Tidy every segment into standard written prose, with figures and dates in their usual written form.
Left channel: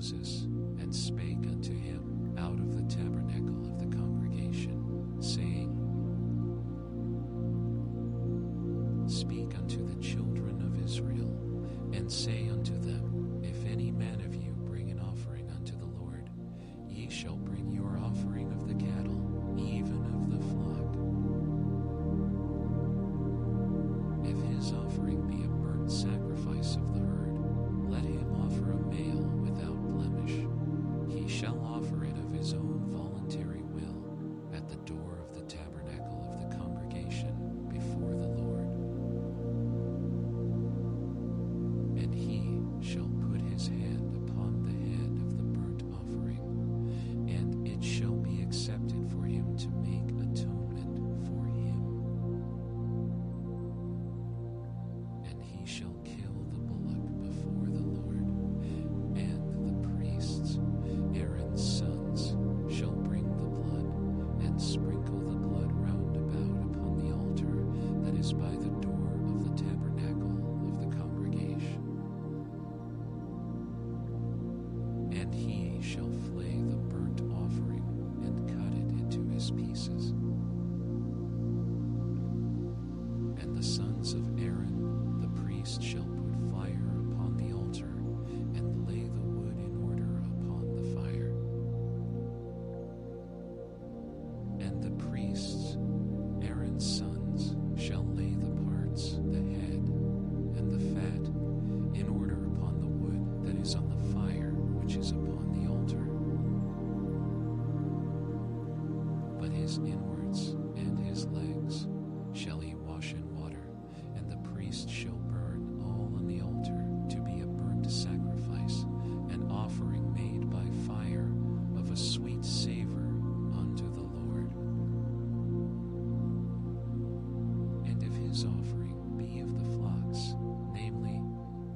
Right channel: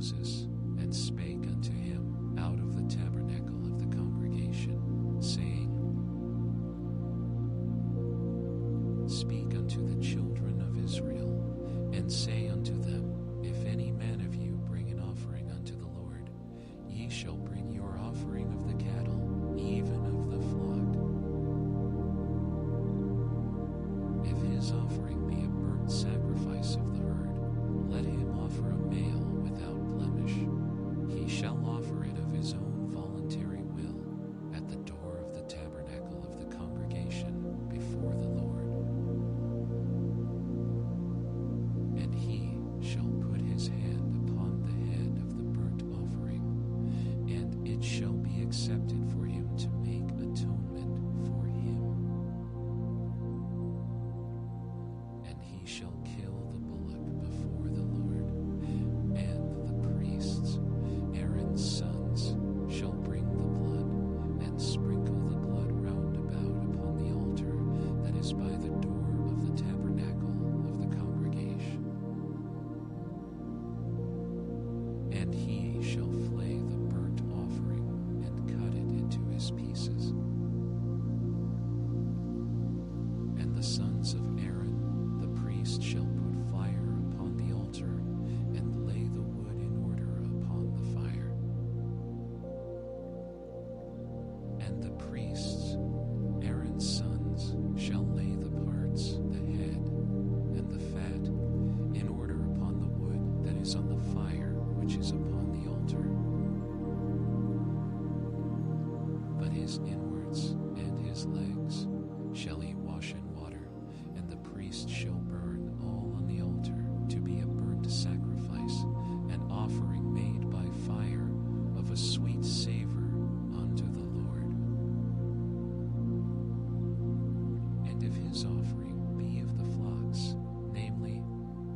Moses, and spake unto him out of the tabernacle of the congregation, saying, Speak unto the children of Israel, and say unto them, If any man of you bring an offering unto the Lord, ye shall bring your offering of the cattle, even of the flock. If his offering be a burnt sacrifice of the herd, let him offer a male without blemish. He shall offer it of his own voluntary will at the door of the tabernacle of the congregation before the Lord. And he shall put his hand upon the head of the burnt offering, and it shall be accepted for him to make atonement for him. And he shall kill the bullock before the Lord, and the priests, Aaron's sons, shall bring the blood, and sprinkle the blood round about upon the altar that is by the door of the tabernacle of the congregation. And he shall flay the burnt offering, and cut it into his pieces. And the sons of Aaron, the priest, shall put fire upon the altar, and lay the wood in order upon the fire. And the priests, Aaron's sons, shall lay the parts, the head, and the fat, in order upon the wood that is on the fire which is upon the altar. But his inwards and his legs shall he wash in water, and the priest shall burn all on the altar to be a burnt sacrifice, an offering made by fire of a sweet savor unto the Lord. And if his offering be of the flocks, namely,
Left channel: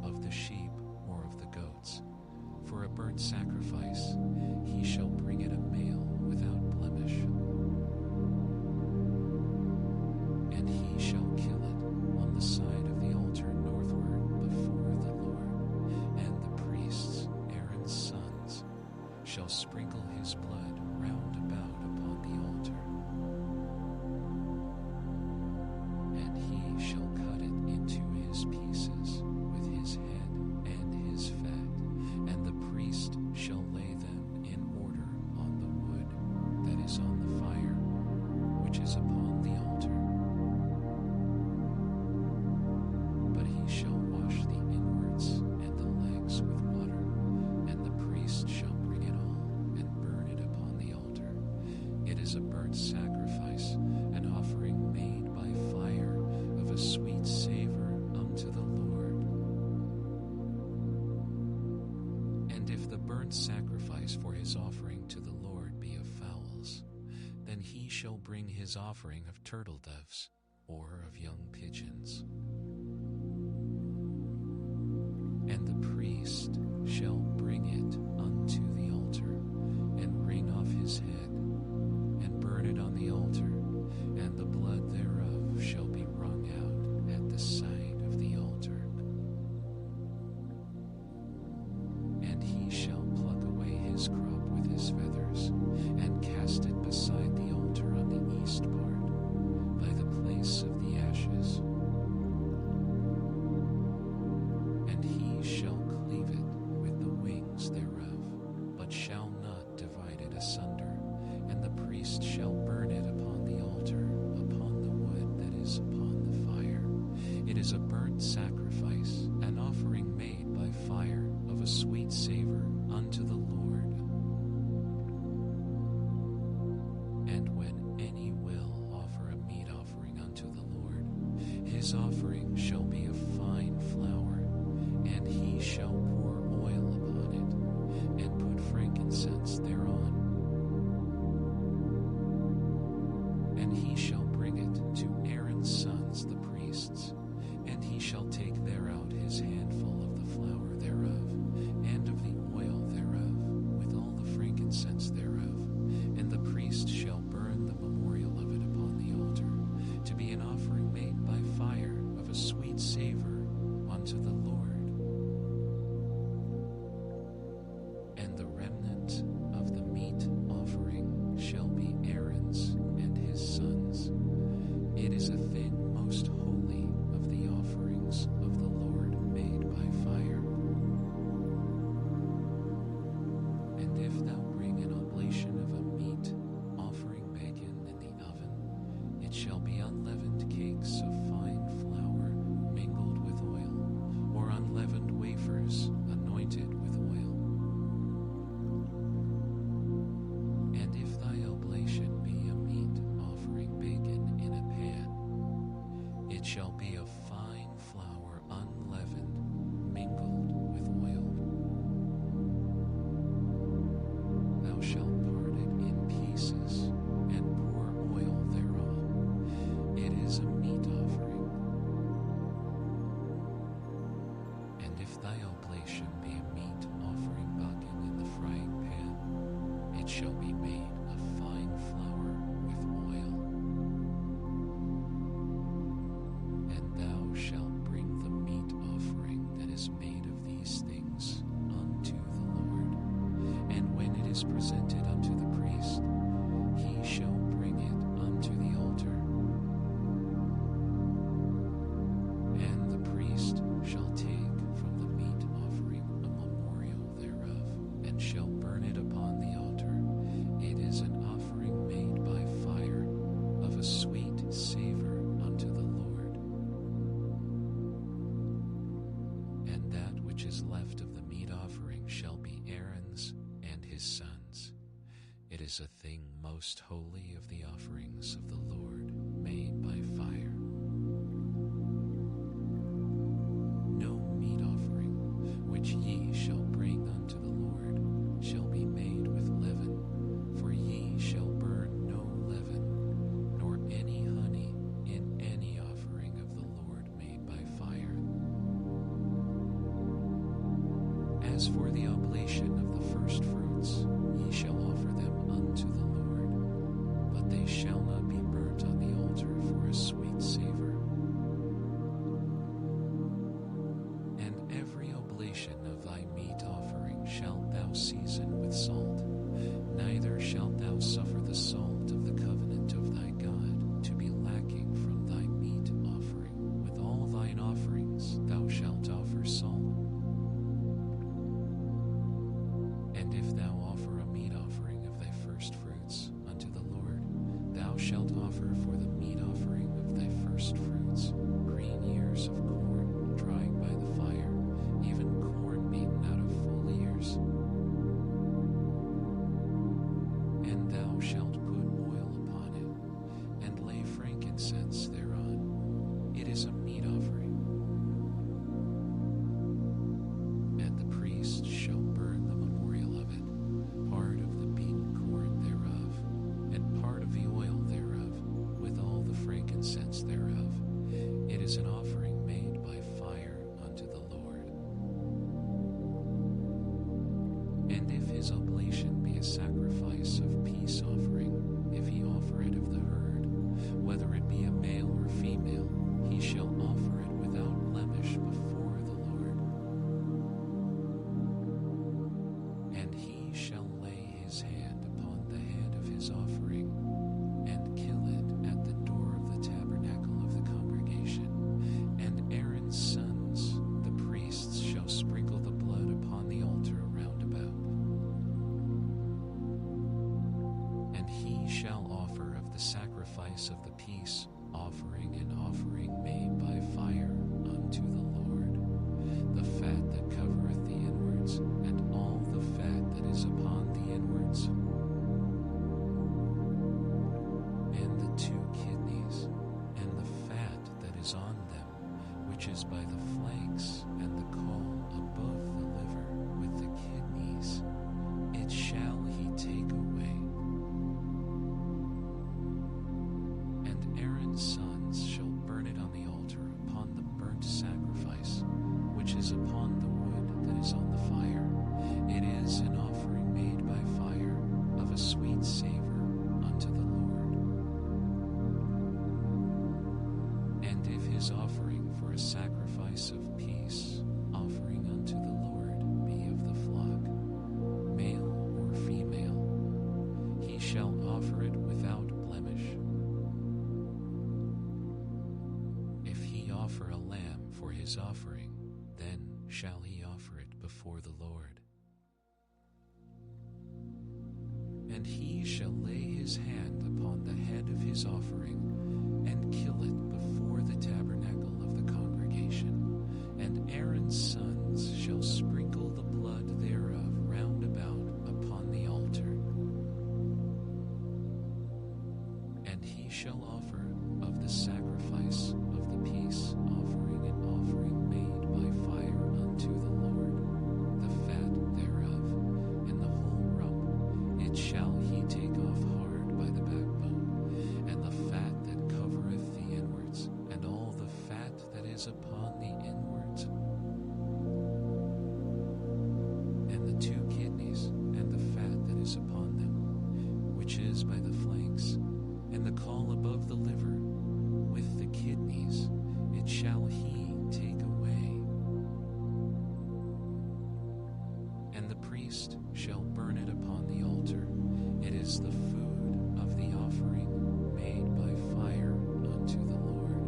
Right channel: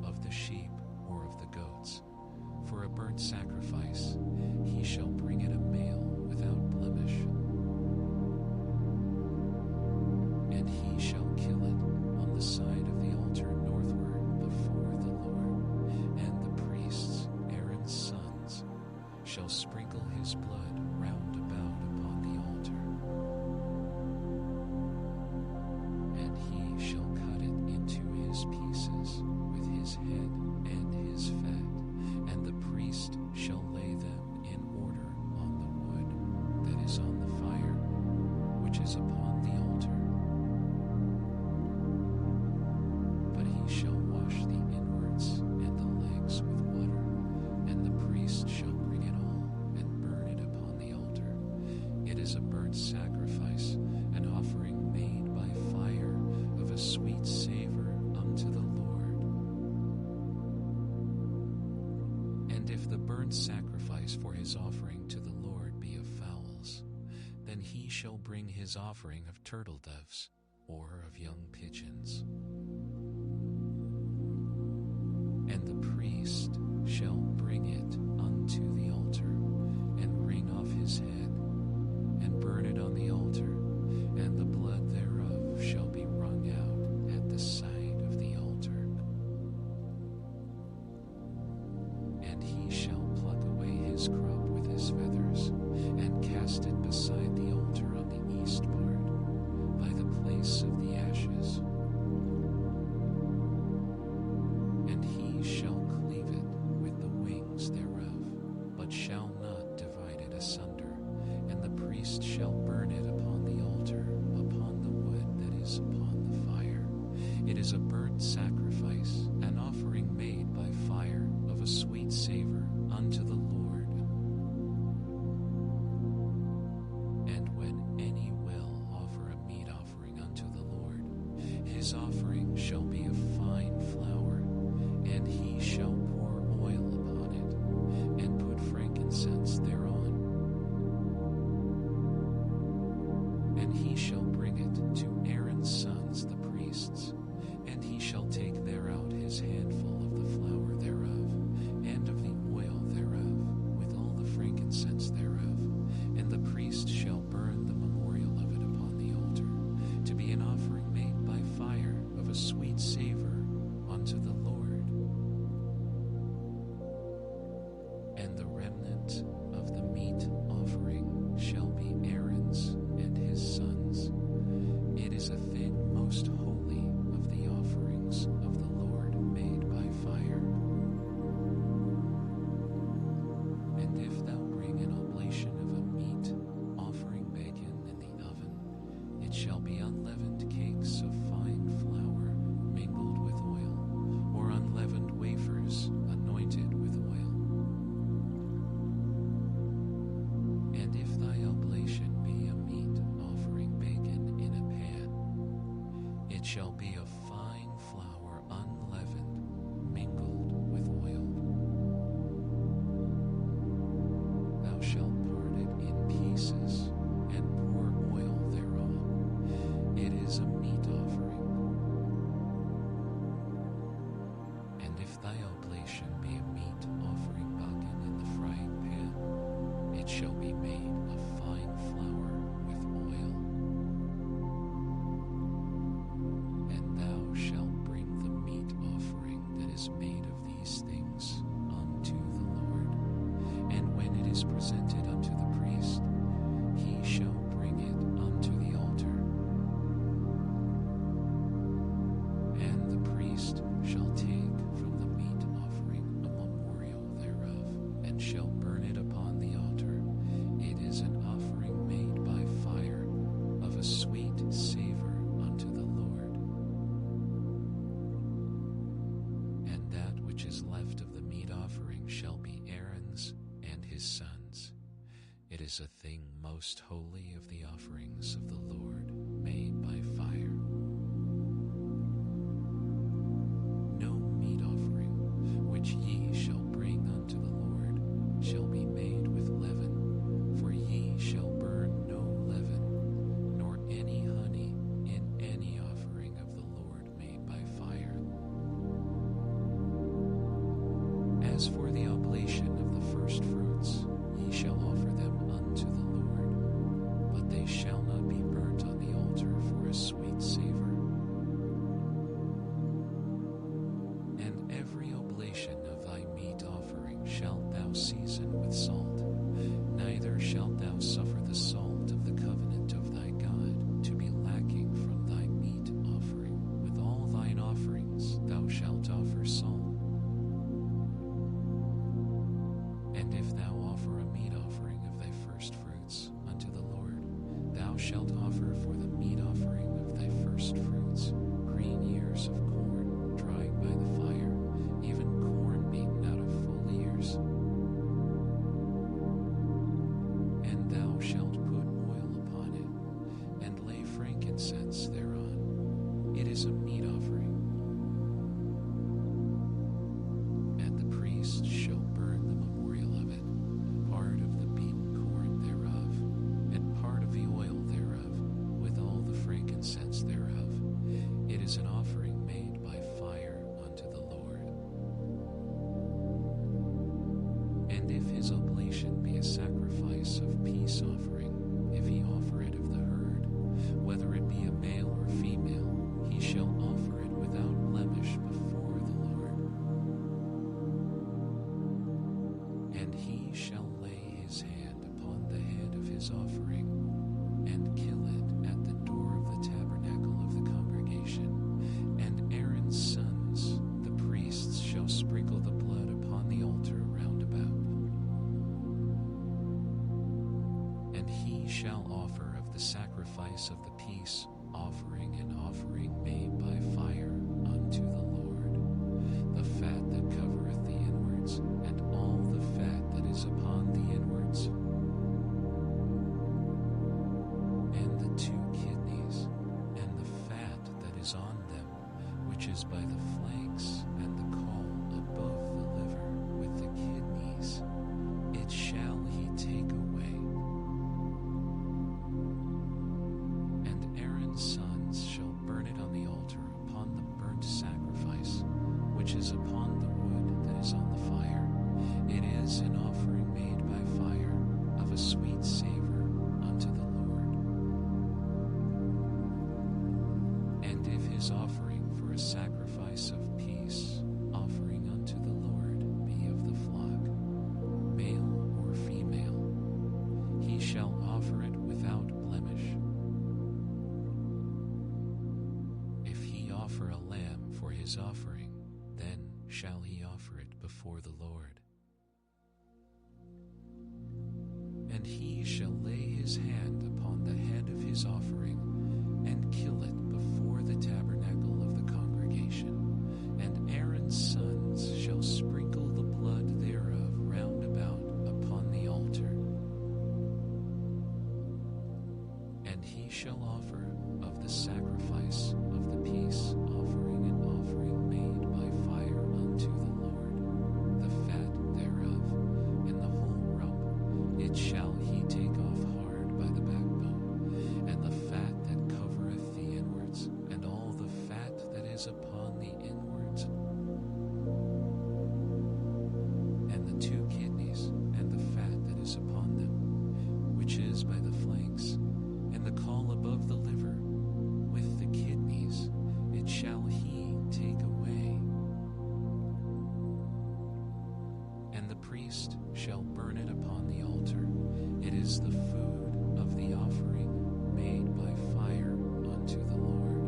of the sheep or of the goats, for a burnt sacrifice, he shall bring it a male without blemish. And he shall kill it on the side of the altar northward before the Lord, and the priests, Aaron's sons, shall sprinkle his blood round about upon the altar. And he shall cut it into his pieces with his head and his fat, and the priest shall lay them in order on the wood that is on the fire, which is upon the altar. But he shall wash the inwards and the legs with water, and the priest shall bring it all and burn it upon the altar. It is a burnt sacrifice, an offering made by fire of a sweet savor unto the Lord. And if the burnt sacrifice for his offering to the Lord be of fowls, then he shall bring his offering of turtle doves or of young pigeons. And the priest shall bring it unto the altar, and wring off his head, and burn it on the altar, and the blood thereof shall be wrung out at the side of the altar. And he shall pluck away his crop with his feathers, and cast it beside the altar on the east part, by the place of the ashes. And he shall cleave it with the wings thereof, but shall not divide it asunder, and the priest shall burn it upon the altar, upon the wood that is upon the fire. It is a burnt sacrifice, an offering made by fire of a sweet savor unto the Lord. And when any will offer a meat offering unto the Lord, his offering shall be of fine flour, and he shall pour oil upon it, and put frankincense thereon. And he shall bring it to Aaron's sons the priests, and he shall take thereout his handful of the flour thereof, and of the oil thereof, with all the frankincense thereof, and the priest shall burn the memorial of it upon the altar, to be an offering made by fire of a sweet savor unto the Lord. And the remnant of the meat offering shall be Aaron's and his sons. It is a thing most holy of the offerings of the Lord made by fire. And if thou bring an oblation of a meat offering bacon in the oven, it shall be unleavened cakes of fine flour mingled with oil, or unleavened wafers anointed with oil. And if thy oblation be a meat offering bacon in a pan, it shall be of fine flour unleavened, mingled with oil. Thou shalt part it in pieces, and pour oil thereon. It is a meat offering. And if thy oblation be a meat offering bacon in the frying pan, it shall be made of fine flour with oil. And thou shalt bring the meat offering that is made of these things unto the Lord. And when it is presented unto the priest, he shall bring it unto the altar. And the priest shall take from the meat offering a memorial thereof, and shall burn it upon the altar. It is an offering made by fire, of a sweet savor unto the Lord. And that which is left of the meat offering shall be Aaron's and his sons. It is a thing most holy of the offerings of the Lord made by fire. No meat offering which ye shall bring unto the Lord shall be made with leaven, for ye shall burn no leaven, nor any honey in any offering of the Lord made by fire. As for the oblation of the first fruits, ye shall offer them unto the Lord, but they shall not be burnt on the altar for a sweet savor. And every oblation of thy meat offering shalt thou season with salt, neither shalt thou suffer the salt of the covenant of thy God to be lacking from thy meat offering. With all thine offerings thou shalt offer salt. And if thou offer a meat offering of thy first fruits unto the Lord, thou shalt offer for the meat offering of thy first fruits green ears of corn dried by the fire, even corn beaten out of full ears. And thou shalt put oil upon it, and lay frankincense thereon. It is a meat offering. And the priest shall burn the memorial of it, part of the beaten corn thereof, and part of the oil thereof, with all the frankincense thereof. It is an offering made by fire unto the Lord. And if his oblation be a sacrifice of peace offering, if he offer it of the herd, whether it be a male or female, he shall offer it without blemish before the Lord. And he shall lay his hand upon the head of his offering, and kill it at the door of the tabernacle of the congregation. And Aaron's sons, the priests, shall sprinkle the blood upon the altar round about. And he shall offer of the sacrifice of the peace offering an offering made by fire unto the Lord, the fat that covereth the inwards, and all the fat that is upon the inwards, and the 2 kidneys, and the fat that is on them, which is by the flanks, and the caul above the liver, with the kidneys, it shall he take away. And Aaron's sons shall burn it on the altar upon the burnt sacrifice, which is upon the wood that is on the fire. It is an offering made by fire, of a sweet savor unto the Lord. And if his offering for a sacrifice of peace offering unto the Lord be of the flock, he shall offer it without blemish. If he offer a lamb for his offering, then shall he offer it before the Lord. And he shall lay his hand upon the head of his offering, and kill it before the tabernacle of the congregation. And Aaron's sons shall sprinkle the blood thereof round about upon the altar. And he shall offer of the sacrifice of the peace offering an offering made by fire unto the Lord, the fat thereof, and the whole rump, it shall he take off hard by the backbone, and the fat that covereth the inwards, and all the fat that is upon the inwards, and the two kidneys, and the fat that is upon them, which is by the flanks, and the caul above the liver, with the kidneys, it shall he take away. And the priest shall burn it upon the altar. It is the food of the offering made by fire unto the Lord.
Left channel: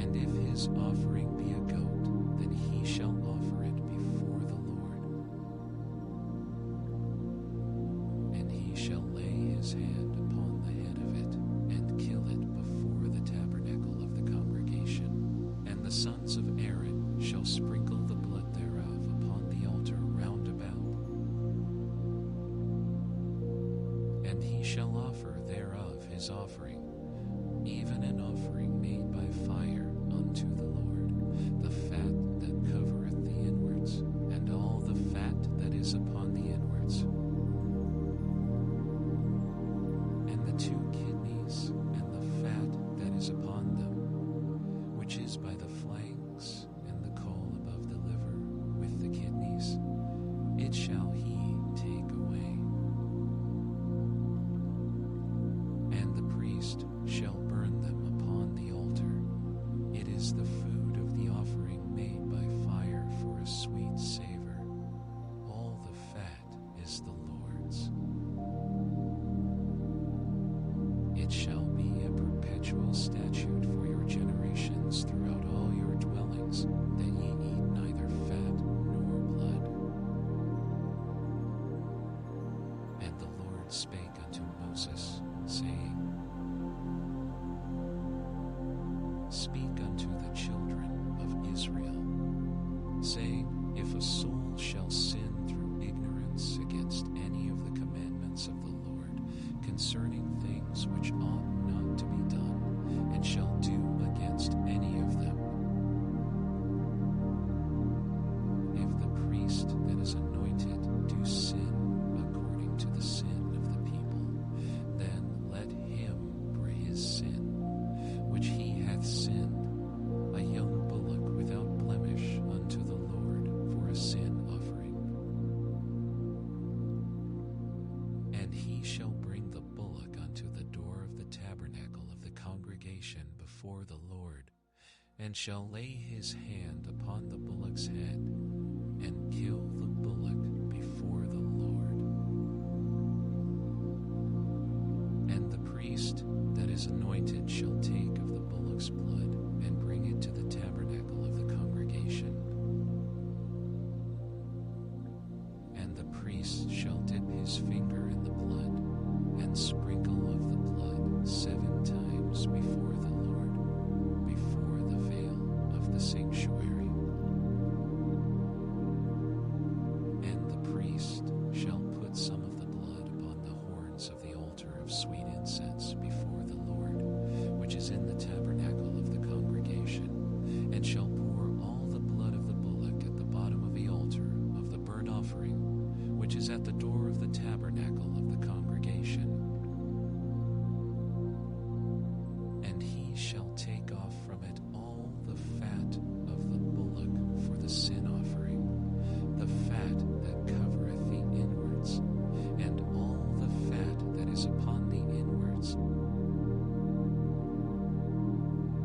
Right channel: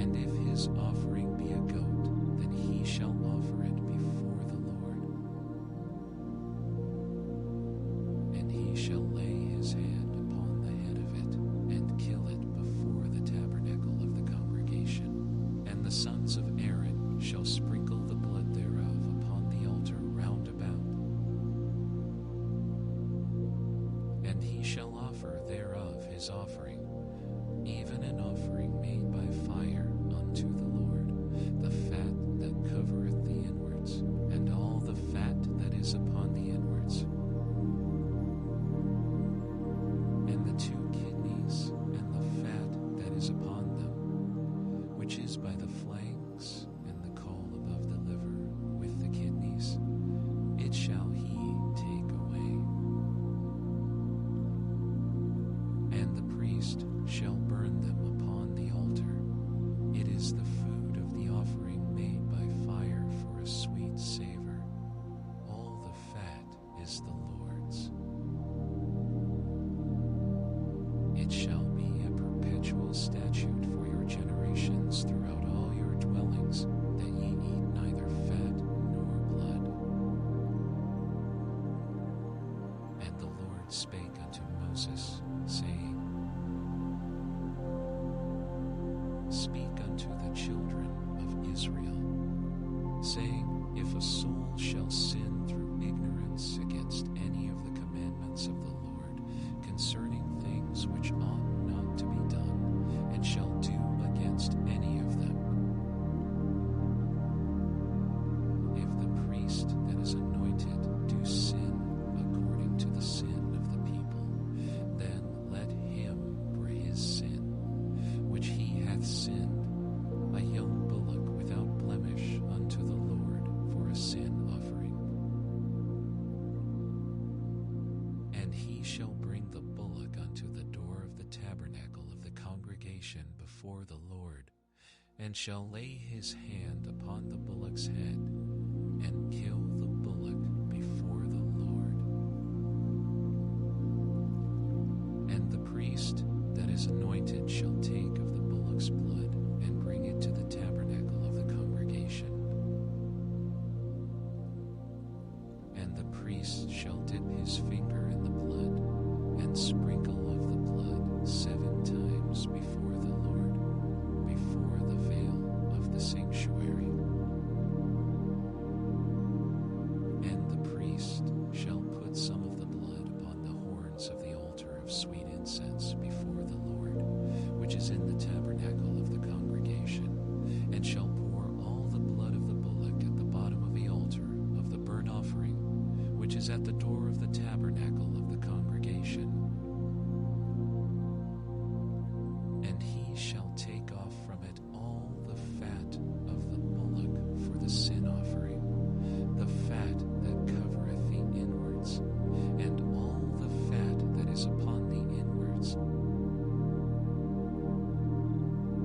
And if his offering be a goat, then he shall offer it before the Lord. And he shall lay his hand upon the head of it, and kill it before the tabernacle of the congregation. And the sons of Aaron shall sprinkle the blood thereof upon the altar round about. And he shall offer thereof his offering, even an offering made by fire unto the Lord, the fat that covereth the inwards, and all the fat that is upon the inwards, and the two kidneys, and the fat that is upon them, which is by the flanks, and the caul above the liver, with the kidneys, it shall he take away. And the priest shall burn them upon the altar. It is the food of the offering made by fire for a sweet savor. All the fat is the Lord's. It shall be a perpetual statute for your generations throughout all your dwellings, that ye eat neither fat nor blood. And the Lord spake unto Moses, saying, Speak unto the children of Israel, saying, If a soul shall sin through ignorance against any of the commandments of the Lord, concerning things which ought not to be done, and shall do against any of them, if the priest that is anointed do sin according to the sin of the people, then let him for his sin, which he hath sinned, a young bullock without blemish unto the Lord for a sin offering. And he shall bring the bullock unto the door of the tabernacle of the congregation before the Lord, and shall lay his hand upon the bullock's head, and kill the bullock before the Lord. And the priest that is anointed shall take of the bullock's blood, and bring it to the tabernacle of the congregation. And the priest shall dip his finger in the blood, and sprinkle of the blood 7 times before the Lord, before the veil of the sanctuary. And the priest shall put some of the blood upon the horns of the altar of sweet incense before the Lord, which is in the tabernacle of the congregation, and shall pour all the blood of the bullock at the bottom of the altar of the burnt offering, which is at the door of the tabernacle of the congregation. And he shall take off from it all the fat of the bullock for the sin offering, the fat that covereth the inwards, and all the fat that is upon the inwards,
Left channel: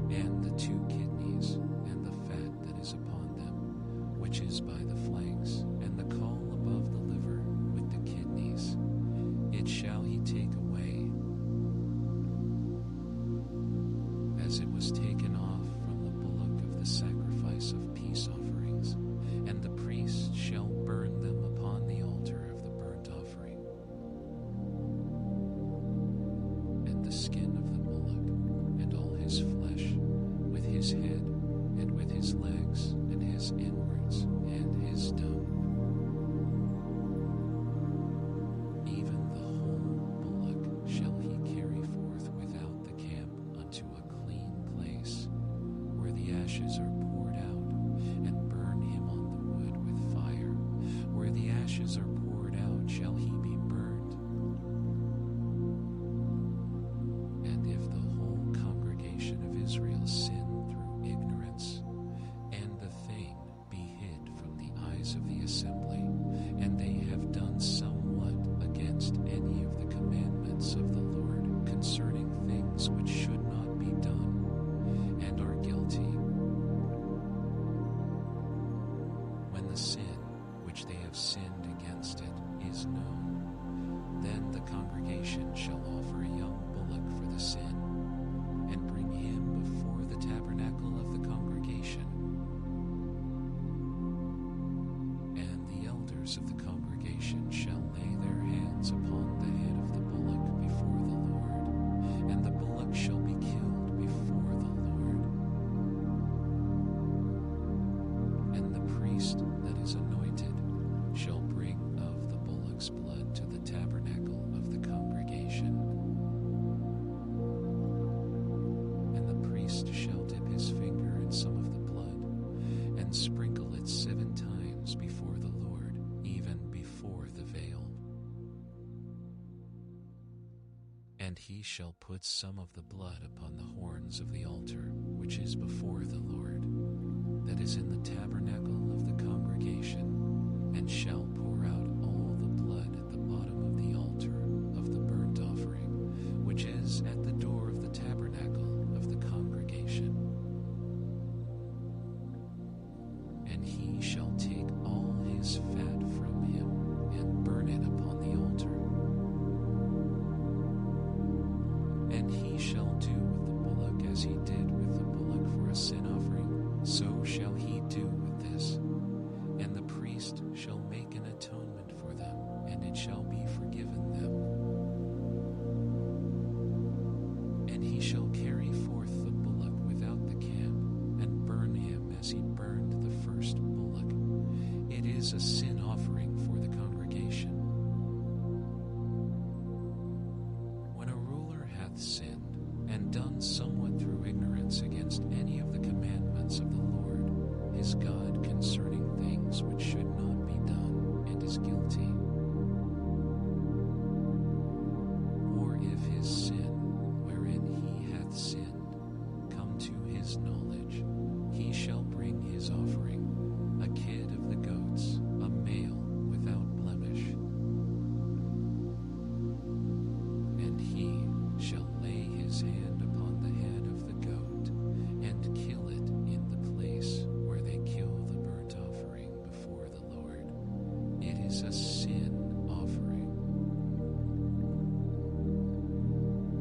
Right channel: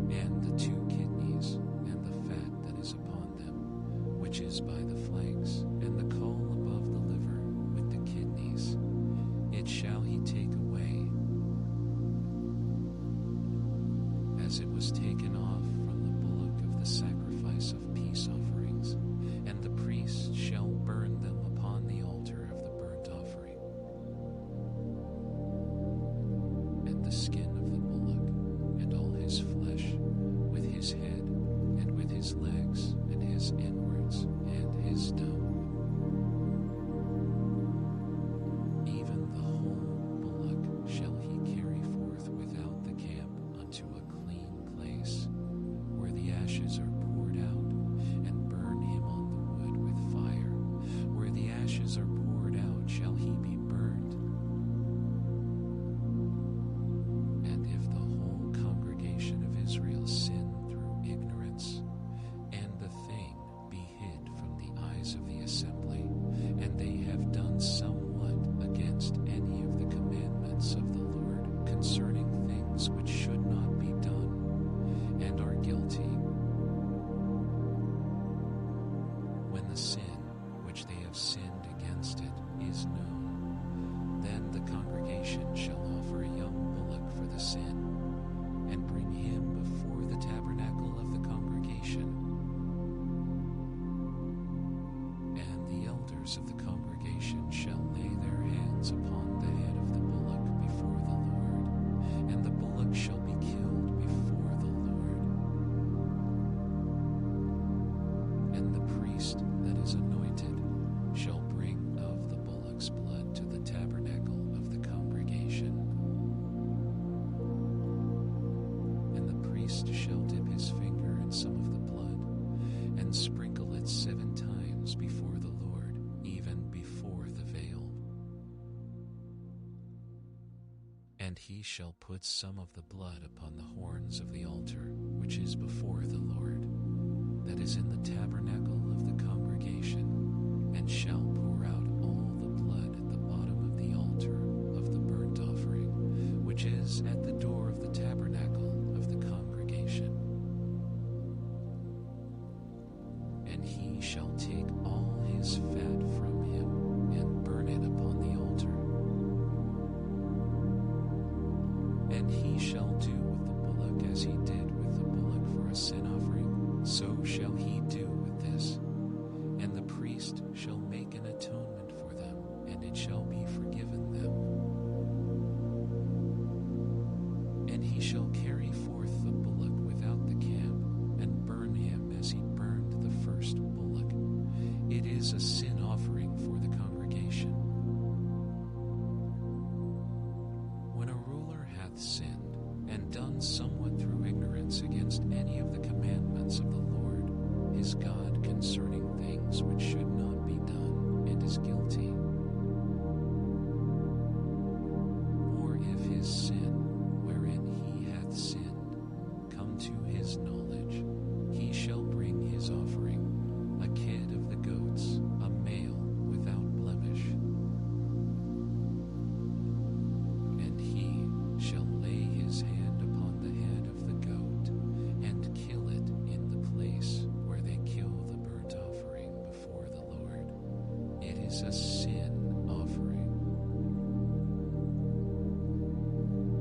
and the 2 kidneys, and the fat that is upon them, which is by the flanks, and the caul above the liver, with the it shall he take away, as it was taken off from the bullock of the sacrifice of peace offerings, and the priest shall burn them upon the altar of the burnt offering. And the skin of the bullock, and all his flesh, with his head, and with his legs, and his inwards, and his dome, even the whole bullock shall he carry forth without the camp unto a clean place, where the ashes are poured out, and burn him on the wood with fire. Where the ashes are poured out shall he be burned. And if the whole congregation of Israel sin through ignorance, and the thing be hid from the eyes of the assembly, and they have done somewhat against any of the commandments of the Lord concerning things which should not be done, and are guilty, when the sin which they have sinned against it is known, then the congregation shall offer a young bullock for the sin, and bring him before the tabernacle of the congregation. And the elders of the congregation shall lay their hands upon the head of the bullock before the Lord, and the bullock shall be killed before the Lord. And the priest that is anointed shall bring of the bullock's blood to the tabernacle of the congregation. And the priest shall dip his finger in some of the blood, and sprinkle it 7 times before the Lord, even before the veil. And he shall put some of the blood upon the horns of the altar, which is before the Lord, that is in the tabernacle of the congregation, and shall pour out all the blood at the bottom of the altar of the burnt offering, which is at the door of the tabernacle of the congregation. And he shall take all his fat from him, and burn it upon the altar. And he shall do with the bullock as he did with the bullock for a sin offering, so shall he do with this. And the priest shall make an atonement for them, and it shall be forgiven them. And he shall carry forth the bullock without the camp, and burn him as he burned the first bullock. It is a sin offering for the congregation. When a ruler hath sinned, and done somewhat through ignorance against any of the commandments of the Lord his God concerning things which should not be done, and is guilty, or if his sin, wherein he hath sinned, come to his knowledge, he shall bring his offering, a kid of the goats, a male without blemish. And he shall lay his hand upon the head of the goat, and kill it in the place where they kill the burnt offering before the Lord. It is a sin offering.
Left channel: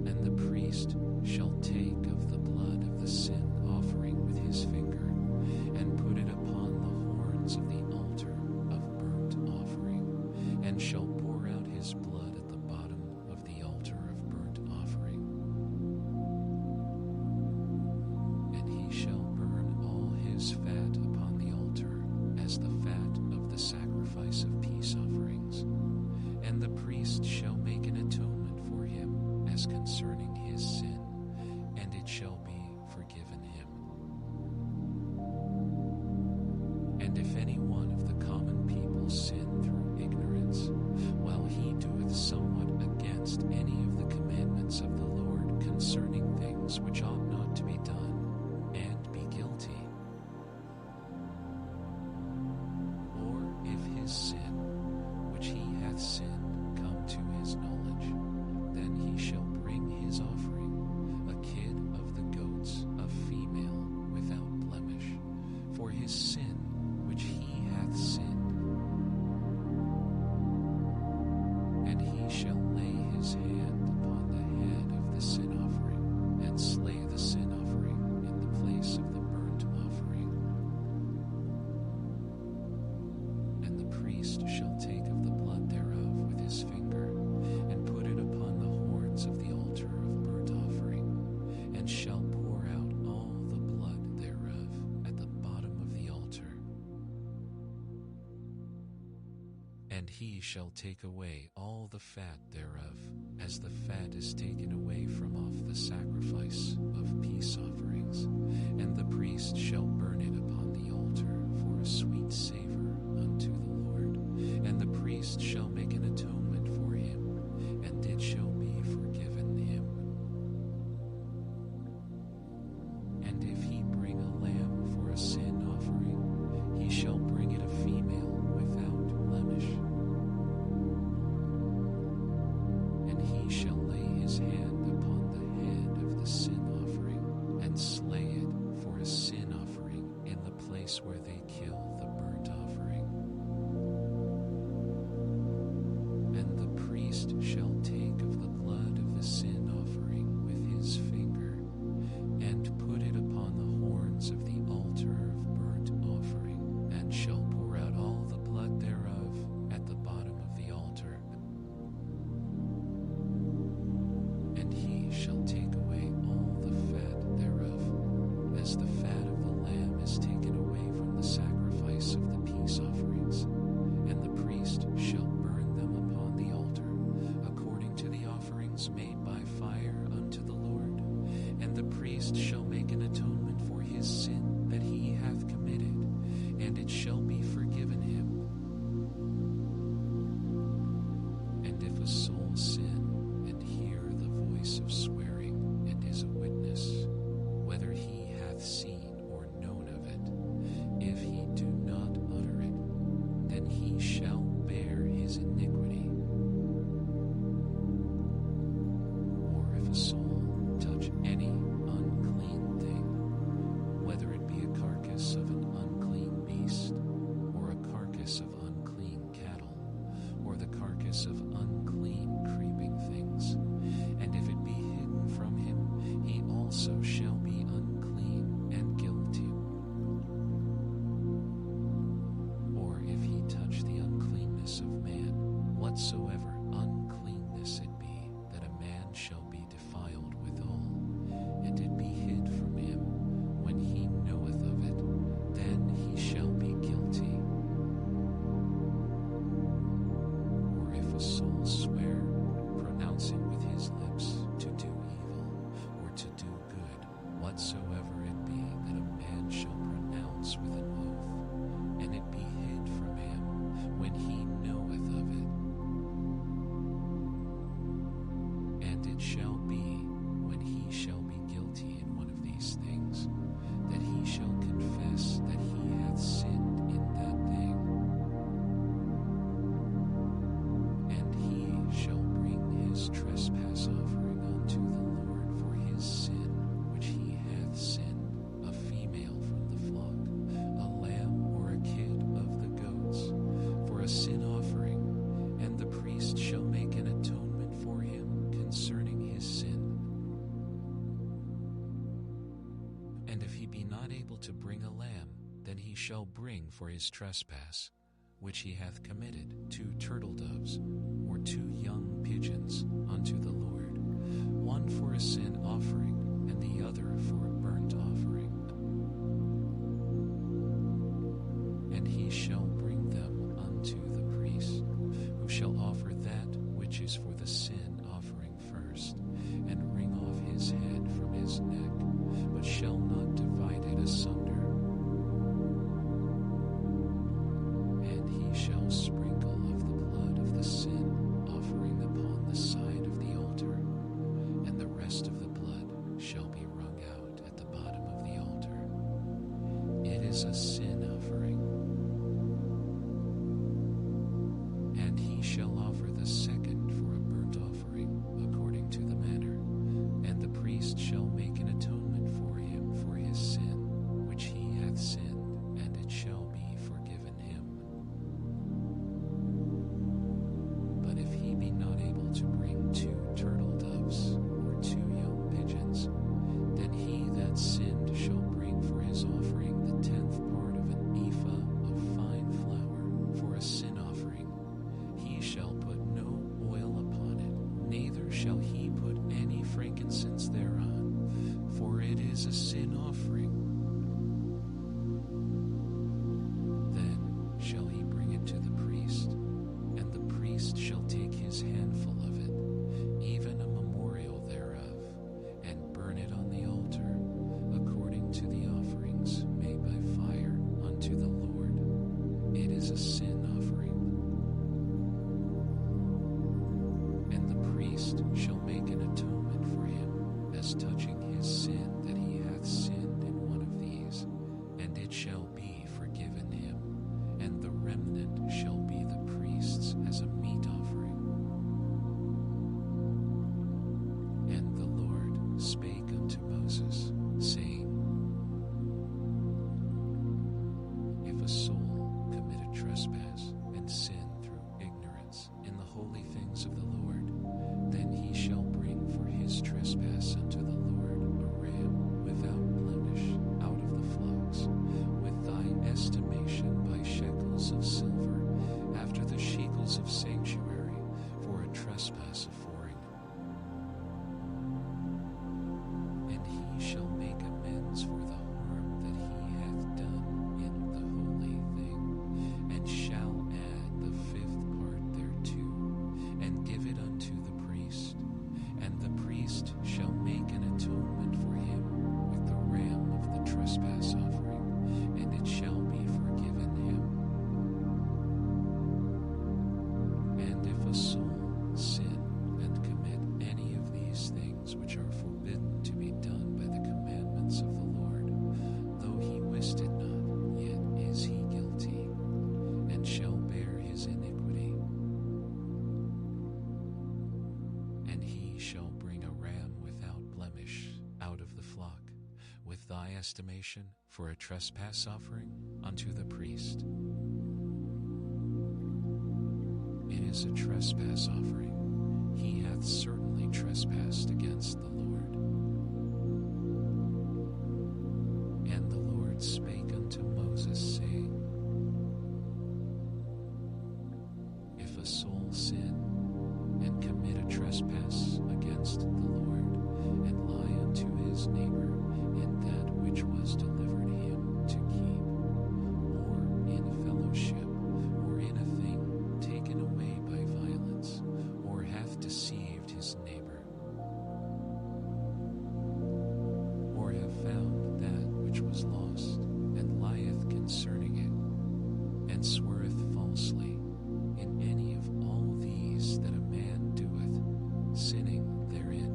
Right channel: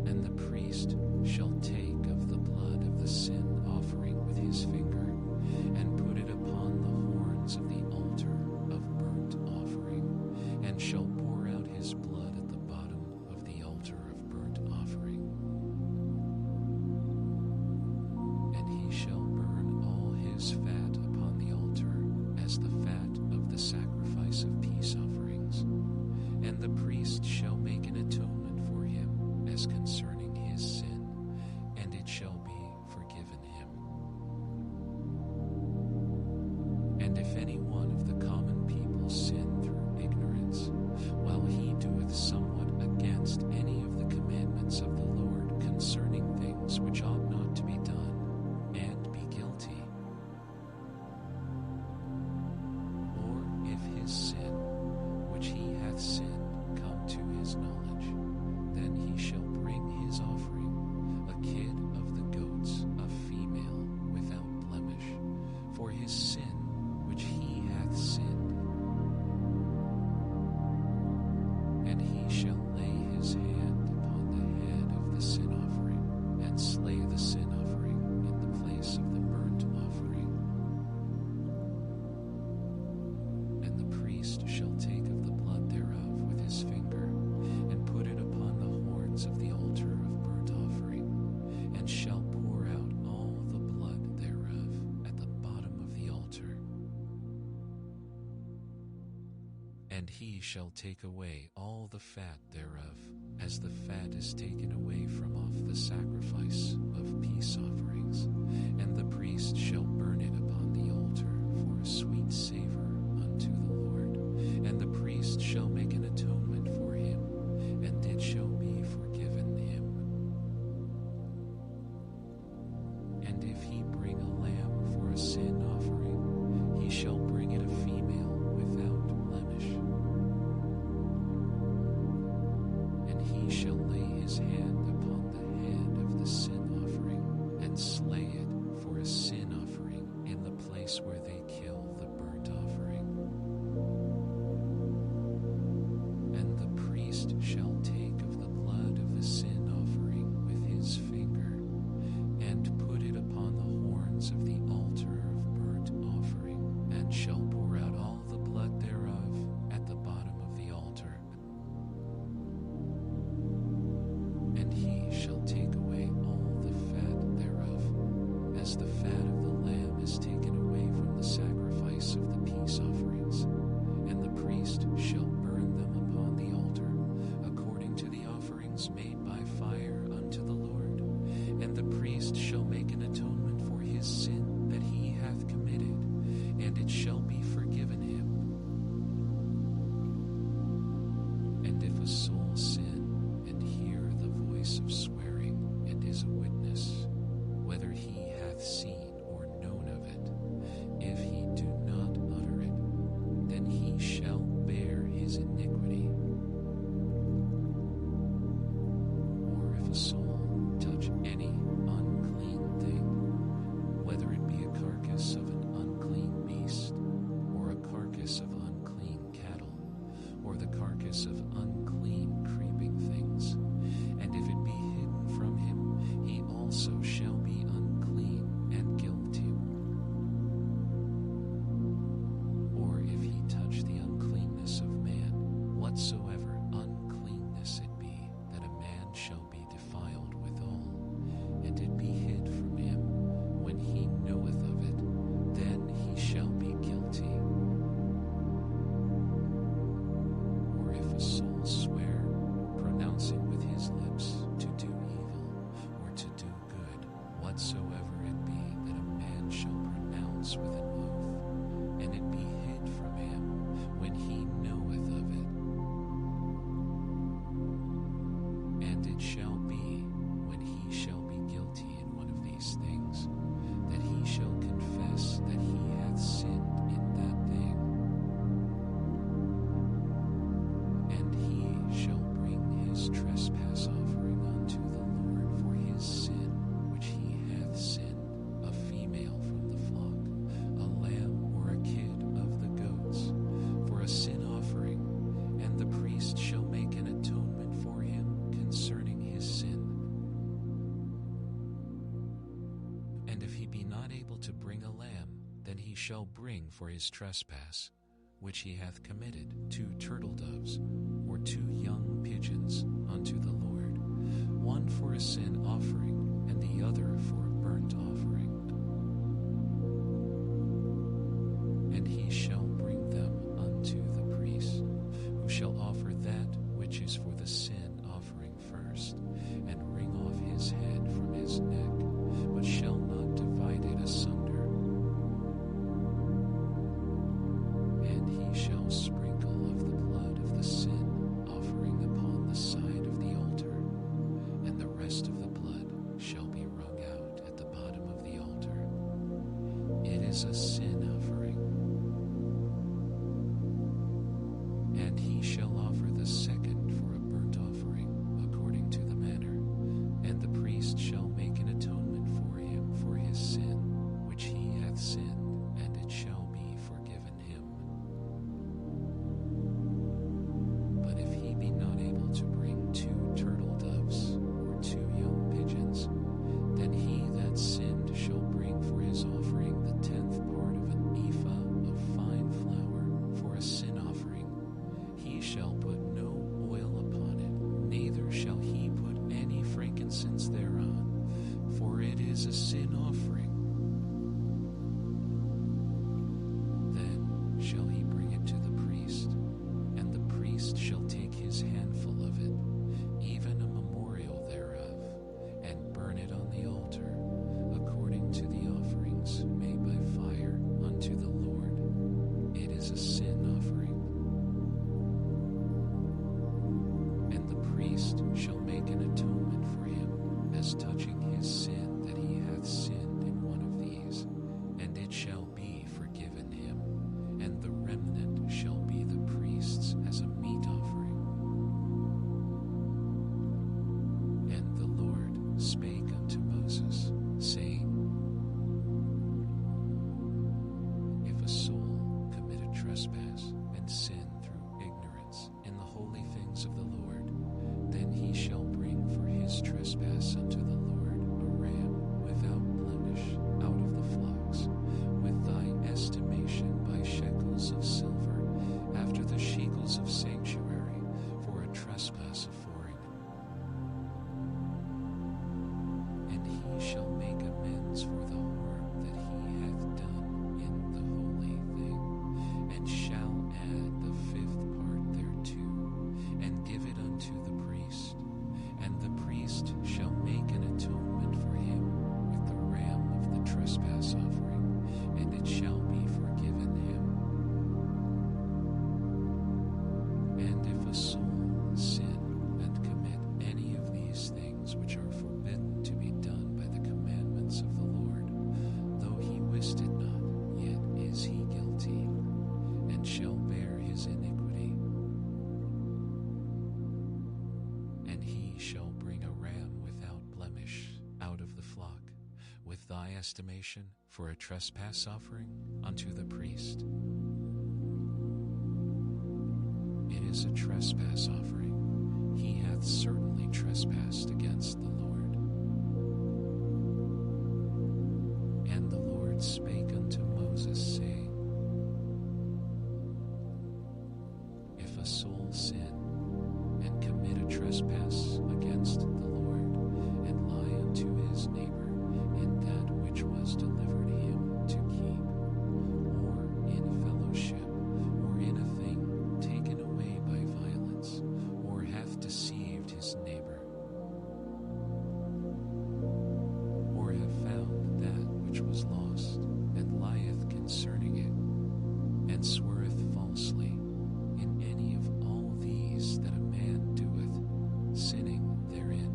And the priest shall take of the blood of the sin offering with his finger, and put it upon the horns of the altar of burnt offering, and shall pour out his blood at the bottom of the altar of burnt offering. And he shall burn all his fat upon the altar, as the fat of the sacrifice of peace offerings. And the priest shall make an atonement for him as concerning his sin, and it shall be forgiven him. And if any one of the common people sin through ignorance, while he doeth somewhat against any of the commandments of the Lord concerning things which ought not to be done, and be guilty, or if his sin, which he hath sinned, come to his knowledge, then he shall bring his offering, a kid of the goats, a female without blemish, for his sin which he hath sinned. And he shall lay his hand upon the head of the sin offering, and slay the sin offering in the place of the burnt offering. And the priest shall take of the blood thereof with his finger, and put it upon the horns of the altar of burnt offering, and shall pour out all the blood thereof at the bottom of the altar. And he shall take away all the fat thereof, as the fat is taken away from off the sacrifice of peace offerings, and the priest shall burn it upon the altar for a sweet savor unto the Lord. And the priest shall make an atonement for him, and it shall be forgiven him. And if he bring a lamb for a sin offering, he shall bring it a female without blemish. And he shall lay his hand upon the head of the sin offering, and slay it for a sin offering in the place where they kill the burnt offering. And the priest shall take of the blood of the sin offering with his finger, and put it upon the horns of the altar of burnt offering, and shall pour out all the blood thereof at the bottom of the altar. And he shall take away all the fat thereof, as the fat of the lamb is taken away from the sacrifice of the peace offerings. And the priest shall burn them upon the altar, according to the offerings made by fire unto the Lord. And the priest shall make an atonement for his sin that he hath committed, and it shall be forgiven him. And if a soul sin, and hear the voice of swearing, and is a witness, whether he hath seen or known of it, if he do not utter it, then he shall bear his iniquity. Or if a soul touch any unclean thing, whether it be a carcass of an unclean beast, or a carcass of unclean cattle, or the carcass of unclean creeping things, and if it be hidden from him, he also shall be unclean and guilty. Or if he touch the uncleanness of man, whatsoever uncleanness it be, that a man shall be defiled withal, and it be hid from him, when he knoweth of it, then he shall be guilty. Or if a soul swear, pronouncing with his lips to do evil, or to do good, whatsoever it be that a man shall pronounce with an oath, and it be hid from him, when he knoweth of it. And it shall be, when he shall be guilty in one of these things, that he shall confess that he hath sinned in that thing. And he shall bring his trespass offering unto the Lord for his sin which he hath sinned, a female from the flock, a lamb or a kid of the goats, for a sin offering, and the priest shall make an atonement for him concerning his sin. And if he be not able to bring a lamb, then he shall bring for his trespass, which he hath committed, 2 turtle doves, or 2 young pigeons unto the Lord, one for a sin offering, and the other for a burnt offering. And he shall bring them unto the priest, who shall offer that which is for the sin offering first, and wring off his head from his neck, but shall not divide it asunder. And he shall sprinkle of the blood of the sin offering upon the side of the altar, and the rest of the blood shall be wrung out at the bottom of the altar. It is a sin offering. And he shall offer the second for a burnt offering, according to the manner, and the priest shall make an atonement for him for his sin, which he hath sinned, and it shall be forgiven him. But if he be not able is a sin offering. Then shall he bring it to the priest, and the priest shall take his handful of it, even a memorial thereof, and burn it on the altar, according to the offerings made by fire unto the Lord. It is a sin offering. And the priest shall make an atonement for him, as touching his sin that he hath sinned in one of these, and it shall be forgiven him, and the remnant shall be the priest's as a meat offering. And the Lord spake unto Moses, saying, If a soul commit a trespass and sin through ignorance in the holy things of the Lord, then he shall bring for his trespass unto the Lord a ram without blemish out of the flocks, with thy estimation by shekels of silver, after the shekels of sanctuary, for a trespass offering. And he shall make amends for the harm that he hath done in the holy thing, and shall add the fifth part thereto, and give it unto the priest. And the priest shall make an atonement for him with the ram of the trespass offering, and it shall be forgiven him. And if a soul sin and commit any of these things which are forbidden to be done by the commandments of the Lord, though he wist it not, yet is he guilty, and shall bear his iniquity. And he shall bring a ram without blemish out of the flock, with thy estimation for a trespass offering unto the priest. It is a trespass offering. He hath certainly trespassed against the Lord. And the Lord spake unto Moses, saying, If a soul sin and commit a trespass against the Lord, and lie unto his neighbor in that which was delivered him to keep, or in fellowship, or in a thing taken away by violence, or hath deceived his neighbor, or have found that which was lost, and lieth concerning it, and sweareth falsely, in any of all these that a man doeth, sinning therein,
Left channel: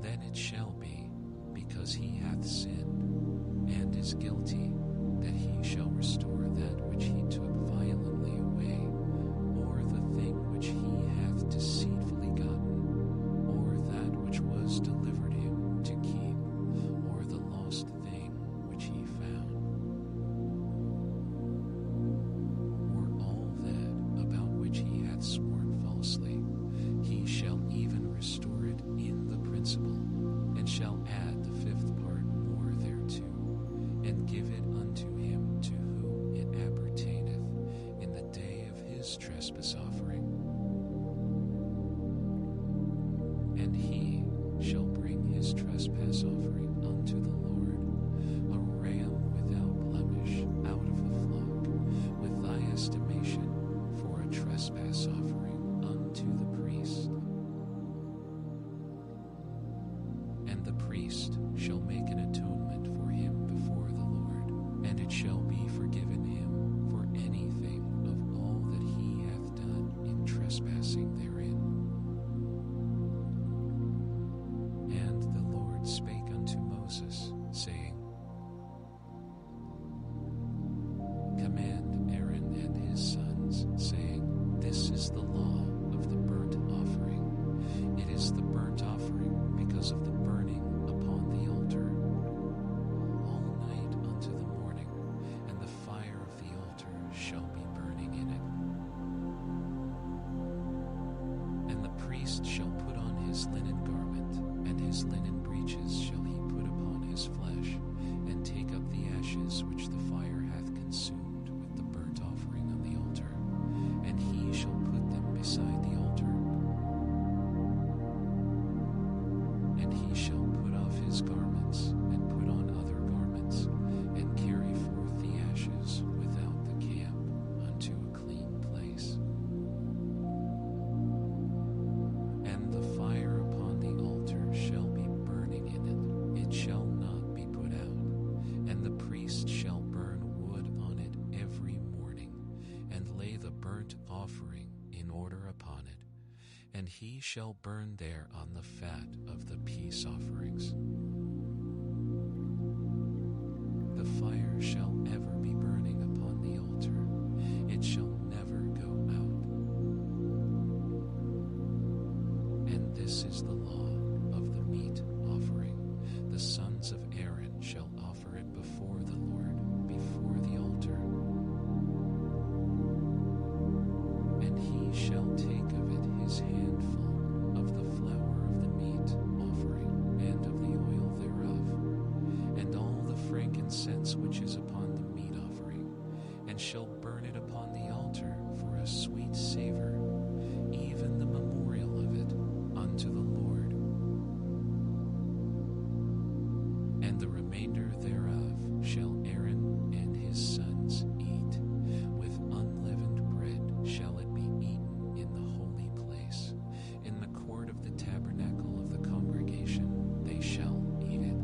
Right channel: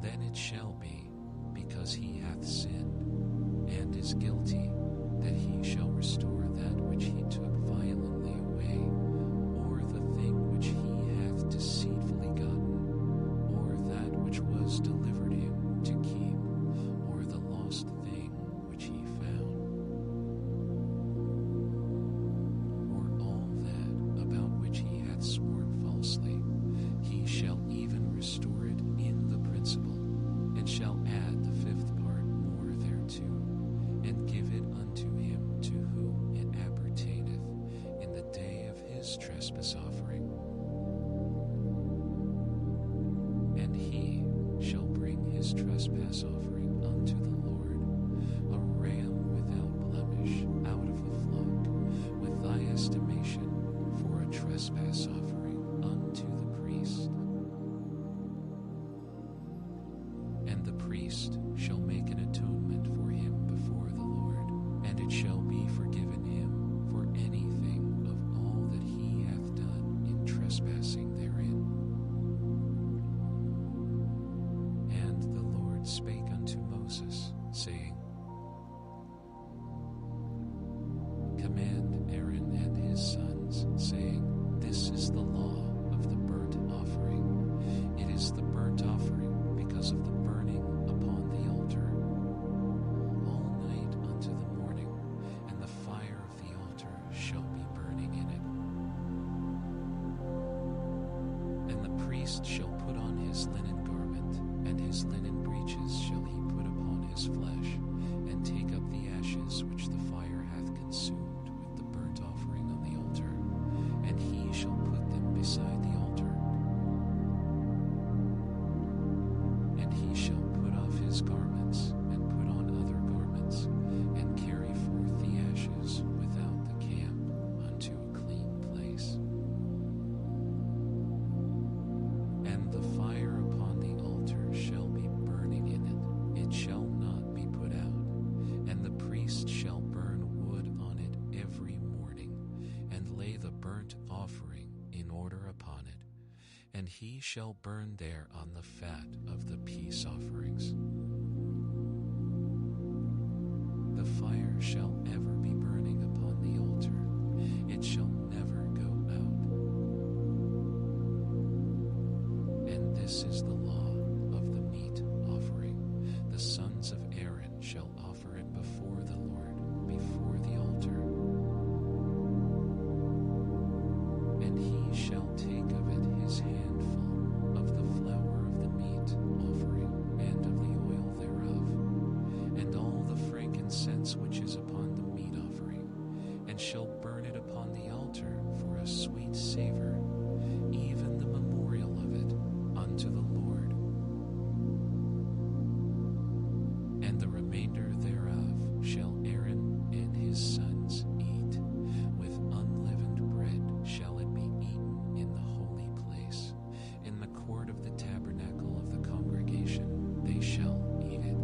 then it shall be, because he hath sinned, and is guilty, that he shall restore that which he took violently away, or the thing which he hath deceitfully gotten, or that which was delivered him to keep, or the lost thing which he found, or all that about which he hath sworn falsely. He shall even restore it in the principal, and shall add the fifth part more thereto, and give it unto him to whom it appertaineth in the day of his trespass offering. And he shall bring his trespass offering unto the Lord, a ram without blemish out of the flock, with thy estimation for a trespass offering unto the priest. And the priest shall make an atonement for him before the Lord, and it shall be forgiven him for anything of all that he hath done in trespassing therein. And the Lord spake unto Moses, saying, Command Aaron and his sons, saying, This is the law of the burnt offering. It is the burnt offering because of the burning upon the altar, all night unto the morning, and the fire of the altar shall be burning in it. And the priest shall put on his linen garment, and his linen breeches shall he put upon his flesh, and take up the ashes which the fire hath consumed with the burnt offering on the altar, and he shall put them beside the altar. his garments, and put on other garments, and carry forth the ashes without the camp unto a clean place. And the fire upon the altar shall be burning in it, it shall not be put out. And the priest shall burn wood on it every morning, and lay the burnt offering in order upon it, and he shall burn there on the fat of the peace offerings. The fire shall ever be burning upon the altar, it shall never go out. And this is the law of the meat offering. The sons of Aaron shall offer it before the Lord, before the altar. And he shall take of it his handful of the flour of the meat offering, and of the oil thereof, and all the frankincense which is upon the meat offering, and shall burn it upon the altar for a sweet savor, even the memorial of it unto the Lord. And the remainder thereof shall Aaron and his sons eat. With unleavened bread shall it be eaten in the holy place. In the court of the tabernacle of the congregation they shall eat it.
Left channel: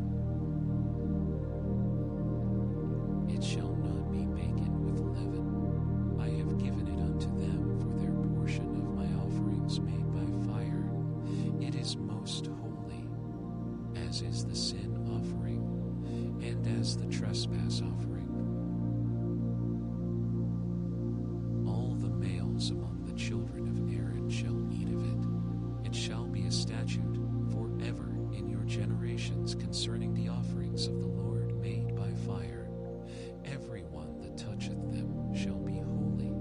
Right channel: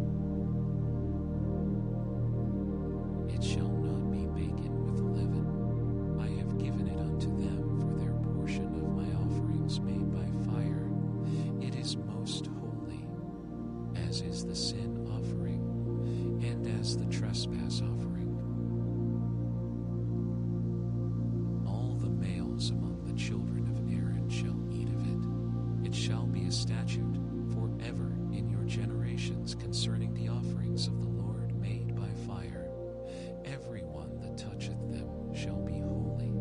It shall not be baken with leaven. I have given it unto them for their portion of my offerings made by fire. It is most holy, as is the sin offering, and as the trespass offering. All the males among the children of Aaron shall eat of it. It shall be a statute forever in your generations concerning the offerings of the Lord made by fire. Every one that toucheth them shall be holy.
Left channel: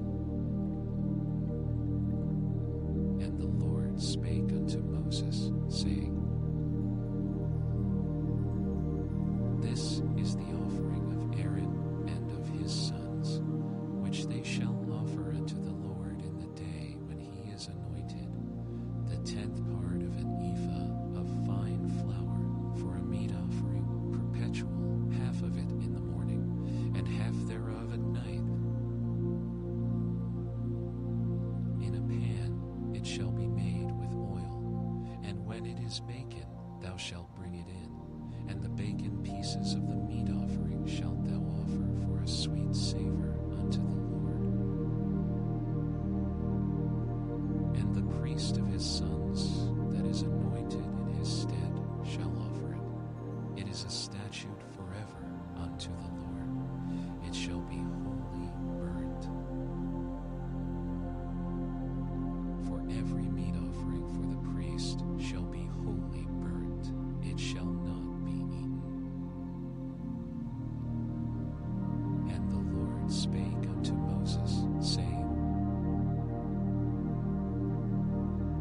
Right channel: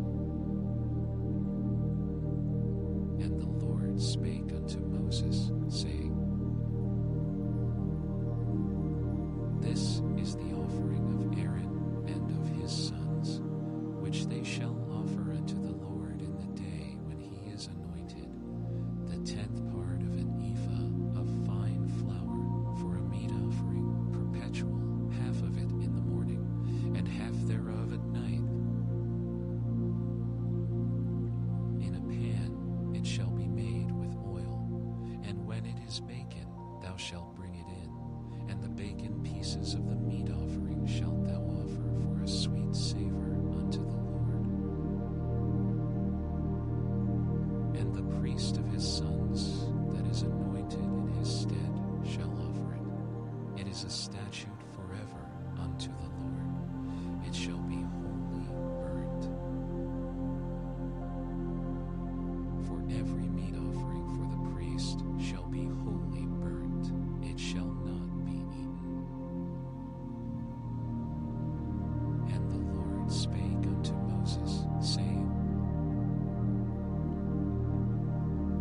And the Lord spake unto Moses, saying, This is the offering of Aaron and of his sons, which they shall offer unto the Lord in the day when he is anointed, the 10th part of an ephah of fine flour for a meat offering perpetual, half of it in the morning, and half thereof at night. In a pan it shall be made with oil, and when it is baken thou shalt bring it in, and the baken pieces of the meat offering shalt thou offer for a sweet savor unto the Lord. And the priest of his sons that is anointed in his stead shall offer it. It is a statute forever unto the Lord. It shall be wholly burnt. For every meat offering for the priest shall be wholly burnt. It shall not be eaten. And the Lord spake unto Moses, saying,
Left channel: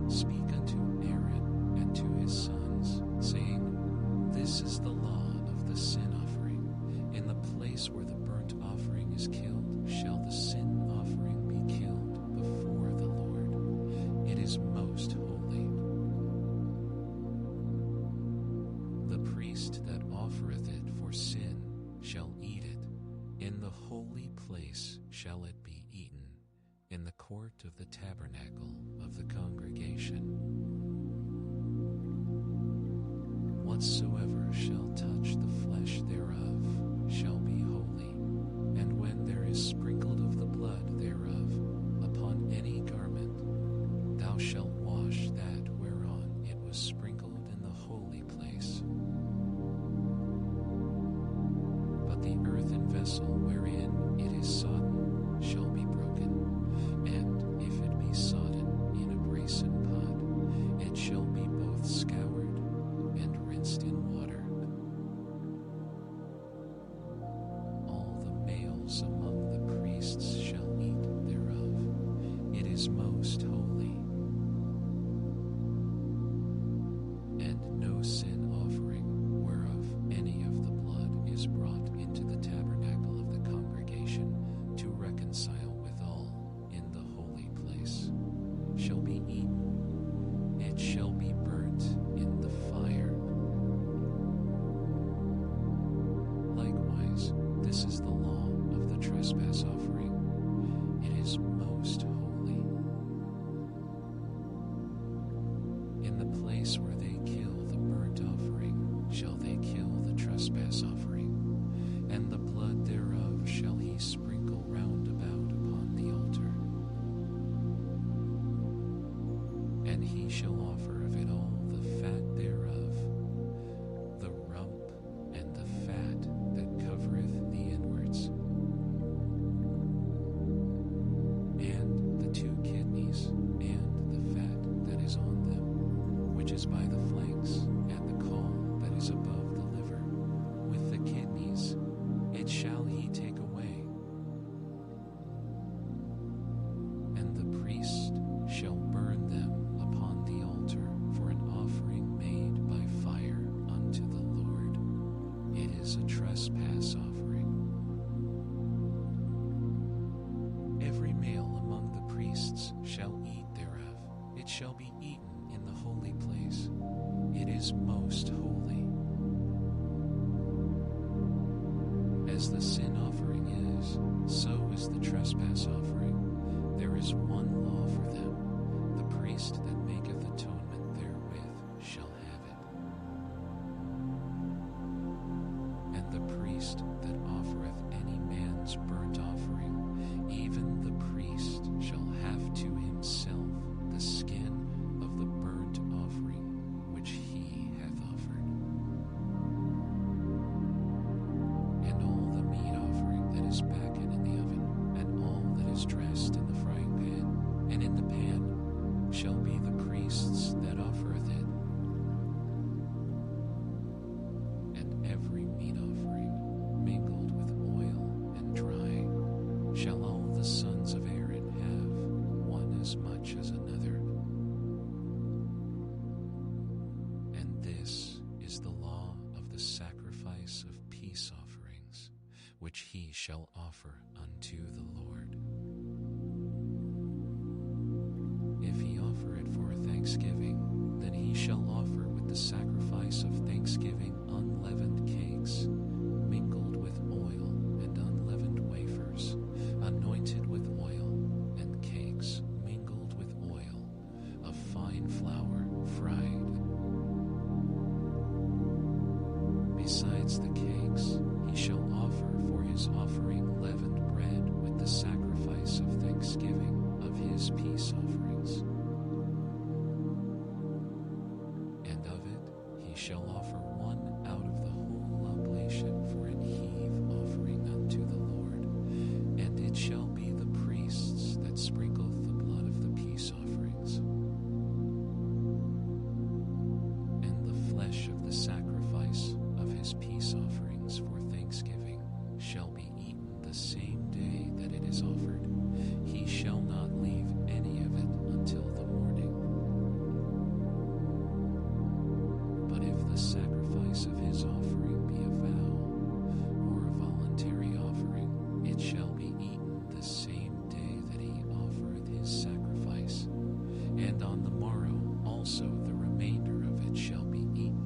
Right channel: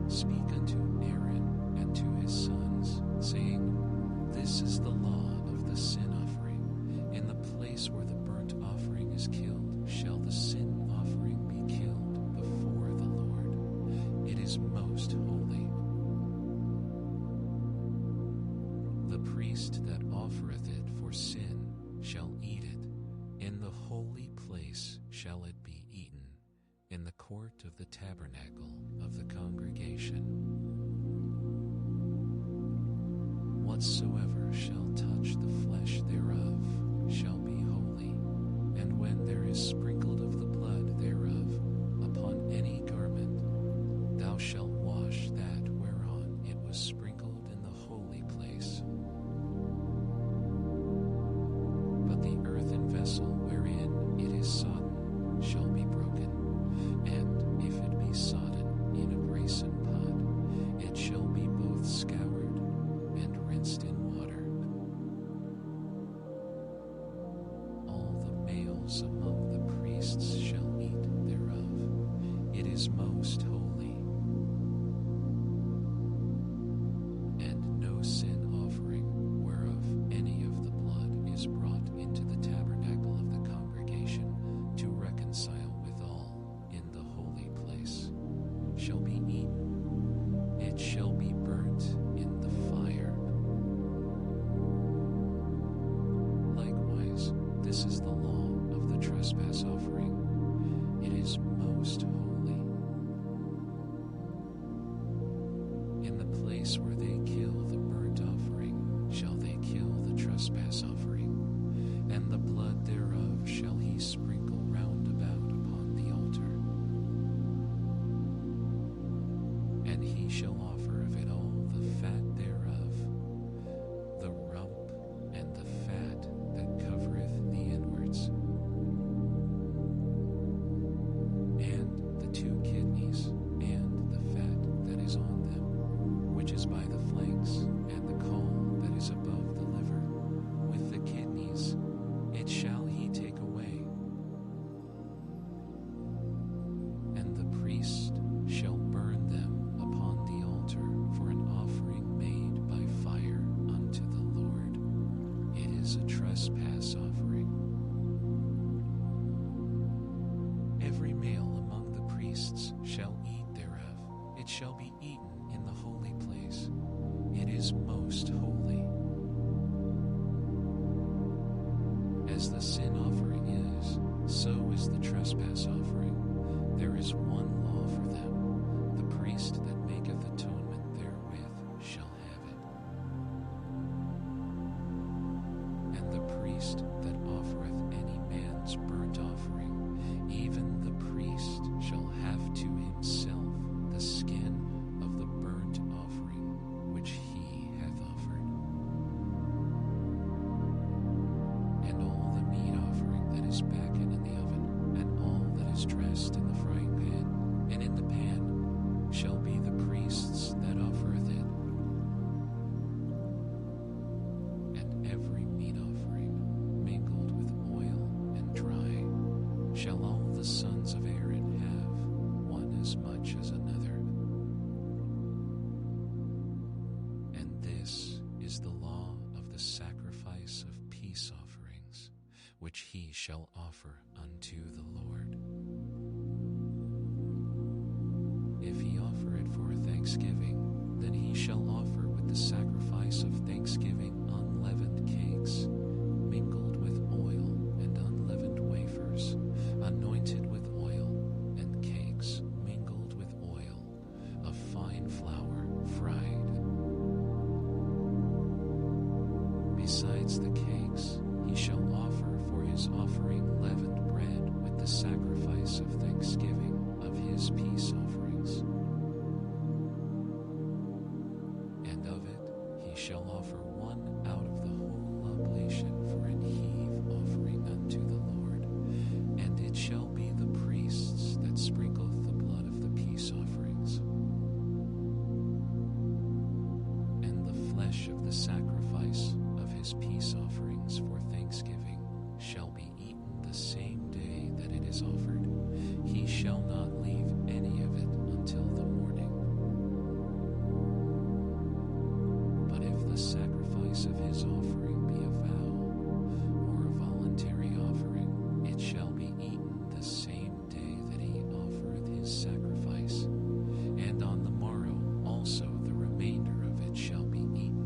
Speak unto Aaron and to his sons, saying, This is the law of the sin offering. In the place where the burnt offering is killed, shall the sin offering be killed before the Lord. It is most holy. The priest that offereth it for sin shall eat it. In the holy place shall it be eaten, in the court of the tabernacle of the congregation. Whatsoever shall touch the flesh thereof shall be holy, and when there is sprinkled of the blood thereof upon any garment, thou shalt wash that whereon it was sprinkled in the holy place. But the earthen vessel wherein it is sodden shall be broken, and if it be sodden in a brasen pot, it shall be both scoured and rinsed in water. All the males among the priests shall eat thereof. It is most holy. And no sin offering whereof any of the blood is brought into the tabernacle of the congregation to reconcile withal in the holy place shall be eaten. It shall be burnt in the fire. Likewise, this is the law of the trespass offering. It is most holy. In the place where they kill the burnt offering shall they kill the trespass offering, and the blood thereof shall he sprinkle round about upon the altar. And he shall offer of it all the fat thereof, the rump and the fat that covereth the inwards, and the 2 kidneys, and the fat that is on them, which is by the flanks, and the caul that is above the liver, with the kidneys, it shall he take away. And the priest shall burn them upon the altar for an offering made by fire unto the Lord. It is a trespass offering. Every male among the priests shall eat thereof. It shall be eaten in the holy place. It is most holy. As the sin offering is, so is the trespass offering. There is one law for them. The priest that maketh atonement therewith shall have it. And the priest that offereth any man's burnt offering, even the priest shall have to himself the skin of the burnt offering which he hath offered. And all the meat offering that is backen in the oven, and all that is dressed in the frying pan, and in the pan, shall be the priest's that offereth it. And every meat offering, mingled with oil and dry, shall all the sons of Aaron have, one as much as another. And this is the law of the sacrifice of peace offerings, which he shall offer unto the Lord. If he offer it for thanksgiving, then he shall offer with the sacrifice of thanksgiving unleavened cakes, mingled with oil, and unleavened wafers, anointed with oil, and cakes mingled with oil, of fine flour fried. Besides the cakes, he shall offer for his offering leavened bread with the sacrifice of thanksgiving of his peace offerings. And of it he shall offer one out of the whole oblation for an heave offering unto the Lord, and it shall be the priest's that sprinkleth the blood of the peace offerings. And the flesh of the sacrifice of his peace offerings for thanksgiving shall be eaten the same day that it is offered. He shall not leave any of it until the morning. But if the sacrifice of his offering be a vow, or a voluntary offering, it shall be eaten the same day that he offereth his sacrifice, and on the morrow also the remainder of it shall be eaten.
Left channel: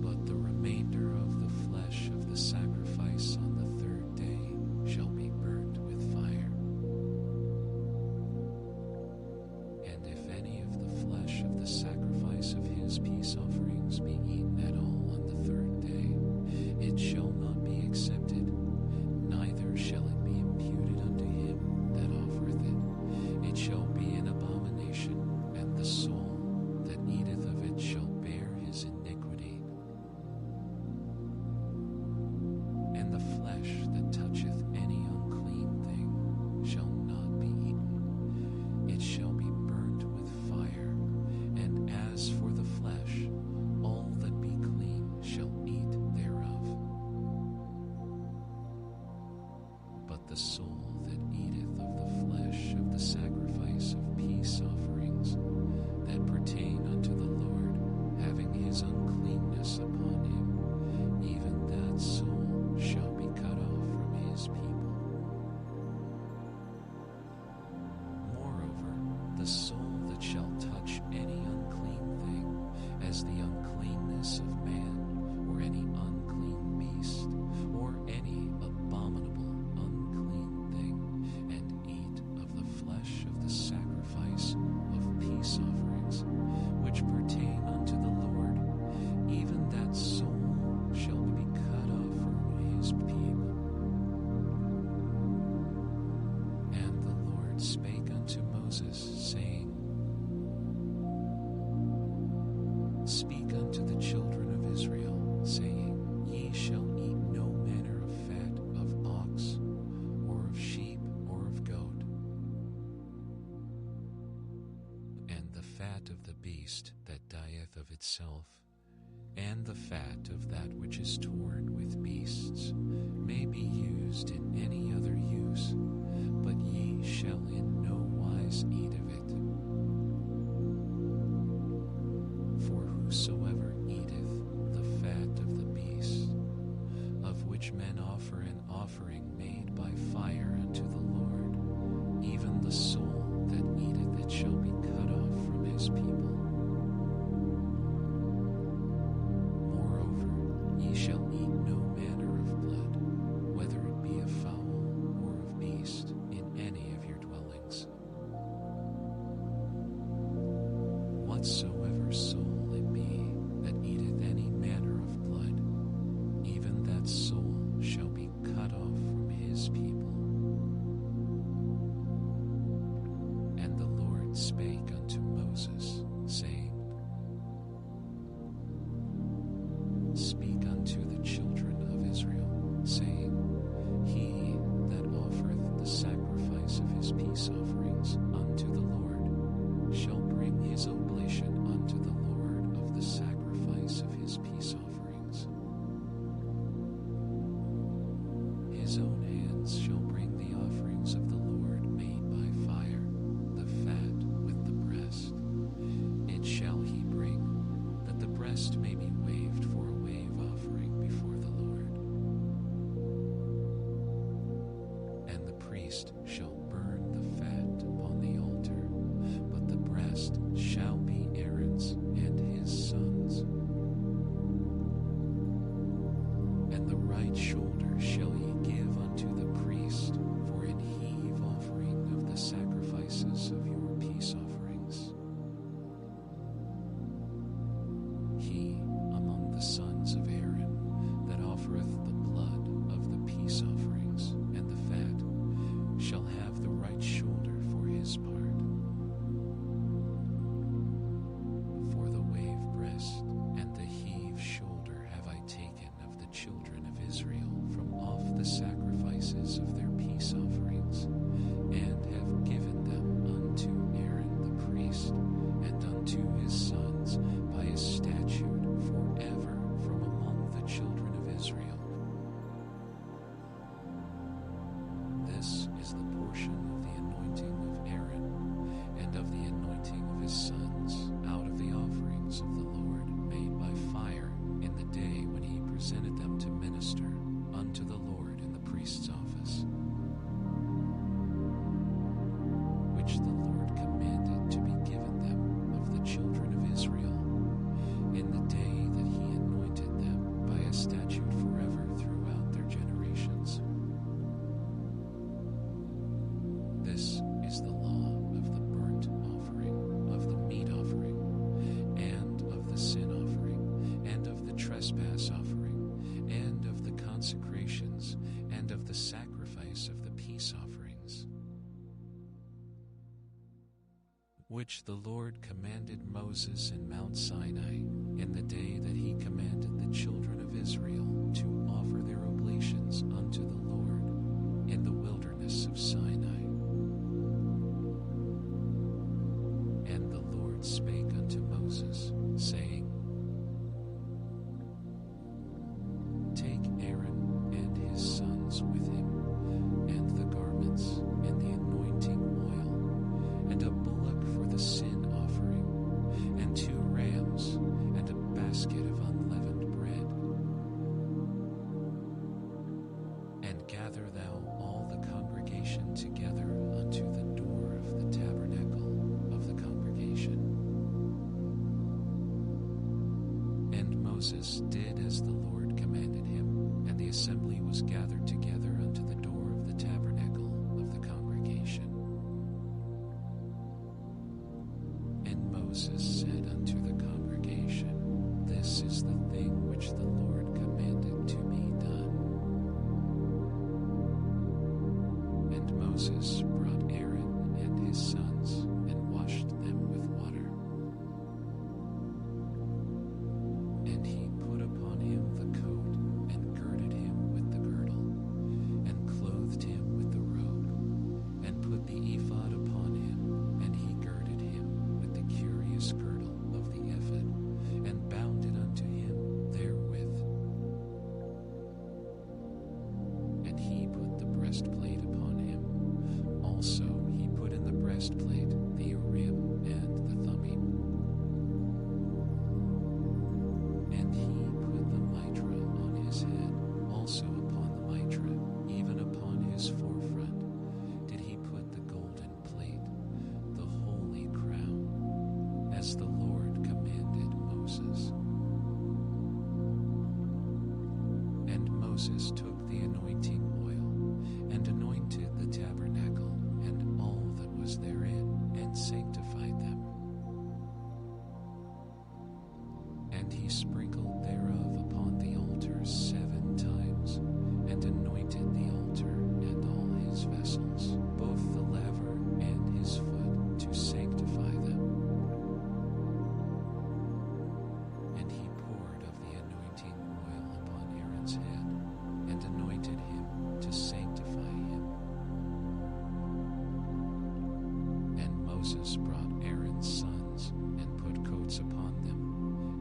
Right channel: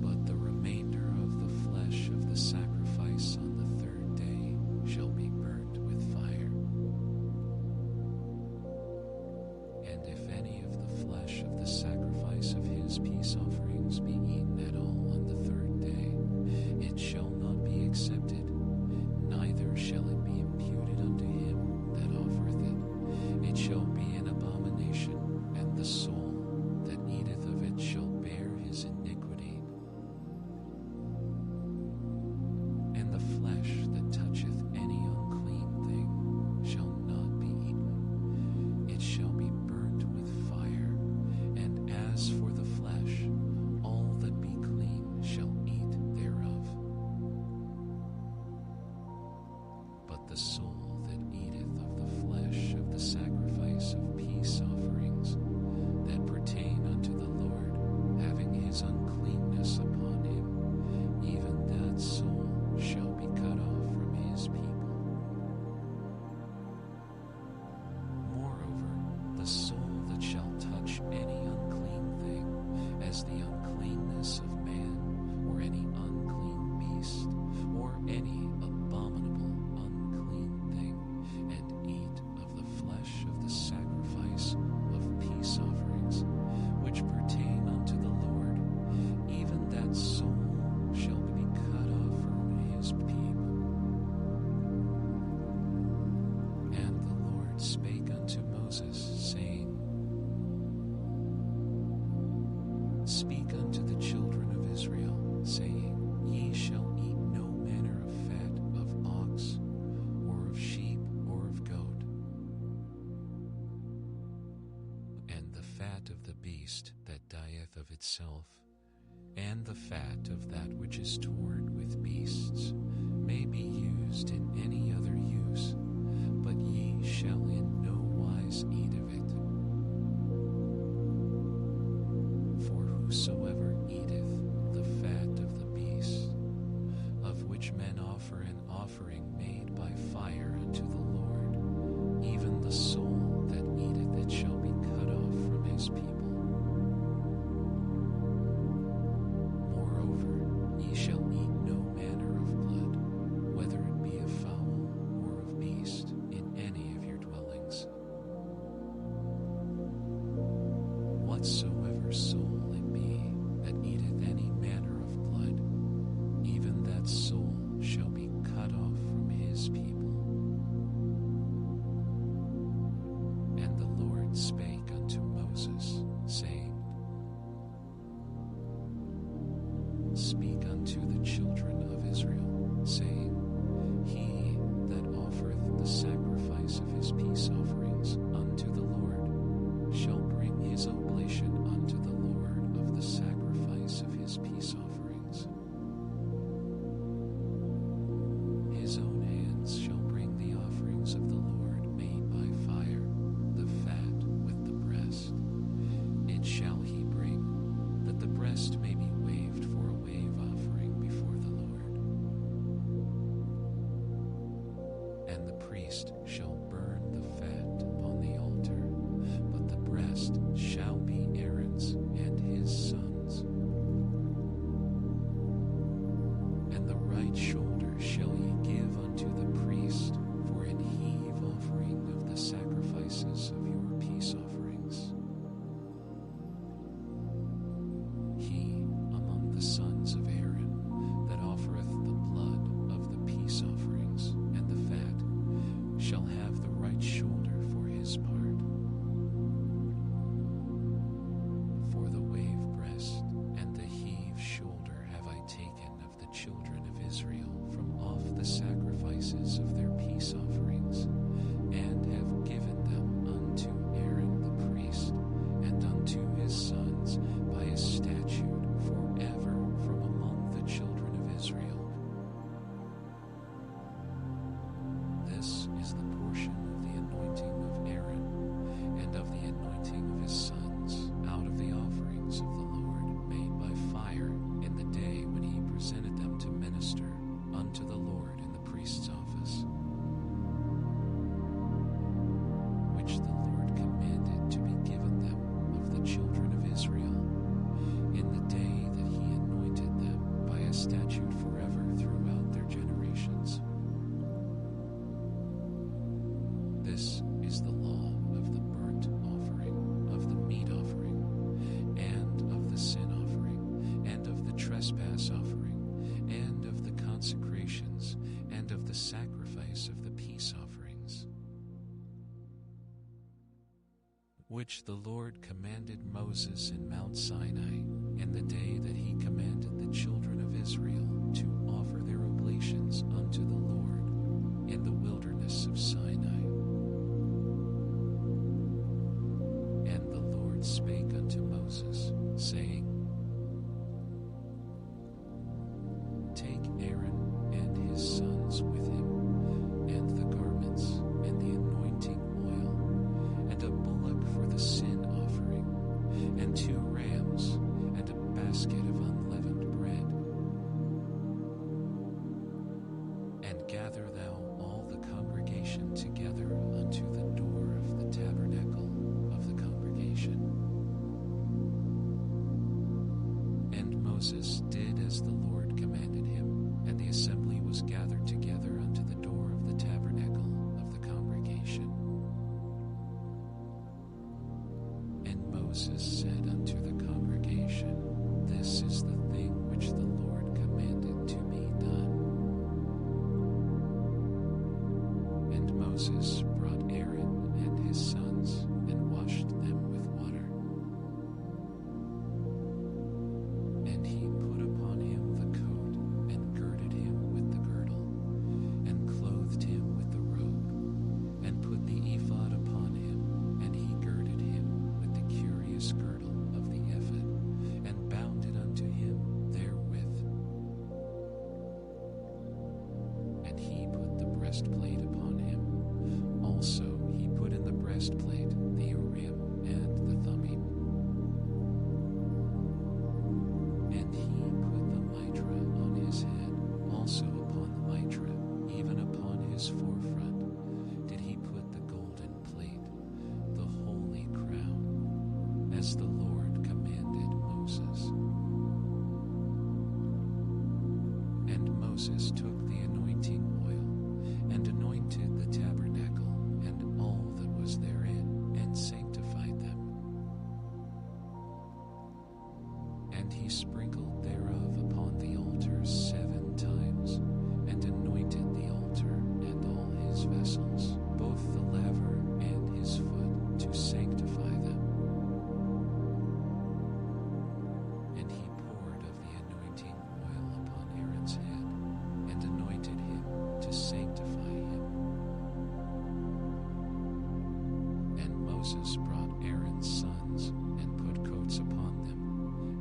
But the remainder of the flesh of the sacrifice on the 3rd day shall be burnt with fire. And if any of the flesh of the sacrifice of his peace offerings be eaten at all on the 3rd day, it shall not be accepted, neither shall it be imputed unto him that offereth it. It shall be an abomination, and the soul that eateth of it shall bear his iniquity. And the flesh that toucheth any unclean thing shall not be eaten. It shall be burnt with fire. And as for the flesh, all that be clean shall eat thereof. But the soul that eateth of the flesh of the sacrifice of peace offerings that pertain unto the Lord, having his uncleanness upon him, even that soul shall be cut off from his people. Moreover, the soul that shall touch any unclean thing, as the uncleanness of man, or any or any abominable, unclean thing, and eat of the flesh of the sacrifice of peace offerings, which pertain unto the Lord, even that soul shall be cut off from his people. And the Lord spake unto Moses, saying, Speak unto the children of Israel, saying, Ye shall eat no manner of fat of ox, or of sheep, or of goat, and the fat of the beast that dieth of itself, and the fat of that which is torn with beasts, may be used in any other use, but ye shall in no wise eat of it. For whosoever eateth the fat of the beast, of which men offer an offering made by fire unto the Lord, even the soul that eateth it shall be cut off from his people. Moreover, ye shall eat no manner of blood, whether it be of fowl or of beast, in any of your dwellings. Whatsoever soul it be that eateth any manner of blood, even that soul shall be cut off from his people. And the Lord spake unto Moses, saying, Speak unto the children of Israel, saying, He that offereth the sacrifice of his peace offerings unto the Lord shall bring his oblation unto the Lord of the sacrifice of his peace offerings. His own hands shall bring the offerings of the Lord made by fire, the fat with the breast. It shall he bring, that the breast may be waved for a wave offering before the Lord. And the priest shall burn the fat upon the altar, but the breast shall be Aaron's and his sons. And the right shoulder shall ye give unto the priest for an heave offering of the sacrifices of your peace offerings. He among the sons of Aaron that offereth the blood of the peace offerings and the fat shall have the right shoulder for his part. For the wave breast and the heave shoulder have I taken of the children of Israel from off the sacrifices of their peace offerings, and have given them unto Aaron the priest, and unto his sons by a statute forever from among the children of Israel. This is the portion of the anointing of Aaron, and of the anointing of his sons, out of the offerings of the Lord made by fire, in the day when he presented them to minister unto the Lord in the priest's office, which the Lord commanded to be given them of the children of Israel, in the day that he anointed them by a statute forever throughout their generations. This is the law of the burnt offering, of the meat offering, and of the sin offering, and of the trespass offering, and of the consecrations, and of the sacrifice of the peace offerings, which the Lord commanded Moses in Mount Sinai, in the day that he commanded the children of Israel to offer their oblations unto the Lord in the wilderness of Sinai. And the Lord spake unto Moses, saying, Take Aaron and his sons with him, and the garments, and the anointing oil, and a bullock for the sin offering, and 2 rams, and a basket of unleavened bread. And gather thou all the congregation together unto the door of the tabernacle of the congregation. And Moses did as the Lord commanded him, And the assembly was gathered together unto the door of the tabernacle of the congregation. And Moses said unto the congregation, This is the thing which the Lord commanded to be done. And Moses brought Aaron and his sons, and washed them with water. And he put upon him the coat, and girded him with the girdle, and clothed him with the robe, and put the ephod upon him, and he girded him with the curious girdle of the ephod, and bound it unto him therewith. And he put the breastplate upon him. Also he put in the breastplate the Urim and the Thummim. And he put the mitra on his head, also upon the mitra, even upon his forefront, did he put the golden plate, the holy crown, as the Lord commanded Moses. And Moses took the anointing oil, and anointed the tabernacle, and all that was therein, and sanctified them. And he sprinkled thereof upon the altar 7 times, and anointed the altar and all his vessels, both the laver and his foot, to sanctify them. And he poured of the anointing oil upon Aaron's head, and anointed him to sanctify him. And Moses brought Aaron's sons, and put coats upon them,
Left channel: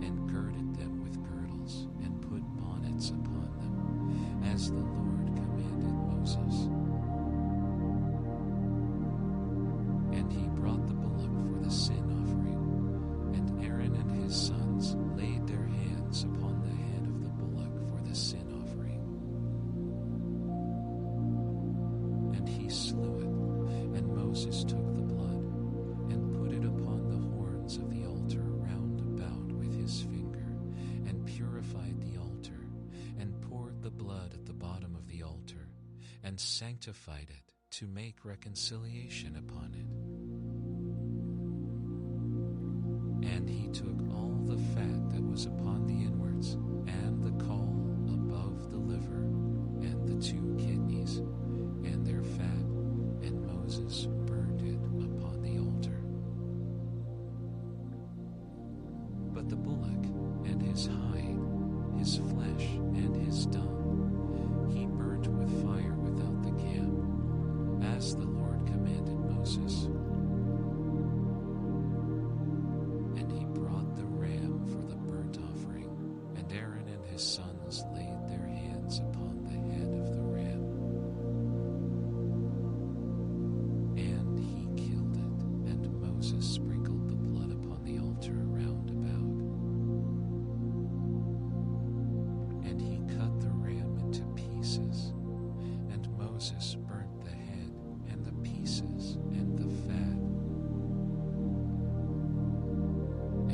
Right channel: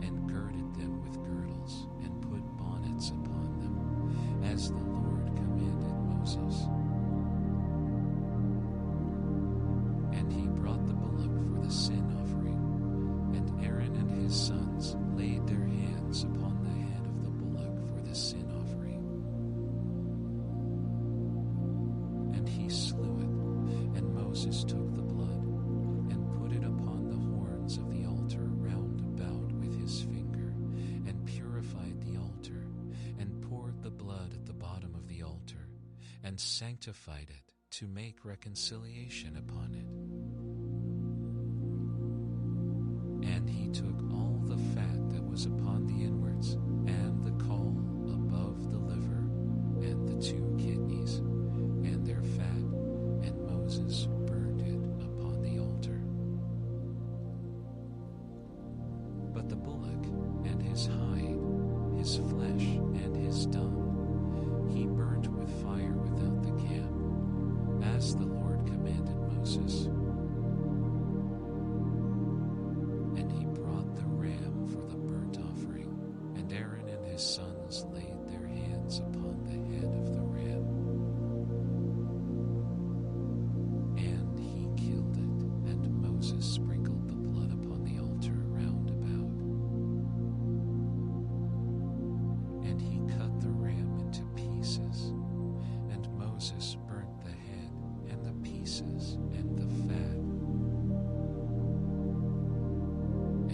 and girded them with girdles, and put bonnets upon them, as the Lord commanded Moses. And he brought the bullock for the sin offering, and Aaron and his sons laid their hands upon the head of the bullock for the sin offering. And he slew it, and Moses took the blood, and put it upon the horns of the altar round about with his finger, and purified the altar, and poured the blood at the bottom of the altar, and sanctified it, to make reconciliation upon it. And he took all the fat that was upon the inwards, and the caul above the liver, and the 2 kidneys, and their fat, and Moses burned it upon the altar. But the bullock, and his hide, his flesh, and his dung, he burnt with fire without the camp, as the Lord commanded Moses. And he brought the ram for the burnt offering, and Aaron and his sons laid their hands upon the head of the ram. And he killed it, and Moses sprinkled the blood upon the altar round about. And he cut the ram into pieces, and Moses burnt the head, and the pieces, and the fat.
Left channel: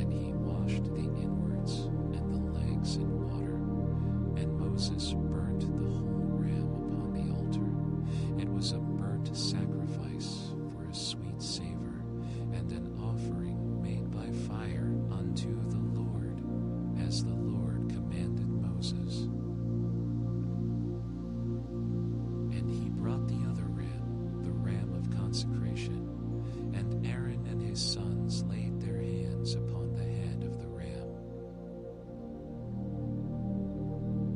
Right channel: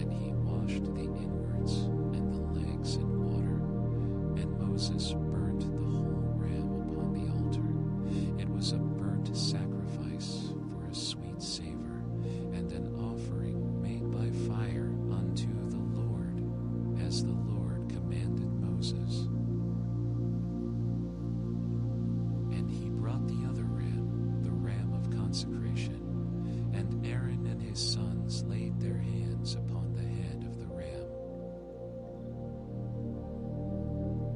And he washed the inwards, and the legs in water, and Moses burnt the whole ram upon the altar. It was a burnt sacrifice for a sweet savor, and an offering made by fire unto the Lord, as the Lord commanded Moses. And he brought the other ram, the ram of consecration, and Aaron and his sons laid their hands upon the head of the ram.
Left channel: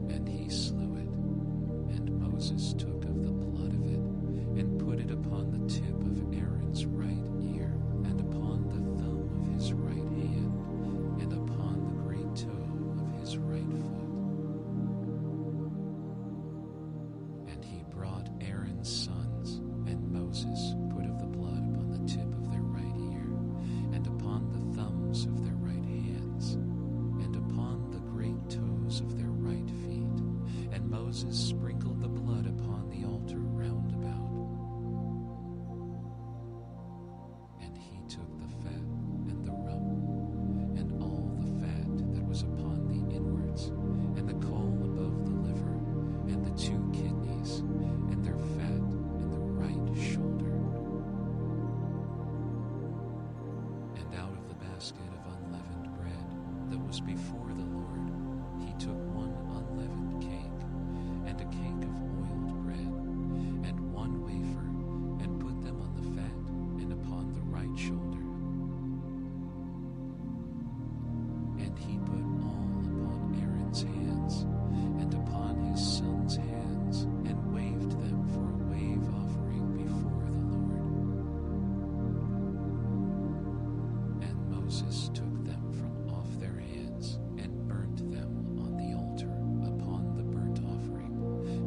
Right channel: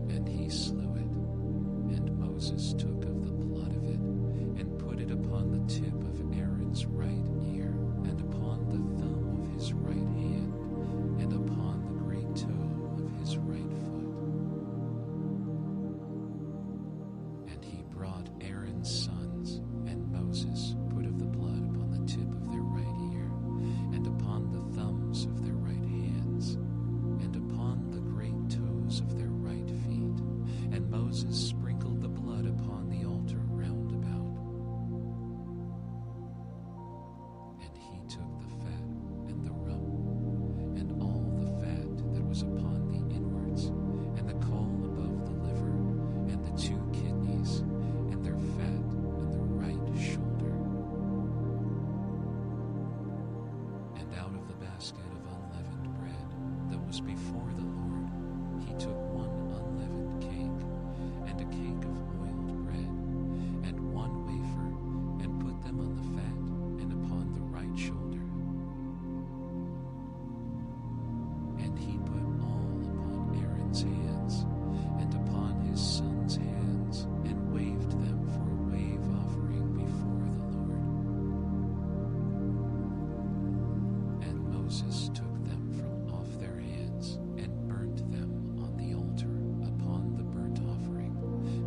And he slew it, and Moses took of the blood of it, and put it upon the tip of Aaron's right ear, and upon the thumb of his right hand, and upon the great toe of his right foot. And he brought Aaron's sons, and Moses put of the blood upon the tip of their right ear, and upon the thumbs of their right hands, and upon the great toes of their right feet. And Moses sprinkled the blood upon the altar round about. And he took the fat and the rump, and all the fat that was upon the inwards, and the caul above the liver, the basket of unleavened bread that was before the Lord, he took 1 unleavened cake, and a cake of oiled bread, and 1 wafer, and put them on the fat and upon the right shoulder. And he put all upon Aaron's hands, and upon his sons' hands, and waved them for a wave offering before the Lord. And Moses took them from off their hands, and burnt them on the altar upon the burnt offering.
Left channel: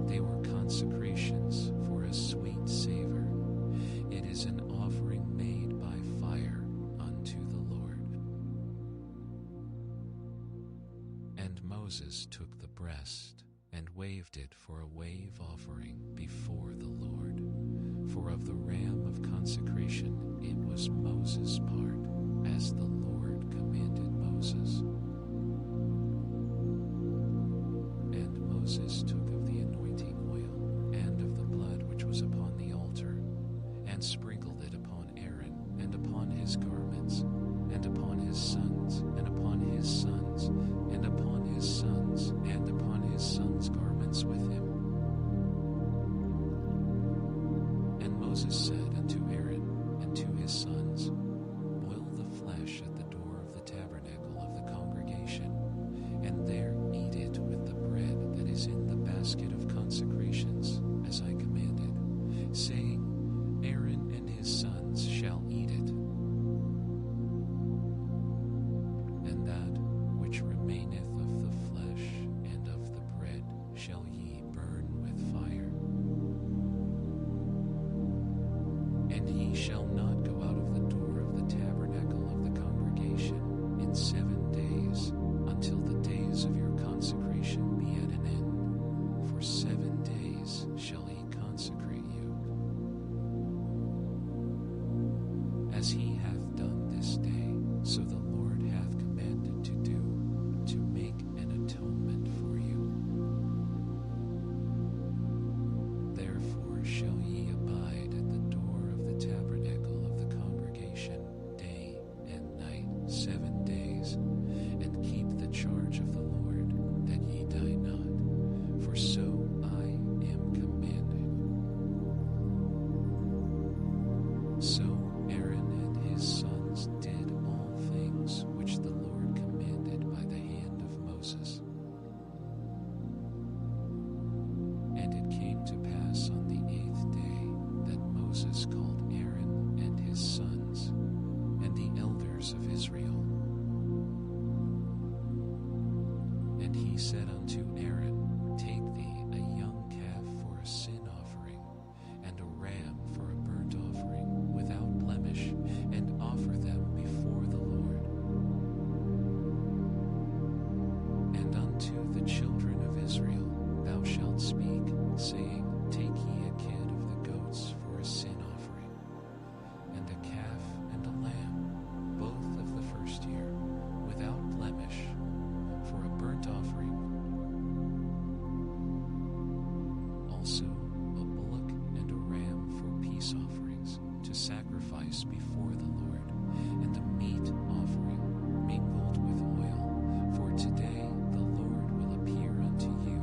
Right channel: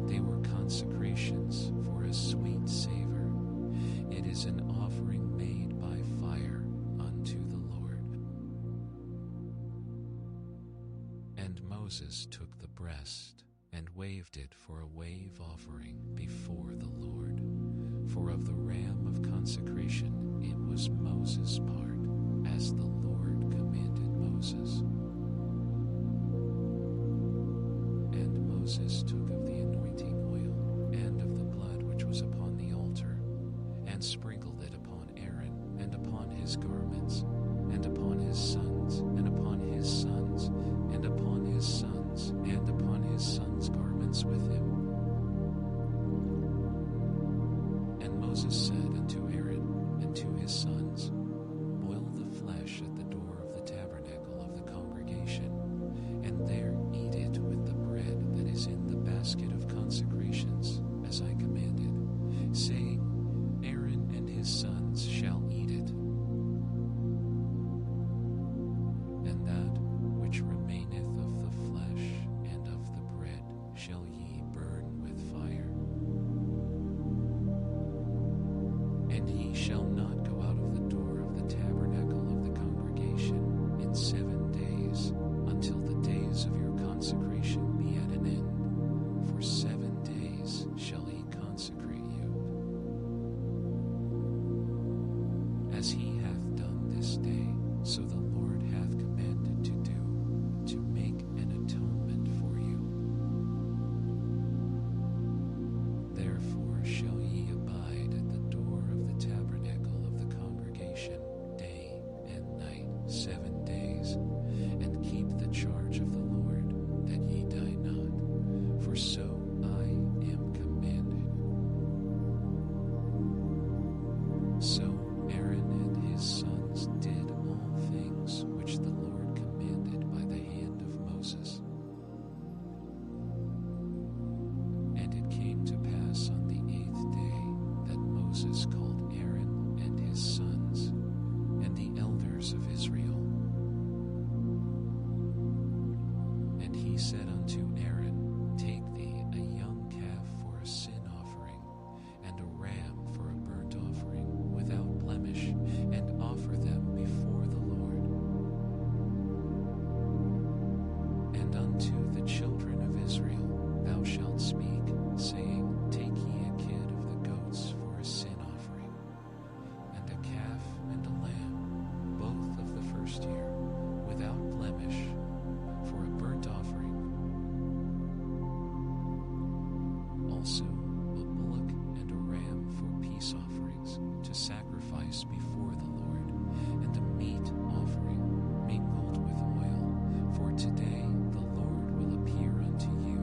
They were consecrations for a sweet savor. It is an offering made by fire unto the Lord. And Moses took the breast, and waved it for a wave offering before the Lord. For of the ram of consecration it was Moses' part, as the Lord commanded Moses. And Moses took of the anointing oil, and of the blood which was upon the altar, and sprinkled it upon Aaron, and upon his garments, and upon his sons, and upon his sons, and upon his sons, and upon his sons' garments with him. And Moses said unto Aaron and to his sons, Boil the flesh at the door of the tabernacle of the congregation, and there eat it with the bread that is in the basket of consecrations, as I commanded, saying, Aaron and his sons shall eat it. And that which remaineth of the flesh and of the bread shall ye burn with fire. And ye shall not go out of the door of the tabernacle of the congregation in 7 days, until the days of your consecration be at an end. For 7 days shall he consecrate you. As he hath done this day, so the Lord hath commanded to do, to make an atonement for you. Therefore shall ye abide at the door of the tabernacle of the congregation day and night 7 days, and keep the charge of the Lord, that ye die not, for so I am commanded. So Aaron and his sons did all things which the Lord commanded by the hand of Moses. And it came to pass on the 8th day that Moses called Aaron and his sons, and the elders of Israel. And he said unto Aaron, Take thee a young calf for a sin offering, and a ram for a burnt offering, without blemish, and offer them before the Lord. And unto the children of Israel thou shalt speak, saying, Take ye a kid of the goats for a sin offering, and a calf and a lamb, both of the first year, without blemish, for a burnt offering. Also a bullock and a ram for peace offerings, to sacrifice before the Lord, and a meat offering mingled with oil, for today the Lord will appear unto you.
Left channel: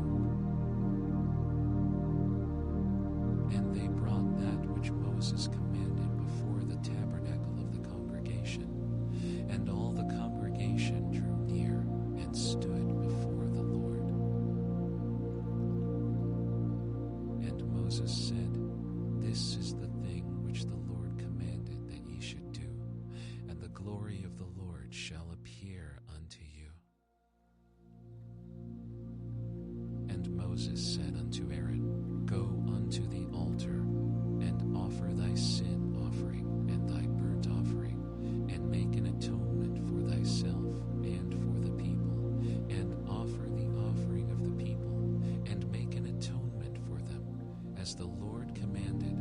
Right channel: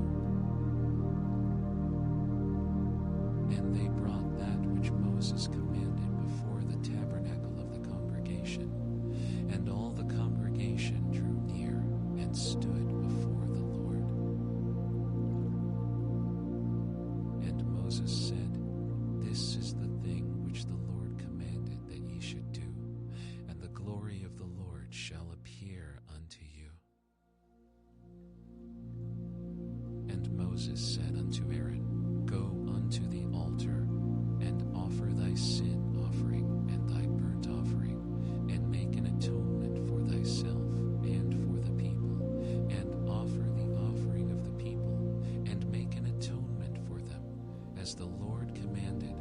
And they brought that which Moses commanded before the tabernacle of the congregation, and all the congregation drew near and stood before the Lord. And Moses said, This is the thing which the Lord commanded that ye should do, and the glory of the Lord shall appear unto you. And Moses said unto Aaron, Go unto the altar, and offer thy sin offering and thy burnt offering, and make an atonement for thyself and for the people, and offer the offering of the people, and make an atonement for them, as the Lord commanded.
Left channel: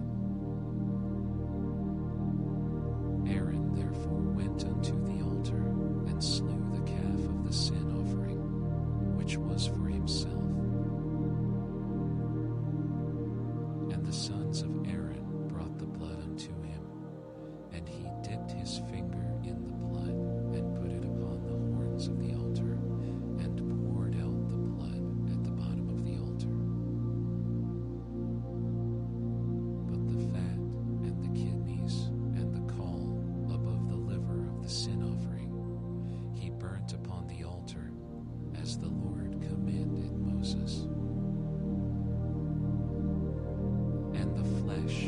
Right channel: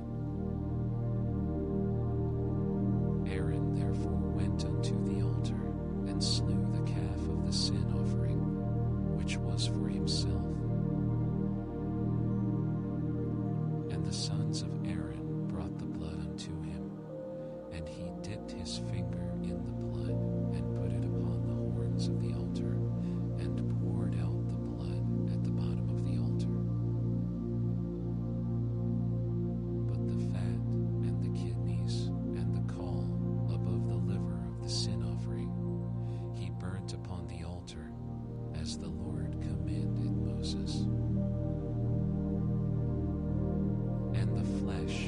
Aaron therefore went unto the altar, and slew the calf of the sin offering, which was for himself. And the sons of Aaron brought the blood unto him, and he dipped his finger in the blood, and put it upon the horns of the altar, and poured out the blood at the bottom of the altar. But the fat and the kidneys and the caul above the liver of the sin offering he burnt upon the altar, as the Lord commanded Moses. And the flesh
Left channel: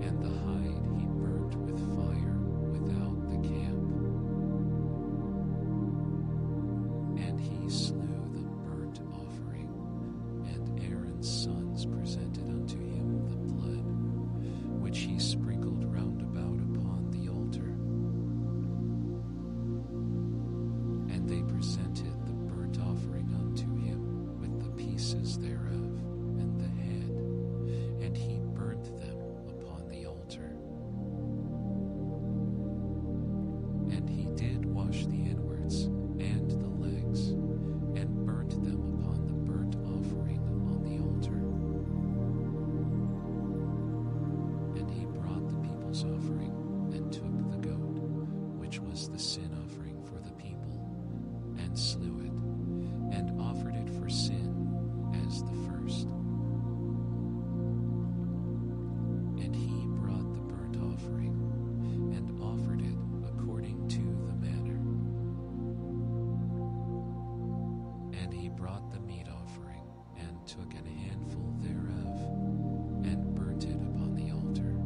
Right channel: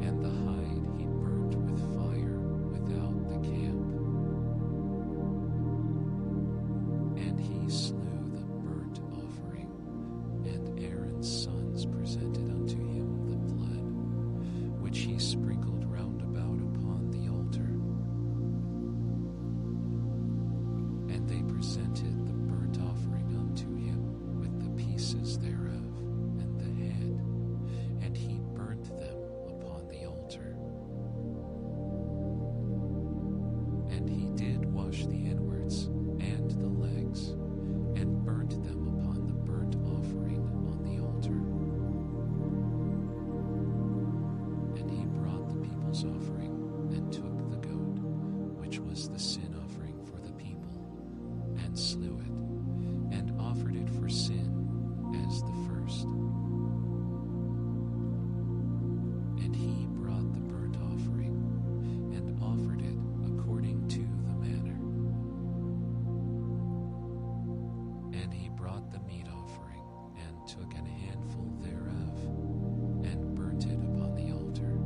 and the hide he burnt with fire without the camp. And he slew the burnt offering, and Aaron's sons presented unto him the blood, which he sprinkled round about upon the altar. And they presented the burnt offering unto him with the pieces thereof, and the head, and he burnt them upon the altar. And he did wash the inwards and the legs, and burnt them upon the burnt offering on the altar. And he brought the people's offering, and took the goat, which was the sin offering for the people, and slew it, and offered it for sin as the first. And he brought the burnt offering, and offered it according to the manner. And he brought the meat offering, and took an handful thereof, and burnt it upon the altar,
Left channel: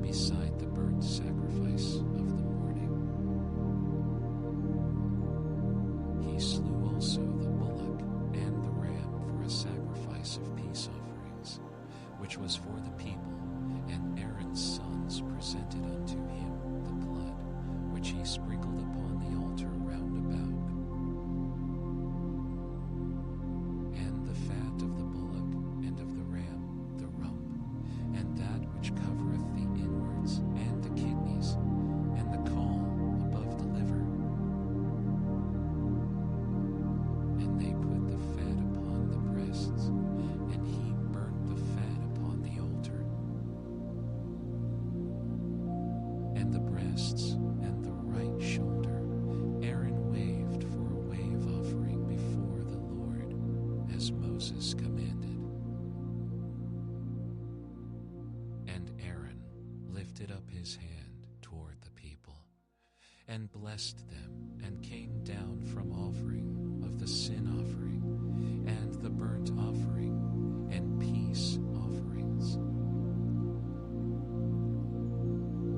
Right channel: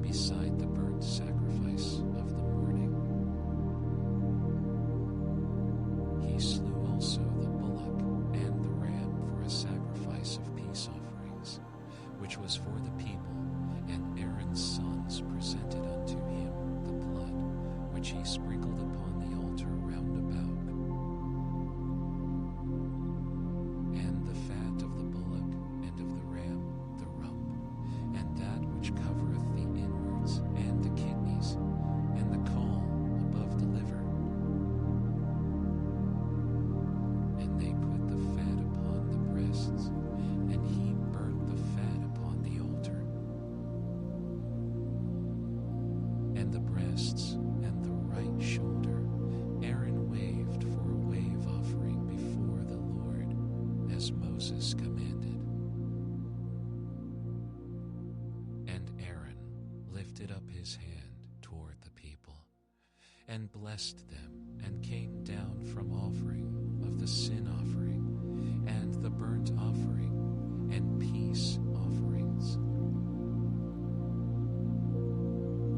beside the burnt sacrifice of the morning. He slew also the bullock and the ram for a sacrifice of peace offerings, which was for the people, and Aaron's sons presented unto him the blood, which he sprinkled upon the altar round about. And the fat of the bullock and of the ram, the rump, and that which covereth the inwards, and the kidneys, and the caul above the liver. And they put the fat upon the breasts, and he burnt the fat upon the altar. And the breasts and the right shoulder Aaron waved for a wave offering before the Lord, as Moses commanded. And Aaron lifted up his hand toward the people, and blessed them, and came down from offering of the sin offering, and the burnt offering, and peace offerings.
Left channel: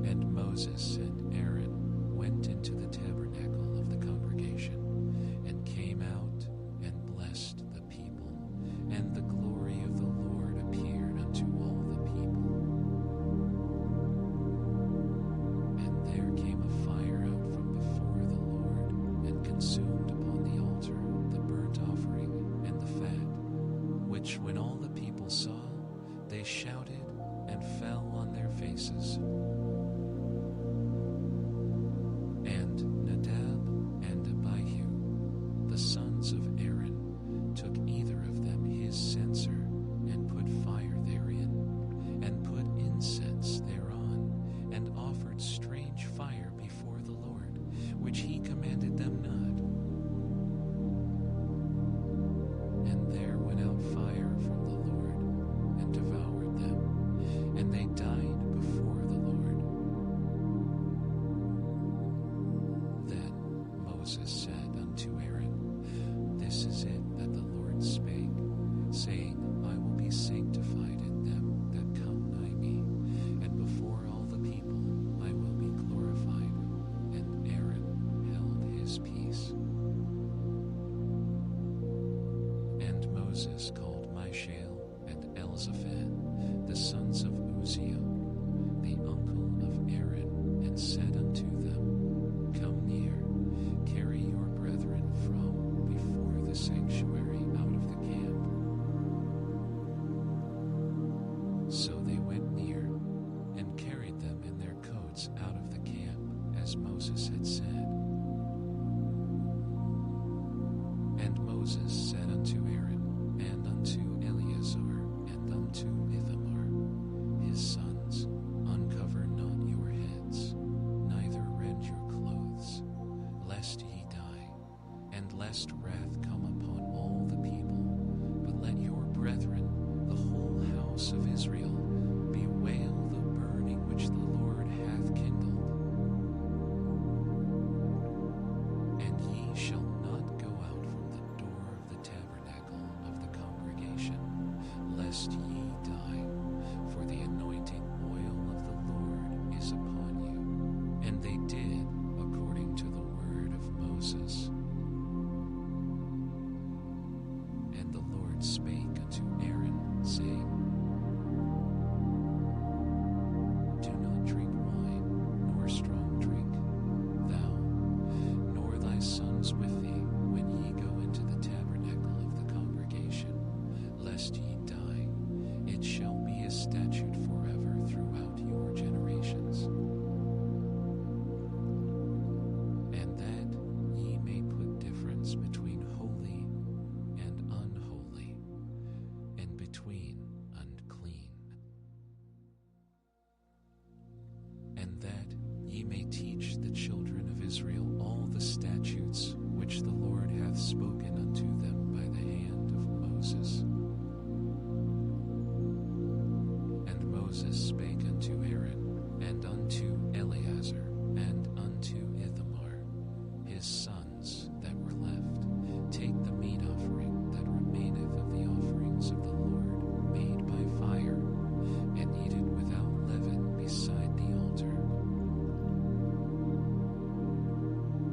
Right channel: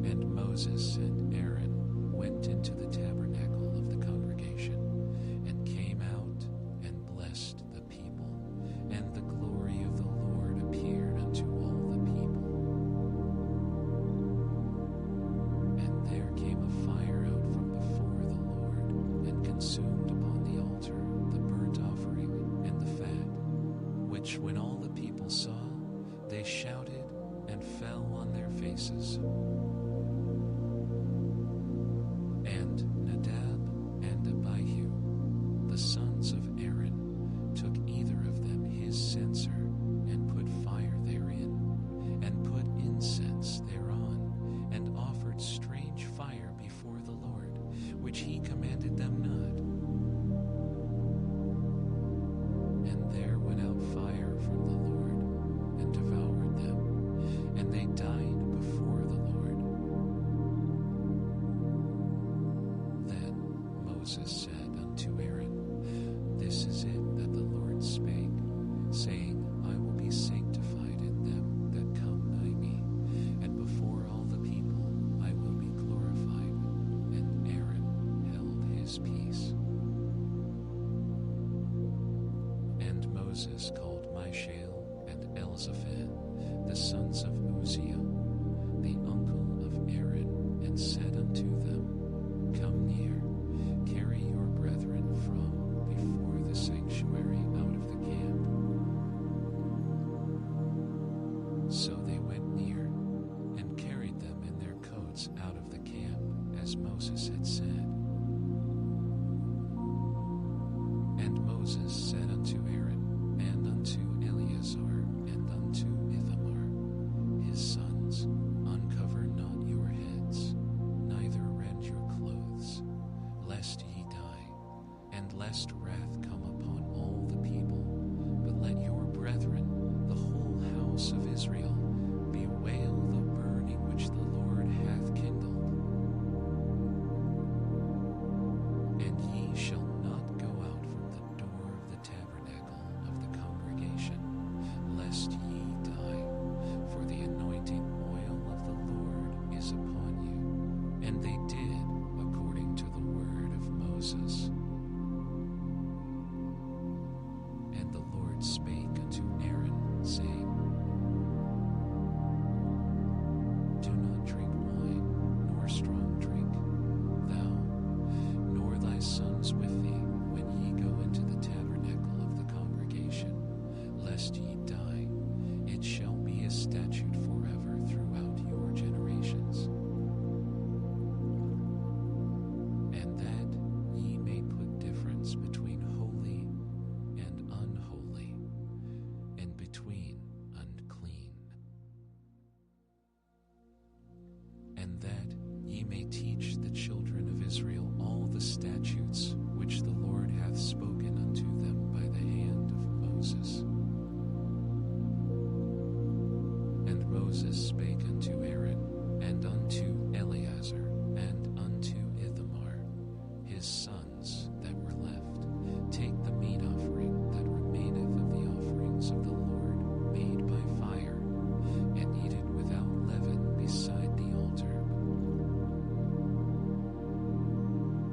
And Moses and Aaron went into the tabernacle of the congregation, and came out and blessed the people, and the glory of the Lord appeared unto all the people. And there came a fire out from before the Lord, and consumed upon the altar the burnt offering and the fat, which when all the people saw, they shouted and fell on their faces. And Nadab and Abihu, the sons of Aaron, took either of them his censer, and put fire therein, and put incense thereon, and offered strange fire before the Lord, which he commanded them not. And there went out fire from the Lord, and devoured them, and they died before the Lord. Then Moses said unto Aaron, This is it that the Lord spake, saying, I will be sanctified in them that come nigh me, and before all the people I will be glorified. And Aaron held his peace. And Moses called Mishael and Elzaphan, the sons of Uzziel, the uncle of Aaron, and said unto them, Come near, carry your brethren from before the sanctuary out of the camp. So they went near, and carried them in their coats out of the camp, as Moses had said. And Moses said unto Aaron, and unto Eleazar, and unto Ithamar, his sons, Uncover not your heads, neither rend your clothes, lest ye die, and lest wrath come upon all the people. But let your brethren, the whole house of Israel, bewail the burning which the Lord hath kindled. And ye shall not go out from the door of the tabernacle of the congregation, lest ye die, for the anointing oil of the Lord is upon you. And they did according to the word of Moses. And the Lord spake unto Aaron, saying, Do not drink wine, nor strong drink, thou, nor thy sons with thee, when ye go into the tabernacle of the congregation, lest ye die. It shall be a statute forever throughout your generations. And that ye may put difference between holy and unholy, and between unclean. And that ye may teach the children of Israel all the statutes which the Lord hath spoken unto them by the hand of Moses. And Moses spake unto Aaron, and unto Eleazar, and unto Ithamar, his sons that were left, Take the meat offering that remaineth of the offerings of the Lord made by fire, and eat it without leaven beside the altar.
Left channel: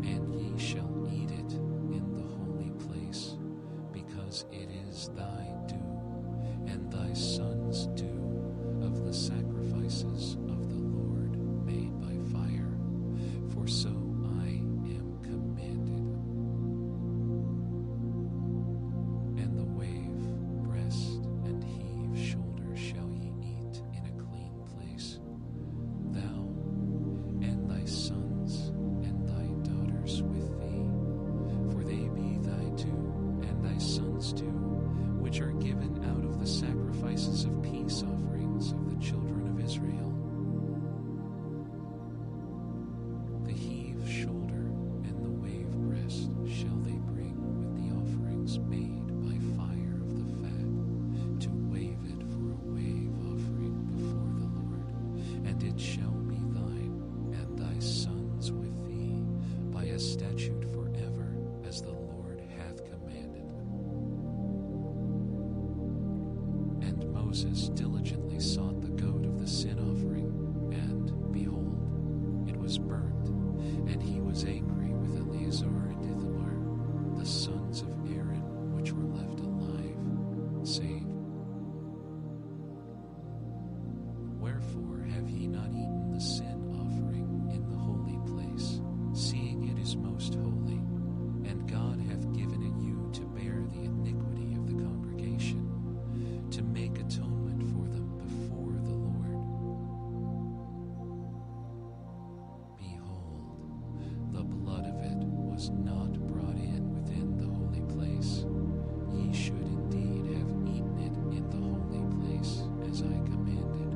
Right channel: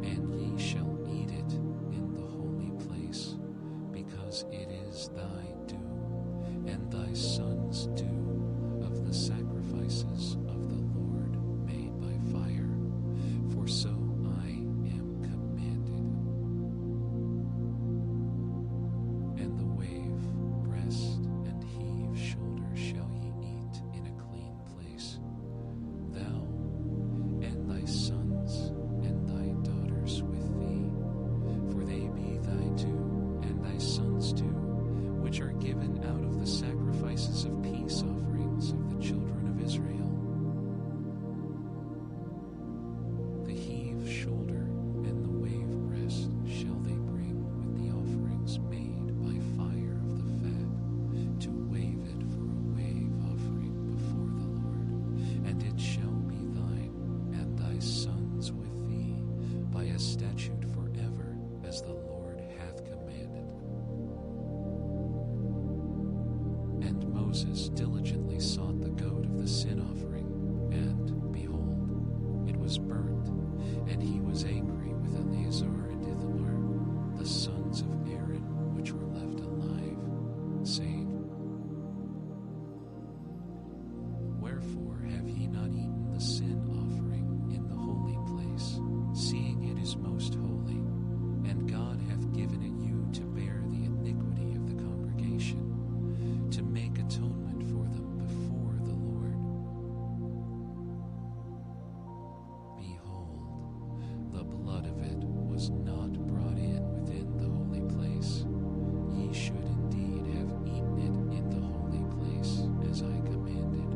And ye shall eat it in the holy place, because it is thy due, and thy sons' due, of the sacrifices of the Lord made by fire, for so I am commanded. And the wave, breast, and heave shoulder shall ye eat in a clean place, thou and thy sons and thy daughters with thee, for they be thy due, and thy sons' due, which are given out of the sacrifices of peace offerings of the children of Israel. The heave shoulder and the wave breast shall they bring with the offerings made by fire of the fat, to wave it for a wave offering before the Lord. And it shall be thine, and thy sons with thee, by a statute forever, as the Lord hath commanded. And Moses diligently sought the goat of the sin offering, and, behold, it was burnt, and he was angry with Eleazar and Ithamar, the sons of Aaron, which were left alive, saying, Wherefore have ye not eaten the sin offering in the holy place, seeing it is most holy, and God hath given it you to bear the iniquity of the congregation, to make atonement for them before the Lord? Behold, the blood of it was not brought in within the holy place. Ye should indeed have eaten it in the holy place, as I commanded.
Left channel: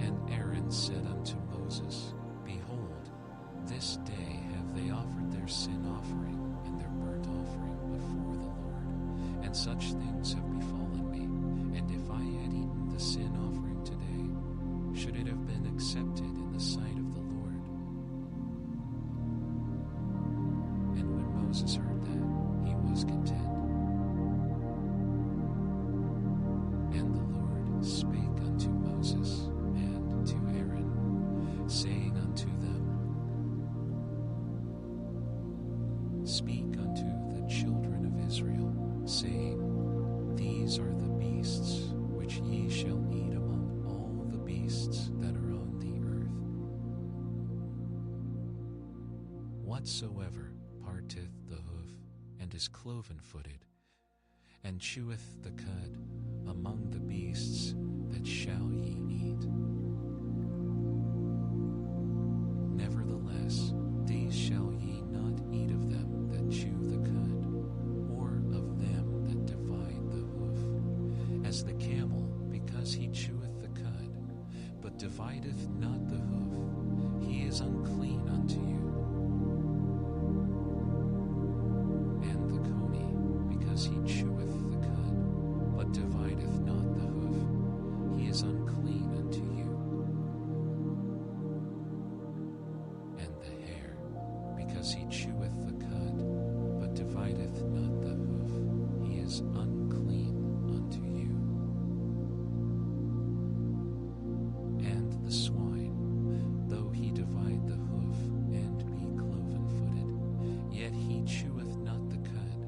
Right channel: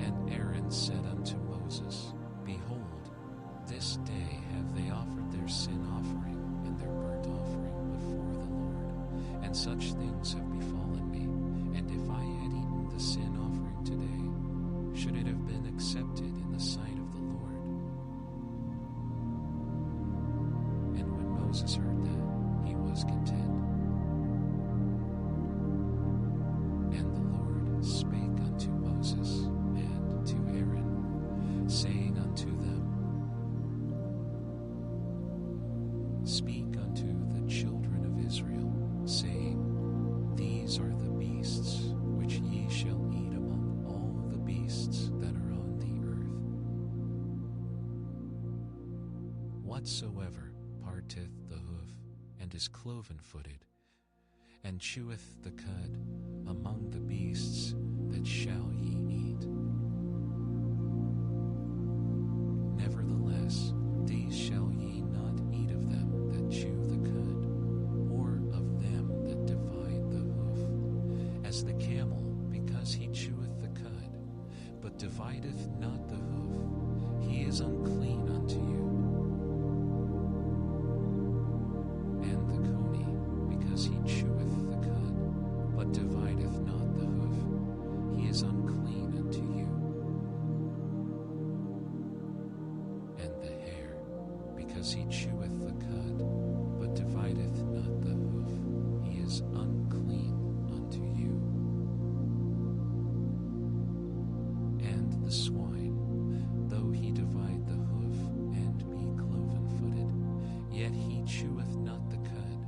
And Aaron said unto Moses, Behold, this day have they offered their sin offering and their burnt offering before the Lord, and such things have befallen me. And if I had eaten the sin offering today, should it have been accepted in the sight of the Lord? And when Moses heard that, he was content. And the Lord spake unto Moses and to Aaron, saying unto them, Speak unto the children of Israel, saying, These are the beasts which ye shall eat among all the beasts that are on the earth. Whatsoever parteth the hoof, and is cloven-footed, and cheweth the cud among the beasts, that shall ye eat. Nevertheless, these shall ye not eat of them that chew the cud, or of them that divide the hoof, as the camel, because he cheweth the cud, but divideth not the hoof, he is unclean unto you. And the coney, because he cheweth the cud, but divideth not the hoof, he is unclean unto you. And the hare, because he cheweth the cud, but divideth not the hoof, he is unclean unto you. And the swine, though he divide the hoof, and be cloven-footed, yet he cheweth not the cud,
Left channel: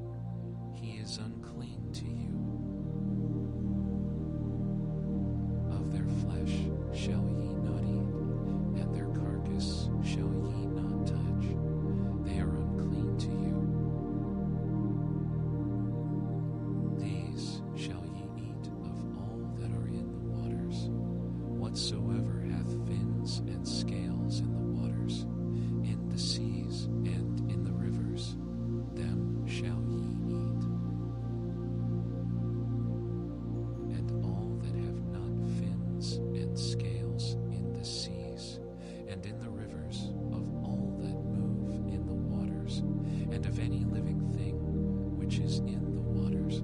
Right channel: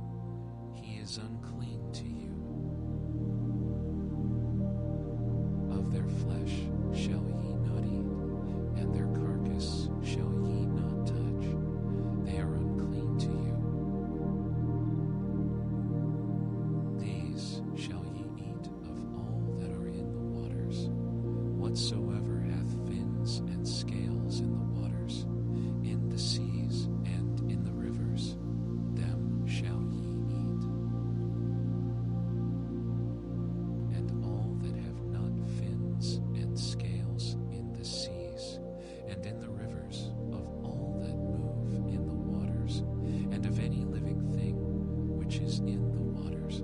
he is unclean to you. Of their flesh shall ye not eat, and their carcass shall ye not touch, they are unclean to you. These shall ye eat of all that are in the waters, whatsoever hath fins and scales in the waters, in the seas and in the rivers, them shall ye eat. And all that have not fins and scales in the seas and in the rivers, of all that move in the waters, and of any living thing which is in the waters,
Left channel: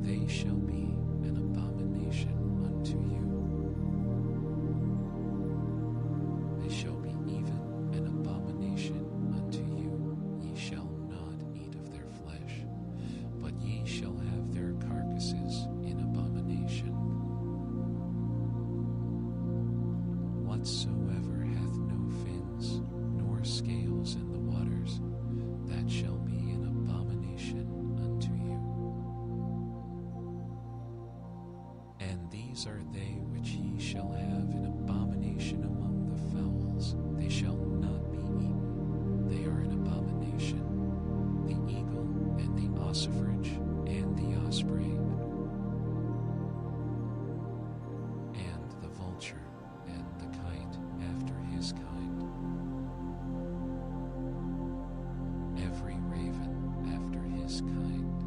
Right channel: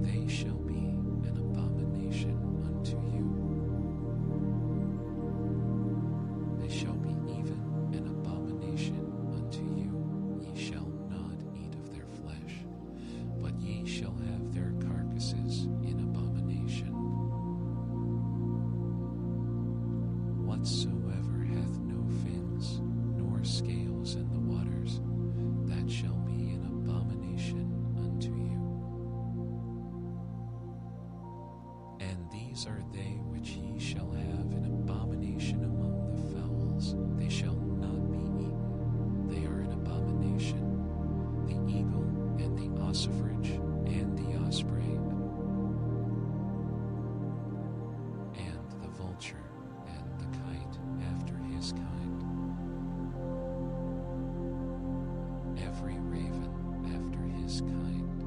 they shall be an abomination unto you. They shall be even an abomination unto you. Ye shall not eat of their flesh, but ye shall have their carcasses in abomination. Whatsoever hath no fins nor scales in the waters, that shall be an abomination unto you. And these are they which ye shall have an abomination among the fowls, they shall not be eaten, they are an abomination, the eagle and the ossifrage and the osprey, and the vulture and the kite after his kind, every raven after his kind,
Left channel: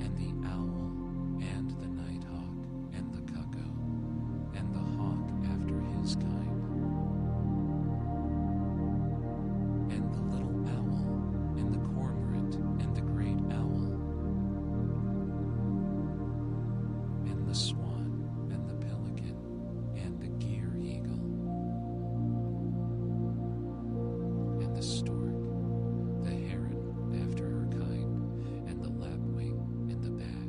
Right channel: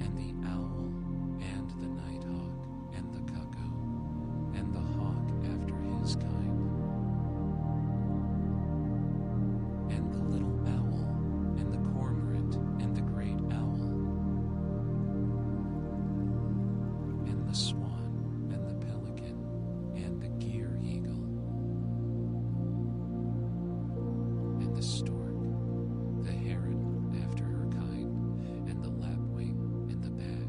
and the owl and the nighthawk and the cuckoo and the hawk after his kind, and the little owl and the cormorant and the great owl, and the swan and the pelican and the gear eagle, and the stork, the heron after her kind, and the lapwing and the bat.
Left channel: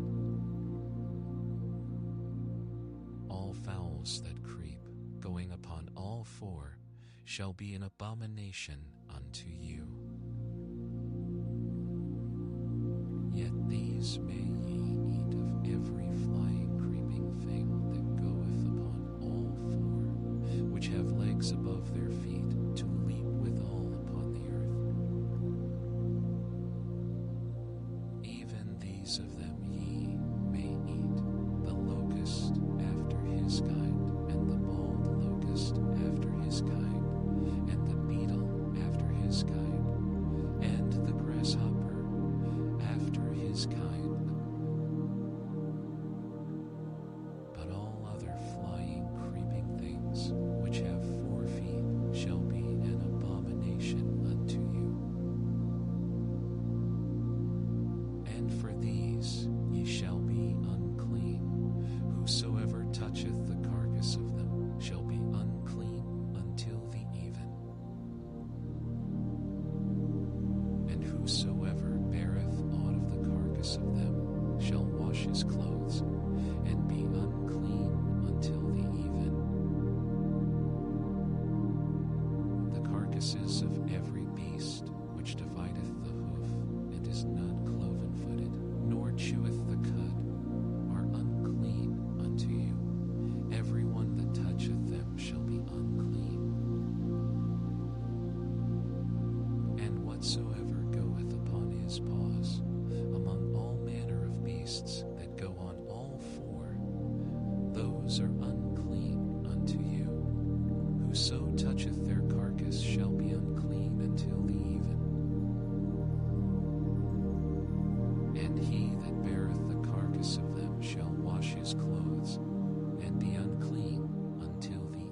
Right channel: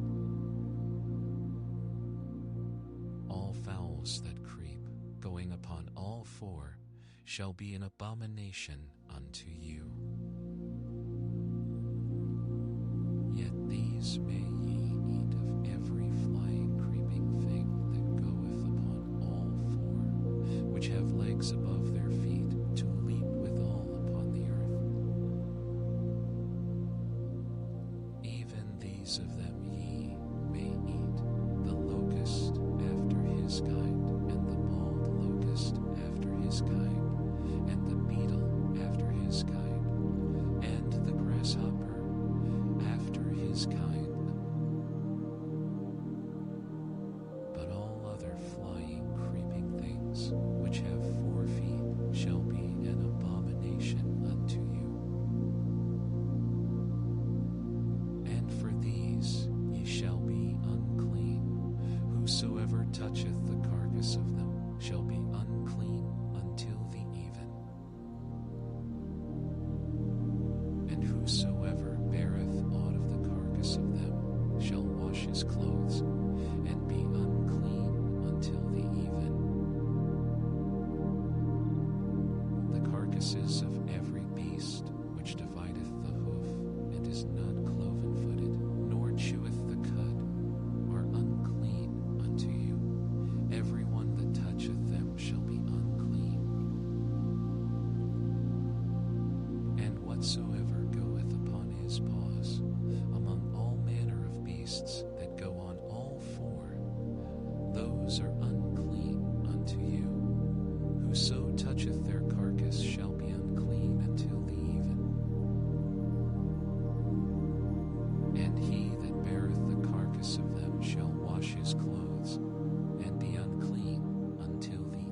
All fowls that creep, going upon all four, shall be an abomination unto you. Yet these may ye eat of every flying, creeping thing that goeth upon all four, which have legs above their feet, to leap withal upon the earth. Even these of them ye may eat, the locust after his kind, and the bald locust after his kind, and the beetle after his kind, and the grasshopper after his kind. But all other flying, creeping things which have 4 feet shall be an abomination unto you. And for these ye shall be unclean. Whosoever toucheth the carcass of them shall be unclean until the even. And whosoever beareth aught of the carcass of them shall wash his clothes, and be unclean until the even. The carcasses of every beast which divideth the hoof, and is not cloven-footed, nor cheweth the cud, are unclean unto you. Every one that toucheth them shall be unclean. And whatsoever goeth upon his paws, among all manner of beasts that go on all 4, those are unclean unto you. Whoso toucheth their carcass shall be unclean until the even. And he that beareth the carcass of them shall wash his clothes, and be unclean until the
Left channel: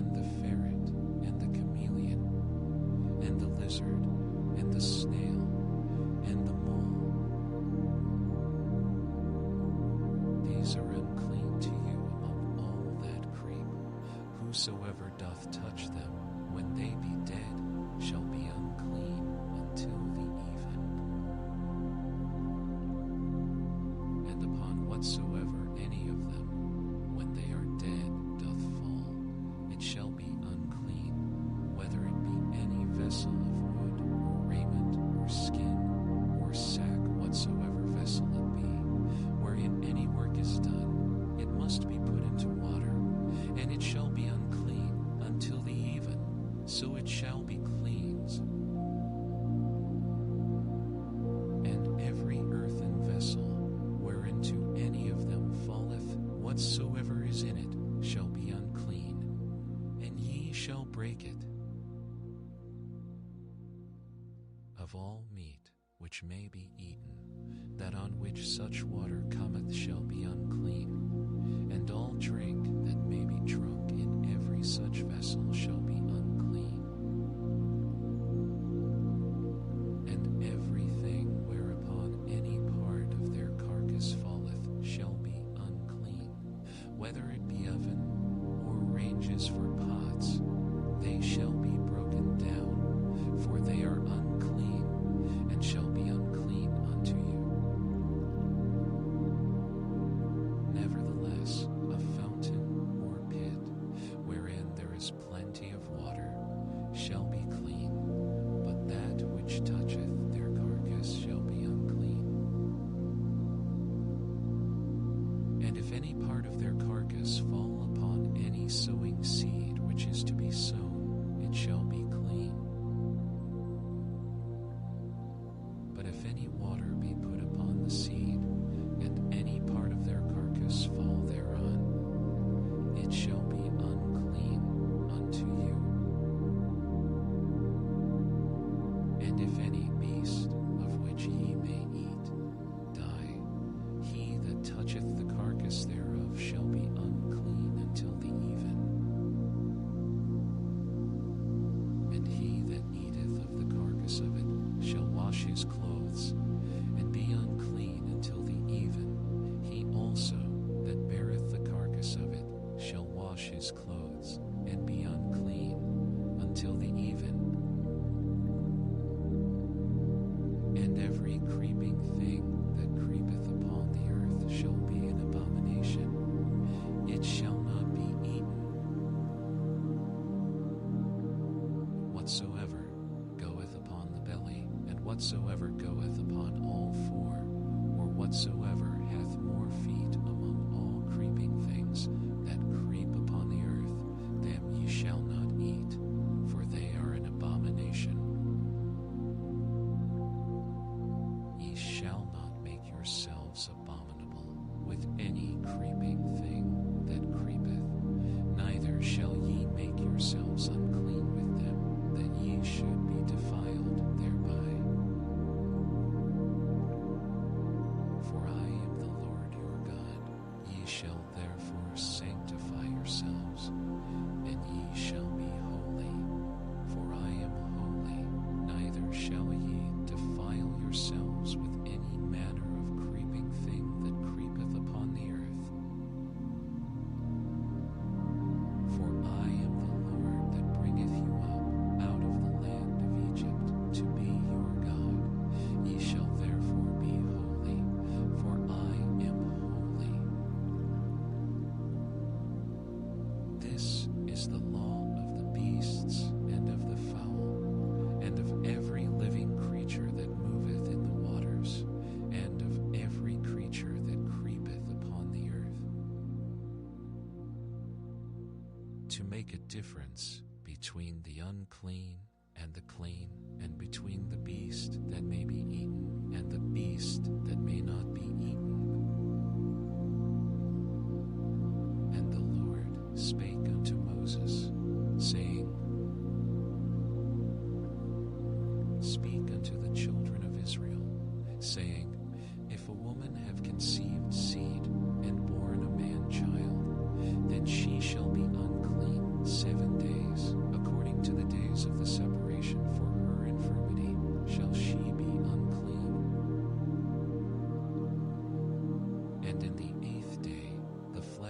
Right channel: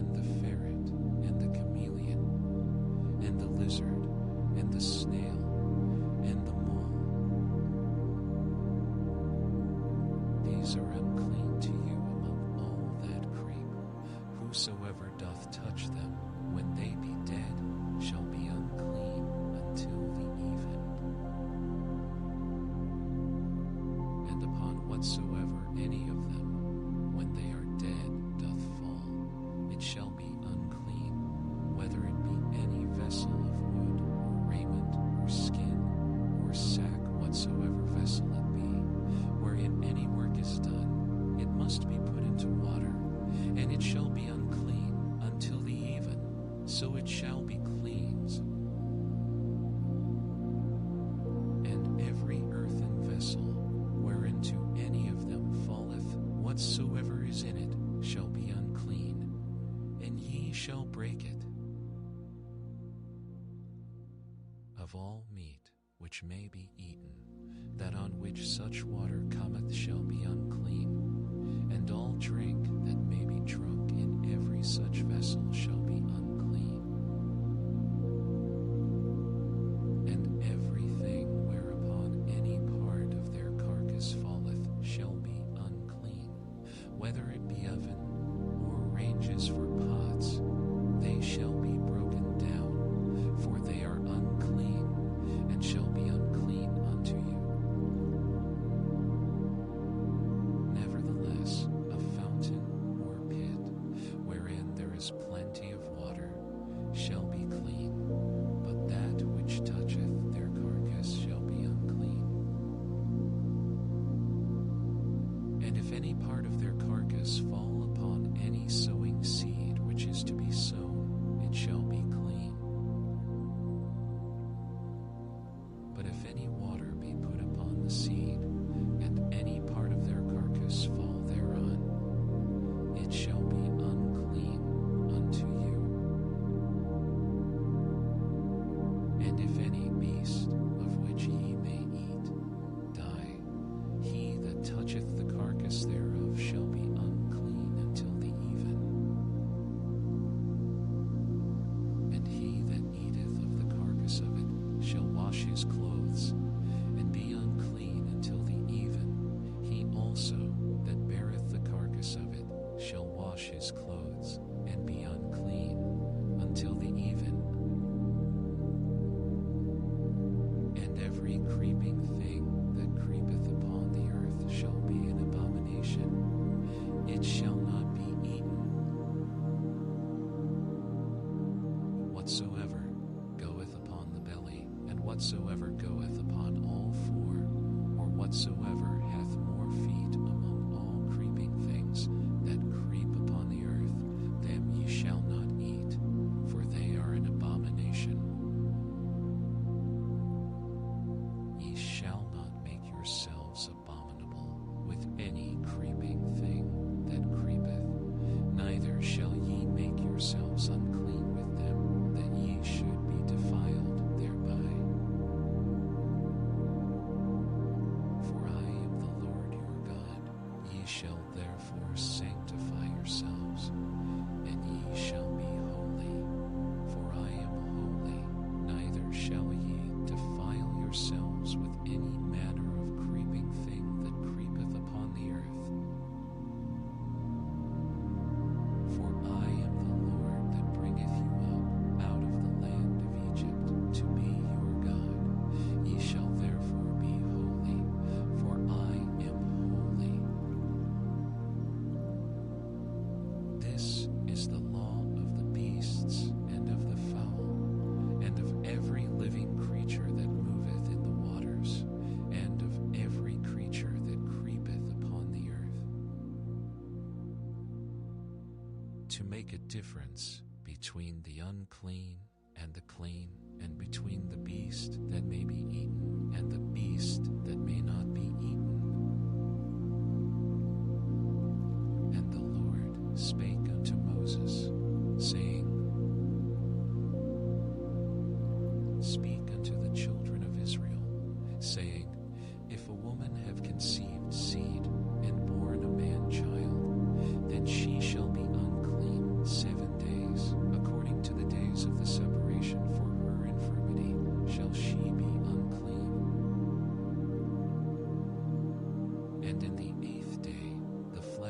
and the ferret, and the chameleon, and the lizard, and the snail, and the mole. These are unclean to you among all that creep. Whosoever doth touch them, when they be dead, shall be unclean until the even. And upon whatsoever any of them, when they are dead, doth fall, it shall be unclean, whether it be any vessel of wood, or raiment, or skin, or sack, whatsoever vessel it be, wherein any work is done, it must be put into water, and it shall be unclean until the even, so it shall be cleansed. And every earthen vessel, whereinto any of them falleth, whatsoever is in it shall be unclean, and ye shall break it. Of all meat which may be eaten, that on which such water cometh shall be unclean, and all drink that may be drunk in every such vessel shall be unclean. And everything whereupon any part of their carcass falleth shall be unclean, whether it be oven or ranges for pots, they shall be broken down, for they are unclean, and shall be unclean unto you. Nevertheless, a fountain or pit, wherein there is plenty of water, shall be clean, but that which toucheth their carcass shall be unclean. And if any part of their carcass fall upon any sowing seed which is to be sown, it shall be clean. But if any water be put upon the seed, and any part of their carcass fall thereon, it shall be unclean unto you. And if any beast of which ye may eat die, he that toucheth the carcass thereof shall be unclean until the even. And he that eateth of the carcass of it shall wash his clothes, and be unclean until the even. He also that beareth the carcass of it shall wash his clothes, and be unclean until the even. And every creeping thing that creepeth upon the earth shall be an abomination. It shall not be eaten. Whatsoever goeth upon the belly, and whatsoever goeth upon all four, or whatsoever hath more feet among all creeping things that creep upon the earth, them ye shall not eat, for they are an abomination. Ye shall not make yourselves abominable with any creeping thing that creepeth, neither shall ye make yourselves unclean with them, that ye should be defiled thereby. For I am the Lord your God. Ye shall therefore sanctify yourselves, and ye shall be holy, for I am holy. Neither shall ye defile yourselves with any manner of creeping thing that creepeth upon the earth. For I am the Lord that bringeth you up out of the land of Egypt to be your God. Ye shall therefore be holy, for I am holy. This is the law of the beasts and of the fowl, and of every living creature that moveth in the waters, and of every creature that creepeth upon the earth, to make a difference between the unclean and the clean, and between the beast that may be eaten and the beast that may not be eaten. And the Lord spake unto Moses, saying, Speak unto the children of Israel, saying, If a woman have conceived seed, and born a man child, then she shall be unclean 7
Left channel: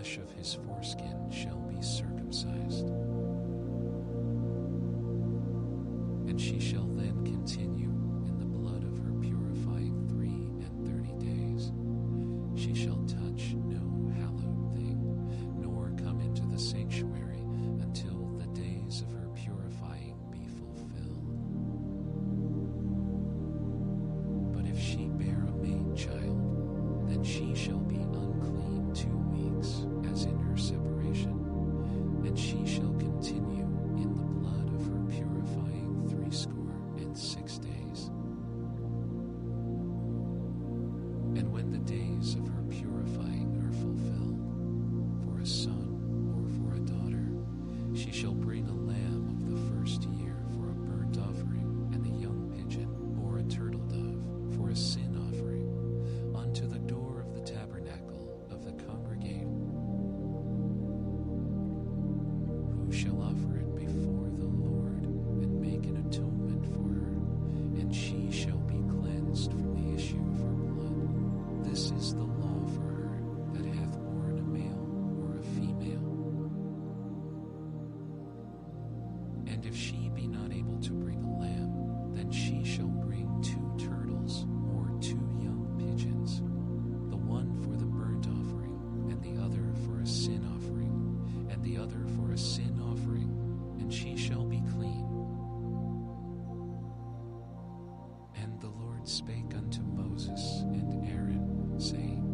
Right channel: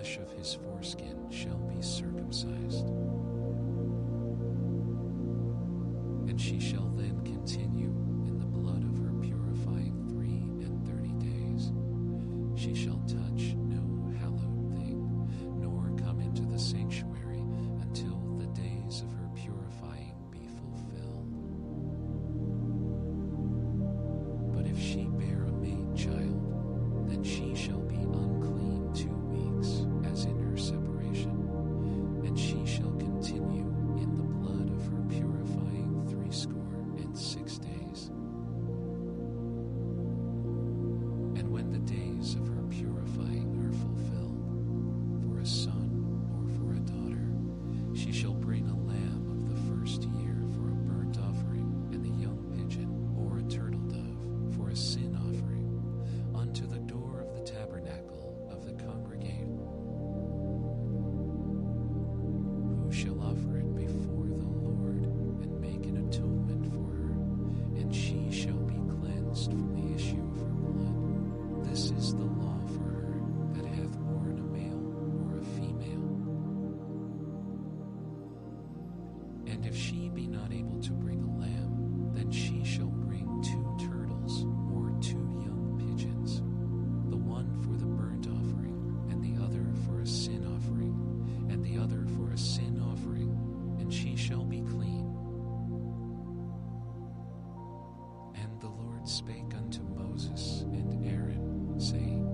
flesh of his foreskin shall be circumcised. And she shall then continue in the blood of her purifying 3 days. She shall touch no hallowed thing, nor come into the sanctuary until the days of her purifying be fulfilled. But if she bear a maid child, then she shall be unclean 2 weeks, as in her separation, and she shall continue in the blood of her purifying 66 days. And when the days of her purifying are fulfilled, for a son or for a daughter, she shall bring a lamb of the first year for a burnt offering, and a young pigeon or a turtle dove for a sin offering, unto the door of the tabernacle of the congregation. Who shall offer it before the Lord and make an atonement for her, and she shall be cleansed from the issue of her blood. This is the law for her that hath borne a male or a female. And if she be not able to bring a lamb, then she shall bring 2 turtles or 2 young pigeons, the one for the burnt offering, and the other for a sin offering, and the other for a sin offering, and she shall be clean. And the Lord spake unto Moses and Aaron, saying,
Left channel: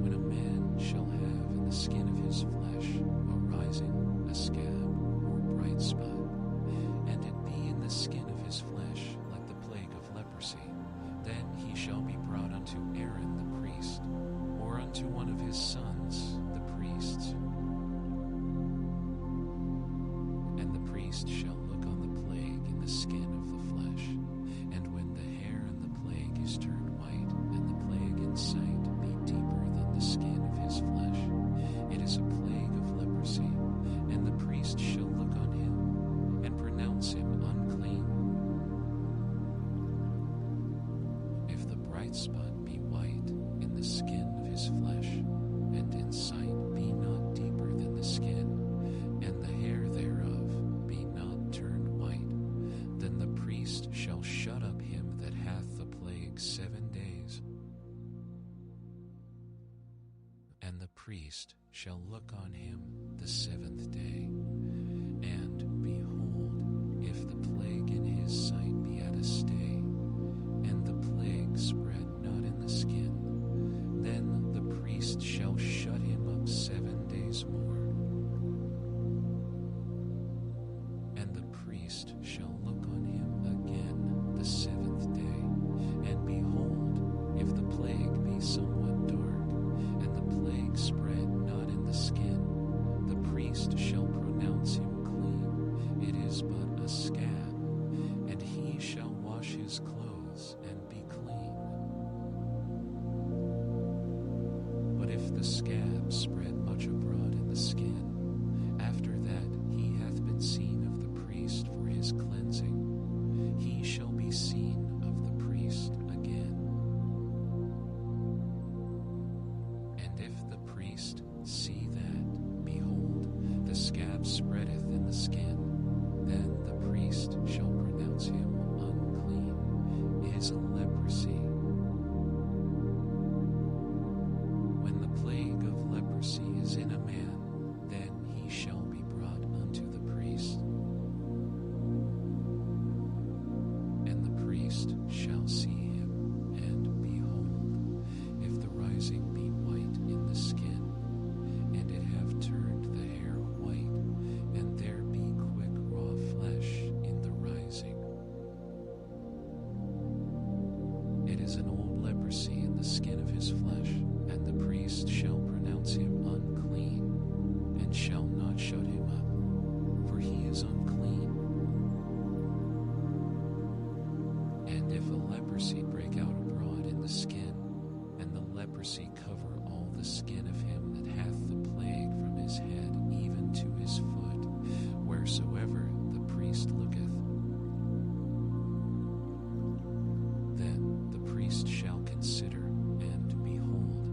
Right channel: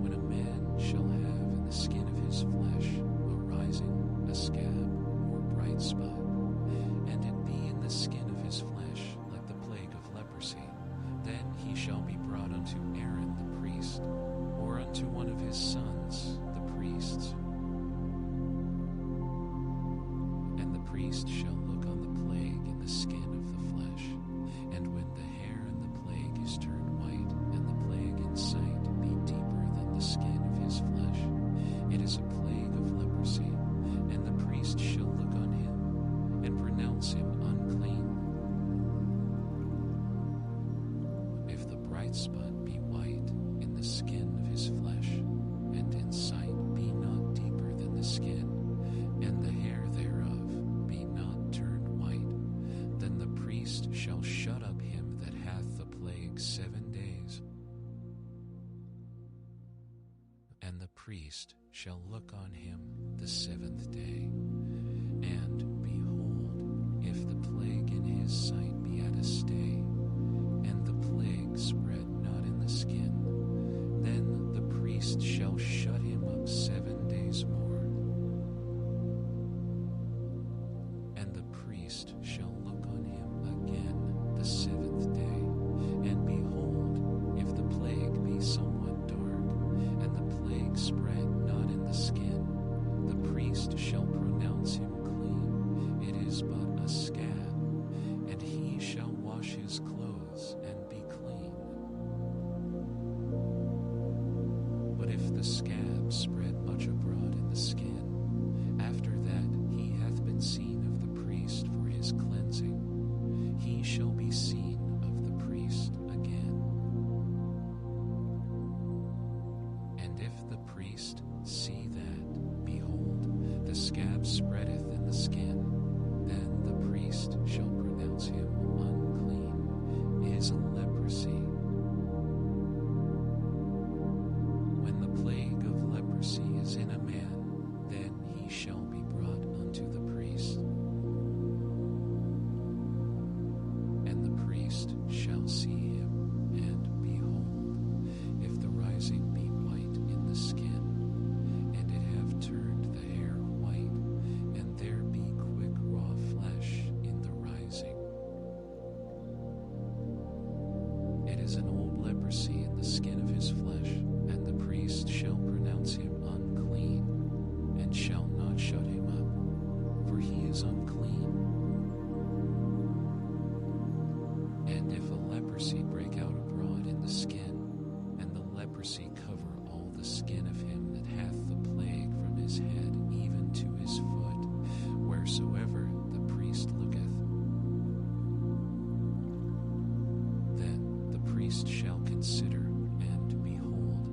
When a man shall have in the skin of his flesh a rising, a scab, or bright spot, and it be in the skin of his flesh like the plague of leprosy, then he shall be brought unto Aaron the priest, or unto one of his sons the priests. And the priest shall look on the plague in the skin of the flesh, and when the hair in the plague is turned white, and the plague in sight be deeper than the skin of his flesh, it is a plague of leprosy, and the priest shall look on him, and pronounce him unclean. If the bright spot be white in the skin of his flesh, and in sight be not deeper than the skin, and the hair thereof be not turned white, then the priest shall shut up him that hath the plague 7 days. And the priest shall look on him the 7th day, and behold, if the plague in his sight be at a stay, and the plague spread not in the skin, then the priest shall shut him up 7 days more. And the priest shall look on him again the 7th day, and behold, if the plague be somewhat dark, and the plague spread not in the skin, the priest shall pronounce him clean. It is but a scab, and he shall wash his clothes and be clean. But if the scab spread much abroad in the skin, after that he hath been seen of the priest for his cleansing, he shall be seen of the priest again. And if the priest see that, behold, the scab spreadeth in the skin, then the priest shall pronounce him unclean. It is a leprosy. When the plague of leprosy is in a man, then he shall be brought unto the priest. And the priest shall see him, and behold, if the rising be white in the skin, and it have turned the hair white, and there be quick raw flesh in the rising, it is an old leprosy in the skin of his flesh, and the priest shall pronounce him unclean, and shall not shut him up, for he is unclean. And if a leprosy break out abroad in the skin, and the leprosy cover all the skin of him that hath the plague from his head even to his foot, wheresoever the priest looketh, then the priest shall consider, and behold,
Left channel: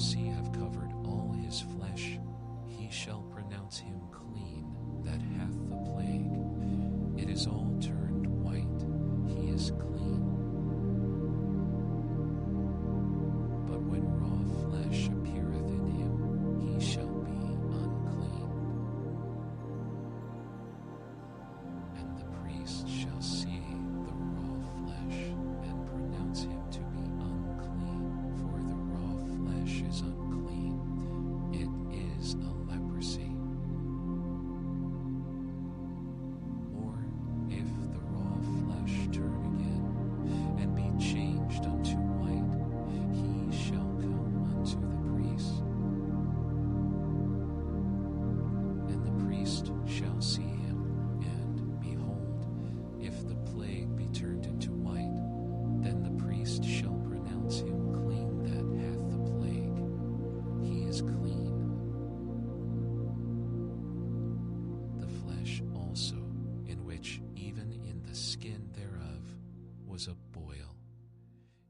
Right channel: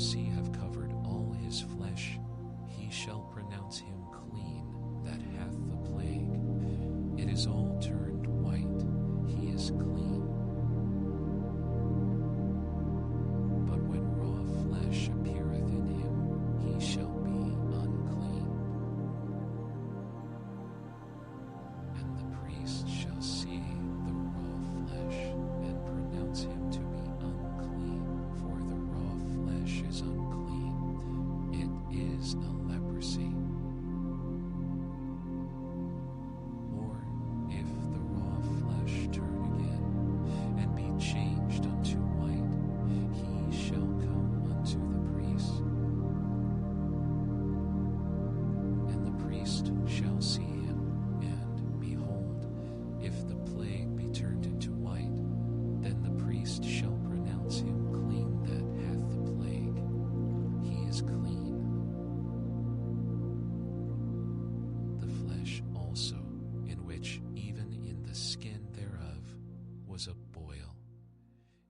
leprosy have covered all his flesh, he shall pronounce him clean that hath the plague. It is all turned white, he is clean. But when raw flesh appeareth in him, he shall be unclean. And the priest shall see the raw flesh, and pronounce him to be unclean, for the raw flesh is unclean. It is a leprosy. Or if the raw flesh turn again, and be changed unto white, he shall come unto the priest. And the priest shall see him, and behold, if the plague be turned into white, then the priest shall pronounce him clean that hath the plague. He is clean. The flesh also, in which even in the skin thereof was a boil,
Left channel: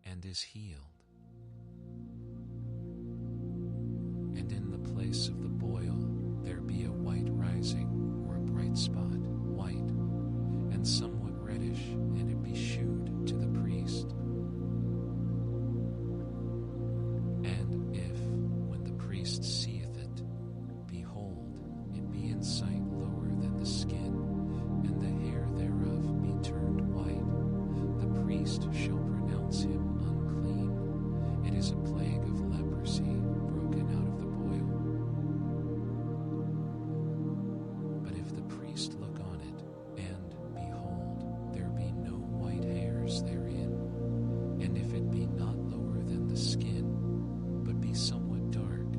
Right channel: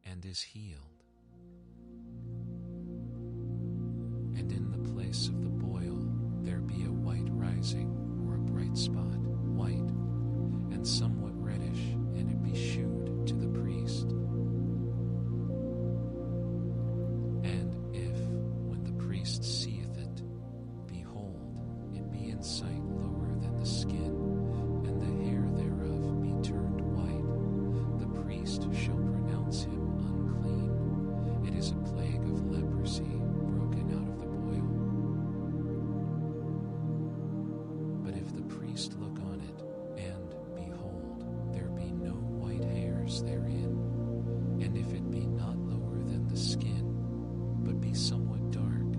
and is healed. And in the place of the boil there be a white rising, or a bright spot, white, and somewhat reddish, and it be shewed to the priest. And if, when the priest seeth it, behold, it be in sight lower than the skin, and the hair thereof be turned white, the priest shall pronounce him unclean. It is a plague of leprosy broken out of the boil. But if the priest look on it, and behold, there be no white hairs therein, and if it be not lower than the skin, but be somewhat dark,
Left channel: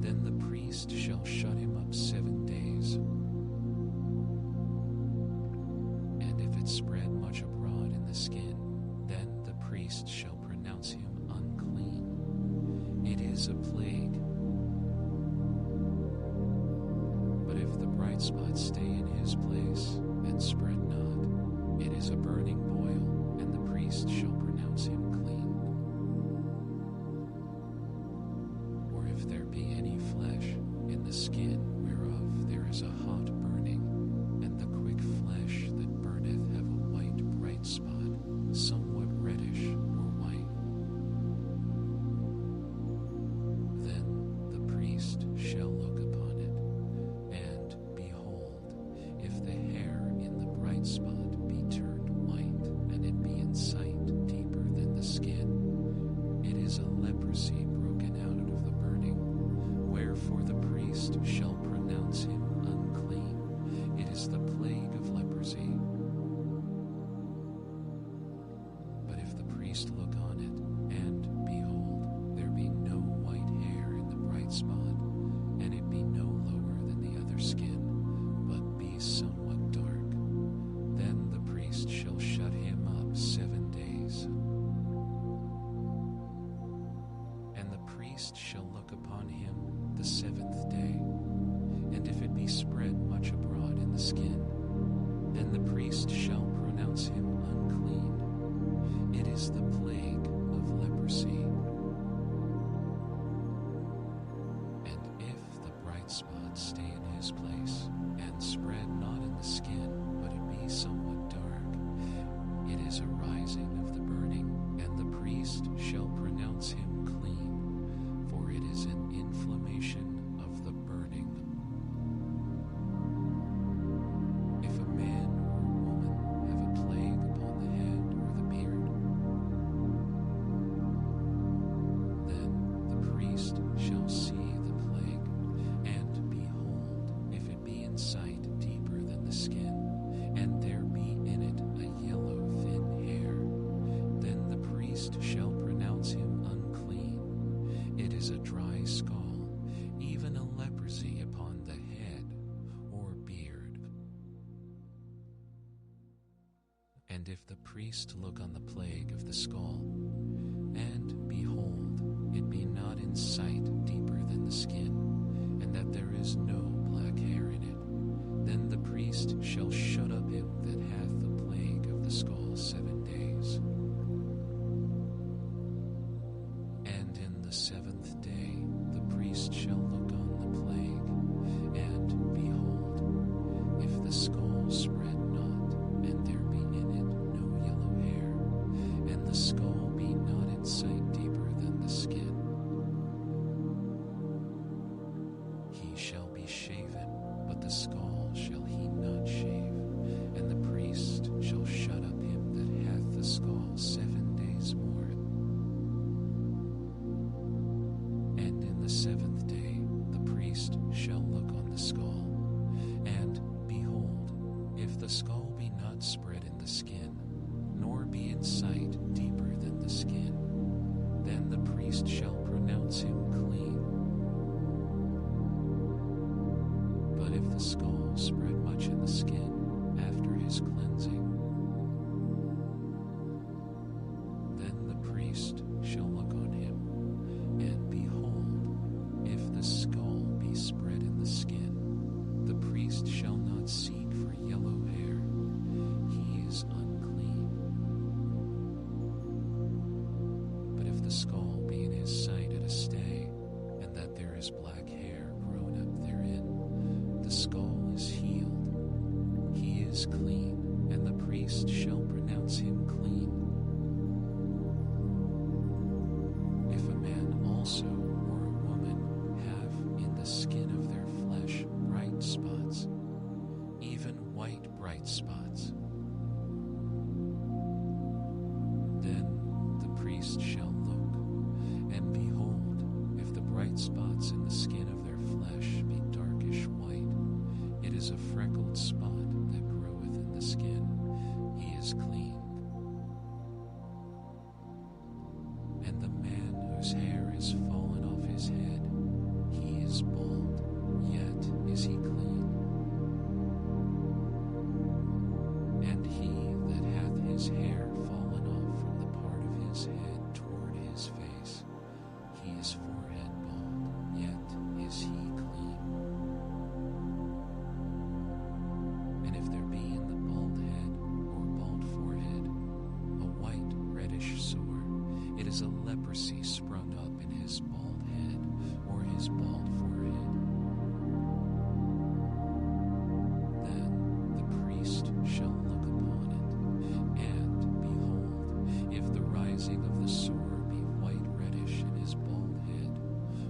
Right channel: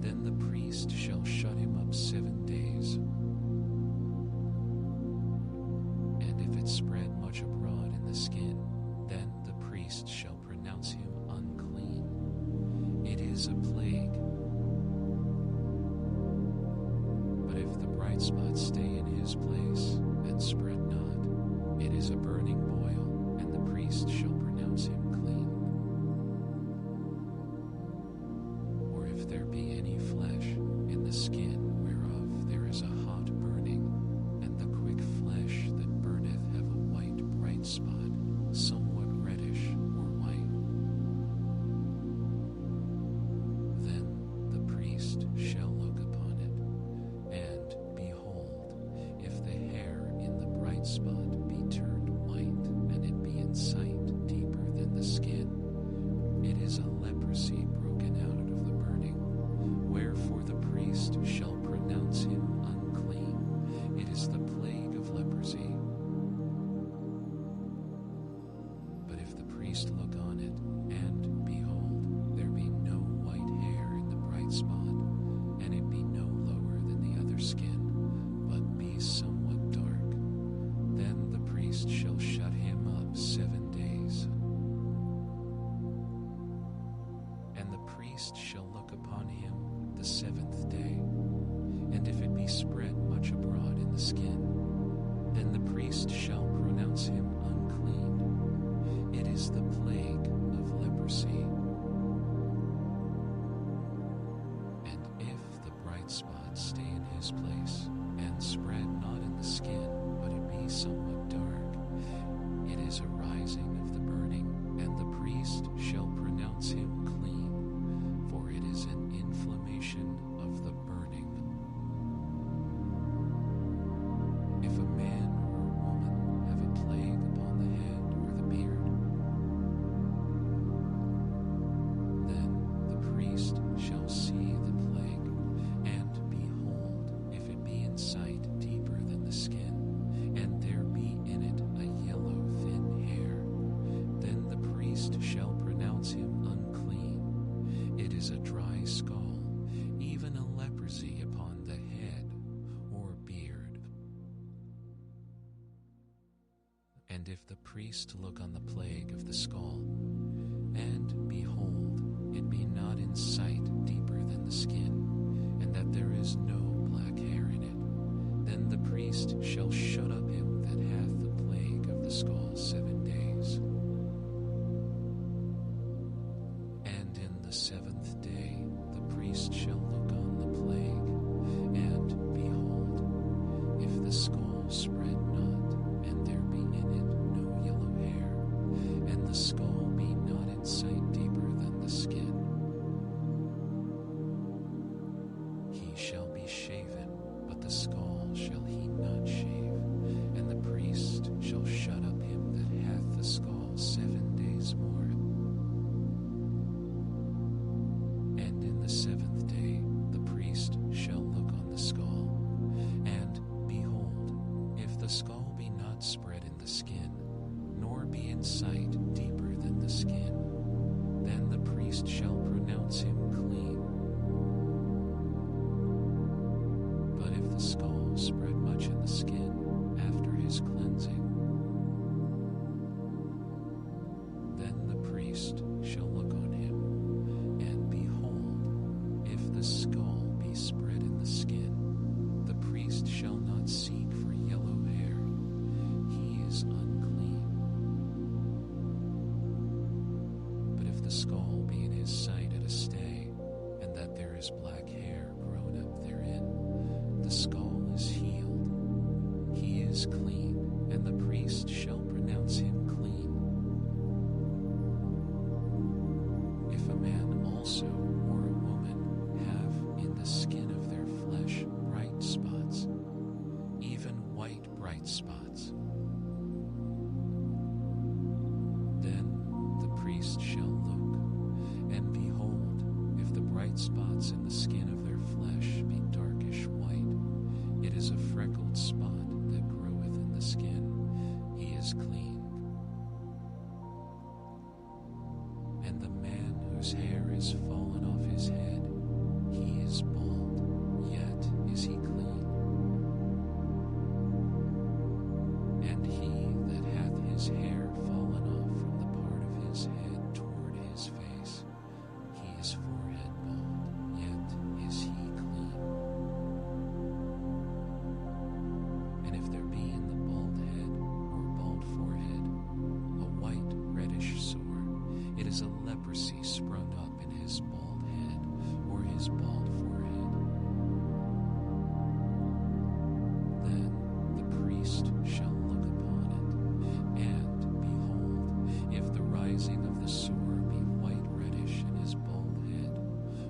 then the priest shall shut him up 7 days. And if it spread much abroad in the skin, then the priest shall pronounce him unclean. It is a plague. But if the bright spot stay in his place, and spread not, it is a burning boil, and the priest shall pronounce him clean. Or if there be any flesh in the skin whereof there is a hot burning, and the quick flesh that burneth have a white bright spot, somewhat reddish or white, then the priest shall look upon it, and behold, if the hair in the bright spot be turned white, and it be in sight deeper than the skin, it is a leprosy broken out of the burning, wherefore the priest shall pronounce him unclean. It is the plague of leprosy. But if the priest look on it, and behold, there be no white hair in the bright spot, and it be no lower than the other skin, but be somewhat dark, then the priest shall shut him up 7 days. And the priest shall look upon him the 7th day, and if it be spread much abroad in the skin, then the priest shall pronounce him unclean. It is the plague of leprosy. And if the bright spot stay in his place, and spread not in the skin, but it be somewhat dark, it is a rising of the burning, and the priest shall pronounce him clean, for it is an inflammation of the burning. If a man or a woman have a plague upon the head or the beard, then the priest shall see the plague, and behold, if it be in sight deeper than the skin, and there be in it a yellow thin hair, then the priest shall pronounce him unclean. It is a dry scall, even a leprosy upon the head or beard. And if the priest look on the plague of the skull, and behold, it be not in sight deeper than the skin, and that there is no black hair in it, then the priest shall shut up him that hath the plague of the skull 7 days. And And in the seventh day the priest shall look on the plague, and behold, if the skull spread not, and there be in it no yellow hair, and the skull be not in sight deeper than the skin, he shall be shaven, but the skull shall he not shave, and the priest shall shut up him that hath the skull 7 days more. And in the seventh day the priest shall look on the skull, and behold, if the skull be not spread in the skin, nor be in sight deeper than the skin, then the priest shall pronounce him clean. But if the skull spread much in the skin after his cleansing, then the priest shall look on him, and behold, if the skull be spread in the skin, the priest shall not seek for yellow hair, he is unclean. But if the skull be in his sight at a stay, and that there is black hair grown up therein, the skull is healed, he is clean, and the priest shall pronounce him clean. If a man also or a woman have in the skin of their flesh bright spots, even white bright spots, then the priest shall look, and behold, if the bright spots in the skin of their flesh be darkish white, it is a freckled spot that groweth in the skin, he is clean. And the man whose hair is fallen off his head, he is bald, yet is he clean. And he that hath his hair fallen off from the part of his head toward his face, he is forehead bald, yet is he clean. And if there be in the bald head or bald forehead a white reddish sore, it is a leprosy sprung up in his bald head or his bald forehead. Then the priest shall look upon it, and behold, if the rising of the sore be white reddish in his bald head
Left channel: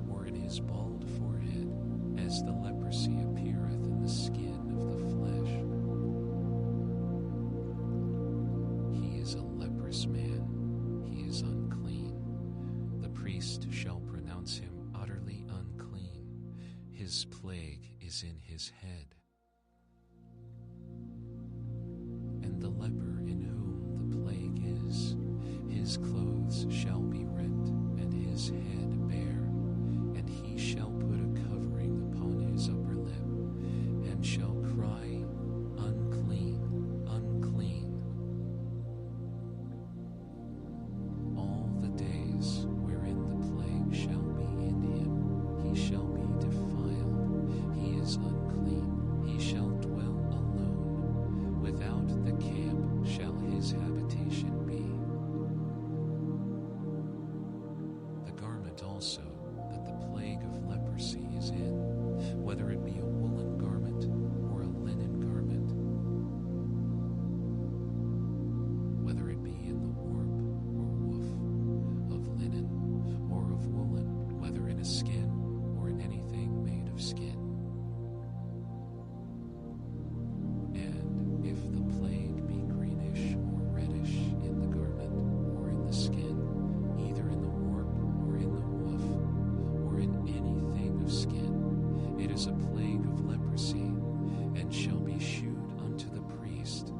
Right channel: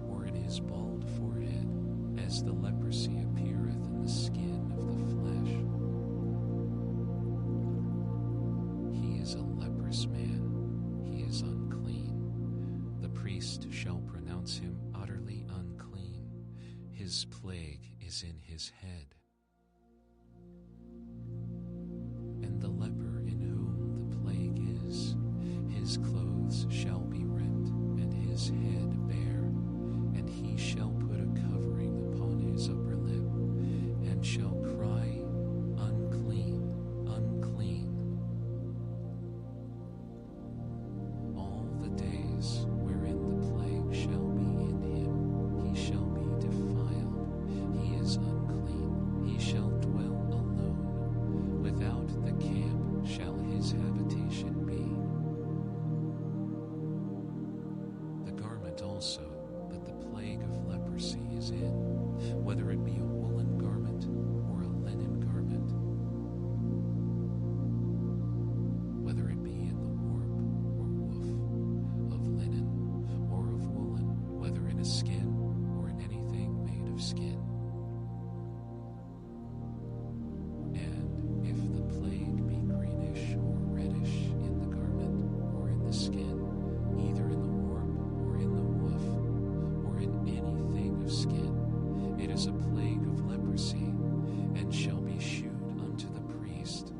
or in his bald forehead, as the leprosy appeareth in the skin of the flesh, he is a leprous man, he is unclean. The priest shall pronounce him utterly unclean, his plague is in his head. And the leper in whom the plague is, his clothes shall be rent, and his head bare, and he shall put a covering upon his upper lip, and shall cry, unclean, unclean, all the days wherein the plague shall be in him, he shall be defiled, he is unclean, he shall dwell alone, without the camp shall his habitation be. The garment also that the plague of leprosy is in, whether it be a woolen garment or a linen garment, whether it be in the warp or woof, of linen or of woolen, whether in a skin or in anything made of skin. And if the plague be greenish or reddish in the garment or in the skin, either in the warp or in the woof, or in anything of skin, it is a plague of leprosy, and shall be shewed unto the priest.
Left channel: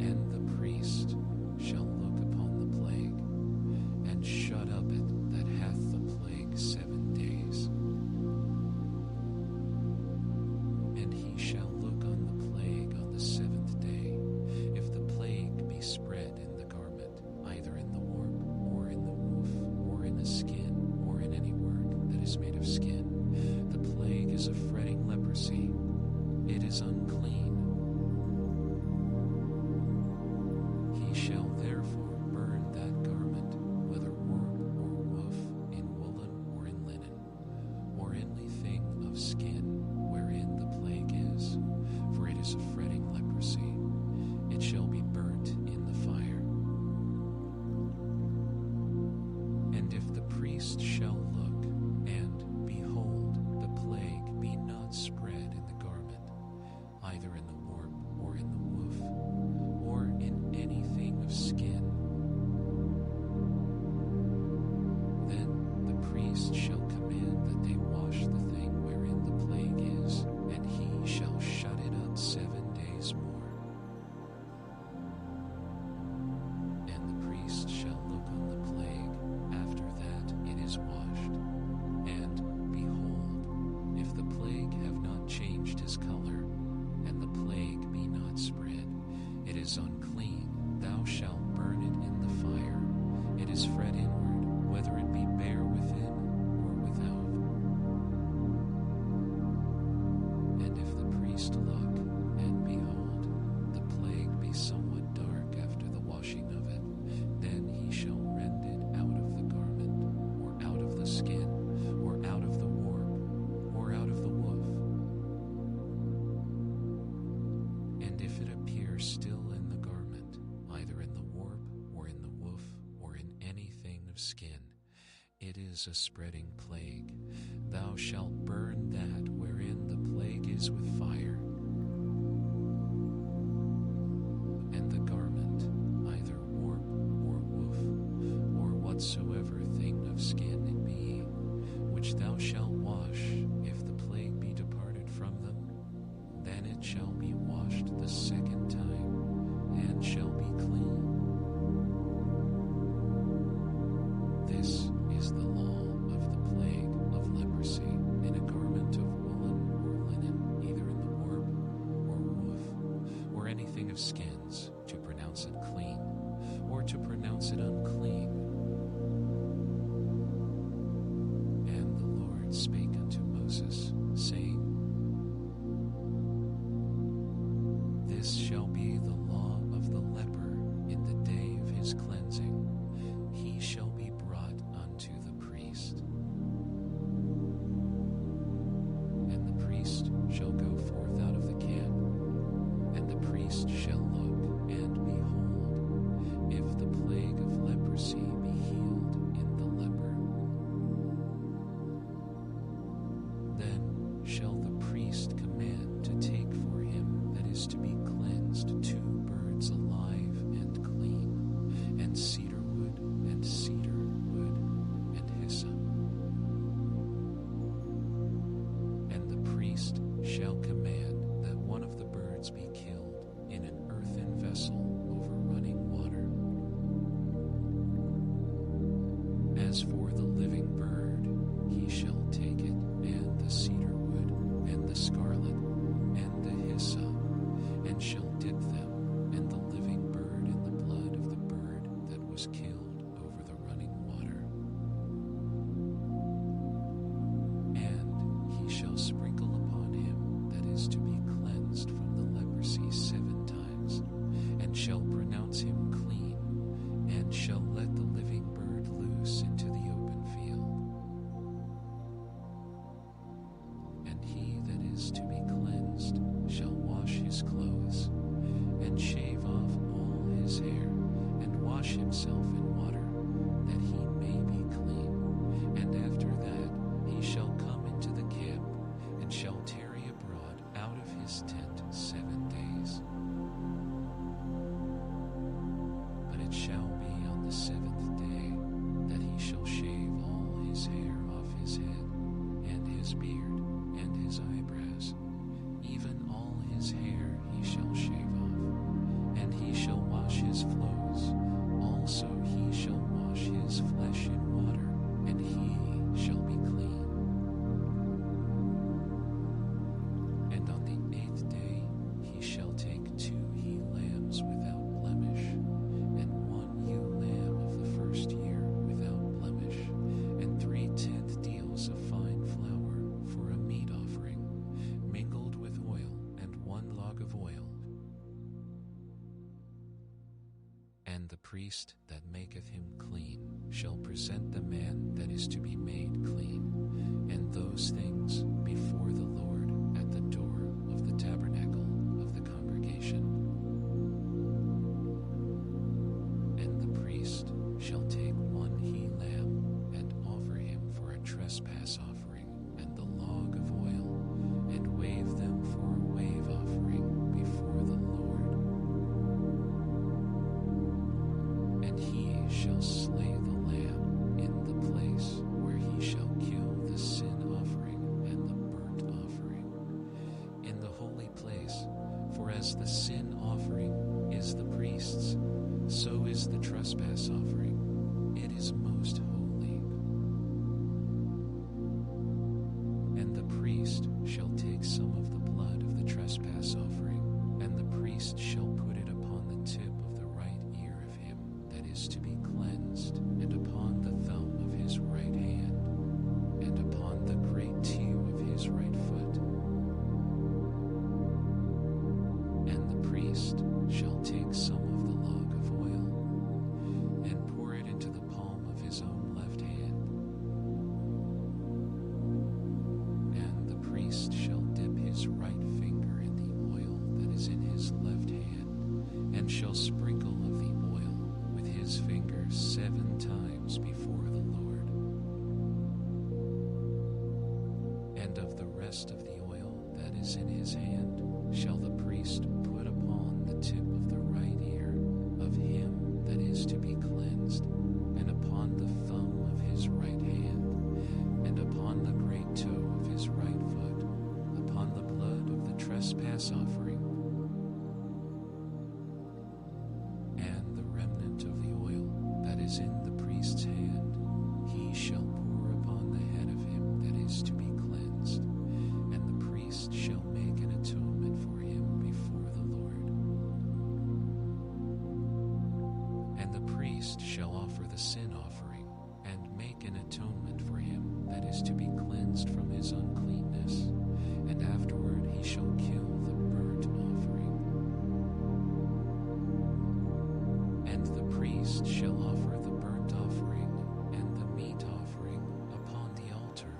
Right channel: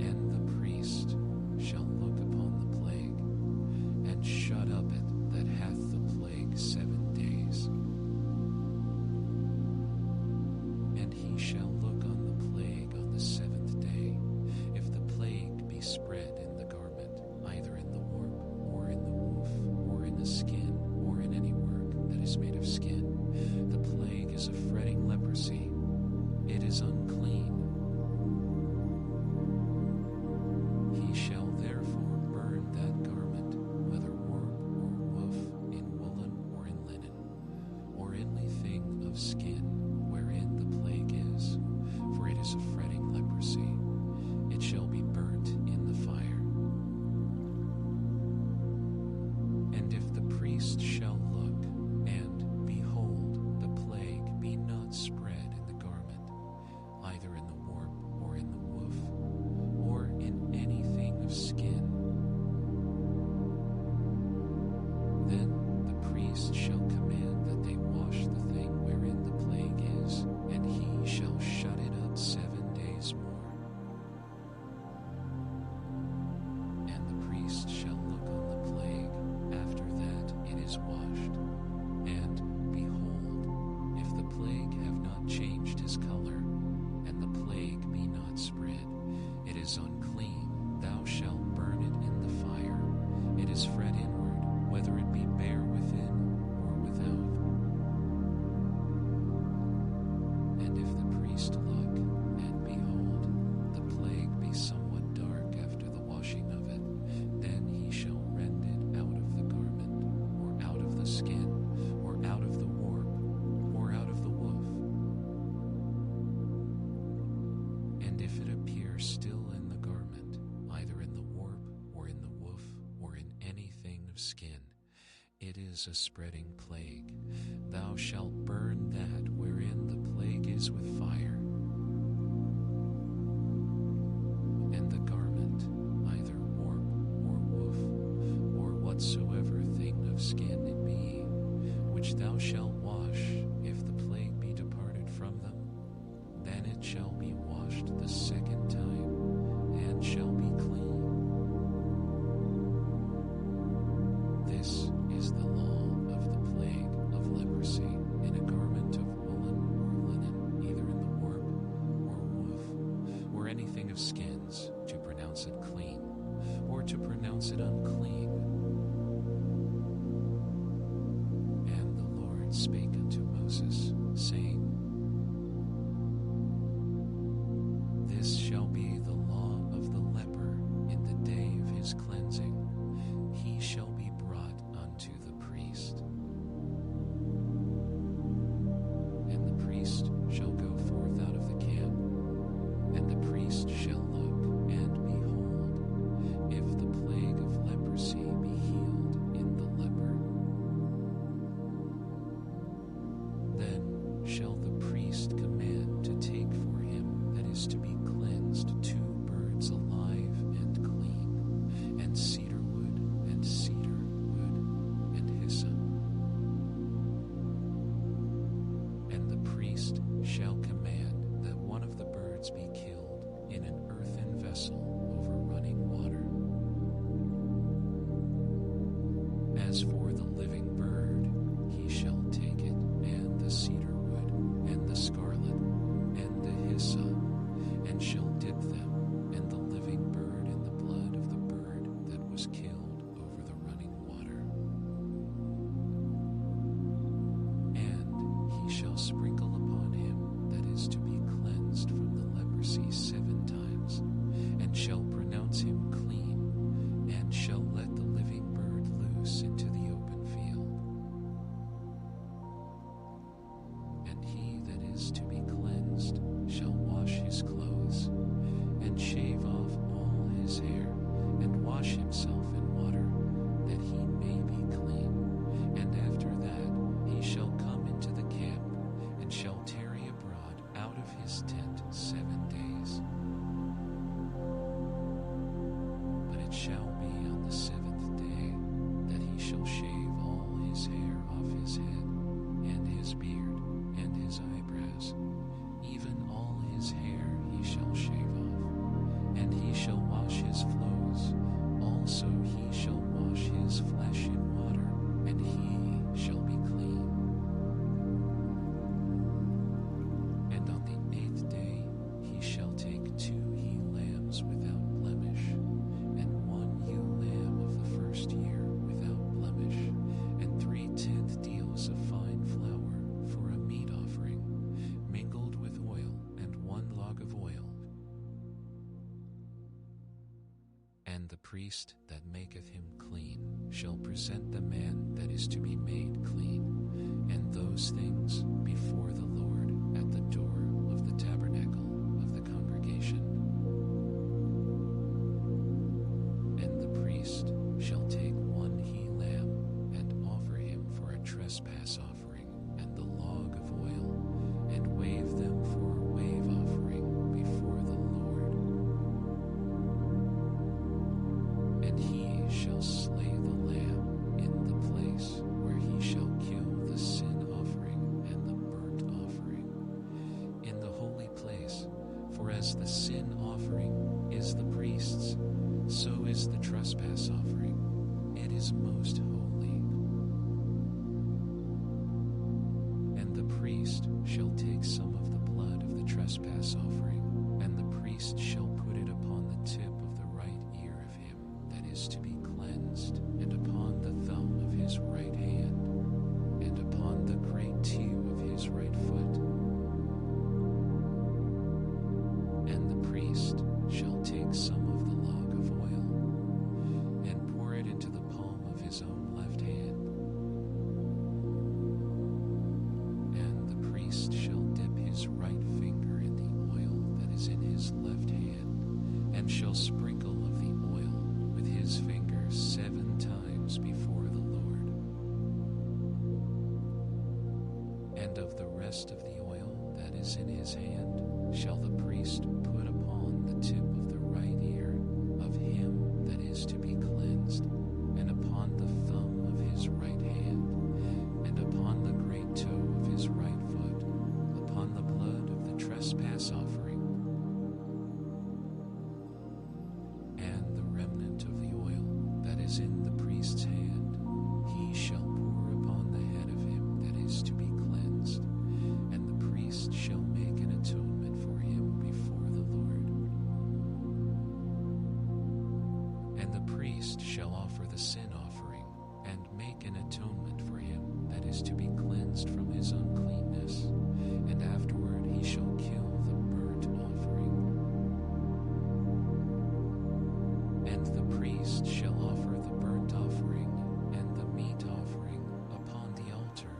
And the priest shall look upon the plague, and shut up it that hath the plague 7 days. And he shall look on the plague on the 7th day. If the plague be spread in the garment, either in the warp, or in the woof, or in the skin, or in any work that is made of skin, the plague is a fretting leprosy, it is unclean. He shall therefore burn that garment, of skin wherein the plague is, for it is a fretting leprosy. It shall be burnt in the fire. And if the priest shall look, and behold, the plague be not spread in the garment, either in the warp or in the woof, or in anything of skin, then the priest shall command that they wash the thing wherein the plague is, and he shall shut it up 7 days more. And the priest shall look on the plague after that it is washed. And behold, if the plague have not changed his color, and the plague be not spread, it is unclean. Thou shalt burn it in the fire. It is fret inward, whether it be bare within or without. And if the priest look, and behold, the plague be somewhat dark after the washing of it, then he shall rend it out of the garment, or out of the skin, or out of the warp, or out of the woof. And if it appear still in the garment, either in the warp, or in the woof, or in anything of skin, it is a spreading plague. Thou shalt burn that wherein the plague is with fire. And the garment, either warp or woof, or whatsoever thing of skin it be, which thou shalt wash, if the plague be departed from them, then it shall be washed the second time, and shall be clean. This is the law of the plague of leprosy in a garment of woolen or linen, either in the warp or woof, or anything of skins, to pronounce it clean, or to pronounce it unclean. And the Lord spake unto Moses, saying, This shall be the law of the leper in the day of his cleansing. He shall be brought unto the priest. And the priest shall go forth out of the camp, and the priest shall look, and behold, if the plague of leprosy be healed in the leper. Then shall the priest command to take for him that is to be cleansed 2 birds alive and clean, and cedar wood, and cedar wood, and hyssop. And the priest shall command that one of the birds be killed in an earthen vessel over running water. As for the living bird, he shall take it, and the cedar wood, and the scarlet, and the hyssop, and shall dip them, and the living bird in the blood of the bird that was killed over the running water. And he shall sprinkle upon him that is to be cleansed from the leprosy 7 times, and shall pronounce him clean, and shall let the living bird loose into the open field. And he that is to be cleansed shall wash his clothes, and shave off all his hair, and wash himself in water, that he may be clean. And after that he shall come into the camp, and shall tarry abroad out of his tent 7 days. But it shall be on the 7th day that he shall shave all his hair off his head, and his beard, and his eyebrows, even all his hair he shall shave off. And he shall wash his clothes, also he shall wash his flesh in water, and he shall be clean. And on the 8th day he shall take 2 he-lambs without blemish, and 1 ewe lamb of the first year without blemish, and 3 tenth deals of fine flour for a meat offering, mingled with oil, and 1 log of oil. And the priest that maketh him clean shall present the man that is to be made clean, and those things before the Lord at the door of the tabernacle of the congregation. And the priest shall take one he-lamb and offer him for a trespass offering and the log of oil, and wave them for a wave offering before the Lord. And he shall slay the lamb in the place where he shall kill the sin offering and the burnt offering, in the holy place. For as the sin offering is the priest's, so is the trespass offering. It is most holy. And the priest shall take some of the blood of the trespass offering, and the priest shall put it upon the tip of the right ear of him that is to be cleansed, and upon the thumb of his right hand, and upon the great toe of his right foot. And the priest shall take some of the log of oil, and pour it into the palm of his own left hand. And the priest shall dip his right finger in the oil that is in his left hand, and shall sprinkle of the oil with his finger 7 times before the Lord. And of the rest of the oil that is in his hand shall the priest put upon the tip of the right ear of him that is to be cleansed, and upon the thumb of his right hand, and upon the great toe of his right foot, upon the blood of the trespass offering. And the remnant of the oil that is in the priest's hand he shall pour upon the head of him that is to be cleansed, and the priest shall make an atonement for him before the Lord. And the priest shall offer the sin offering, and make an atonement for him that is to be cleansed from his uncleanness, and afterward he shall kill the burnt offering. And the priest shall offer the burnt offering and the meat offering upon the altar,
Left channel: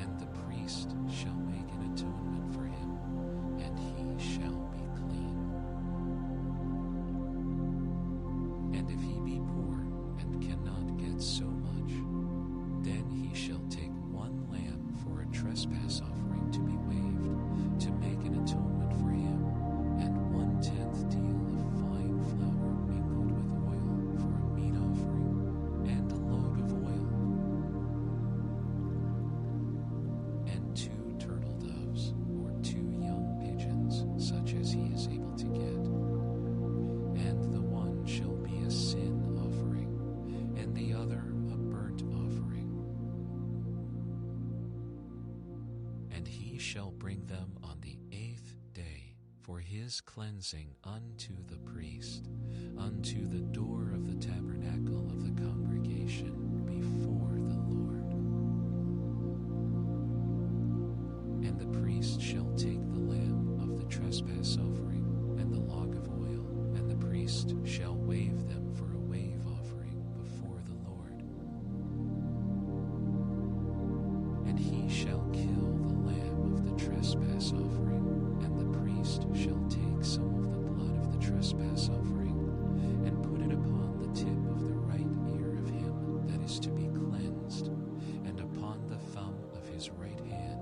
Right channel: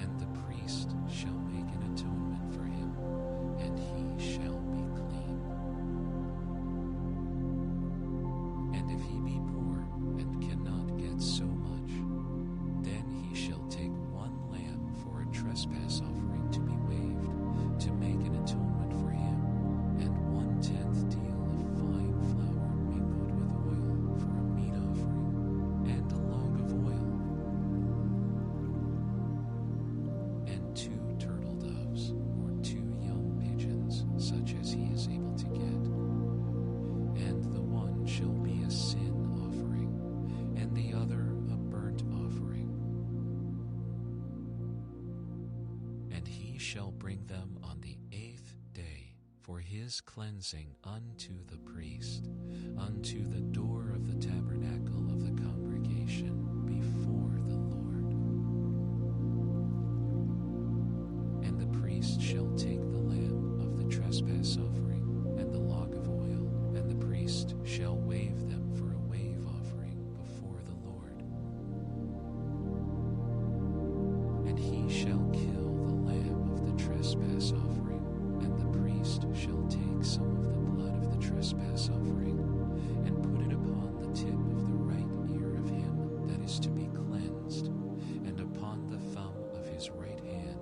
and the priest shall make an atonement for him, and he shall be clean. And if he be poor and cannot get so much, then he shall take 1 lamb for a trespass offering to be waved, to make an atonement for him, and 1/10 deal of fine flour mingled with oil for a meat offering, and a log of oil, and 2 turtle doves, or 2 young pigeons, such as he is able to get. And the one shall be a sin offering, and the other a burnt offering. And he shall bring them on the 8th day for his cleansing unto the priest, unto the door of the tabernacle of the congregation before the Lord. And the priest shall take the lamb of the trespass offering and the log of oil, and the priest shall wave them for a wave offering before the Lord. And he shall kill the lamb of the trespass offering, and the priest shall take some of the blood of the trespass offering, and put it upon the tip of the right ear of him that is to be cleansed, and upon the thumb of his right hand,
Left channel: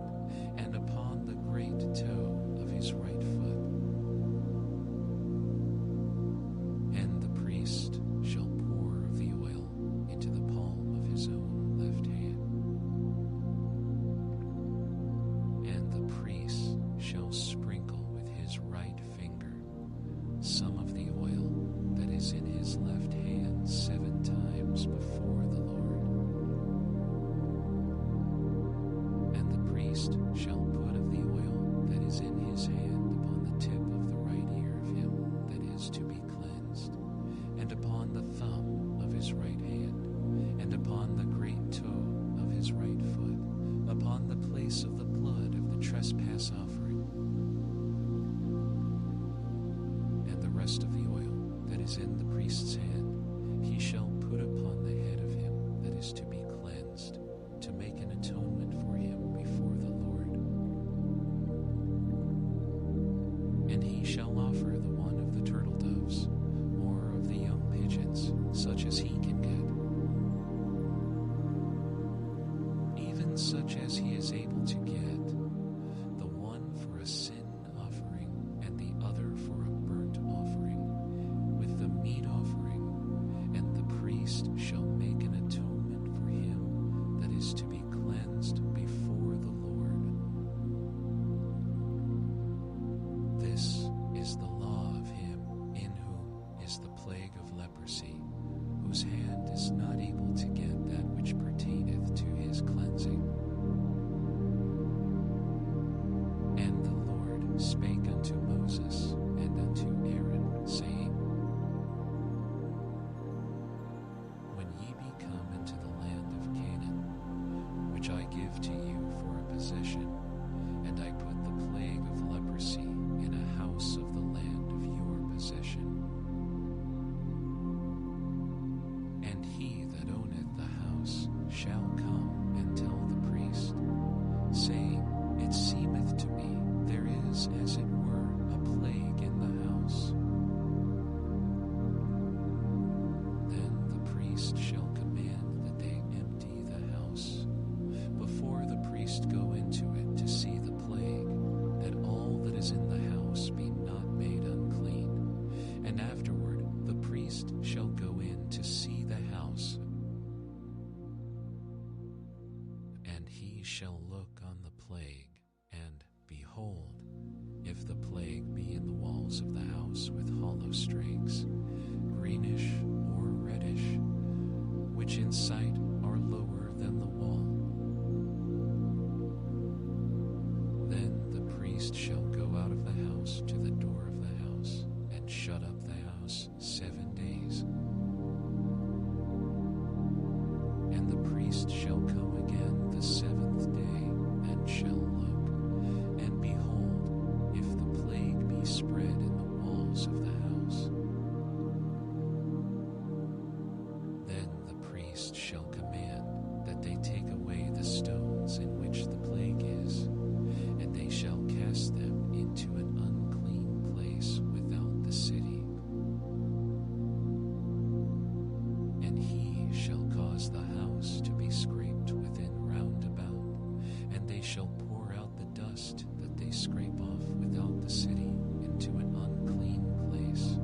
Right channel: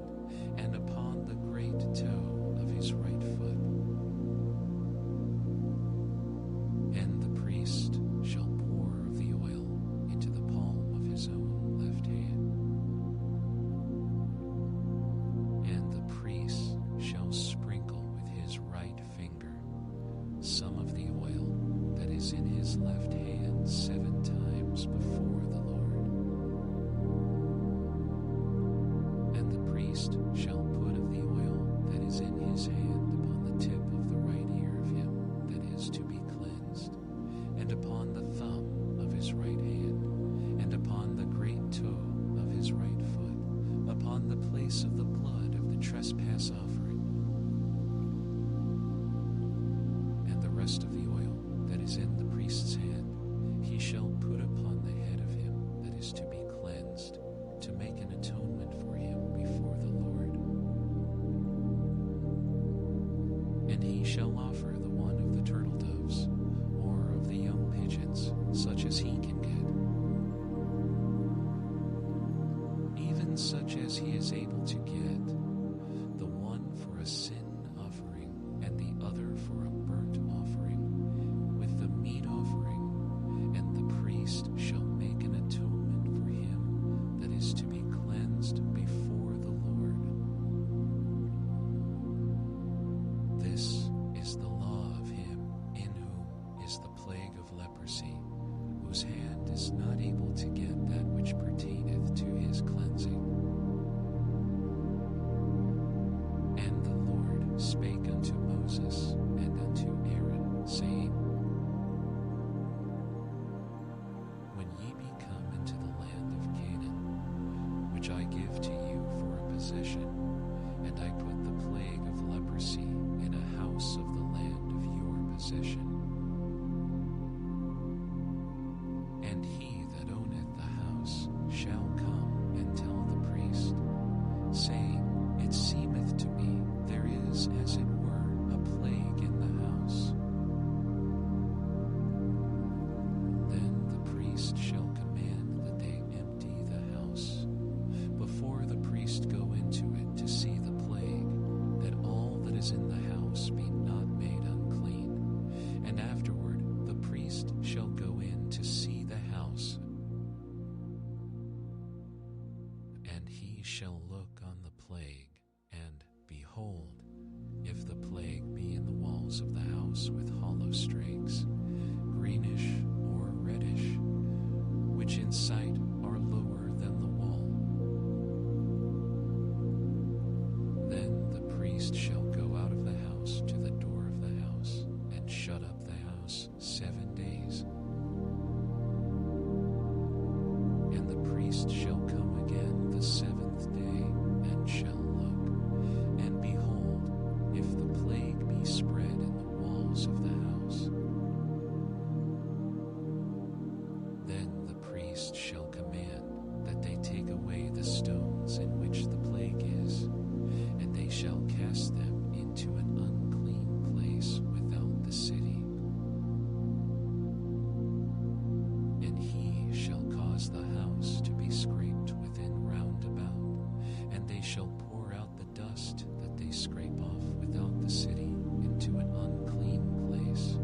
and upon the great toe of his right foot. And the priest shall pour of the oil into the palm of his own left hand. And the priest shall sprinkle with his right finger some of the oil that is in his left hand 7 times before the Lord. And the priest shall put of the oil that is in his hand upon the tip of the right ear of him that is to be cleansed, and upon the thumb of his right hand, and upon the great toe of his right foot, upon the place of the blood of the trespass offering. And the rest of the oil that is in the priest's hand he shall put upon the head of him that is to be cleansed, to make an atonement for him before the Lord. shall offer the one of the turtle doves, or of the young pigeons, such as he can get, even such as he is able to get, the one for a sin offering and the other for a burnt offering, with the meat offering, and the priest shall make an atonement for him that is to be cleansed before the Lord. This is the law of him in whom is the plague of leprosy, whose hand is not able to get that which pertaineth to his cleansing. And the Lord spake unto Moses and unto Aaron, saying, When ye be come into the land of Canaan, which I give to you for a possession, and I put the plague of leprosy in a house of the land of your possession, and he that owneth the house shall come and tell the priest, saying, It seemeth to me there is, as it were, a plague in the house. Then the priest shall command that they empty the house, before the priest go into it to see the plague, that all that is in the house be not made unclean. And afterward the priest shall go in to see the house, and he shall look on the plague, and behold, if the plague be in the walls of the house with hollow strakes, greenish or reddish, which in sight are lower than the wall, then the priest shall go out of the house to the door of the house, and shut up the house 7 days. And the priest shall come again the 7th day, and shall look, and behold, if the plague be spread in the walls of the house, then the priest shall command that they take away the stones in which the plague is, and they shall cast them into an unclean place without the city. And he shall cause the house to be scraped within round about, and they shall pour out the dust that they scrape off without the city into an unclean place.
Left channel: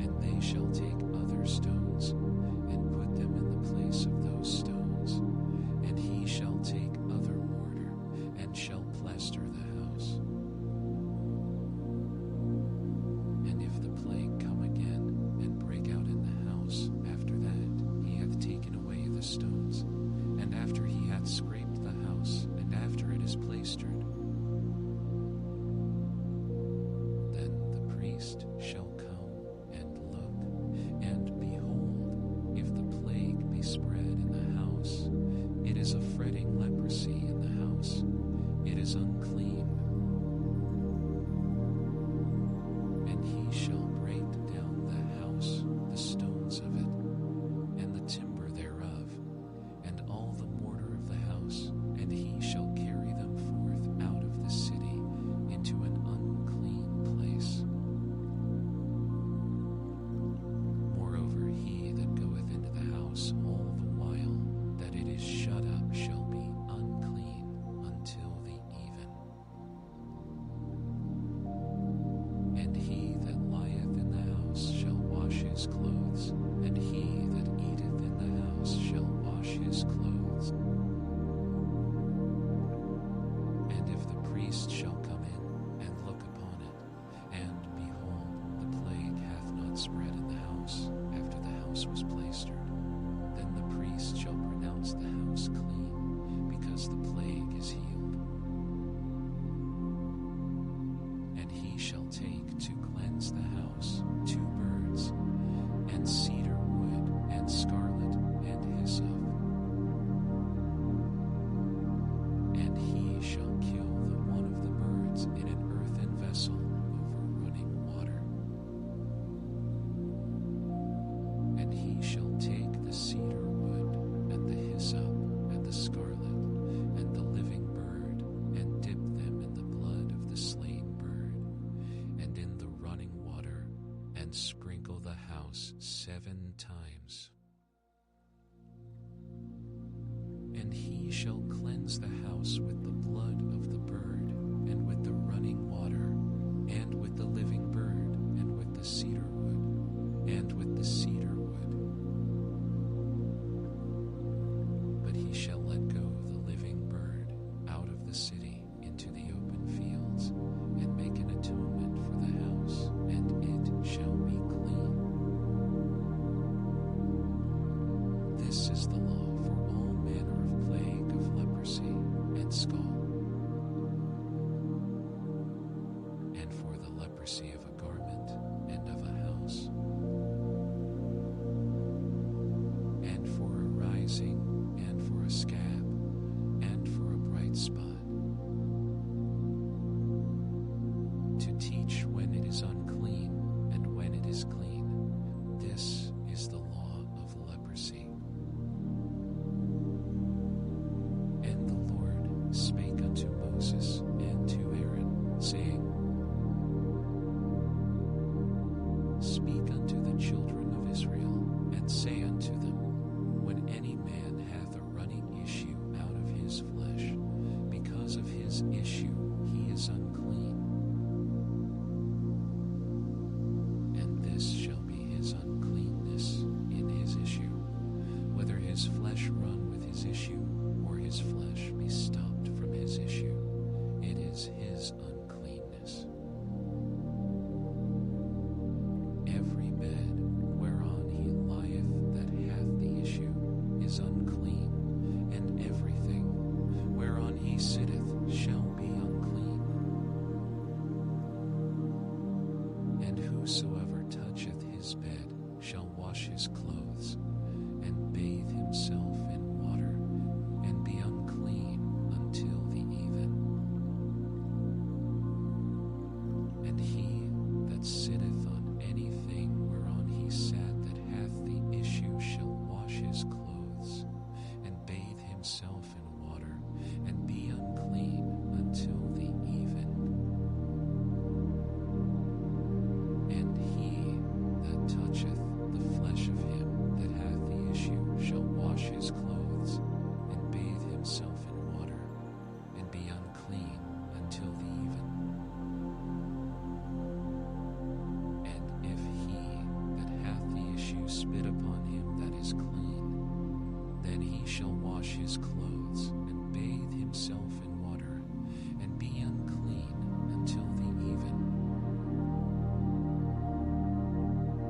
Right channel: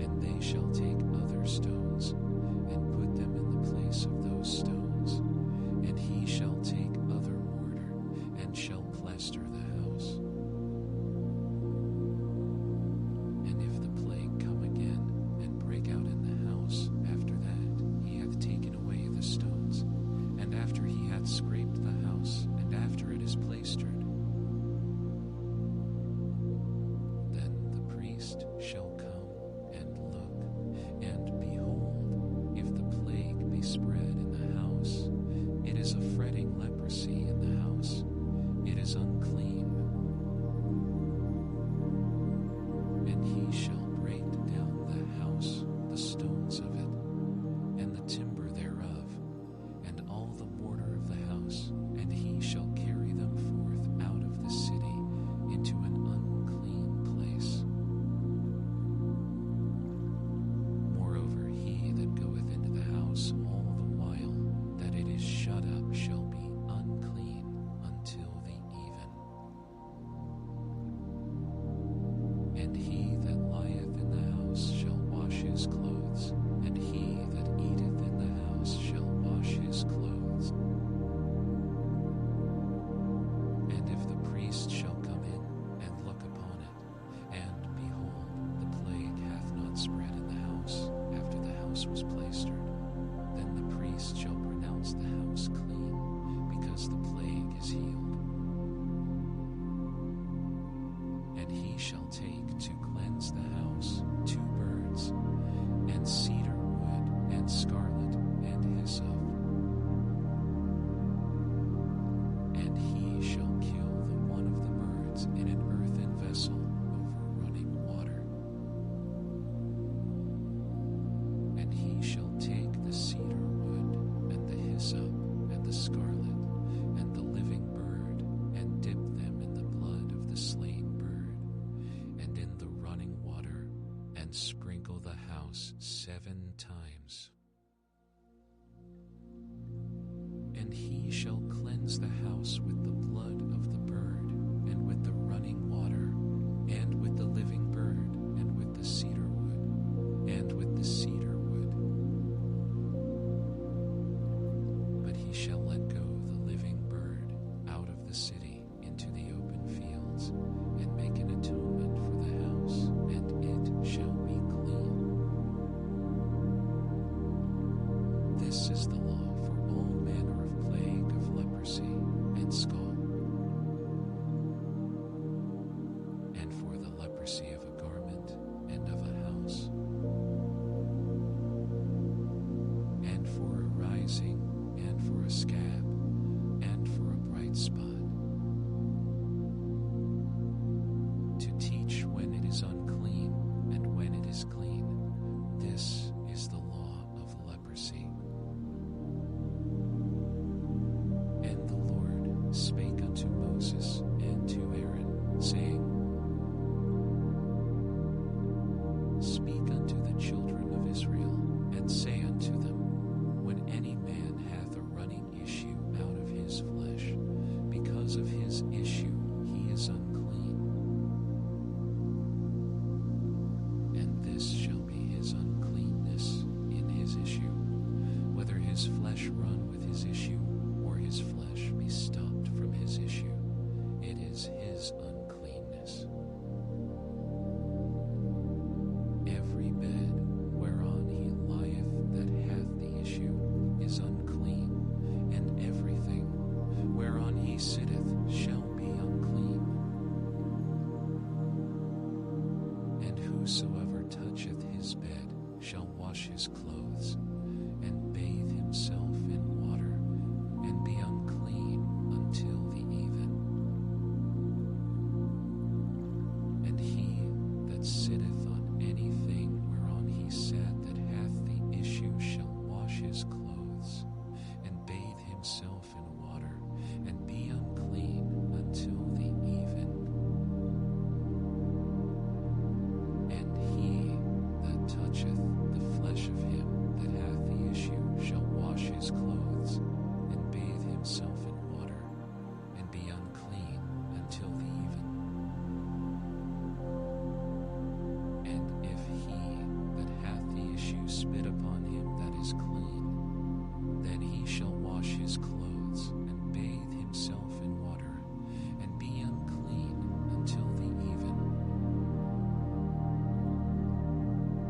And they shall take other stones, and put them in the place of those stones, and he shall take other mortar, and shall plaster the house. And if the plague come again, and break out in the house, after that he hath taken away the stones, and after he hath scraped the house, and after it is plastered, then the priest shall come and look, and behold, if the plague be spread in the house, it is a fretting leprosy in the house, it is unclean. And he shall break down the house, the stones of it, and the timber thereof, and all the mortar of the house, and he shall carry them forth out of the city into an unclean place. Moreover, he that goeth into the house all the while that it is shut up shall be unclean until the even. And he that lieth in the house shall wash his clothes, and he that eateth in the house shall wash his clothes. And if the priest shall come in and look upon it, and behold, the plague hath not spread in the house after the house was plastered, then the priest shall pronounce the house clean, because the plague is healed. And he shall take to cleanse the house 2 birds, and cedar wood, and scarlet, and hyssop. And he shall kill the one of the birds in an earthen vessel over running water. And he shall take the cedar wood, and the hyssop, and the scarlet, and the living bird, and dip them in the blood of and sprinkle the house 7 times. And he shall cleanse the house with the blood of the bird, and with the running water, and with the living bird, and with the cedar wood, and with the cedar wood. But he shall let go the living bird out of the city into the open fields, and make an atonement for the house, and it shall be clean. This is the law for all manner of plague of leprosy and scald, and for the leprosy of a garment and of a house, and for a rising, and for a scab, and for a bright spot, to teach when it is unclean and when it is clean. This is the law of leprosy. And the Lord spake unto Moses and to Aaron, saying, Speak unto the children of Israel, and say unto them, When any man hath a running issue out of his flesh, because of his issue he is unclean. And this shall be his uncleanness in his issue, whether his flesh run with his issue, or his flesh be stopped from his issue. It is his uncleanness. Every bed whereon he lieth that hath the issue is unclean, and everything whereon he sitteth shall be unclean. And whosoever toucheth his bed shall wash his clothes, and bathe himself in water, and be unclean until the even. And he that sitteth on anything whereon he sat that hath the issue shall wash his clothes, and bathe himself in water, and be unclean until the even. And he that toucheth the flesh of him that hath the issue shall wash his clothes, and bathe himself in water, and be unclean until the even. And if he that hath the issue spit upon him that is clean, then he shall wash his clothes, and bathe himself in water, and be unclean until the even.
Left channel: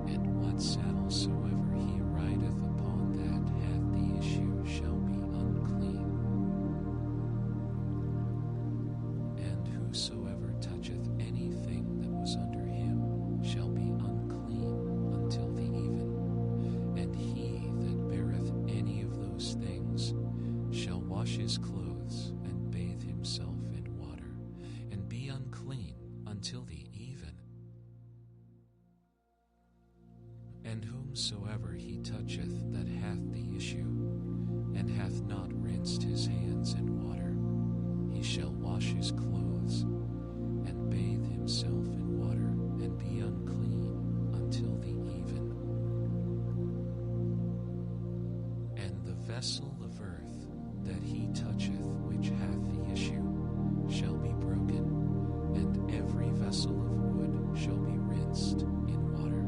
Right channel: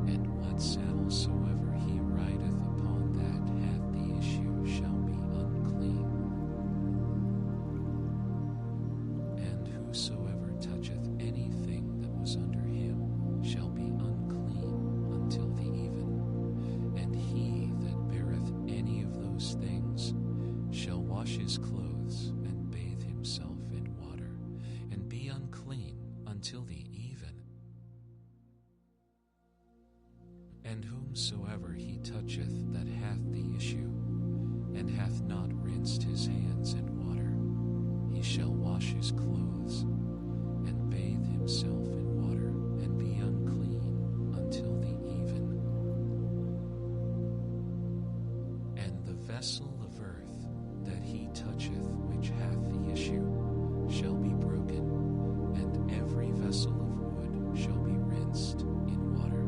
And what saddle soever he rideth upon that hath the issue shall be unclean. And whosoever toucheth anything that was under him shall be unclean until the even. And he that beareth any of those things shall wash his clothes, and bathe himself in water, and be unclean until the even. And whomsoever he toucheth that hath the issue, and hath not rinsed his hands in water, he shall wash his clothes, and bathe himself in water, and be unclean until the even. And the vessel of earth that he toucheth which hath the issue shall be broken, and every vessel of wood shall be rinsed in water.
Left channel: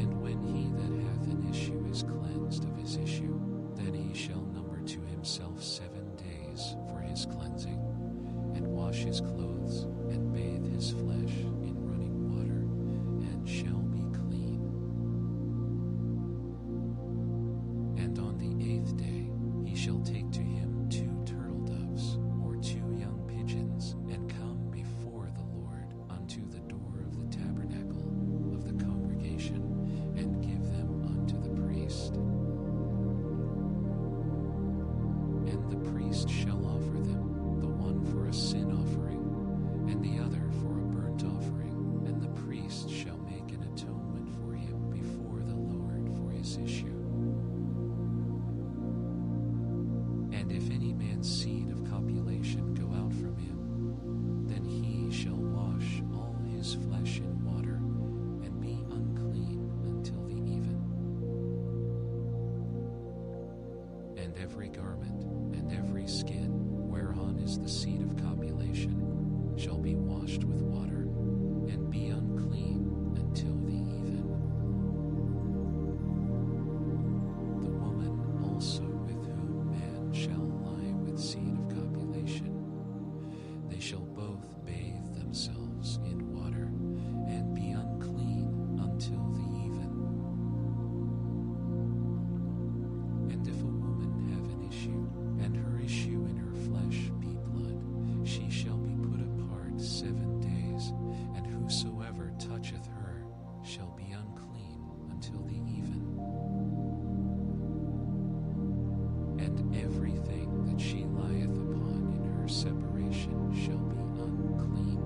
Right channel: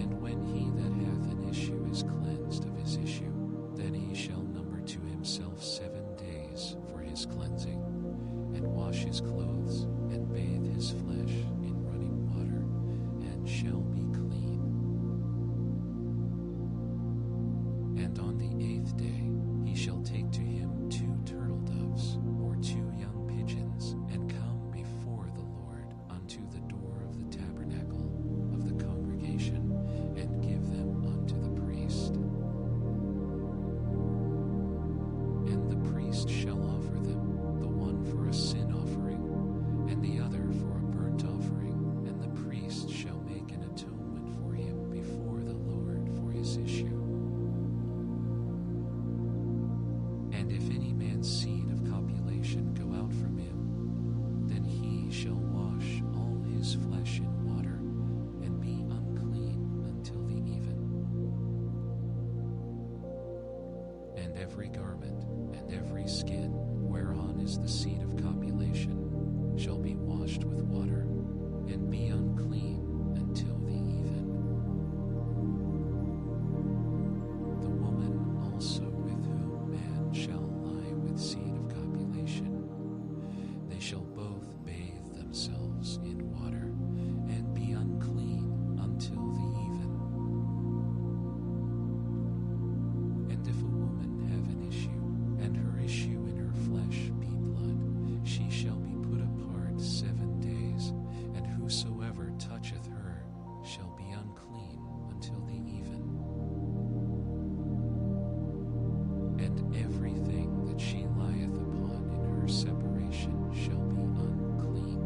And when he that hath an issue is cleansed of his issue, then he shall number to himself 7 days for his cleansing, and wash his clothes, and bathe his flesh in running water, and shall be clean. And on the 8th day he shall take to him 2 turtle doves, or 2 young pigeons, and come before the Lord unto the door of the tabernacle of the congregation, and give them unto the priest. And the priest shall offer them, the one for a sin offering, and the other for a burnt offering, and the priest shall make an atonement for him before the Lord for his issue. And if any man's seed of copulation go out from him, then he shall wash all his his flesh in water, and be unclean until the even. And every garment and every skin whereon is the seed of copulation shall be washed with water, and be unclean until the even. The woman also with whom man shall lie with seed of copulation, they shall both bathe themselves in water, and be unclean until the even. And if a woman have an issue, and her issue in her flesh be blood, she shall be put apart 7 days, and whosoever toucheth her shall be unclean until the even. And everything that she lieth upon in her separation shall be unclean.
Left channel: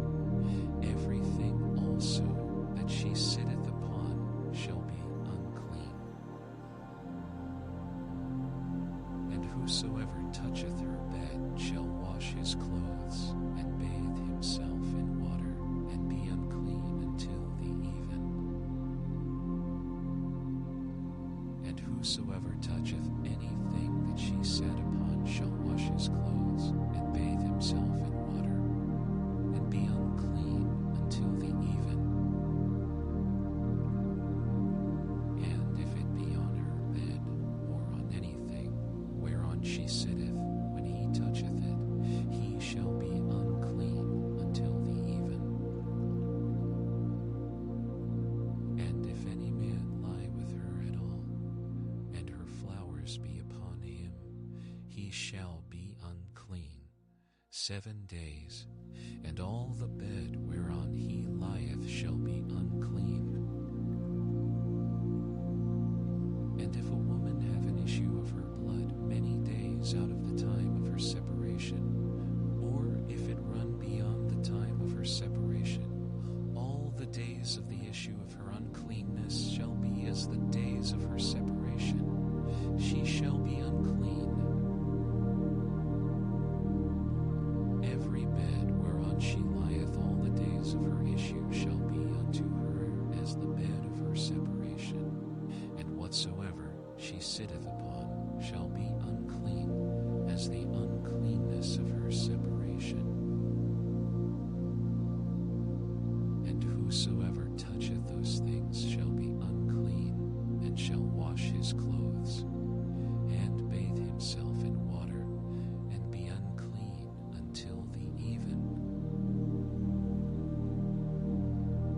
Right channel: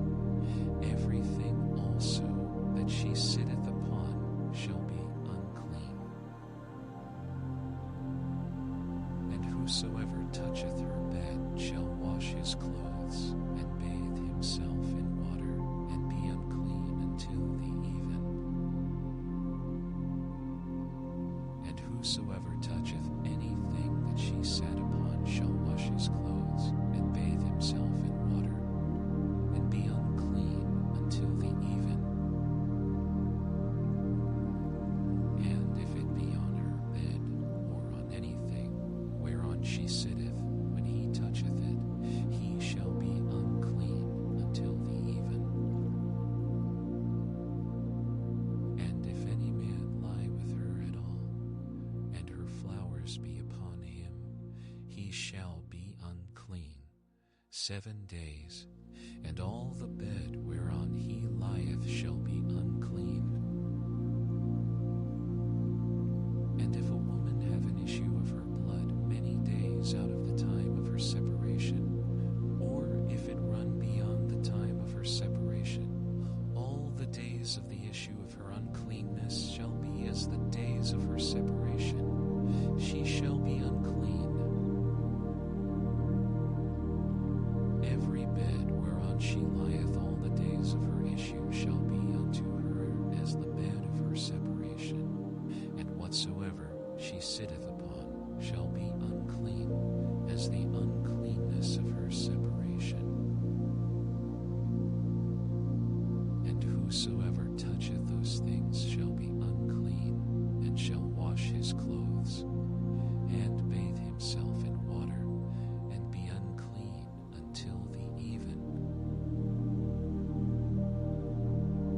Everything also that she sitteth upon shall be unclean. And whosoever toucheth her bed shall wash his clothes, and bathe himself in water, and be unclean until the even. And whosoever toucheth anything that she sat upon shall wash his clothes, and bathe himself in water, and be unclean until the even. And if it be on her bed, or on anything whereon she sitteth, when he toucheth it, he shall be unclean until the even. And if any man lie with her at all, and her flowers be upon him, he shall be unclean 7 days, and all the bed whereon he lieth shall be unclean. And if a woman have an issue of her blood many days out of the time of her separation, or if it run beyond the time of her separation, all the days of the issue of her uncleanness shall be as the days of her separation. She shall be unclean. Every bed whereon she lieth all the days of her issue shall be unto her as the bed of her separation, and whatsoever she sitteth upon shall be unclean as the uncleanness of her separation. And whosoever toucheth those things shall be unclean, and shall wash his clothes, and bathe himself in water, and be unclean until the even.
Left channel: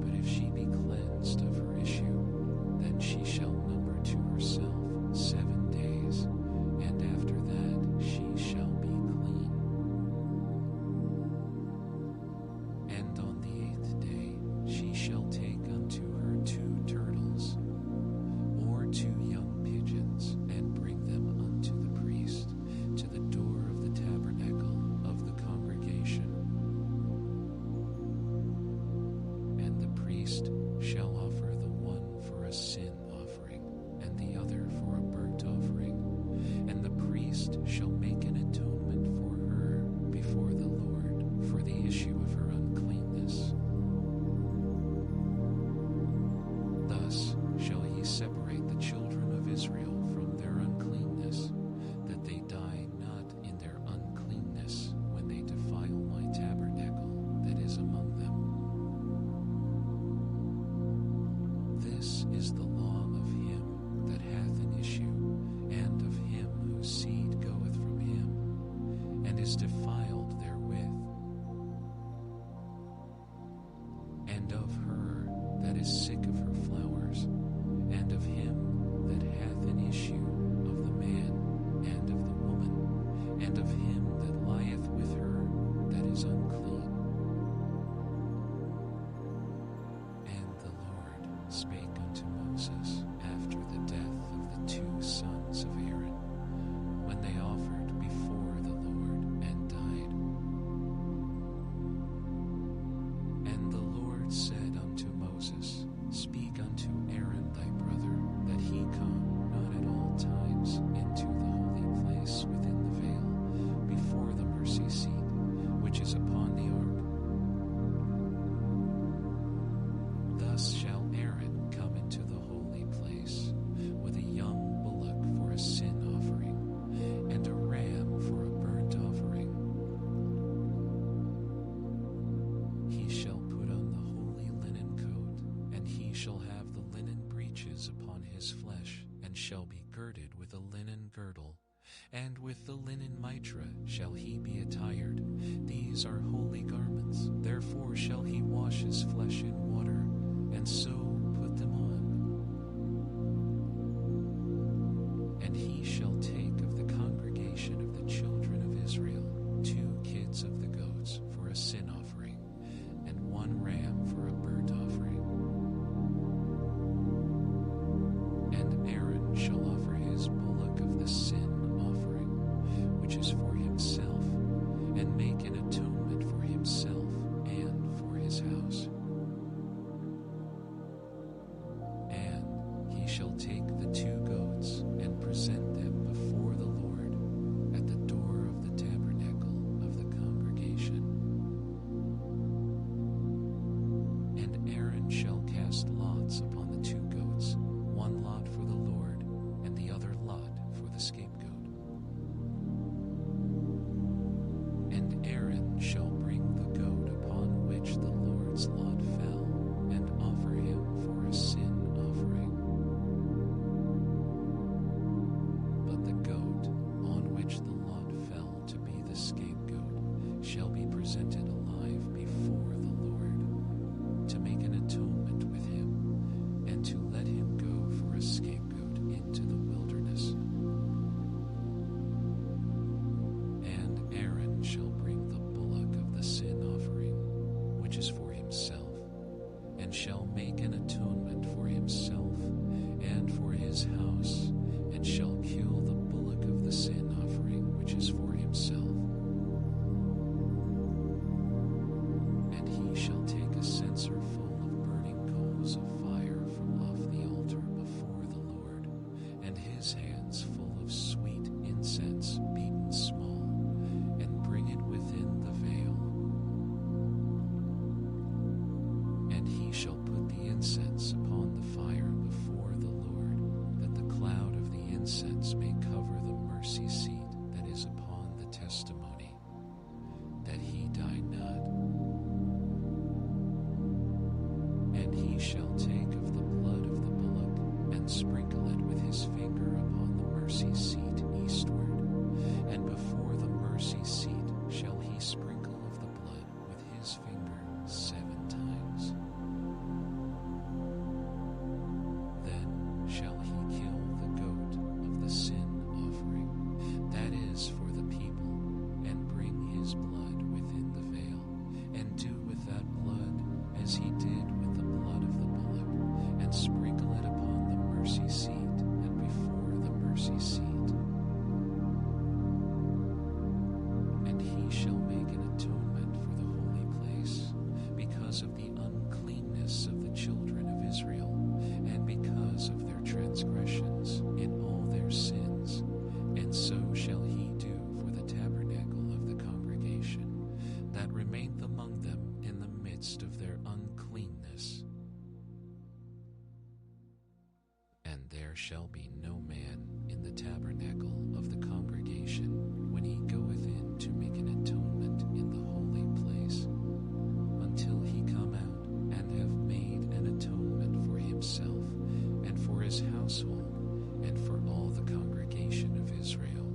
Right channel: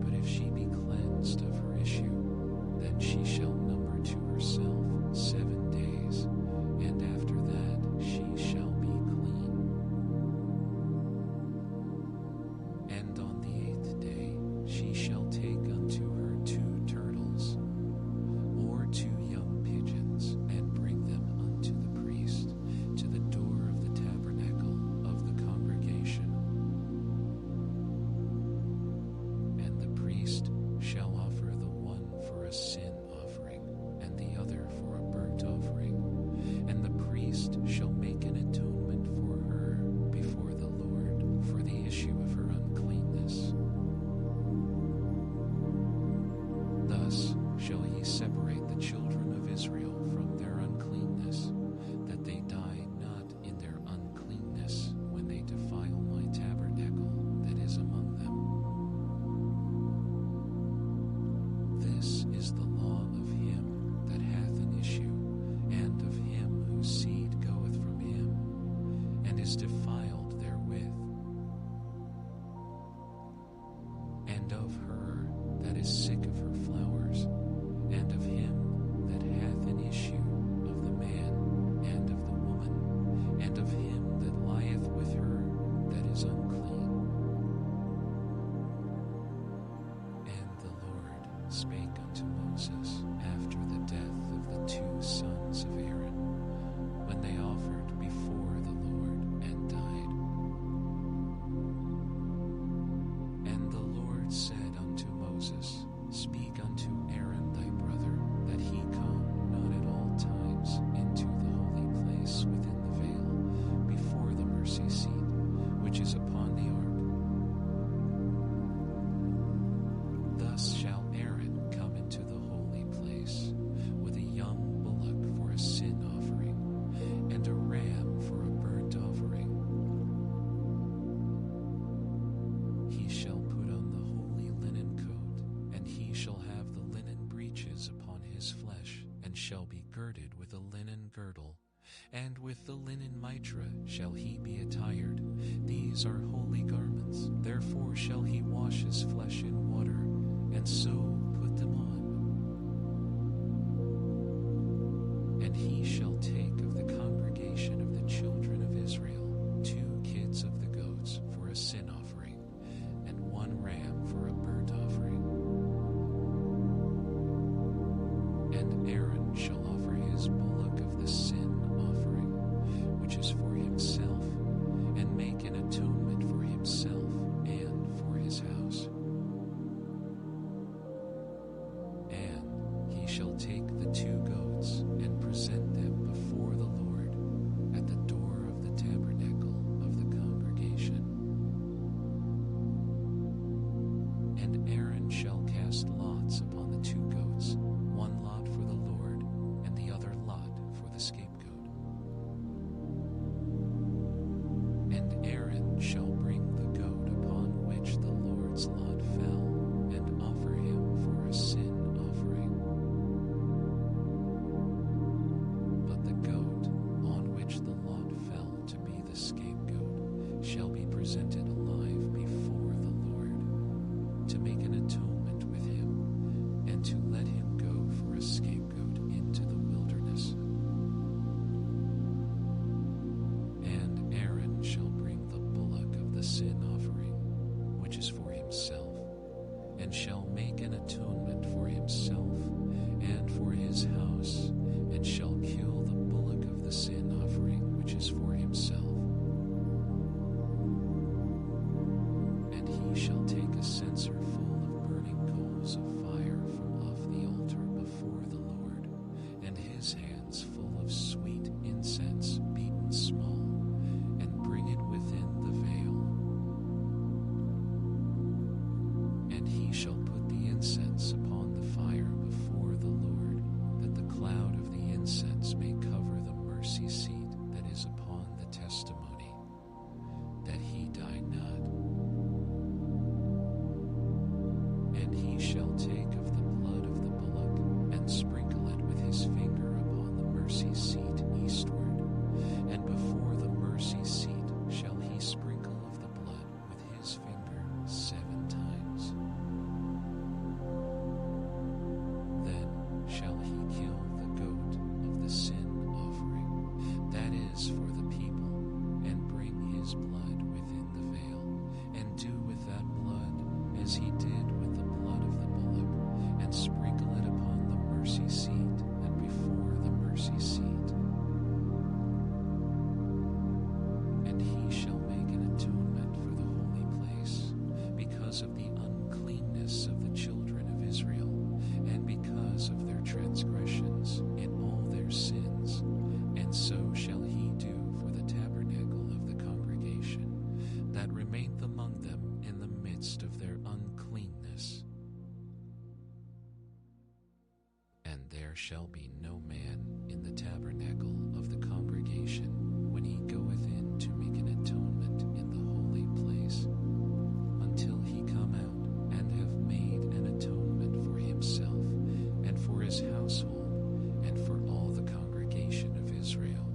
But if she be cleansed of her issue, then she shall number to herself 7 days, and after that she shall be clean. And on the 8th day she shall take unto her 2 turtles, or 2 young pigeons, and bring them unto the priest to the door of the tabernacle of the congregation. And the priest shall offer the one for a sin offering, and the other for a burnt offering, and the priest shall make an atonement for her before the Lord for the issue of her uncleanness. Thus shall he separate the children of Israel from their uncleanness, that they die not in their uncleanness when they defile my tabernacle that is among them. This is the law of him that hath an issue, and of him whose seed goeth from him, and is defiled therewith, and of her that is sick of her flowers, and of him that hath an issue, of the man and of the woman, and of him that lieth with her that is unclean. And the Lord spake unto Moses after the death of the 2 sons of Aaron, when they offered before the Lord and died. And the Lord said unto Moses, Speak unto Aaron thy brother, that he come not at all times into the holy place within the veil, before the mercy seat, which is upon the ark. shall have the linen breeches upon his flesh, and shall be girded with a linen girdle, and with the linen mitra shall he be attired. These are holy garments. Therefore shall he wash his flesh in water, and so put them on. And he shall take of the congregation of the children of Israel 2 kids of the goats for a sin offering, and 1 ram for a burnt offering. And Aaron shall offer his bullock of the sin offering, which is for himself, and make an atonement for himself and for his house. And he shall take the 2 goats and present them before the Lord at the door of the tabernacle of the congregation. And Aaron shall cast lots upon the 2 goats, 1 lot for the Lord, and the other lot for the scapegoat. And Aaron shall bring the goat upon which the Lord's lot fell, and offer him for a sin offering. But the goat on which the lot fell to be the scapegoat shall be presented alive before the Lord, to make an atonement with him, and to let him go for a scapegoat into the wilderness. And Aaron shall bring the bullock of the sin offering, which is for himself, and shall make an atonement for himself and for his house, and shall kill the bullock of the sin offering, which is for himself. And he shall take a censer full of burning coals of fire from off the altar before the Lord, and his hands full of sweet incense beaten small, and bring it within the veil. And he shall put the incense upon the fire before the Lord, that the cloud of the incense may cover the mercy seat that is upon the testimony, that he die not. And he shall take of the blood of the bullock, and sprinkle it with his finger upon the mercy seat eastward, and before the mercy seat shall he sprinkle of the blood with his finger 7 times. Then shall he kill the goat of the sin offering, that is for the people, and bring his blood within the veil, and do with that blood as he did with the blood of the bullock, and sprinkle it upon the mercy seat and before the mercy seat. And he shall make an atonement for the holy place, because of the uncleanness of the children of Israel, and because of their transgressions in all their sins, and so shall he do for the tabernacle of the congregation, that remaineth among them in the midst of their uncleanness. And there shall be no man in the tabernacle of the congregation when he goeth in to make an atonement in the holy place, until he come out and have made an atonement for himself, and for his household, and for all the congregation of Israel.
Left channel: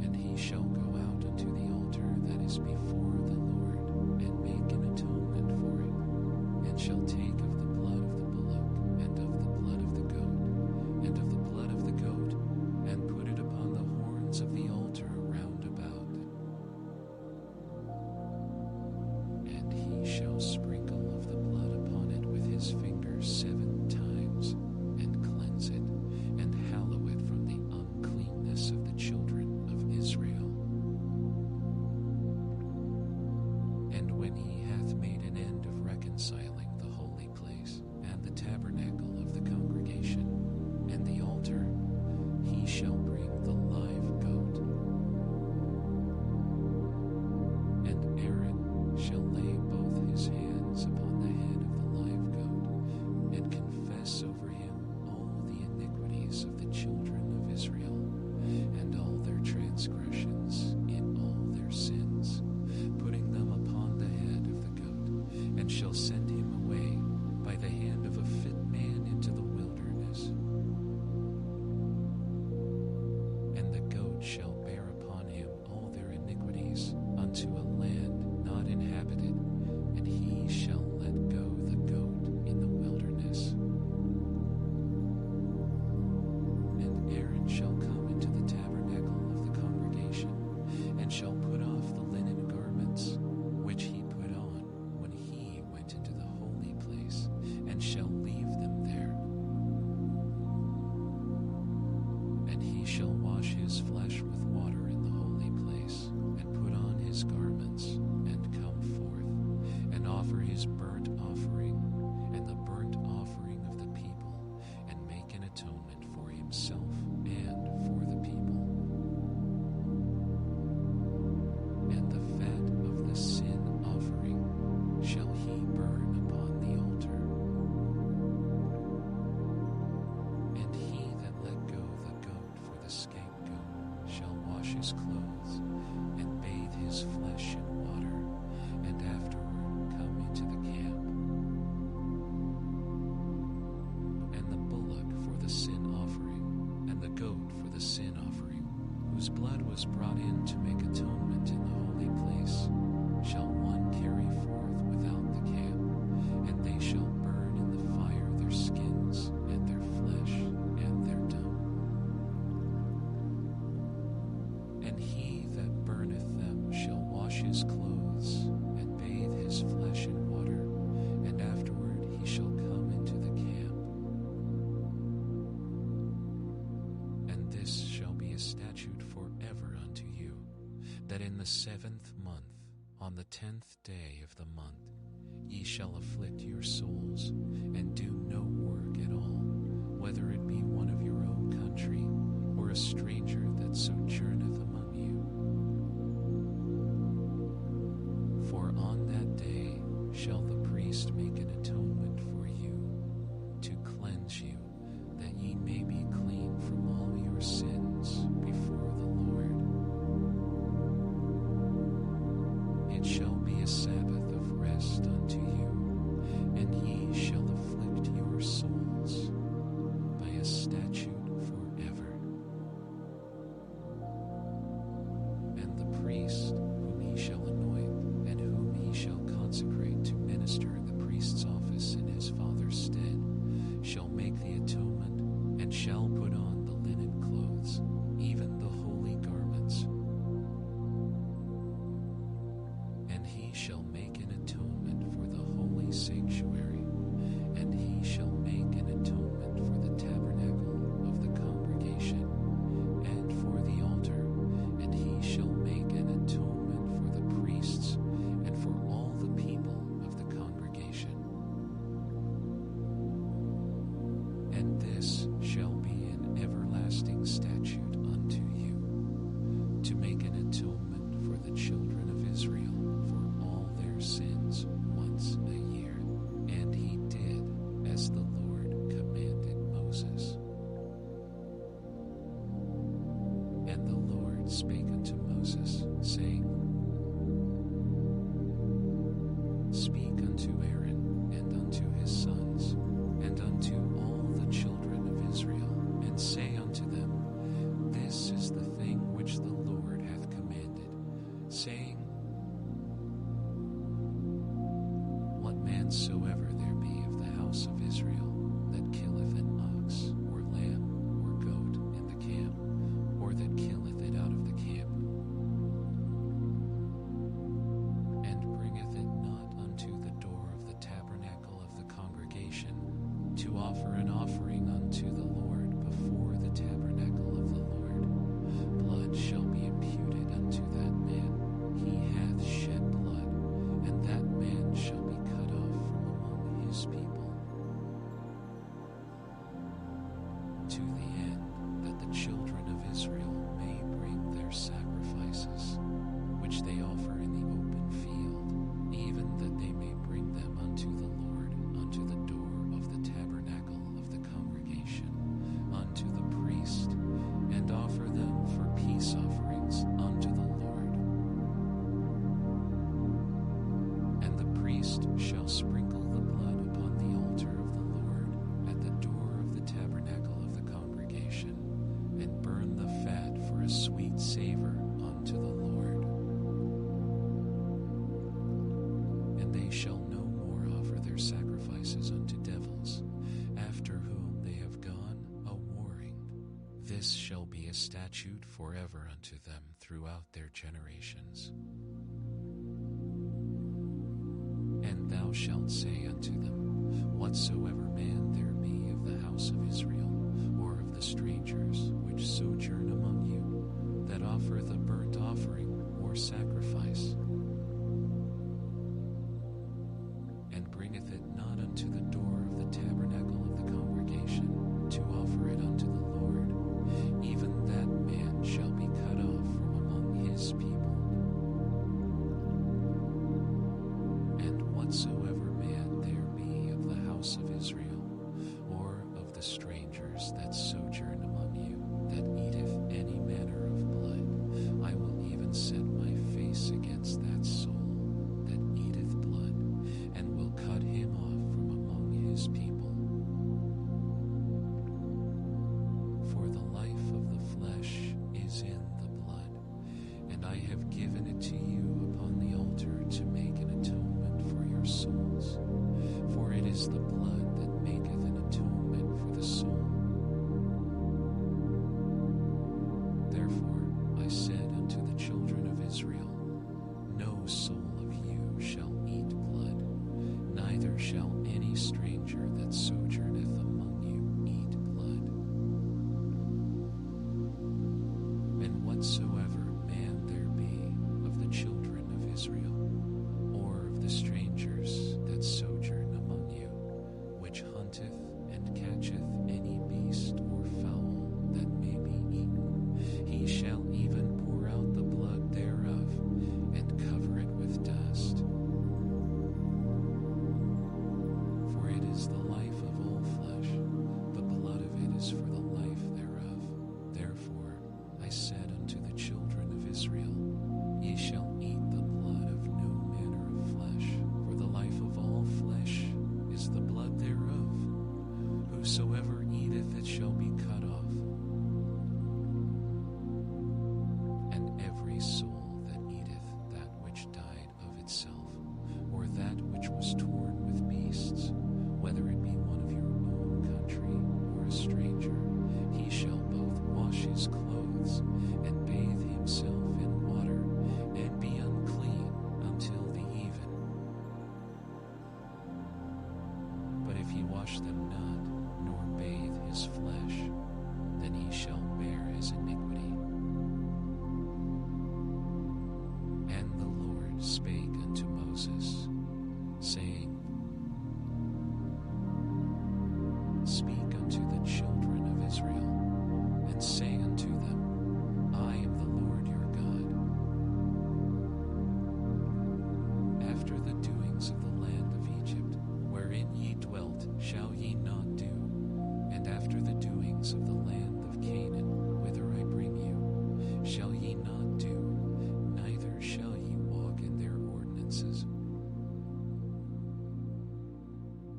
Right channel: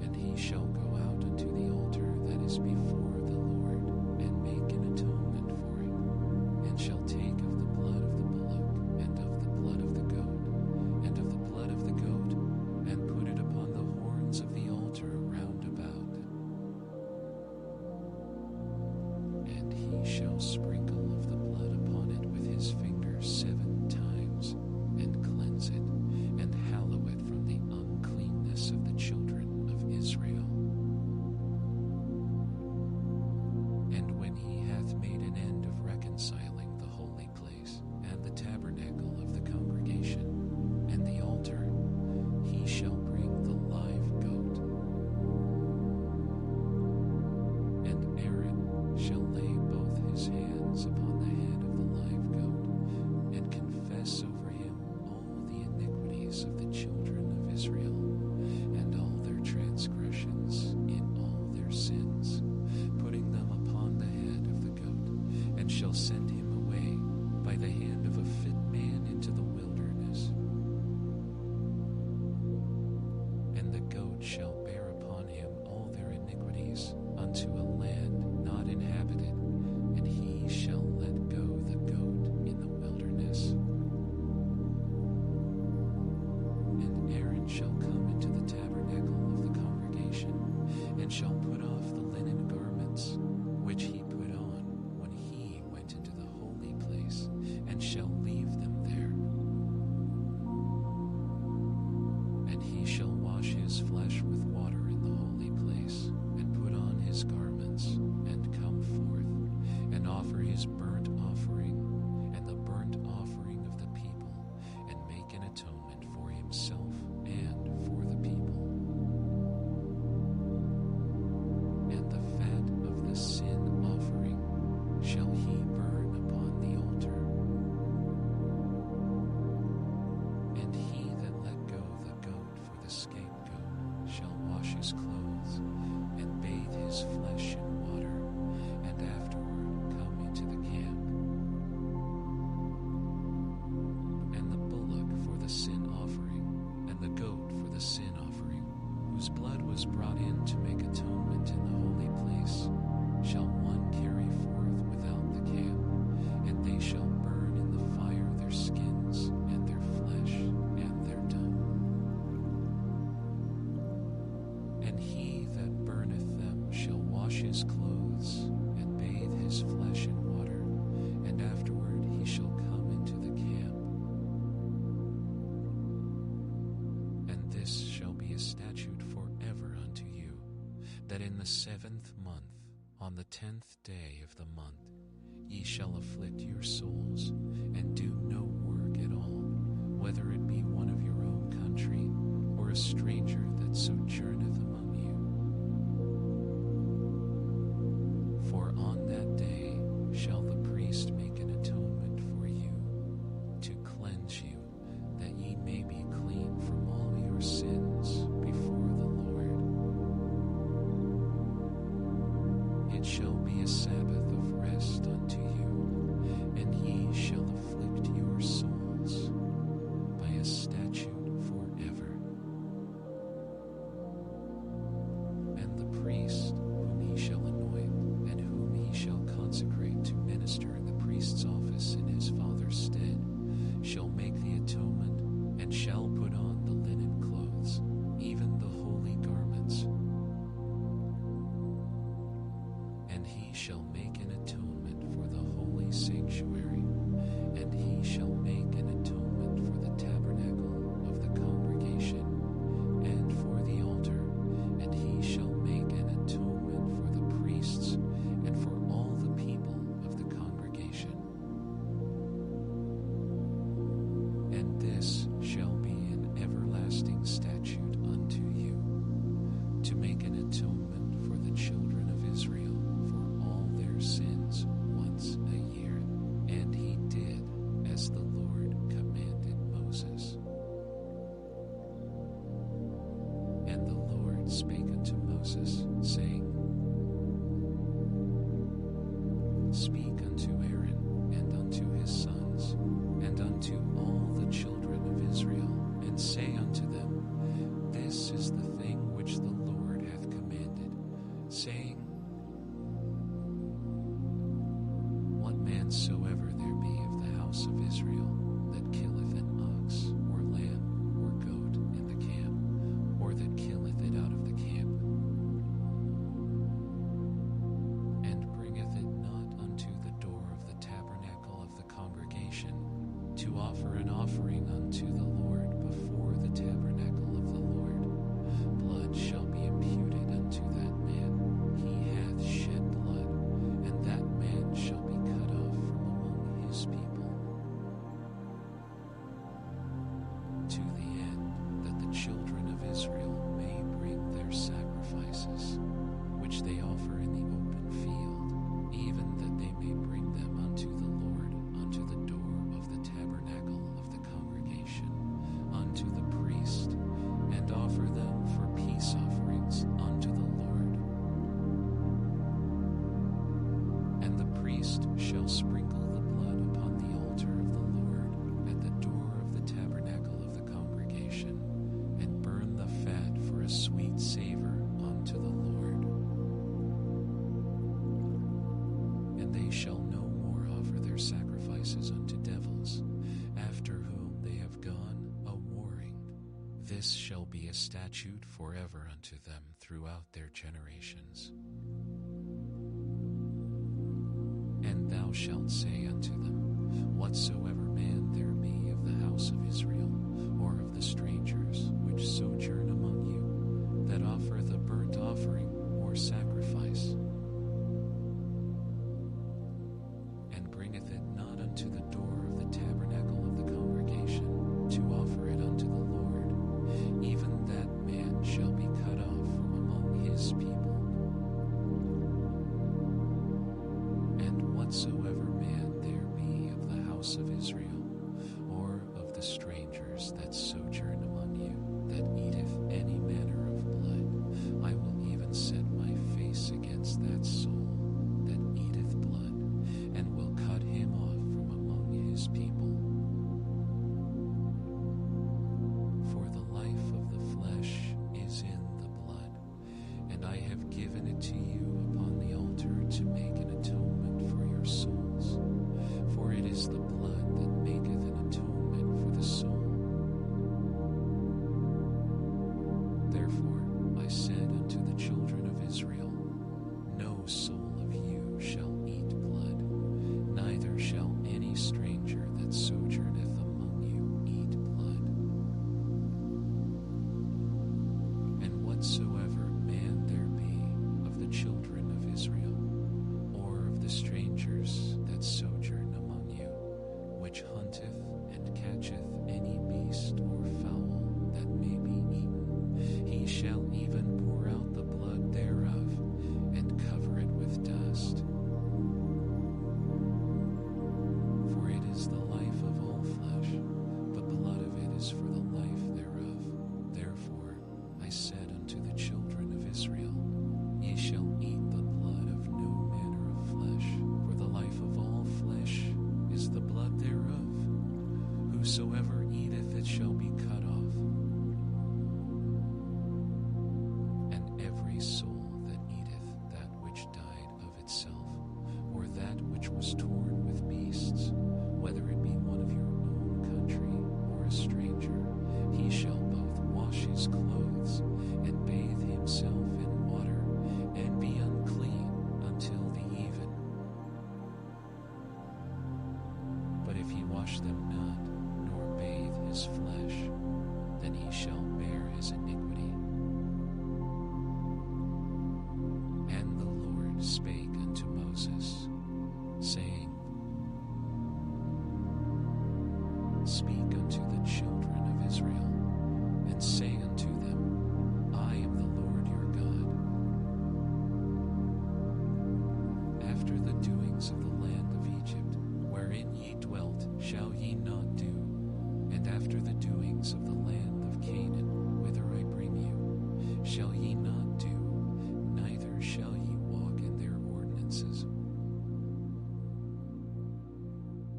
And he shall go out unto the altar that is before the Lord, and make an atonement for it, and shall take of the blood of the bullock, and of the blood of the goat, and of the blood of the goat, and put it upon the horns of the altar round about. And he shall sprinkle of the blood upon it with his finger 7 times, and cleanse it, and hallow it from the uncleanness of the children of Israel. And when he hath made an end of reconciling the holy place, and the tabernacle of the congregation, and the altar, he shall bring the live goat. And Aaron shall lay both his hands upon the head of the live goat, and confess over him all the iniquities of the children of Israel, and all their transgressions in all their sins, putting them upon the head of the goat, and shall send him away by the hand of a fit man into the wilderness. And the goat shall bear upon him all their iniquities unto a land not inhabited, and he shall let go the goat in the wilderness. And Aaron shall come into the tabernacle of the congregation, and shall put off the linen garments which he put on when he went into the holy place, and shall leave them there. And he shall wash his flesh with water in the holy place, and put on his garments, and come forth, and offer his burnt offering, and the burnt offering of the people, and make an atonement for himself and for the people. And the fat of the sin offering shall he burn upon the altar. And he that let go the goat for the scapegoat shall wash his clothes, and bathe his flesh in water, and afterward come into the camp. And the bullock for the sin offering, and the goat for the sin offering, whose blood was brought in to make atonement in the holy place, shall one carry forth without the camp, and they shall burn in the fire their skins, and their flesh, and their dung. And he that burneth them shall wash his clothes, and bathe his flesh in water, and afterward he shall come into the camp. And this shall be a statute forever unto you, that in the 7th month, on the 10th day of the month, ye shall afflict your souls, and do no work at all, whether it be one of your own country, or a stranger that sojourneth among you. For on that day shall the priest make an atonement for you, to cleanse you, that ye may be clean from all your sins before the Lord. It shall be a Sabbath of rest unto you, and ye shall afflict your souls by a statute forever. And the priest whom he shall anoint, and whom he shall consecrate to minister in the priest's office in his father's stead, shall make the atonement, and shall put on the linen clothes, even the holy garments. And he shall make an atonement for the holy sanctuary, and he shall make an atonement for the tabernacle of the congregation, and for the altar, and he shall make an atonement for the priests, and for all the people of the congregation. And this shall be an everlasting statute unto you, to make an atonement for the children of Israel for all their sins once a year. And he did as the Lord commanded Moses. And the Lord spake unto Moses, saying, Speak unto Aaron and unto his sons, and unto all the children of Israel, and say unto them, This is the thing which the Lord hath commanded, saying, What man soever there be of the house of Israel that killeth an ox, or lamb, or goat in the camp, or that killeth it out of the camp, and bringeth it not unto the door of the tabernacle of the congregation, to offer an offering unto the Lord before the tabernacle of the Lord, blood shall be imputed unto that man. He hath shed blood, and that man shall be cut off from among his people, to the end that the children of Israel may bring their sacrifices, which they offer in the open field, even that they may bring them unto the Lord, unto the door of the tabernacle of the congregation, unto the priest, and offer them for peace offerings unto the Lord. And the priest shall shalt sprinkle the blood upon the altar of the Lord at the door of the tabernacle of the congregation, and burn the fat for a sweet savor unto the Lord. And they shall no more offer their sacrifices unto devils, after whom they have gone a-warring. This shall be a statute forever unto them throughout their generations. And thou shalt say unto them, Whatsoever man there be of the house of Israel, or of the strangers which sojourn among you, that offereth a burnt offering or sacrifice, and bringeth it not unto the door of the tabernacle of the congregation, to offer it unto the Lord, even that man shall be cut off from among his people. And whatsoever man there be of the house of Israel, or of the strangers that sojourn among you, that eateth any manner of blood, I will even set my face against that soul that eateth blood, and will cut him off from among his people. For the life of the flesh is in the blood, and I have given it to you upon the altar to make an atonement for your souls. For it is the blood that maketh an atonement for the soul. Therefore I said unto the children of Israel, No soul of you shall eat blood, neither shall any stranger that sojourneth among you eat blood. And whatsoever man there be of the children of Israel, or of the strangers that sojourn among you, which hunteth and catcheth any beast or fowl that may be eaten, he shall even pour out the blood thereof, and cover it with dust. For it is the life of all flesh, the blood of it is for the life thereof. Therefore I said unto the children of Israel, Ye shall eat the blood of no manner of flesh, for the life of all flesh is the blood thereof. Whosoever eateth it shall be cut off. And every soul that eateth that which died of itself, or that which was torn with beasts, whether it be one of your own country or a stranger, he shall both wash his clothes and bathe himself in water, and be unclean until the even. But if he wash them not, nor bathe his flesh, then he shall bear his iniquity. And the Lord spake unto Moses, saying, Speak unto the children of Israel, and say unto them, I am the Lord your God. After the doings of the land of Egypt, wherein ye dwelt, shall ye not do, and after the doings of the land of Canaan, whither I bring you, shall ye not do, neither shall ye walk in their ordinances.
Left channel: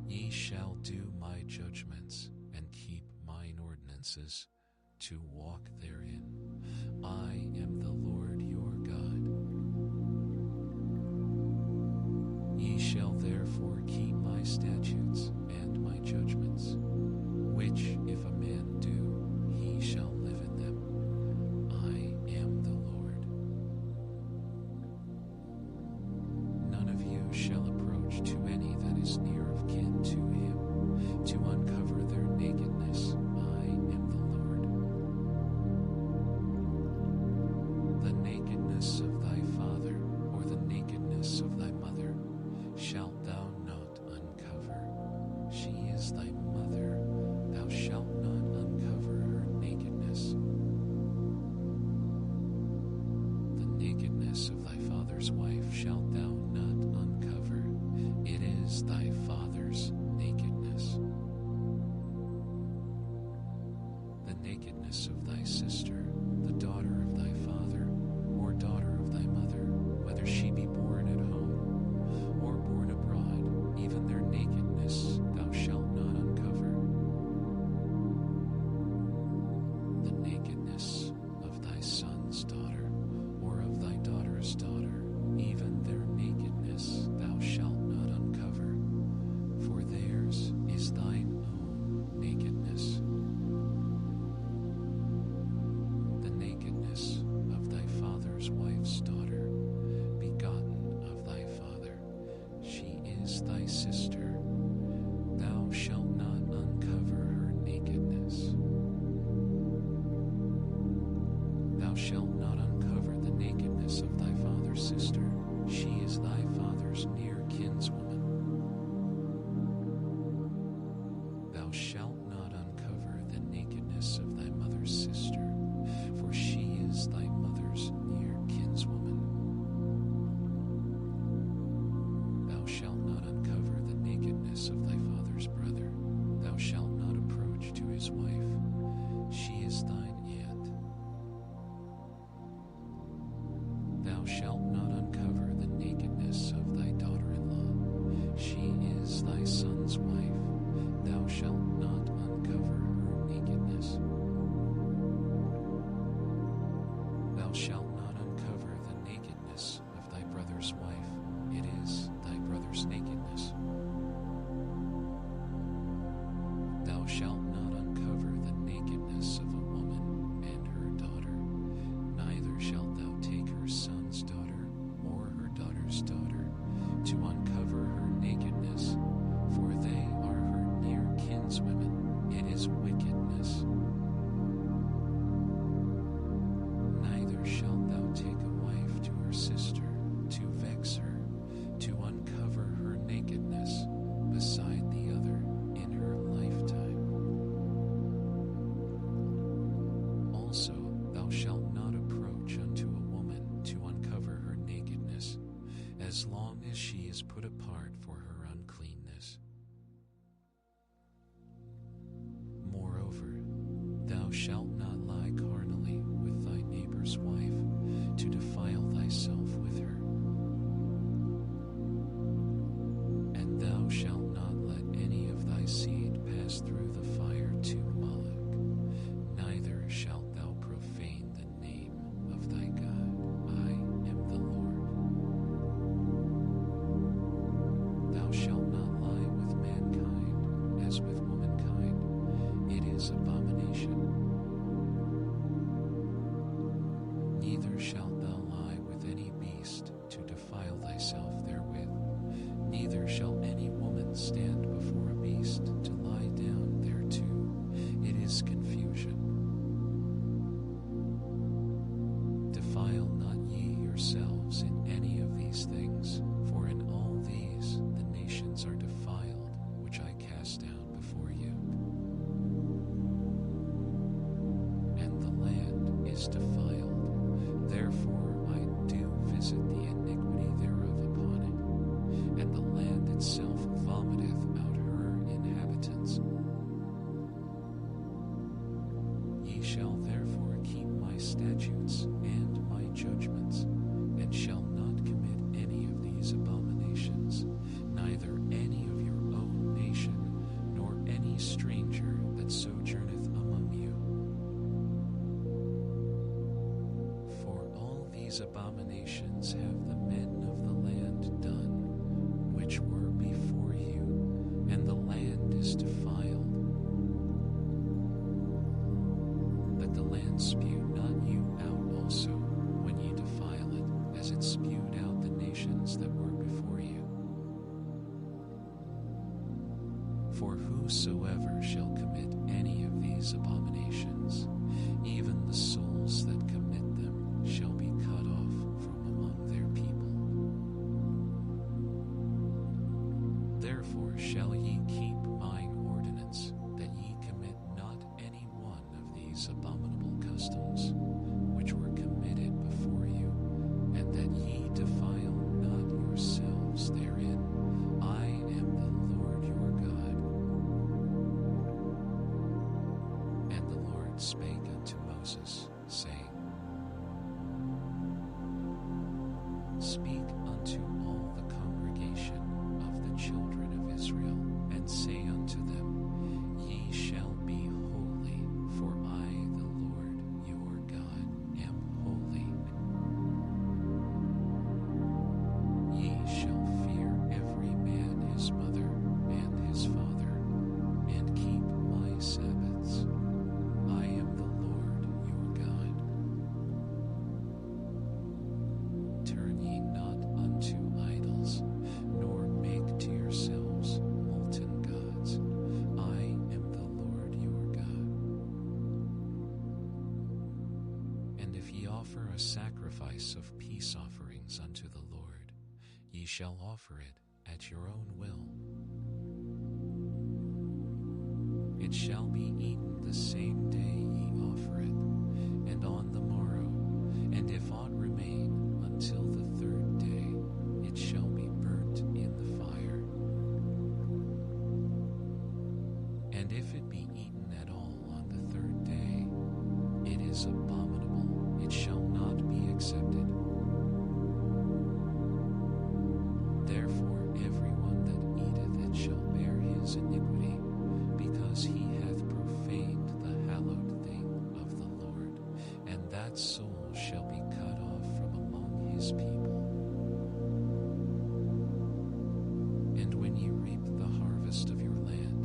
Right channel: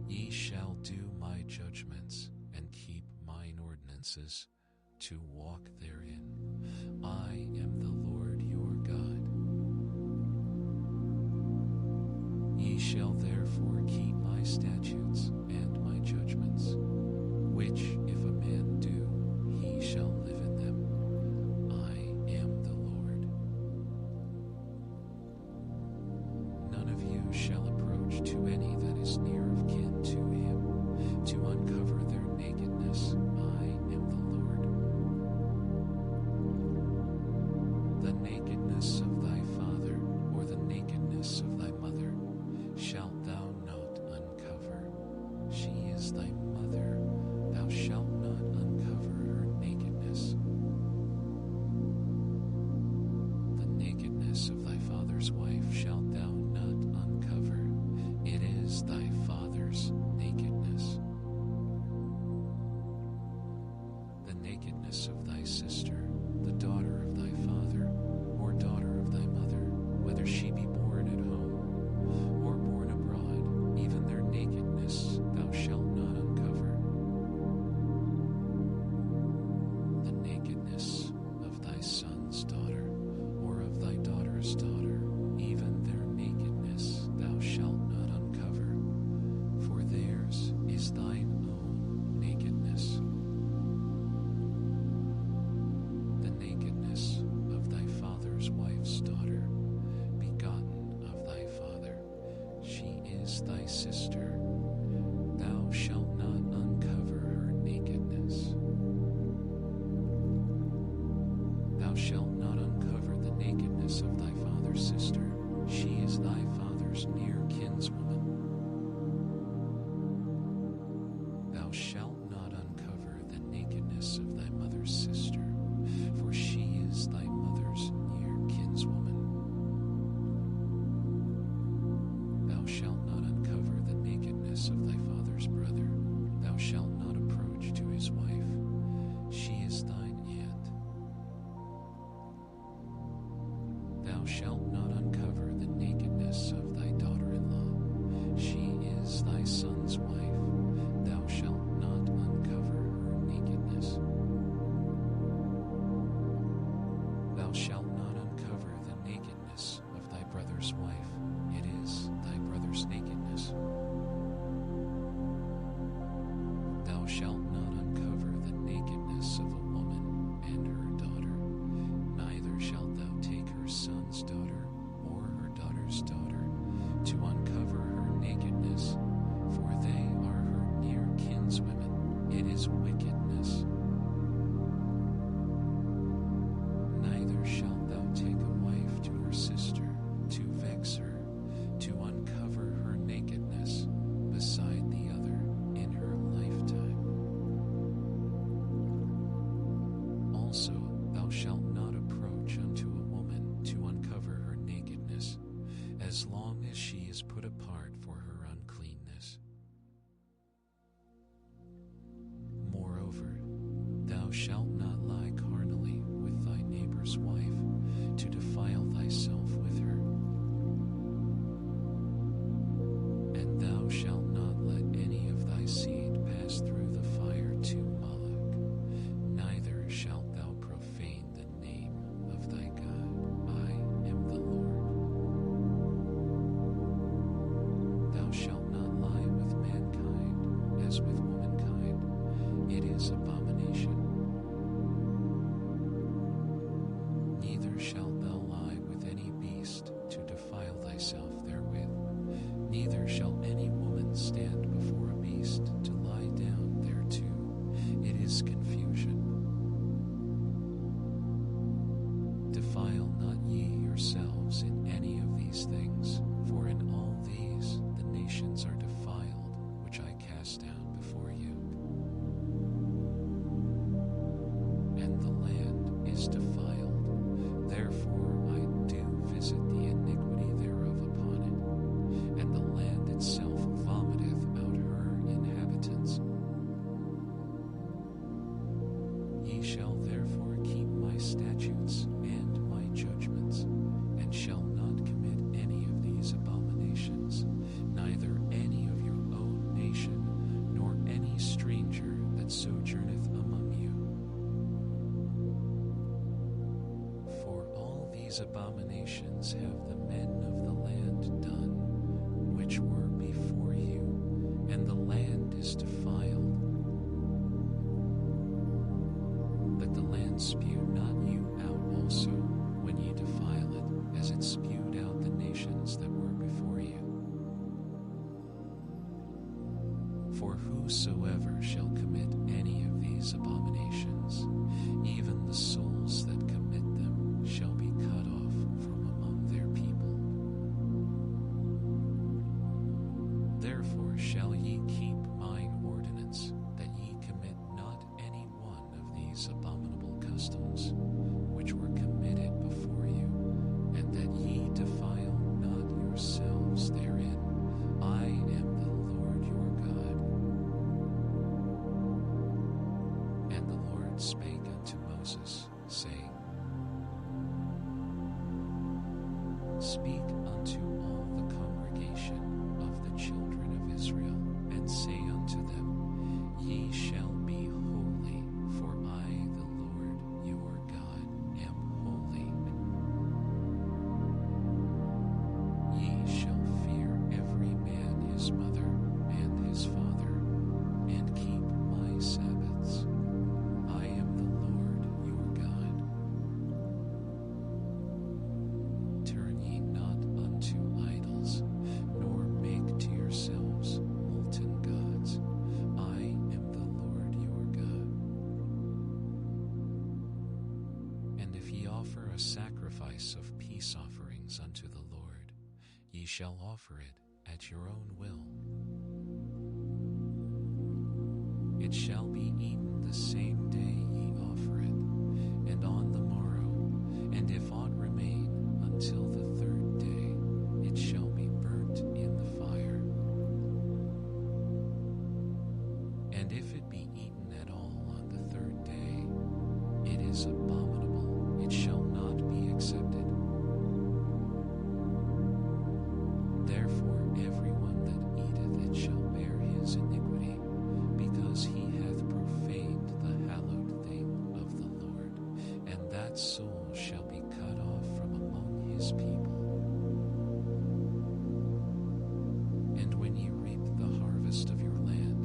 Ye shall do my judgments, and keep mine ordinances, to walk therein. I am the Lord your God. Ye shall therefore keep my statutes and my judgments, which if a man do, he shall live in them. I am the Lord. None of you shall approach to any that is near of kin to him, to uncover their nakedness. I am the Lord. The nakedness of thy father, or the nakedness of thy mother, shalt thou not uncover. She is thy mother, thou shalt not uncover her nakedness. The nakedness of thy father's wife shalt thou not uncover. It is thy father's nakedness. The nakedness of thy sister, the daughter of thy father, or daughter of thy mother, whether she be born at home or born abroad, even nakedness thou shalt not uncover. The nakedness of thy son's daughter, or of thy daughter's daughter, even their nakedness thou shalt not uncover, for theirs is thine own nakedness. The nakedness of thy father's wife's daughter, begotten of thy father, she is thy sister. Thou shalt not uncover her nakedness. Thou shalt not uncover the nakedness of thy father's sister. She is thy father's near kinswoman. Thou shalt not uncover the nakedness of thy mother's sister, for she is thy mother's near kinswoman. Thou shalt not uncover the nakedness of thy father's brother. Thou shalt not approach to his wife. She is thine aunt. Thou shalt not uncover the nakedness of thy daughter-in-law. She is thy son's wife. Thou shalt not uncover her nakedness. Thou shalt not uncover the nakedness of thy brother's wife. It is thy brother's nakedness. Thou shalt not uncover the nakedness of a woman and her daughter. Neither shalt thou take her son's daughter or her daughter's daughter to uncover her nakedness, for they are her near kinswomen. It is wickedness. Neither shalt thou take a wife to her sister to vex her, to uncover her nakedness beside the other in her lifetime. Also, thou shalt not approach unto a woman to uncover her nakedness, as long as she is put apart for her uncleanness. Moreover, thou shalt not lie carnally with thy neighbor's wife, to defile thyself with her. And thou shalt not let any of thy seed pass through the fire to Moloch, neither shalt thou profane the name of thy God. I am the Lord. Thou shalt not lie with mankind as with womankind. It is abomination. Neither shalt thou lie with any beast to defile thyself therewith. Neither shall any woman stand before a beast to lie down thereto. It is confusion. Defile not ye yourselves in any of these things, for in all these the nations are defiled, which I cast down before you. And the land is defiled, therefore I do visit the iniquity thereof upon it, and the land itself vomiteth out her inhabitants. Ye shall therefore keep my statutes and my judgments, and shall not commit any of these abominations, neither any of your own nation, nor any stranger that sojourneth among you. For all these abominations have the men of the land done, which were before you, and the land is defiled, that the land spew not you out also when ye defile it, as it spewed out the nations that were before you. For whosoever shall commit any of these abominations, even the souls that commit them shall be cut off from among their people. Therefore shall ye keep mine ordinance, that ye commit not any one of these abominable customs, which were committed before you, and that ye defile not yourselves therein. I am the Lord your God. And the Lord spake unto Moses, saying, Speak unto all the congregation of the children of Israel, and say unto them, Ye shall be holy, for I, the Lord your God, am holy. Ye shall fear every man his mother and his father, and keep my Sabbaths. I am the Lord your God. Turn ye not unto idols, nor make to yourselves molten gods. I am the Lord your God. And if ye offer a sacrifice of peace offerings unto the Lord, ye shall offer it at your own will. It shall be eaten the same day ye offer it, and on the morrow, and if aught remain until the third day, it shall be burnt in the fire. And if it be eaten at all on the third day, it is abominable, it shall not be accepted. Therefore everyone that eateth it shall bear his iniquity, because he hath profaned the hallowed thing of the Lord, and that soul shall be cut off from among his people. And when ye reap the harvest of your land,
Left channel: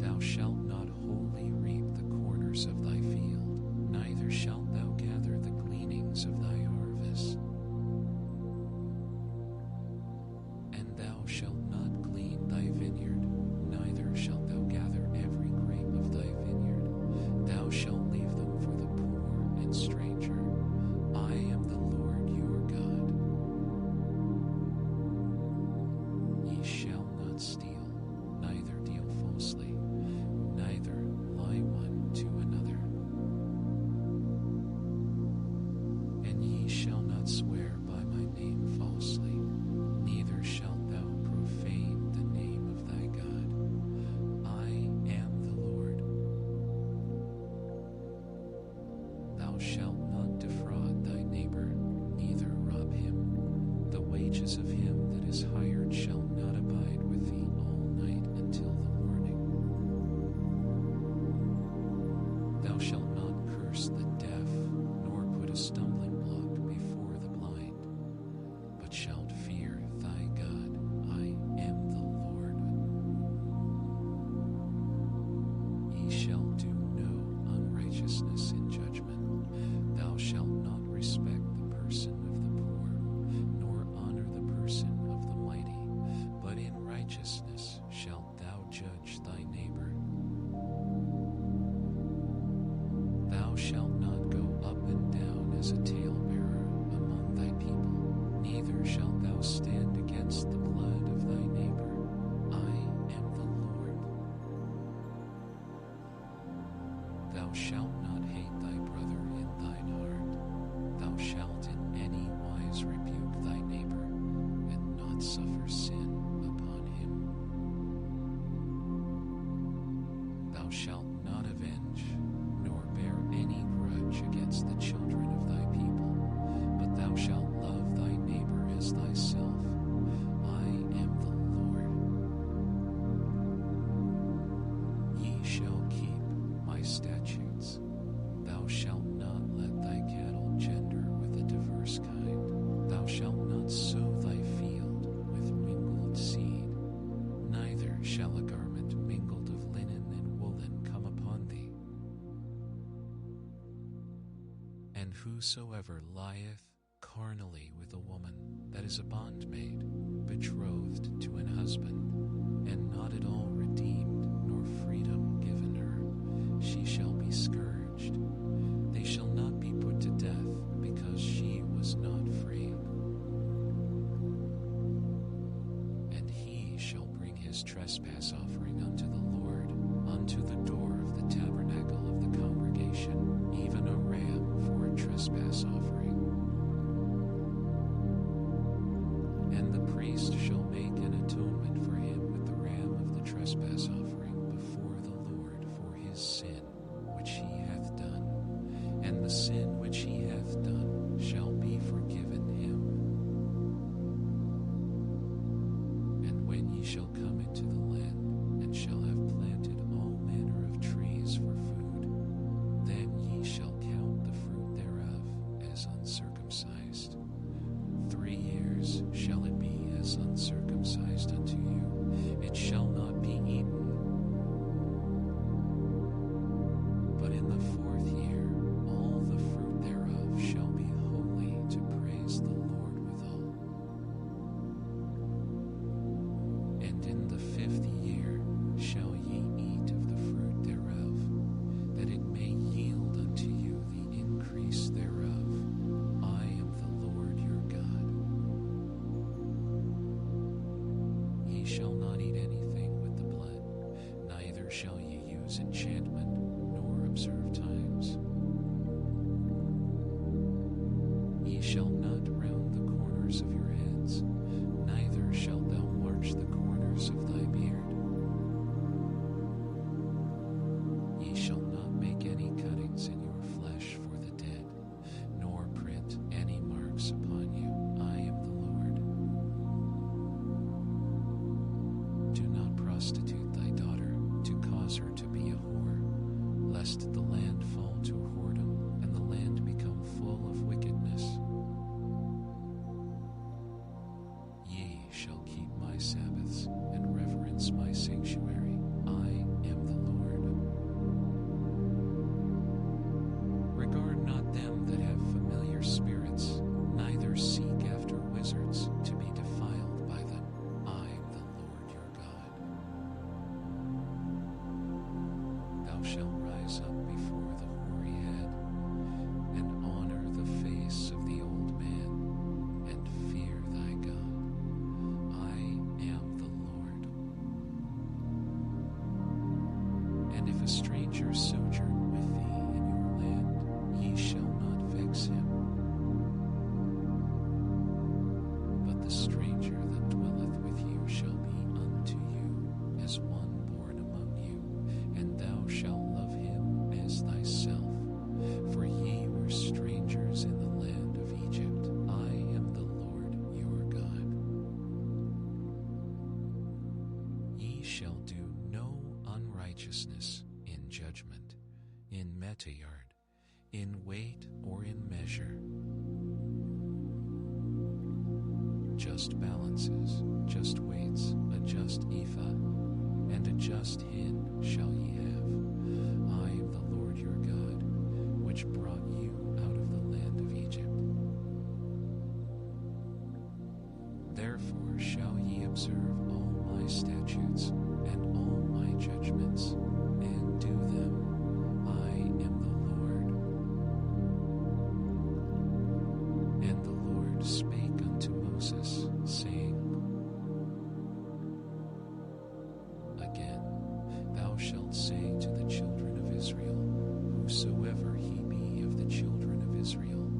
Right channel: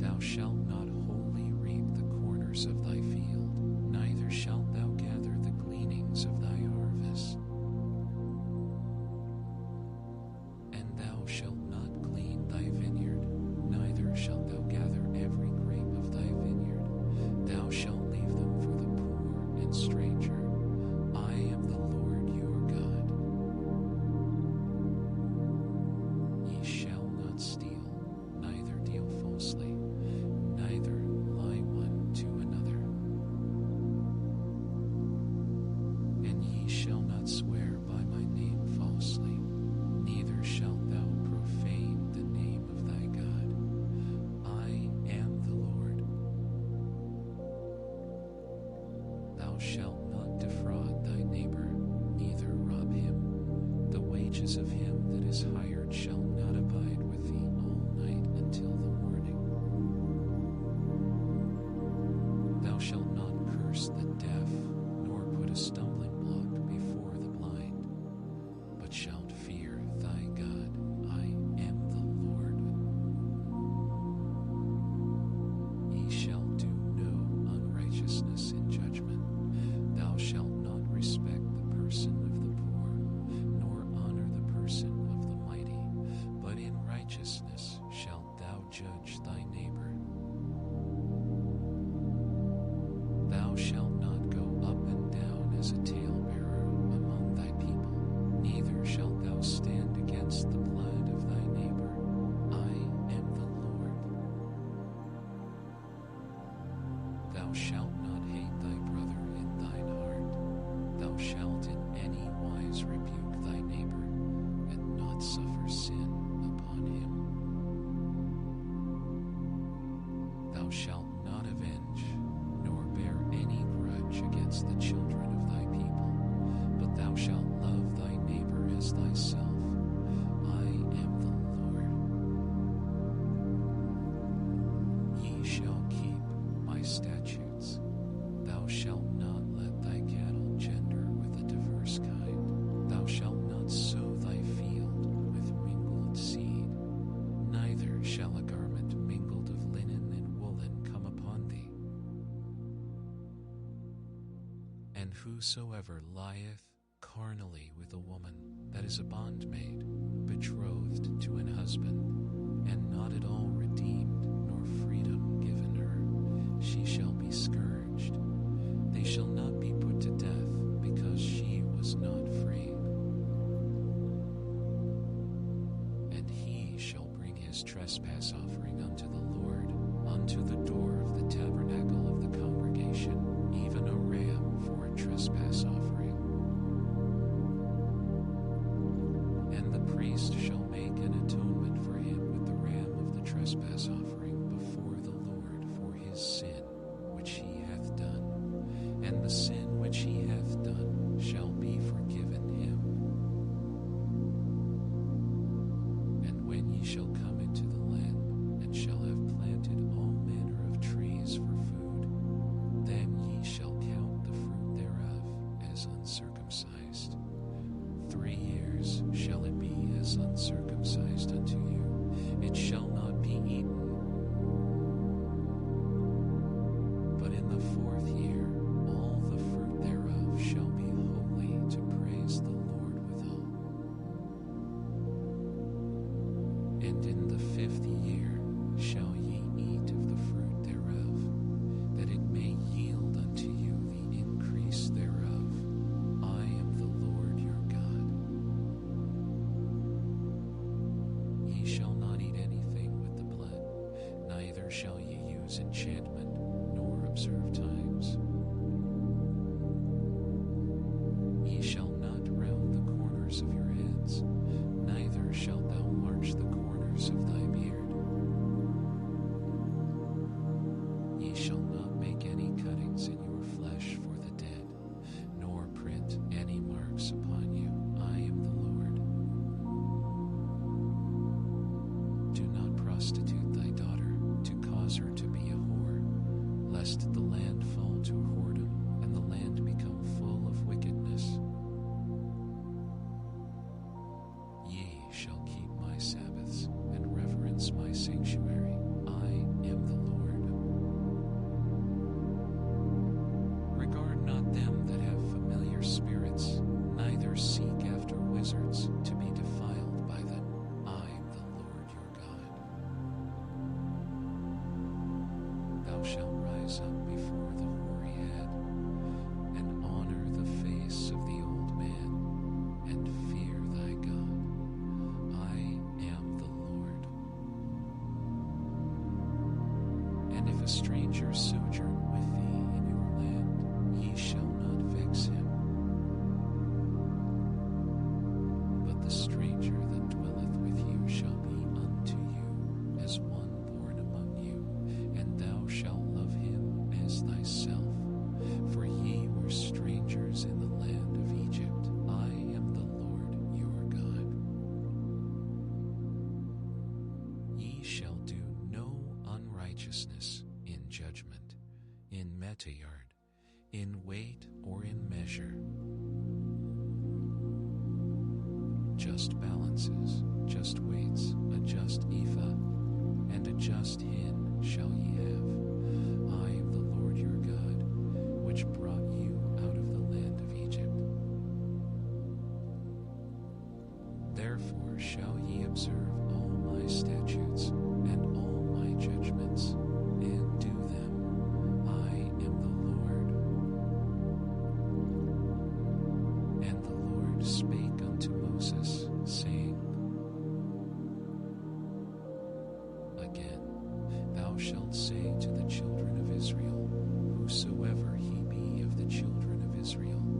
thou shalt not wholly reap the corners of thy field, neither shalt thou gather the gleanings of thy harvest. And thou shalt not glean thy vineyard, neither shalt thou gather every grape of thy vineyard. Thou shalt leave them for the poor and stranger. I am the Lord your God. Ye shall not steal, neither deal falsely, neither lie one to another. And ye shall not swear by my name falsely, neither shalt thou profane the name of thy God. I am the Lord. Thou shalt not defraud thy neighbor, neither rob him. The wages of him that is hired shall not abide with thee all night until the morning. Thou shalt not curse the deaf, nor put a stumbling block before the blind, but shalt fear thy God. I am the Lord. Ye shall do no unrighteousness in judgment. Thou shalt not respect the person of the poor, nor honor the person of the mighty, but in righteousness shalt thou judge thy neighbor. Thou shalt not go up and down as a talebearer among thy people, neither shalt thou stand against the blood of thy neighbor. I am the Lord. Thou shalt not hate thy brother in thine heart. Thou shalt in any wise rebuke thy neighbor, and not suffer sin upon him. Thou shalt not avenge, nor bear any grudge against the children of thy people, but thou shalt love thy neighbor as thyself. I am the Lord. Ye shall keep my statutes. Thou shalt not let thy cattle gender with a diverse kind. Thou shalt not sow thy field with mingled seed, neither shall a garment mingled of linen and woolen come upon thee. And whosoever lieth carnally with a woman that is a bondmaid, betrothed to an husband, and not at all redeemed, nor freedom given her, she shall be scourged. They shall not be put to death, because she was not freed. And he shall bring his trespass offering unto the Lord, unto the door of the tabernacle of the congregation, even a ram for a trespass offering. And the priest shall make an atonement for him with the ram of the trespass offering before the Lord for his sin which he hath done, and the sin which he hath done shall be forgiven him. And when when ye shall come into the land, and shall have planted all manner of trees for food, then ye shall count the fruit thereof as uncircumcised. 3 years shall it be as uncircumcised unto you. It shall not be eaten. But in the 4th year all the fruit thereof shall be holy, to praise the Lord withal. And in the 5th year shall ye eat of the fruit thereof, that it may yield unto you the increase thereof. I am the Lord your God. Ye shall not eat anything with the blood, neither shall ye use enchantment, nor observe times. Ye shall not round the corners of your heads, neither shalt thou march the corners of thy beard. Ye shall not make any cuttings in your flesh for the dead, nor print any marks upon you. I am the Lord. Do not prostitute thy daughter, to cause her to be a whore, lest the land fall to whoredom, and the land become full of wickedness. Ye shall keep my Sabbaths, and reverence my sanctuary. I am the Lord. Regard not them that have familiar spirits, neither seek after wizards, to be defiled by them. I am the Lord your God. Thou shalt rise up before the hoary head, and honor the face of the old man, and fear thy God. I am the Lord. And if a stranger sojourn with thee in your land, ye shall not vex him. But the stranger that dwelleth with you shall be unto you as one born among you, and thou shalt love him as thyself. For ye were strangers in the land of Egypt. I am the Lord your God. Ye shall do no unrighteousness in judgment, in metayard, in weight, or in measure. Just balances, just weights, a just ephah, and a just hin shall ye have. I am the Lord your God, which brought you out of the land of Egypt. Therefore shall ye observe all my statutes and all my judgments, and do them. I am the Lord. And the Lord spake unto Moses, saying, Again, thou shalt say to the children of Israel, whosoever he be of the children of Israel,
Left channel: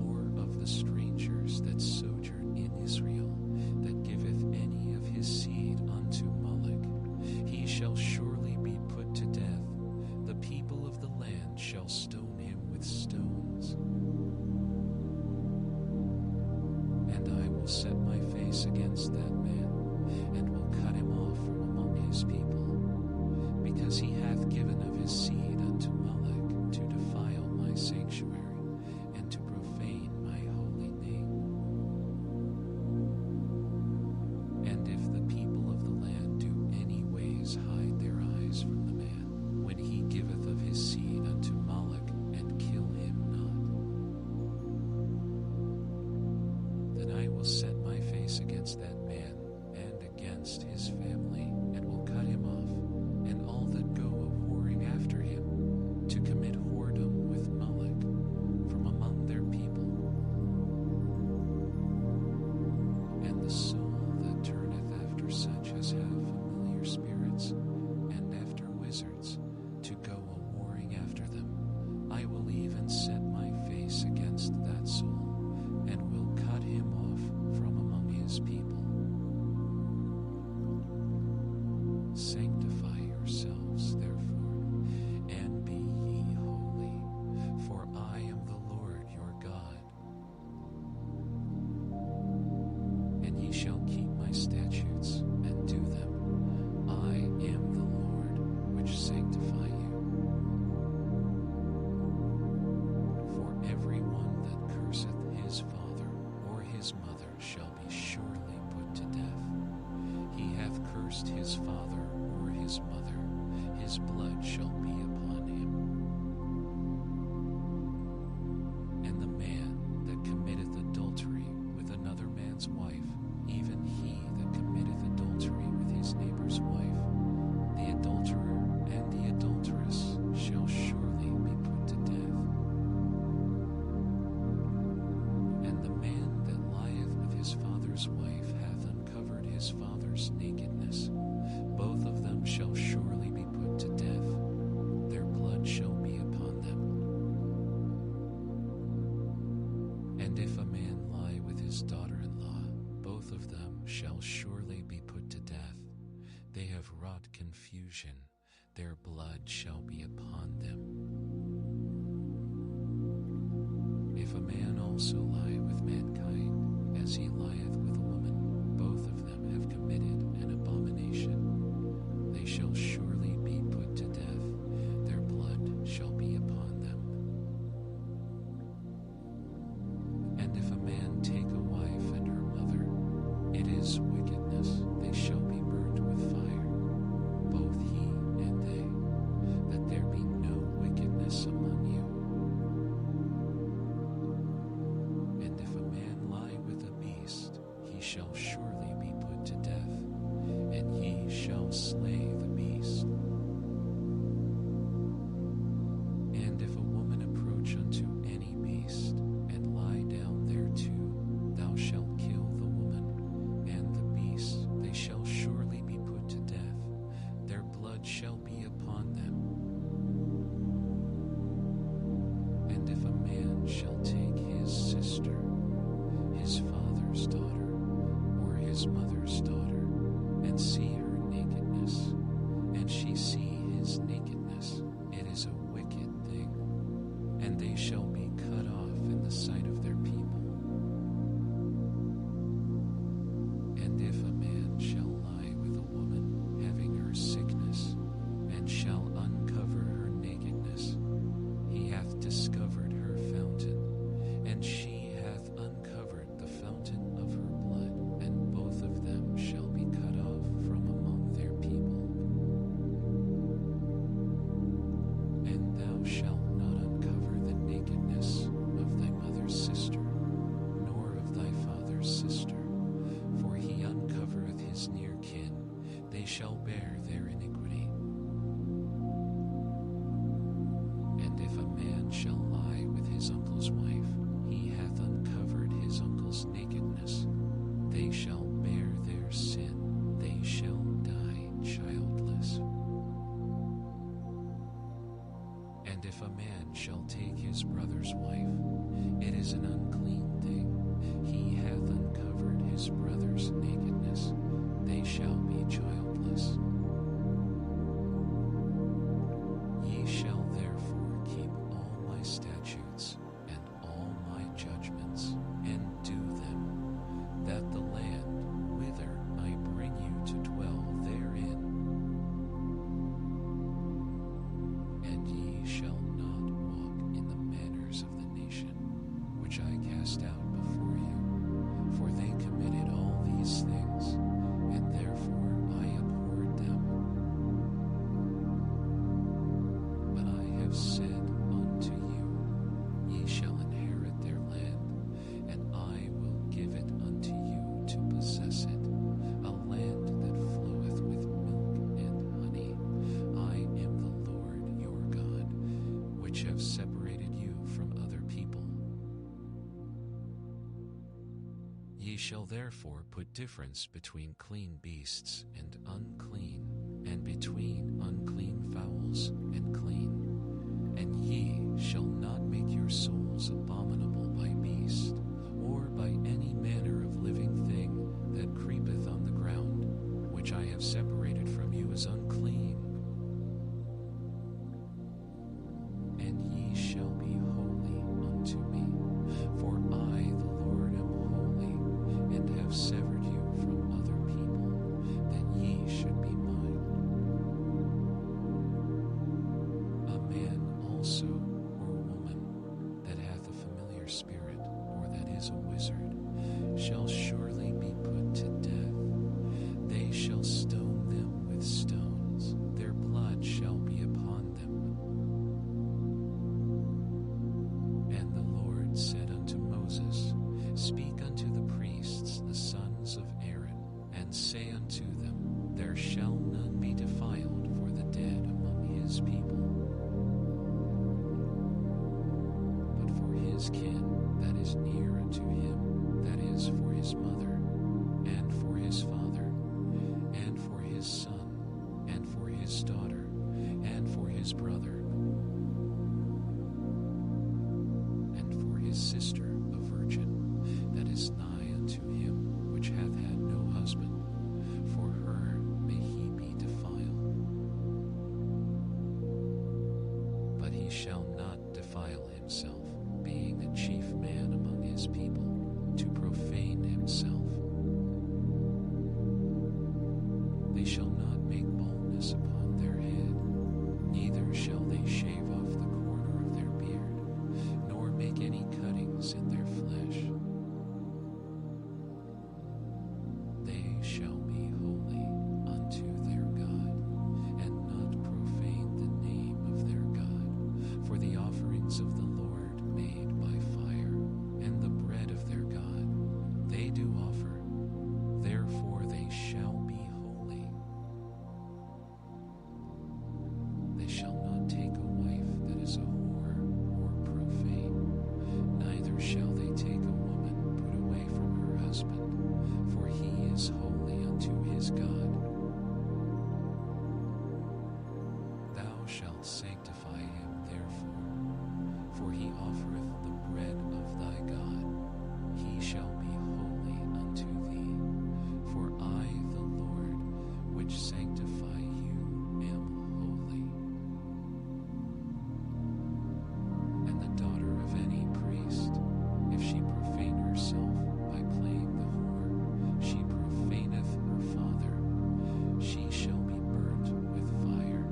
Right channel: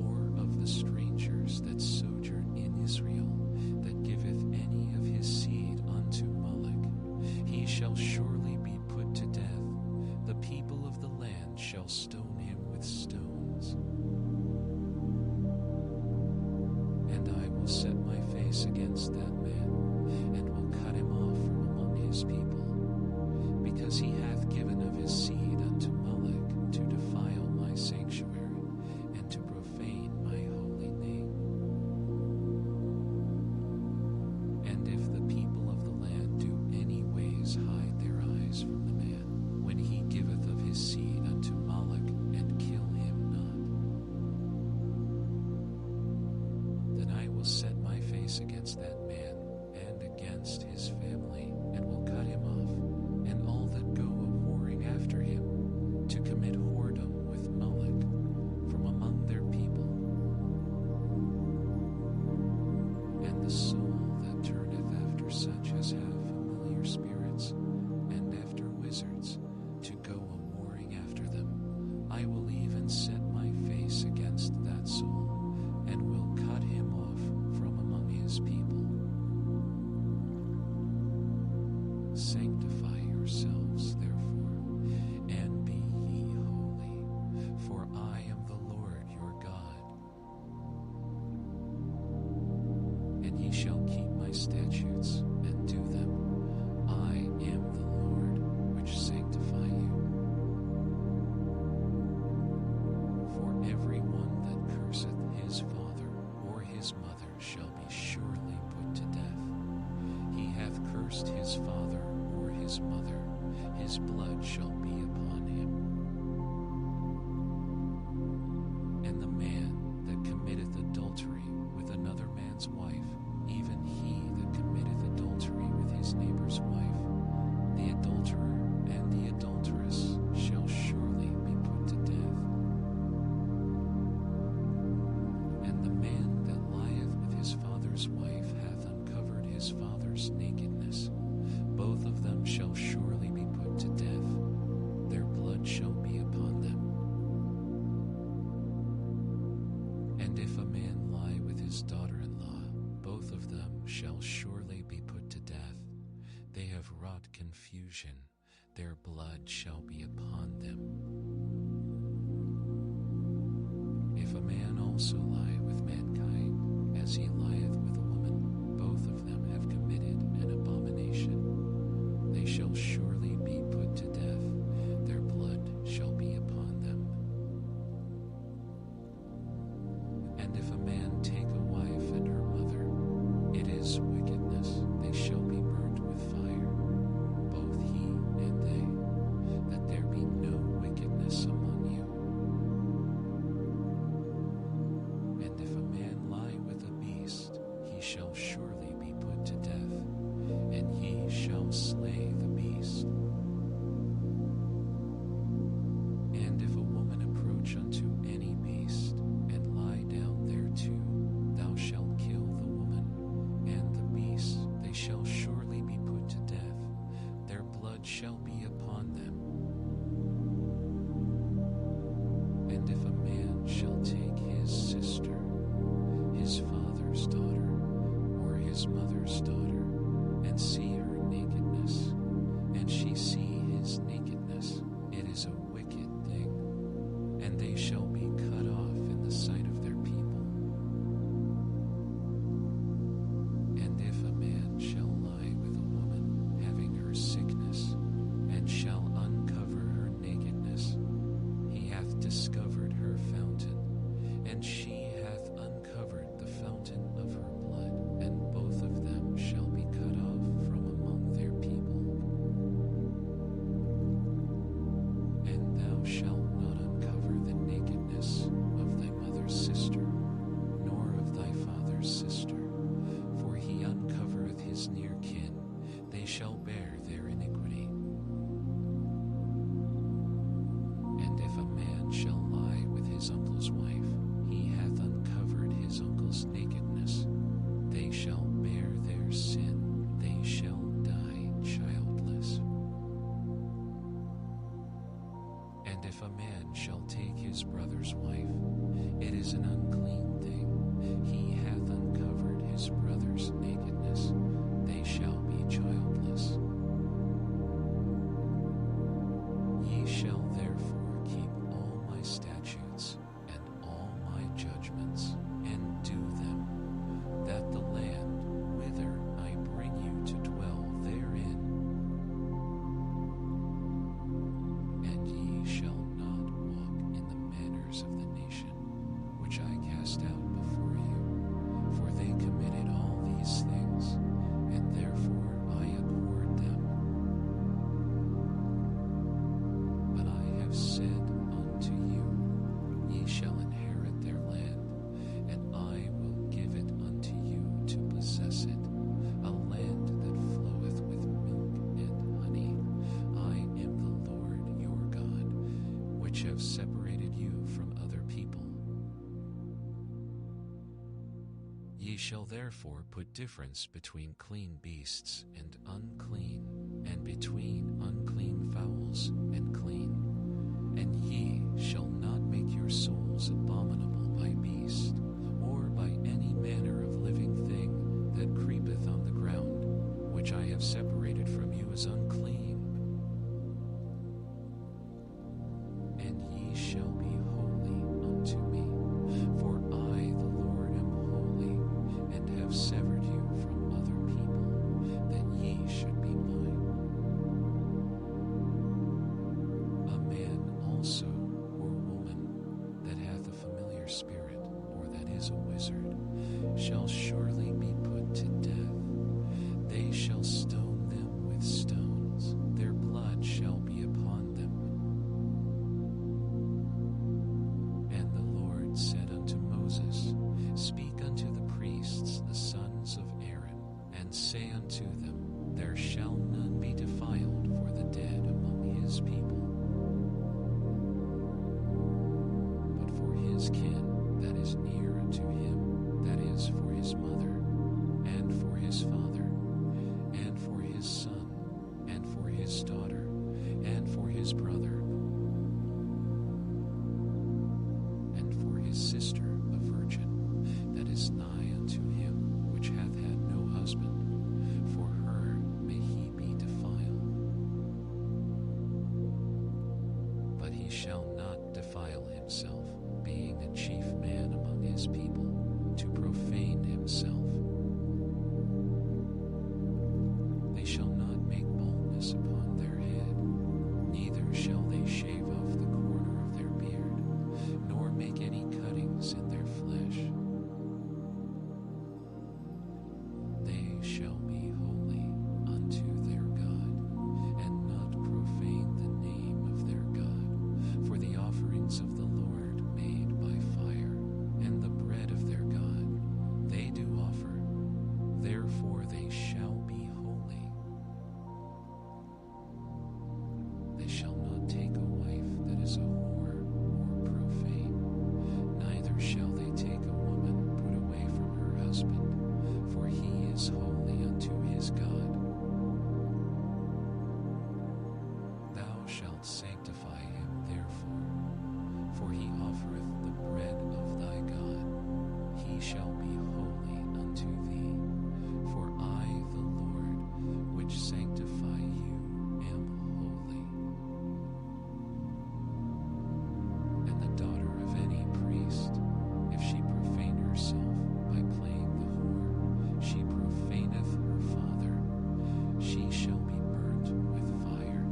or of the strangers that sojourn in Israel, that giveth any of his seed unto Moloch, he shall surely be put to death. The people of the land shall stone him with stones. And I will set my face against that man, and will cut him off from among his people, because he hath given of his seed unto Moloch, to defile my sanctuary, and to profane my holy name. And if the people of the land do any ways hide their eyes from the man, when he giveth of his seed unto Moloch, and kill him not, then I will set my face against that man, and against his family, and will cut him off, and all that go a-whoring after him, to commit whoredom with Moloch, from among their people. And the soul that turneth after such as have familiar spirits, and after wizards, to go a-whoring after them, I will even set my face against that soul, and will cut him off from among his people. Sanctify yourselves, therefore, and be ye holy, for I am the Lord your God. And ye shall keep my statutes, and do them. I am the Lord, which sanctify you. For everyone that curseth his father or his mother shall be surely put to death. He hath cursed his father or his mother, his blood shall be upon him. And the man that committeth adultery with another man's wife, even he that committeth adultery with his neighbor's wife, the adulterer and the adulteress shall surely be put to death. And the man that lieth with his father's wife hath uncovered his father's nakedness. Both of them shall surely be put to death. Their blood shall be upon them. And if a man lie with his daughter-in-law, both of them shall surely be put to death. They have wrought confusion, their blood shall be upon them. If a man also lie with mankind, as he lieth with a woman, both of them have committed an abomination. They shall surely be put to death, their blood shall be upon them. And if a man take a wife and her mother, it is wickedness, they shall be burnt with fire, both he and they, that there be no wickedness among you. And if a man lie with a beast, he shall surely be put to death, and ye shall slay the beast. And if a woman approach unto any beast, and lie down thereto, thou shalt kill the woman, and the beast, they shall surely be put to death, their blood shall be upon them. And if a man shall take his sister, his father's daughter, or his mother's daughter, and see her nakedness, and she see his nakedness, it is a wicked thing, and they shall be cut off in the sight of their people. And if a man shall lie with a woman having her sickness, and shall uncover her nakedness, he hath discovered her fountain, and she hath uncovered the fountain of her blood, and both of them shall be cut off from among their people. And thou shalt not uncover the nakedness of thy mother's sister, nor of thy father's sister, for he uncovereth his near kin, they shall bear their iniquity. And if a man shall lie with his uncle's wife, he hath uncovered his uncle's nakedness, they shall bear their sin, they shall die childless. And if a man shall take his brother's wife, it is an unclean thing, he hath uncovered his brother's nakedness, they shall be childless. Ye shall therefore keep all my statutes and all my judgments, and do them, that the land whither I bring you to dwell therein, and ye shall not walk in the manners of the nation which I cast out before you, for they committed all these things, and therefore I abhorred them. But I have said unto you, ye shall inherit their land, and I will give it unto you to possess it, a land that floweth with milk and honey. I am the Lord your God, which have separated you from other people. Ye shall therefore put difference between clean beasts and unclean, and between unclean fowls and clean. And ye shall not make your souls abominable by beast, or by any manner of living thing that creepeth on the ground, which I have separated from you as unclean. And ye shall be holy unto me, for I, the Lord, am holy, and have severed you from other people, that ye spirit, or that is a wizard, shall surely be put to death. They shall stone them with stones, their blood shall be upon them. And the Lord said unto Moses, Speak unto the priests, the sons of Aaron, and say unto them, There shall none be defiled for the dead among his people. But for his kin that is near unto him, that is for his mother, and for his father, and for his son, and for his daughter, and for his brother, and for his sister, a virgin, that is nigh unto him, which hath had no husband, for her may he be defiled. But he shall not defile himself, being a chief man among his people, to profane himself. They shall not make baldness upon their head, neither shall they shave off the corner of their beard, nor make any cuttings in their flesh. They shall be holy unto their God, and not profane the name of their God. For the offerings of the Lord made by fire, and the bread of their God, they do offer, therefore they shall be holy. They shall not take a wife that is a whore or profane, neither shall they take a woman put away from her husband, for he is holy unto his God. Thou shalt sanctify him therefore, for he offereth the bread of thy God. He shall be holy unto thee, for I, the Lord, which sanctify you, am holy. And the daughter of any priest, if she profane herself by playing the whore, she profaneth her father, she shall be burnt with fire.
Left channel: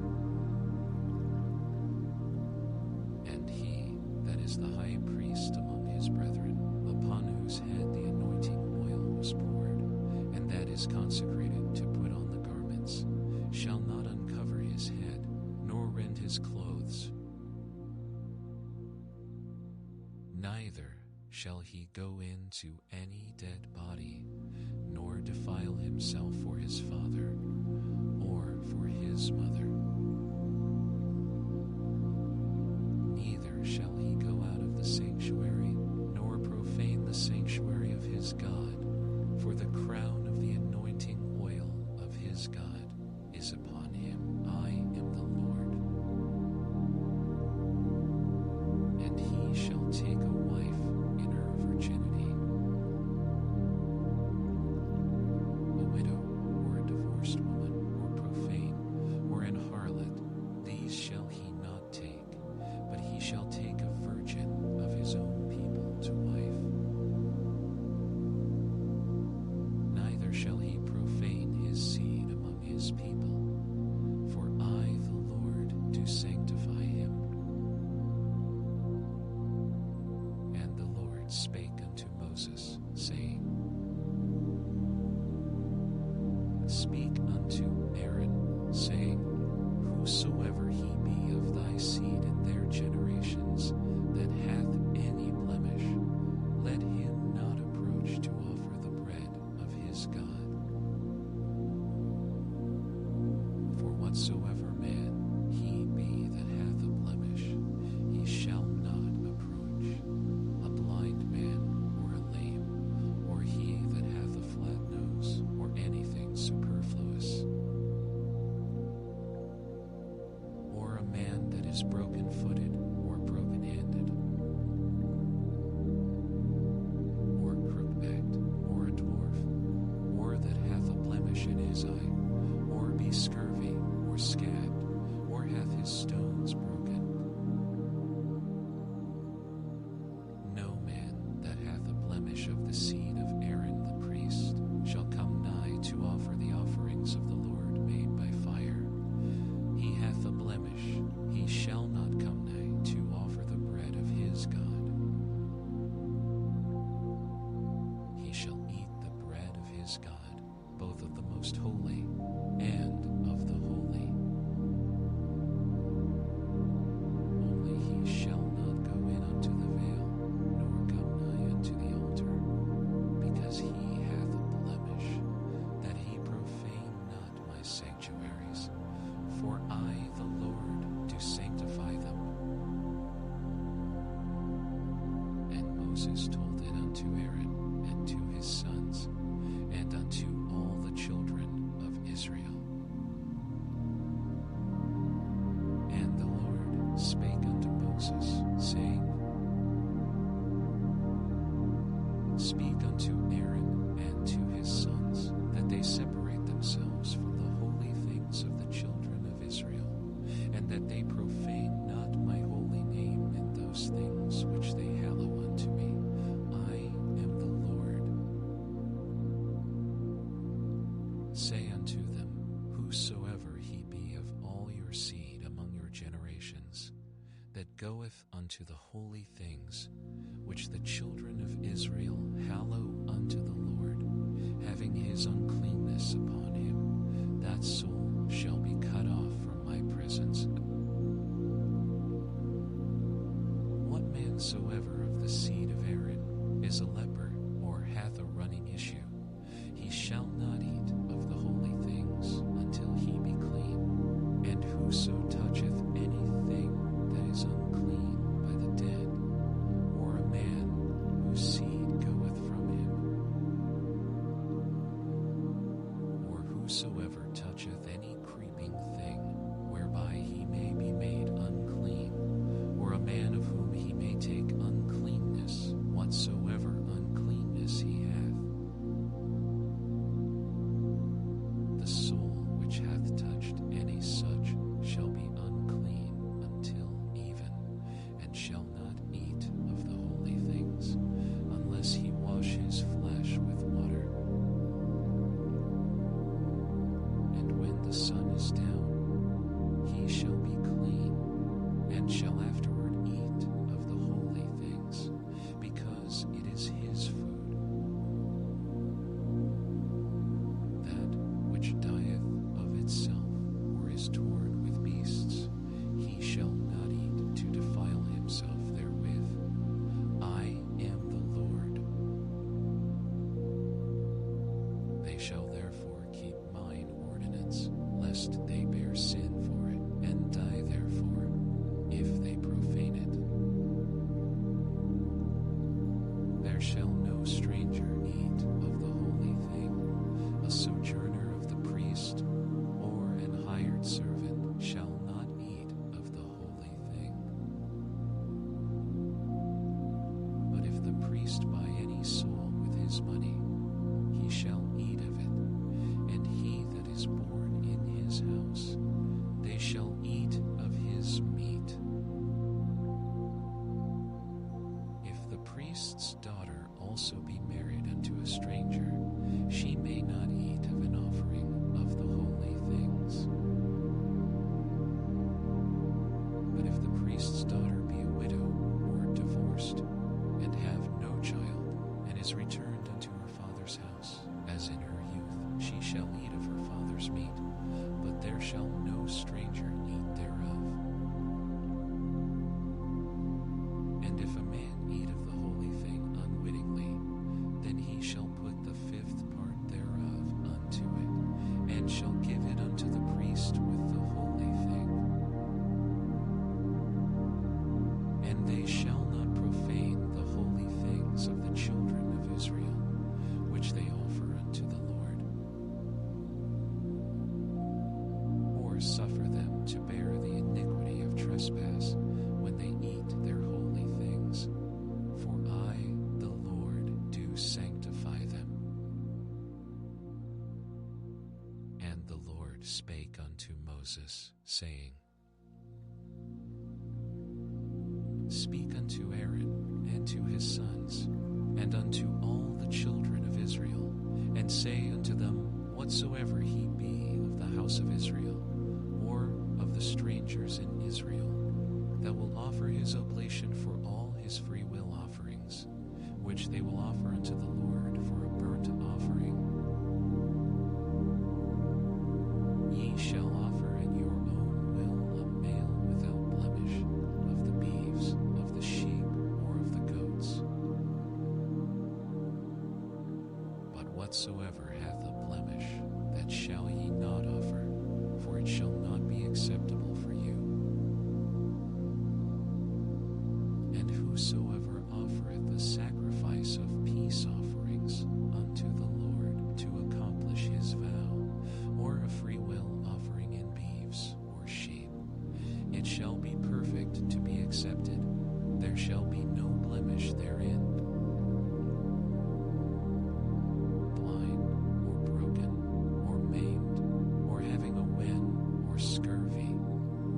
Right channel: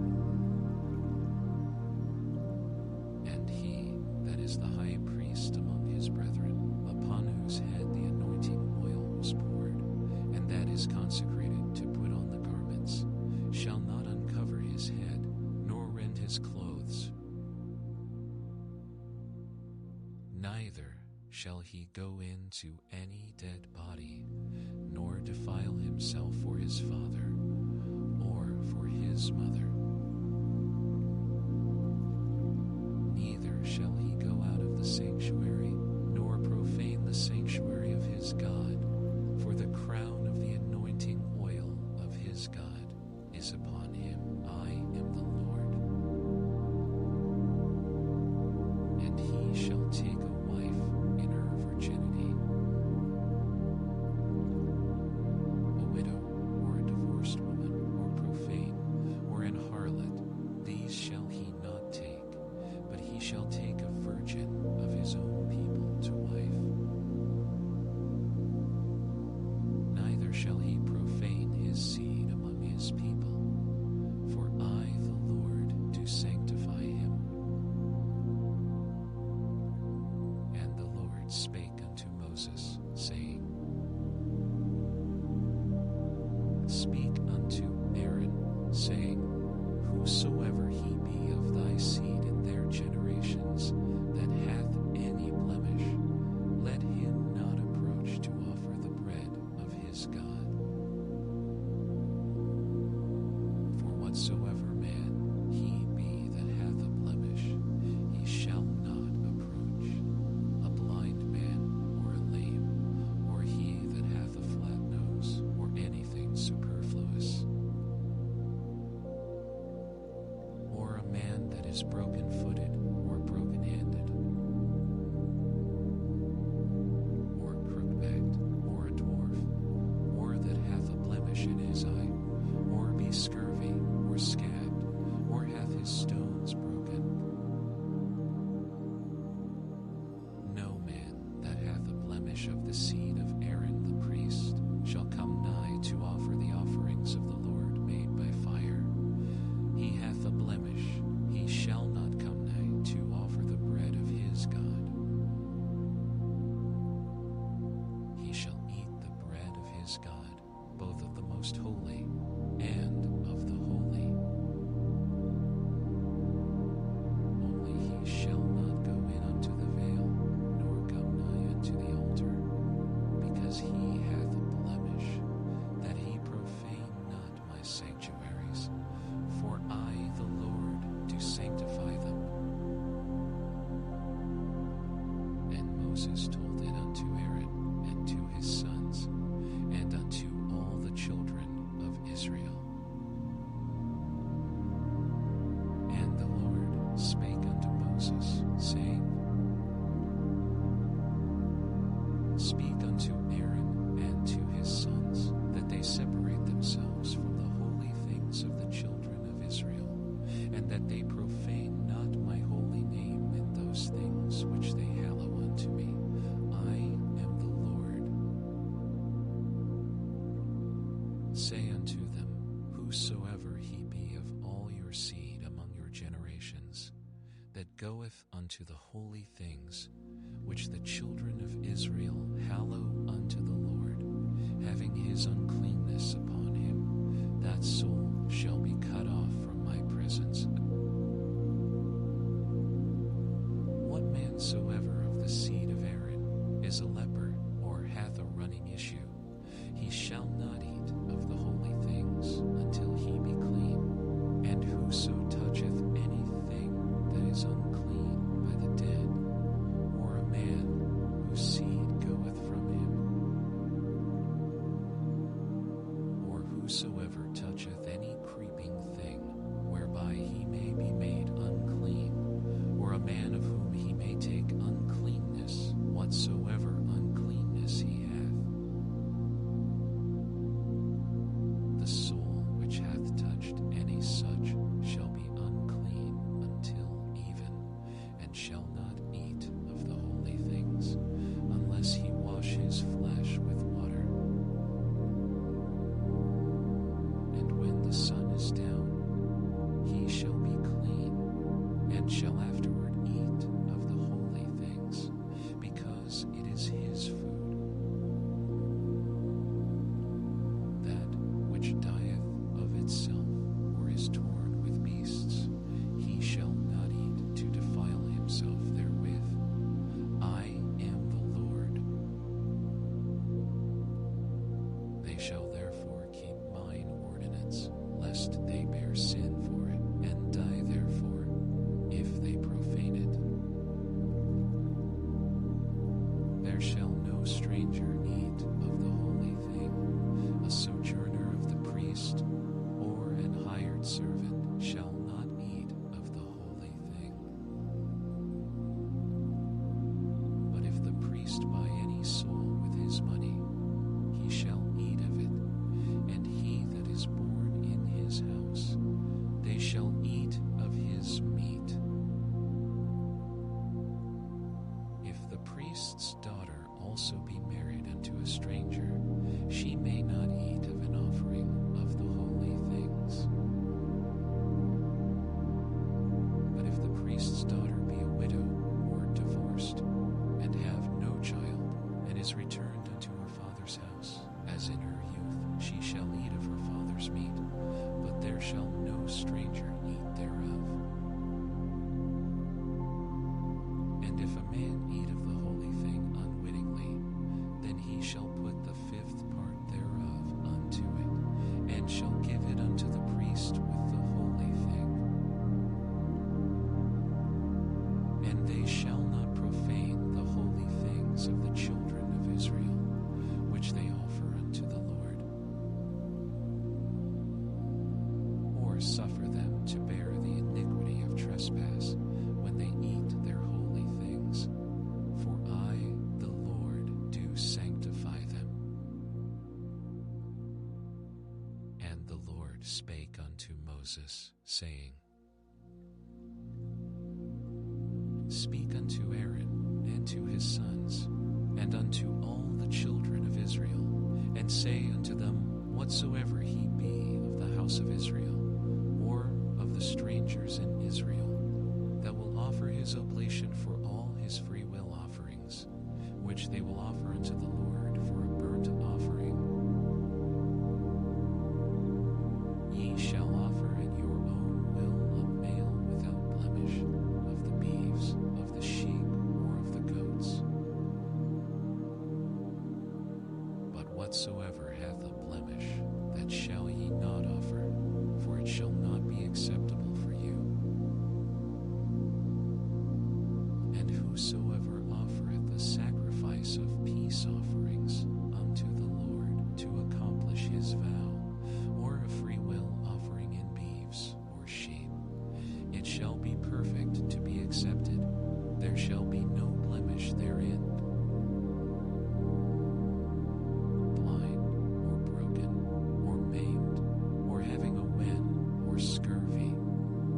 And he that is the high priest among his brethren, upon whose head the anointing oil was poured, and that is consecrated to put on the garments, shall not uncover his head, nor rend his clothes. Neither shall he go into any dead body, nor defile himself for his father, or for his mother. Neither shall he go out of the sanctuary, nor profane the sanctuary of his God, for the crown of the anointing oil of his God is upon him. I am the Lord. And he shall take a wife in her virginity, a widow, or a divorced woman, or profane, or an harlot. These shall he not take, but he shall take a virgin of his own people to wife. Neither shall he profane his seed among his people, for I, the Lord, do sanctify him. And the Lord spake unto Moses, saying, Speak unto Aaron, saying, Whosoever he be of thy seed in their generations that hath any blemish, let him not approach to offer the bread of his God. For whatsoever man he be that hath a blemish, he shall not approach, a blind man, or a lame, or he that hath a flat nose, or anything superfluous, or a man that is broken-footed, or broken-handed, or crook-backed, or a dwarf, or that hath a blemish in his eye, or be scurvy, or scabbed, or hath his stones broken. No man that hath a blemish of the seed of Aaron the priest shall come nigh to offer the offerings of the Lord made by fire. He hath a blemish, he shall not come nigh to offer the bread of his God. is God, both of the most holy and of the holy. Only he shall not go in unto the veil, nor come nigh unto the altar, because he hath a blemish, that he profane not my sanctuaries. For I, the Lord, do sanctify them. And Moses told it unto Aaron and to his sons, and unto all the children of Israel. And the Lord spake unto Moses, saying, Speak unto Aaron and to his sons, that they separate themselves from the holy things of the children of Israel, and that they profane not my holy name in those things which they hallow unto me. I am the Lord. Say unto them, Whosoever he be of all your seed among your generations, that goeth unto the holy things which the children of Israel hallow unto the Lord, having his uncleanness upon him, that soul shall be cut off from my presence. What man soever of the seed of Aaron is a leper, or hath a running issue, he shall not eat of the holy things until he be clean. And whoso toucheth anything that is unclean by the dead, or a man whose seed goeth from him, or whosoever toucheth any creeping thing whereby he may be made unclean, or a man of whom he may take uncleanness, whatsoever uncleanness he hath, the soul which hath touched any such shall be unclean until even, and shall not eat of the holy things, unless he wash his flesh with water. And when the sun is down, he shall be clean, and shall afterward eat of the holy things, because it is his food. That which dieth of itself, or is torn with beasts, he shall not eat to defile himself therewith. I am the Lord. They shall therefore keep mine ordinance, lest they bear sin for it, and die therefore, if they profane it. There shall no stranger eat of the holy thing, a sojourner of the priest, or an hired servant shall not eat of the holy thing. But if the priest buy any soul with his money, he shall eat of it, and he that is born in his house, they shall eat of his meat. If the priest's daughter also be married unto a stranger, she may not eat of an offering of the holy things. But if the priest's daughter be a widow or divorced, and have no child, and is returned unto her father's house, as in her youth, she shall eat of her father's meat, but there shall no stranger eat thereof. And if a man eat of the holy thing unwittingly, then he shall put the fifth part thereof unto it, and shall give it unto the priest with the holy thing. And they shall not profane the holy things of the children of Israel, which they offer unto the Lord, or suffer them to bear the iniquity of trespass when they eat their holy things. For I, the Lord, do sanctify them. And the Lord spake unto Moses, saying, Speak unto Aaron and to his sons, and unto all the children of Israel, and say unto them, Whatsoever he be of the house of Israel, or of the strangers in Israel, that will offer his oblation for all his freewill offerings, which they will offer unto the Lord for a burnt offering, ye shall offer at your own will a male without blemish, of the beeves, of the sheep, or of the goats. But whatsoever hath a blemish, that shall ye not offer, for it shall not be acceptable for you. And whosoever offereth the sacrifice of peace offerings unto the Lord to accomplish his vow, or a freewill offering in beeves or sheep, it shall be perfect to be accepted. There shall be no blemish therein. Blind, or broken, or maimed, or having a wen, or scurvy,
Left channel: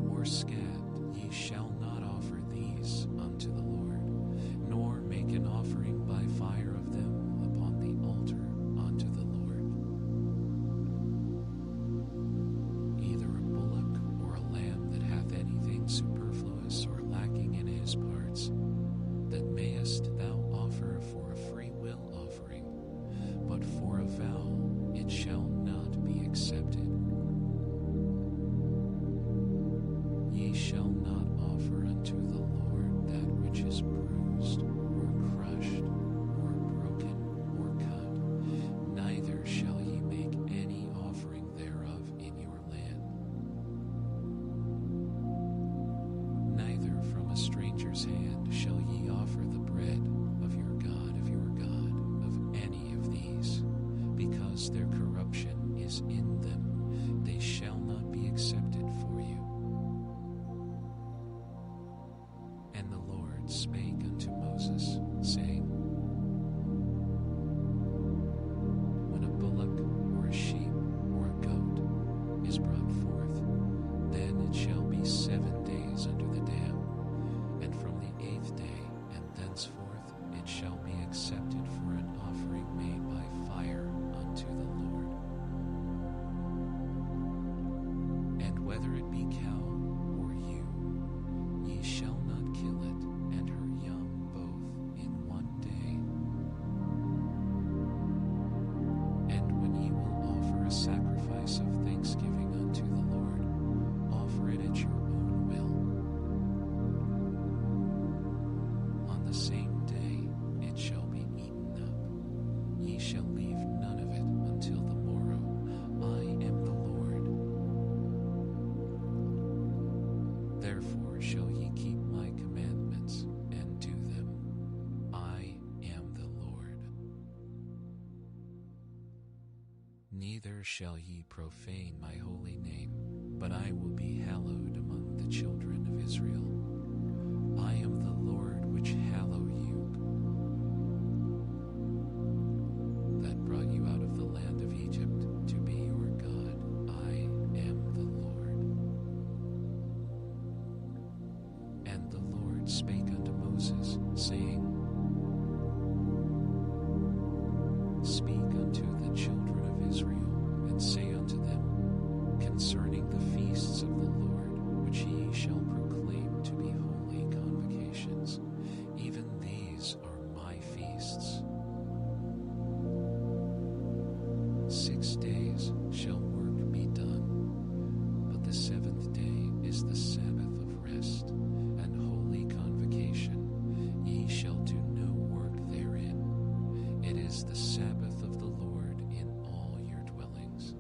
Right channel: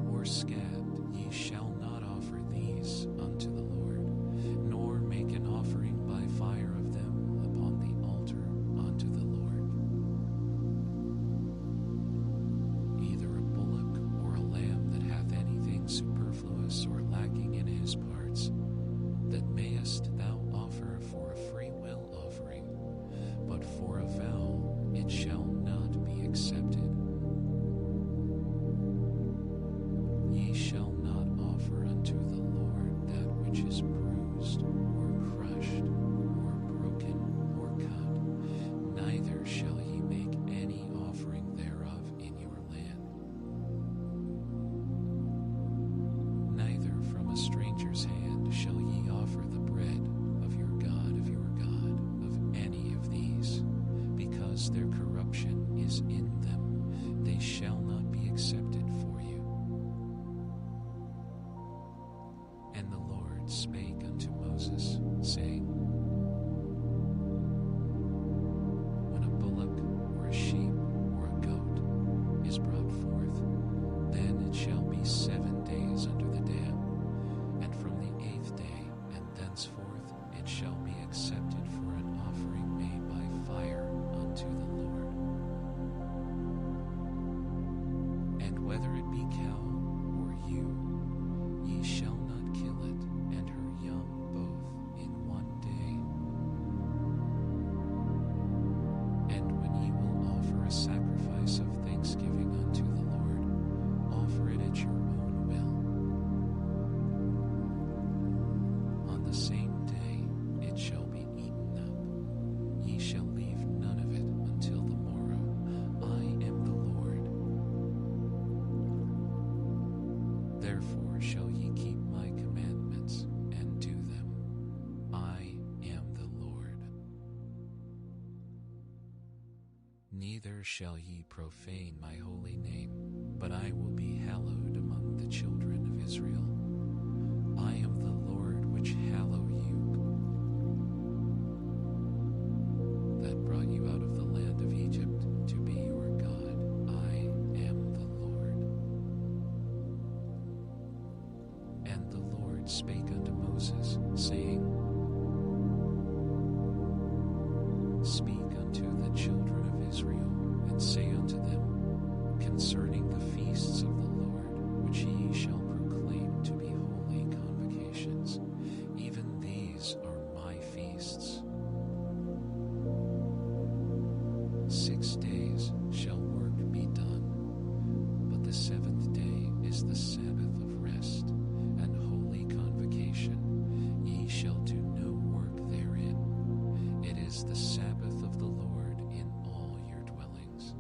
or scabbed, ye shall not offer these unto the Lord, nor make an offering by fire of them upon the altar unto the Lord. Either a bullock or a lamb that hath anything superfluous or lacking in his parts, that mayest thou offer for a free will offering, but for a vow it shall not be accepted. Ye shall not offer unto the Lord that which is bruised, or crushed, or broken, or cut, neither shall ye make any offering thereof in your land. Neither from a stranger's hand shall ye offer the bread of your God, of any of these, because their corruption is in them. They shall not be accepted for you. And the Lord spake unto Moses, saying, When a bullock or a sheep or a goat is brought forth, then it shall be 7 days under the dam, and from the 8th day and thenceforth it shall be accepted for an offering made by fire unto the Lord. And whether it be cow or ewe, ye shall not kill it, and her young both in 1 day. And when ye will offer a sacrifice of thanksgiving unto the Lord, offer it at your own will. On the same day it shall be eaten up. Ye shall leave none of it until the morrow. I am the Lord. Therefore shall ye keep my commandments and do them. I am the Lord. Neither shall ye profane my holy name, but I will be hallowed among the children of Israel. I am the Lord which hallow you, that brought you out of the land of Egypt to be your God. I am the Lord. And the Lord spake unto Moses, saying, Speak unto the children of Israel, and say unto them, concerning the feasts of the Lord, which ye shall proclaim to be holy convocations, even these are my feasts. 6 days shall work be done, but the 7th day is the Sabbath of rest and holy convocation. Ye shall do no work therein. It is the Sabbath of the Lord in all your dwellings.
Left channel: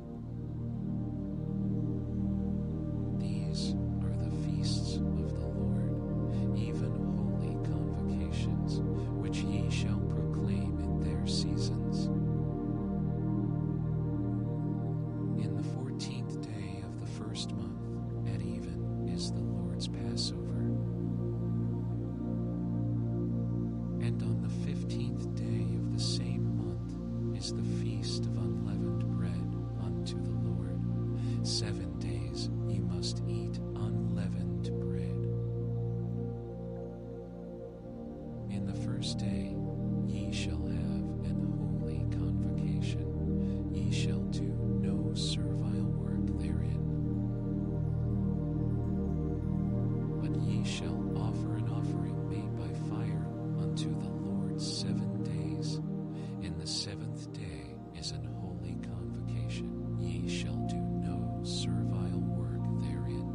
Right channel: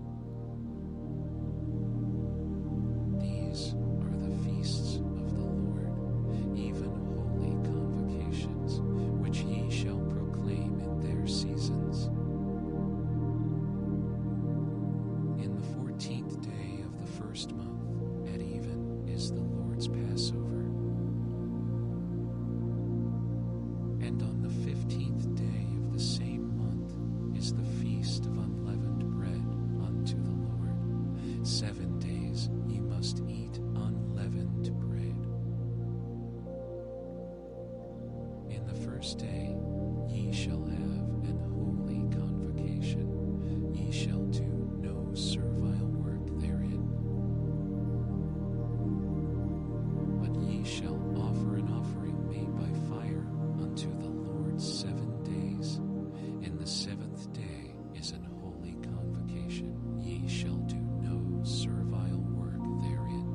These are the feasts of the Lord, even holy convocations, which ye shall proclaim in their seasons. In the 14th day of the first month, at even, is the Lord's Passover. And on the 15th day of the same month is the feast of unleavened bread unto the Lord. 7 days ye must eat unleavened bread. In the first day ye shall have an holy convocation. Ye shall do no servile work therein. But ye shall offer an offering made by fire unto the Lord 7 days. In the 7th day is an holy convocation. Ye shall do no servile work therein.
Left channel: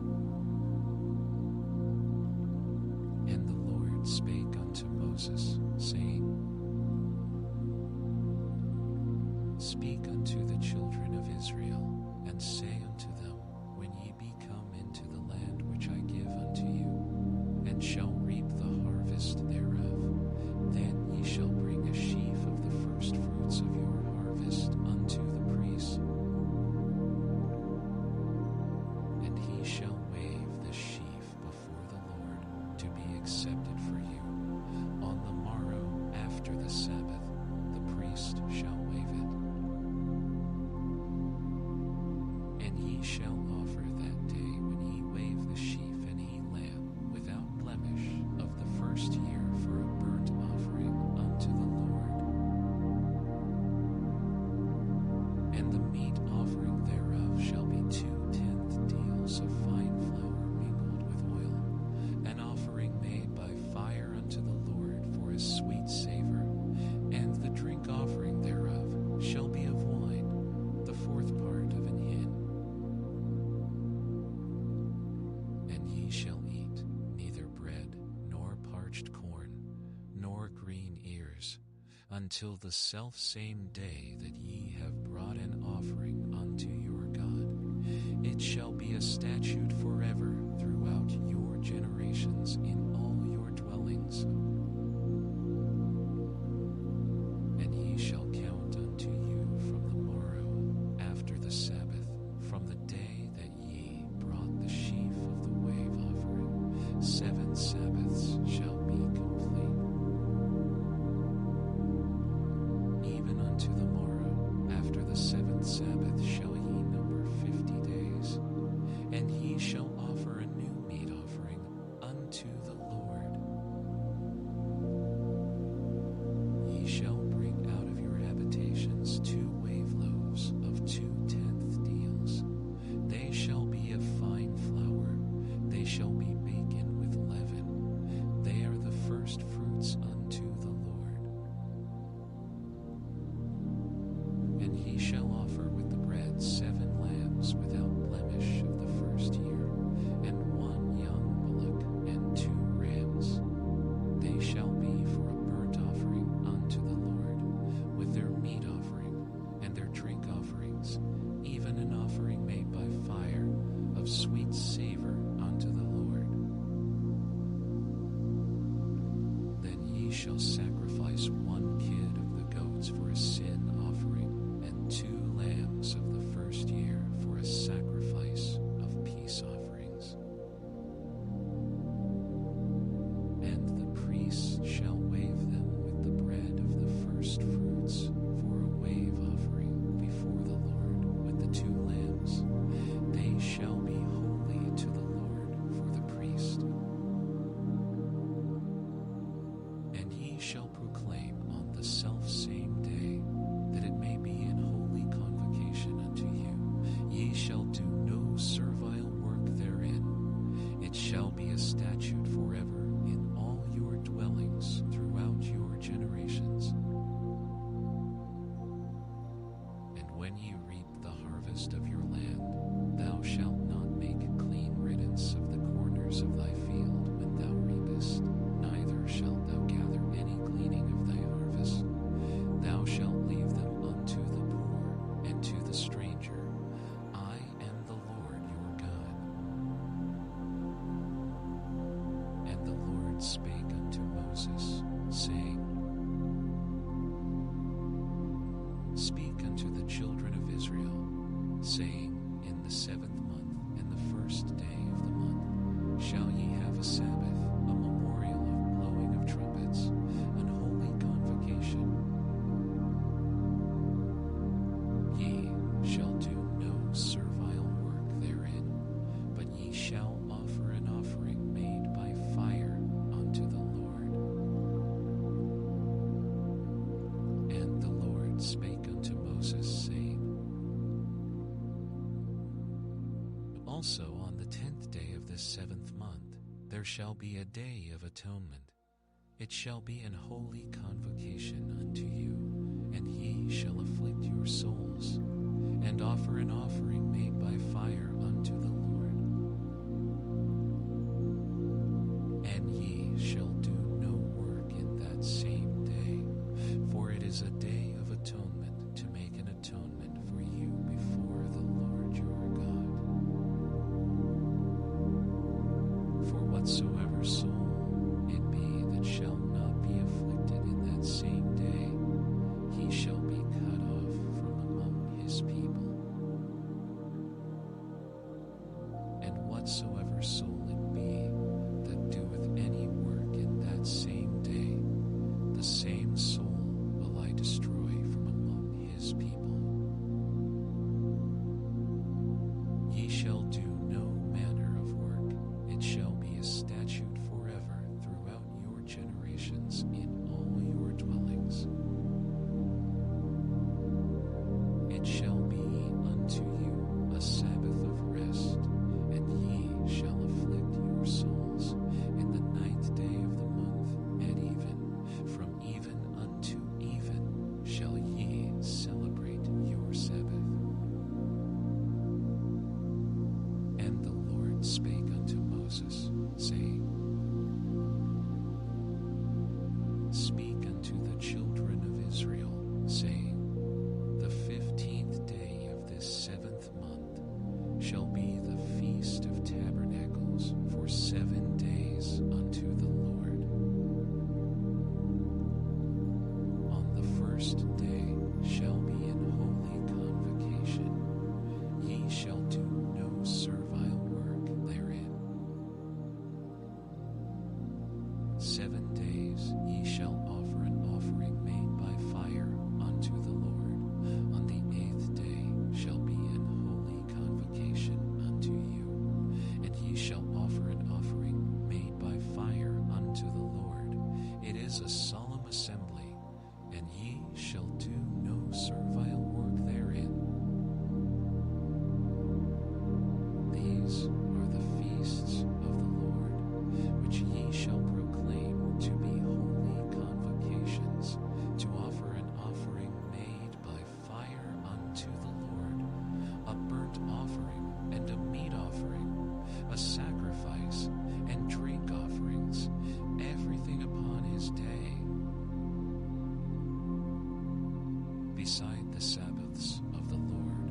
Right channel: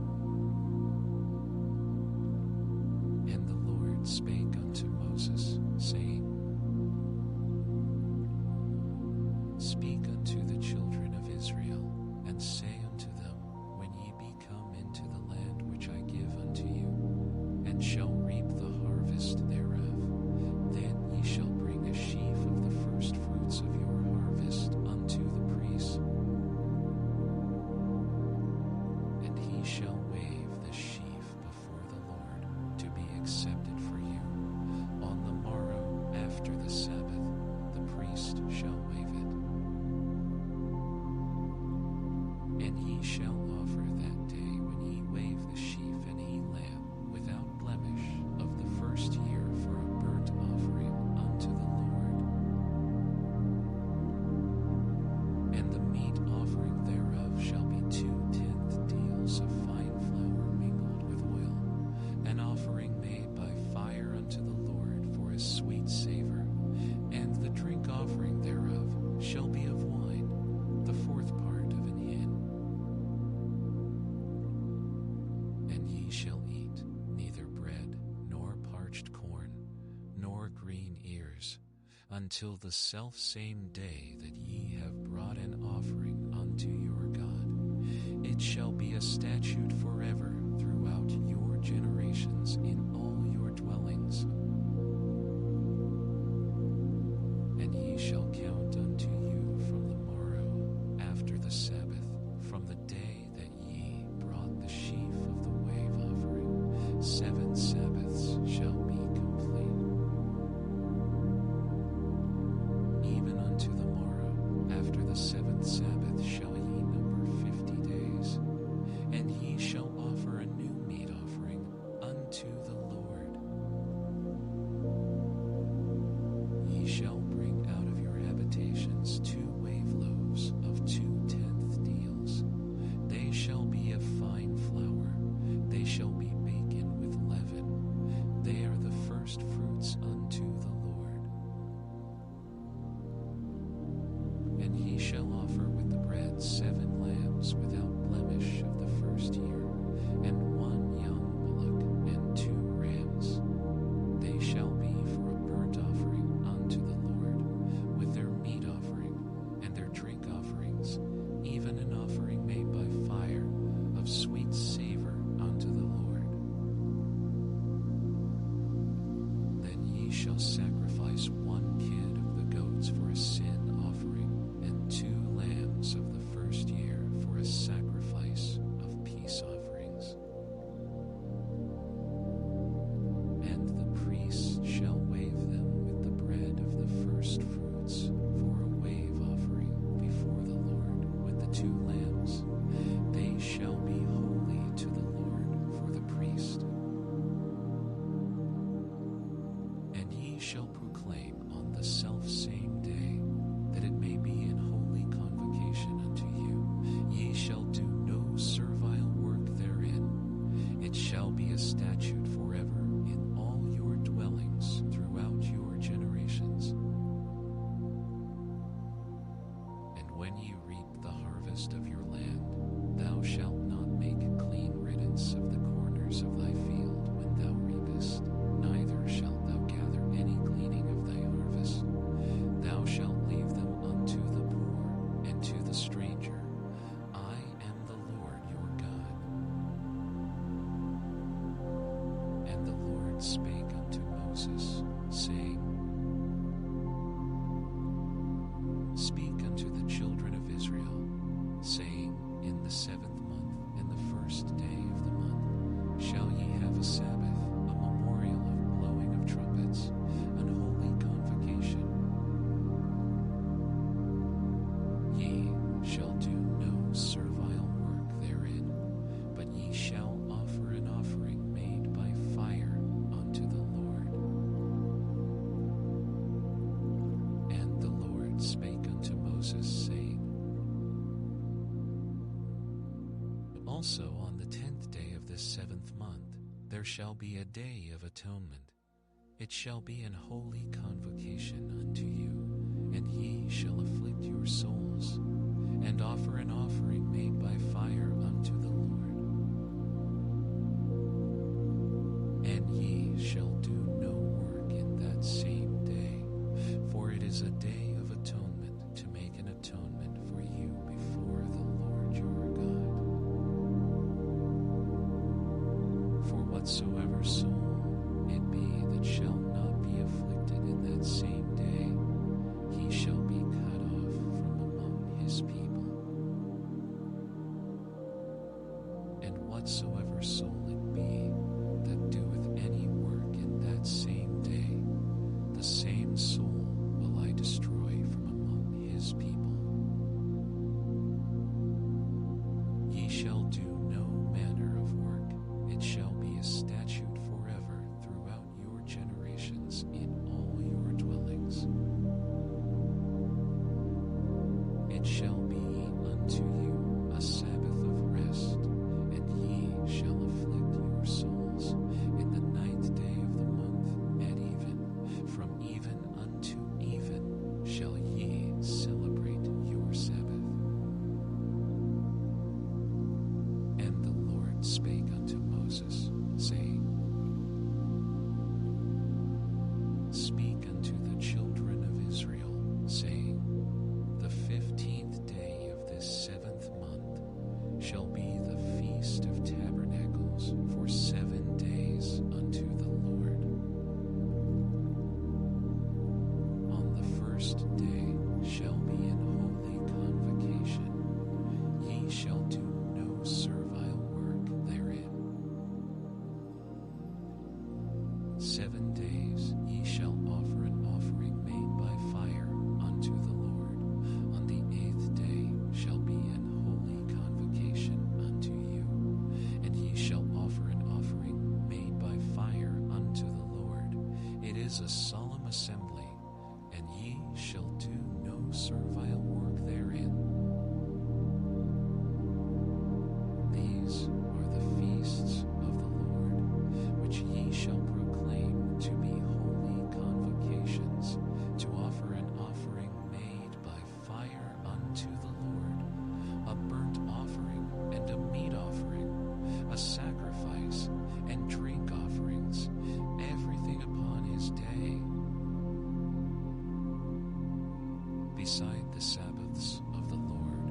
And the Lord spake unto Moses, saying, Speak unto the children of Israel, and say unto them, When ye be come into the land which I give unto you, and shall reap the harvest thereof, then ye shall bring a sheaf of the first fruits of your harvest unto the priest, and he shall wave the sheaf before the Lord to be accepted for you. On the morrow after the Sabbath, the priest shall wave it. And ye shall offer that day when ye wave the sheaf an lamb without blemish of the first year for a burnt offering unto the Lord. And the meat offering thereof shall be 2/10 deals of fine flour mingled with oil, an offering made by fire unto the Lord for a sweet savor. And the drink offering thereof shall be of wine, the 4th part of an hin. And ye shall eat neither bread, nor parched corn, nor green ears, until the selfsame day that ye have brought an offering unto your God. It shall be a statute forever throughout your generations in all your dwellings. And ye shall count unto you from the morrow after the Sabbath, from the day that ye brought the sheaf of the wave offering, 7 Sabbaths shall be complete. Even unto the morrow after the 7th Sabbath shall ye number 50 days. And ye shall offer a new meat offering unto the Lord. Ye shall bring out of your habitations 2 wave loaves of 2/10 deals. They shall be of fine flour. They shall be baken with leaven. They are the first fruits unto the Lord. And ye shall offer with the bread 7 lambs without blemish of the first year, and 1 young bullock, and 2 rams. They shall be for a burnt offering unto the Lord, with their meat offering and their drink offerings, even an offering made by fire of sweet savor unto the Lord. Then ye shall sacrifice 1 kid of the goats for a sin offering, and 2 lambs of the first year for a sacrifice of peace offerings. And the priest shall wave them with the bread of the first fruits for a wave offering before the Lord with the 2 lambs. They shall be holy to the Lord for the priest. And ye shall proclaim on the selfsame day, that it may be an holy convocation unto you. Ye shall do no servile work therein. It shall be a statute forever in all your dwellings throughout your generations. And when ye reap the harvest of your land, thou shalt not make clean riddance of the corners of thy field when thou reapest, neither shalt thou gather any gleaning of thy harvest. Thou shalt leave them unto the poor and to the stranger. I am the Lord your God. And the Lord spake unto Moses, saying, Speak unto the children of Israel, saying, In the 7th month, and the 1st day of the month, shall ye have a Sabbath, a memorial of blowing of trumpets, an holy convocation. Ye shall do no servile work therein, but ye shall offer an offering made by fire unto the Lord. And the Lord spake unto Moses, saying, Also on the 10th day of this 7th month there shall be a day of atonement. It shall be an holy convocation unto you, and ye shall afflict your souls. and offer an offering made by fire unto the Lord. And ye shall do no work in that same day, for it is a day of atonement, to make an atonement for you before the Lord your God. For whatsoever soul it be that shall not be afflicted in that same day, he shall be cut off from among his people. And whatsoever soul it be that doeth any work in that same day, the same soul will I destroy from among his people. Ye shall do no manner of work. It shall be a statute forever throughout your generations in all your dwellings. It shall be unto you a Sabbath of rest, and ye shall afflict your souls in the 9th day of the month at even. From even unto even shall ye celebrate your Sabbath. And the Lord spake unto Moses, saying, Speak unto the children of Israel, saying, The 15th day of this 7th month shall be the Feast of Tabernacles for 7 days unto the Lord. On the first day shall be an holy convocation. Ye shall do no servile work therein. 7 days ye shall offer an offering made by fire unto the Lord. On the 8th day shall be an holy convocation unto you, and ye shall offer an offering made by fire unto the Lord. It is a solemn assembly, and ye shall do no servile work therein. These are the feasts of the Lord, which ye shall proclaim to be holy convocations, to offer an offering made by fire unto the Lord, a burnt offering and a meat offering, a sacrifice and drink offerings, everything upon his day. Beside the Sabbaths of the Lord,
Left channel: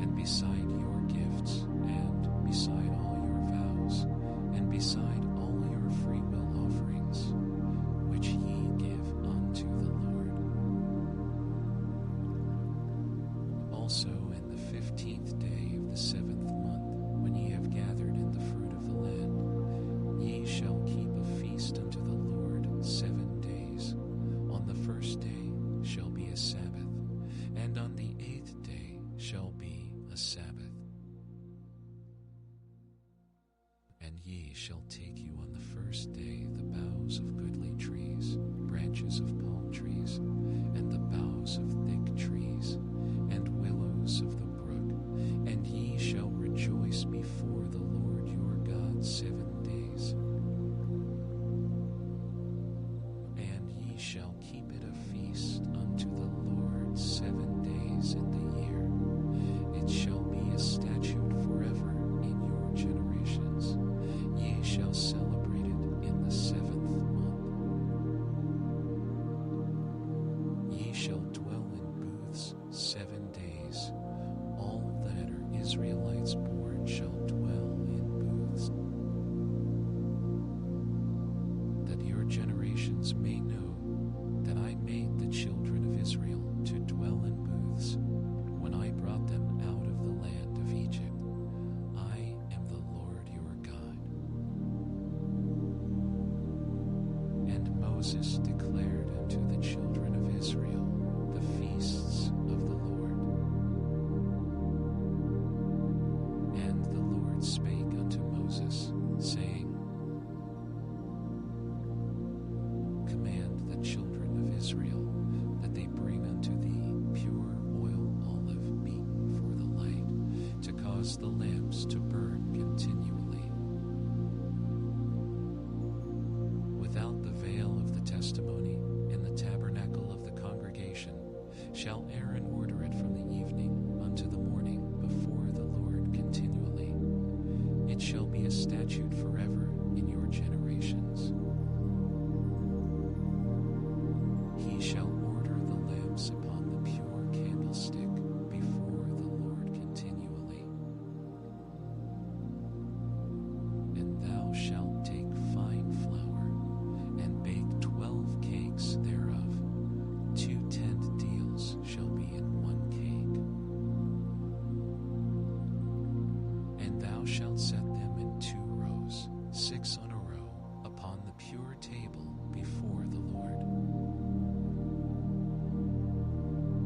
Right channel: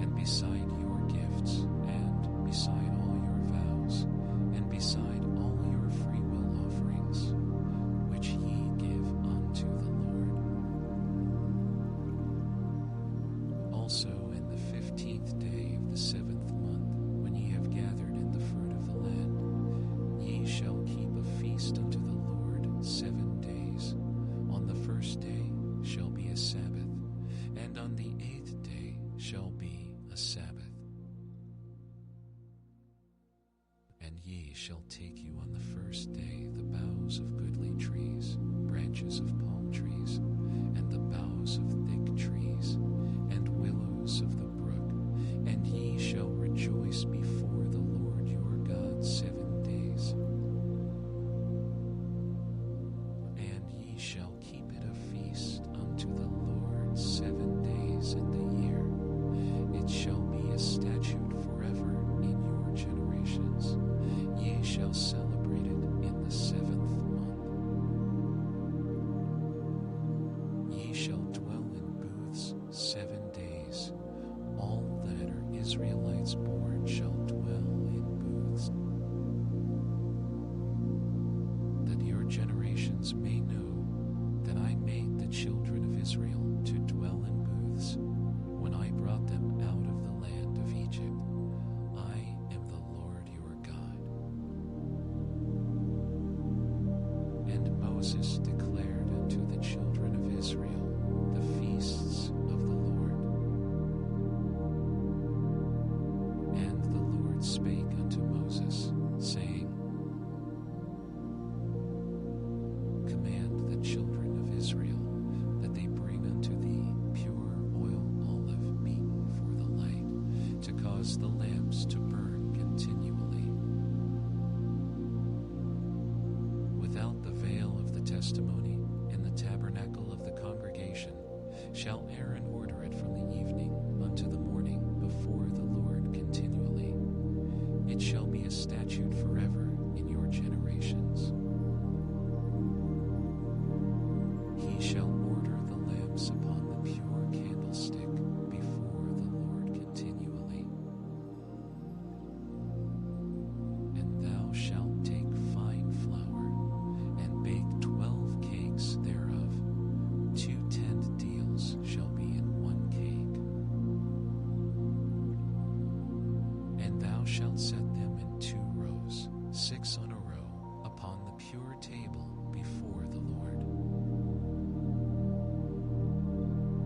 and beside your gifts, and beside all your vows, and beside all your freewill offerings, which ye give unto the Lord. Also in the 15th day of the 7th month, when ye have gathered in the fruit of the land, ye shall keep a feast unto the Lord 7 days. On the first day shall be a Sabbath, and on the 8th day shall be a Sabbath. And ye shall take you on the first day the boughs of goodly trees, branches of palm trees, and the boughs of thick trees, and willows of the brook, and ye shall rejoice before the Lord your God 7 days. And ye shall keep it a feast unto the Lord 7 days in the year. It shall be a statute forever in your generations. Ye shall celebrate it in the 7th month. Ye shall dwell in booths 7 days. All that are Israelites born shall dwell in booths, that your generations may know that I made the children of Israel to dwell in booths when I brought them out of the land of Egypt. I am the Lord your God. And Moses declared unto the children of Israel the feasts of the Lord. And the Lord spake unto Moses, saying, Command the children of Israel that they bring unto thee pure oil olive beaten for the light, to cause the lamps to burn continually. Without the veil of the testimony, in the tabernacle of the congregation, shall Aaron order it from the evening unto the morning before the Lord continually. It shall be a statute forever in your generations. He shall order the lamps upon the pure candlestick before the Lord continually. And thou shalt take fine flour, and bake 12 cakes thereof. 2 tent deals shall be in 1 cake. And thou shalt set them in 2 rows, 6 on a row, upon the pure table before the Lord.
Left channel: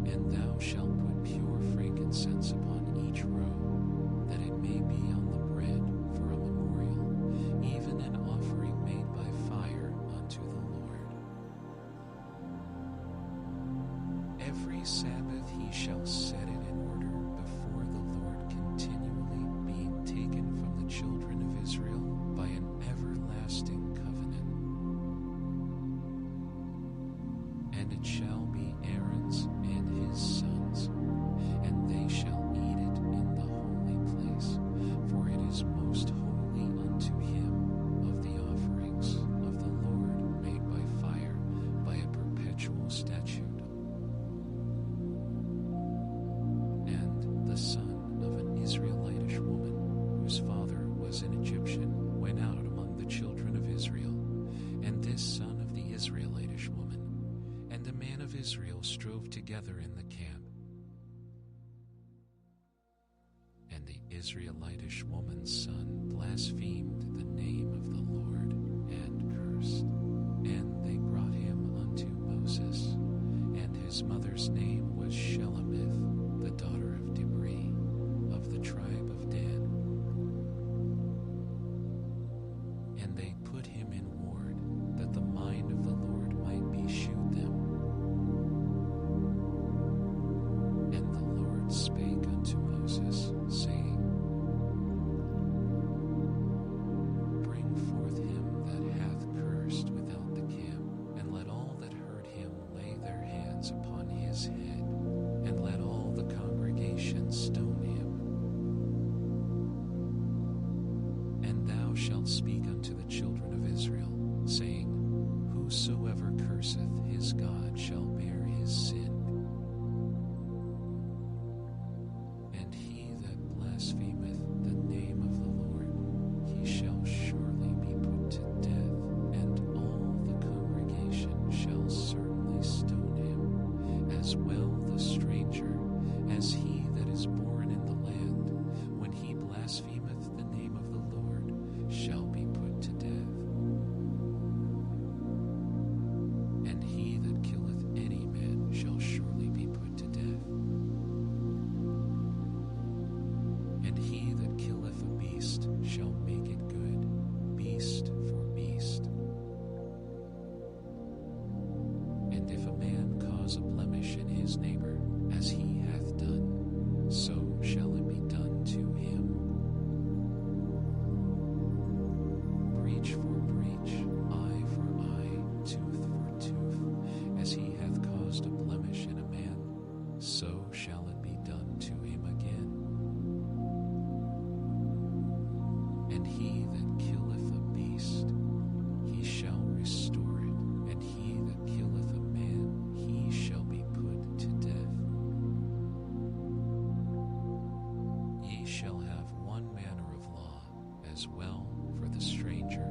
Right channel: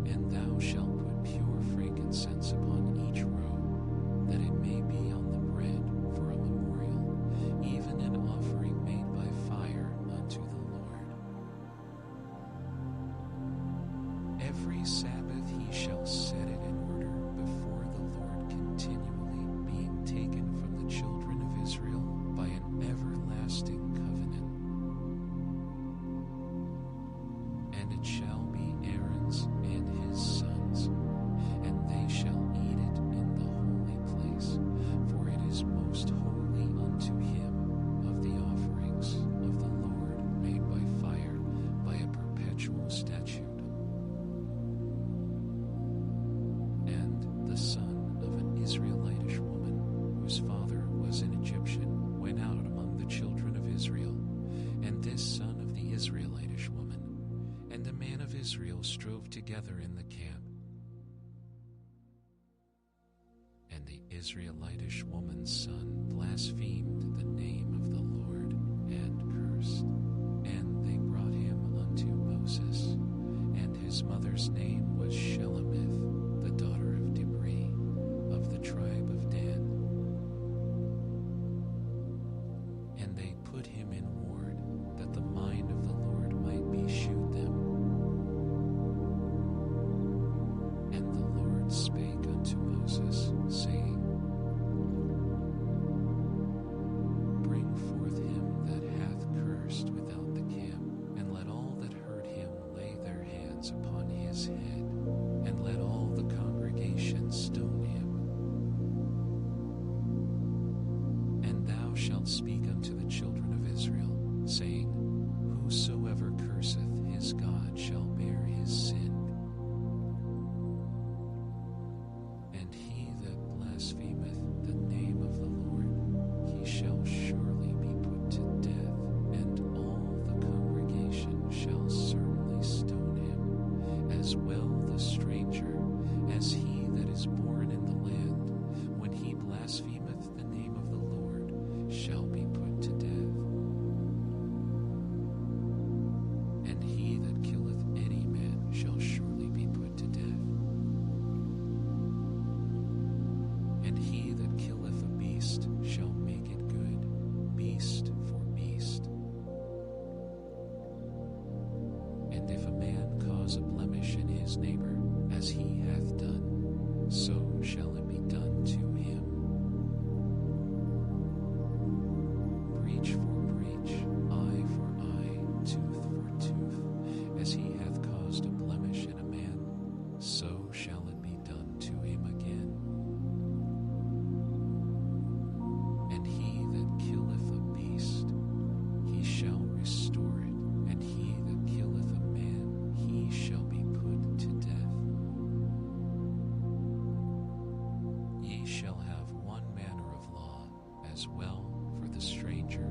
And thou shalt put pure frankincense upon each row, that it may be on the bread for a memorial, even an offering made by fire unto the Lord. Every Sabbath he shall set it in order before the Lord continually, being taken from the children of Israel by an everlasting covenant. And it shall be Aaron's and his sons, and they shall eat it in the holy place, for it is most holy unto him of the offerings of the Lord made by fire, by a perpetual statute. And the son of an Israelitish woman, whose father was an Egyptian, went out among the children of Israel, and this son of the Israelitish woman and a man of Israel strove together in the camp. And the Israelitish woman's son blasphemed the name of the Lord and cursed. And they brought him unto Moses, and his mother's name was Shelemith, the daughter of Dibri, of the tribe of Dan. And they put him in ward, that the mind of the Lord might be shewed them. And the Lord spake unto Moses, saying, Bring forth him that hath cursed without the camp, and let all that heard him lay their hands upon his head, and let all the congregation stone him. And thou shalt speak unto the children of Israel, saying, Whosoever curseth his God shall bear his sin. And he that blasphemeth the name of the Lord, he shall surely be put to death, and all the congregation shall certainly stone him, as well the stranger as he that is born in the land, when he blasphemeth the name of the Lord, shall be put to death. And he that killeth any man shall surely be put to death. And he that killeth a beast shall make it good, beast for beast. And if a man cause a blemish in his neighbor, as he hath done, so shall it be done to him. Breach for breach, eye for eye, tooth for tooth. As he hath caused a blemish in a man, so shall it be done to him again. And he that killeth a beast, he shall restore it, and he that killeth a man, he shall be put to death. Ye shall have one manner of law, as well for the stranger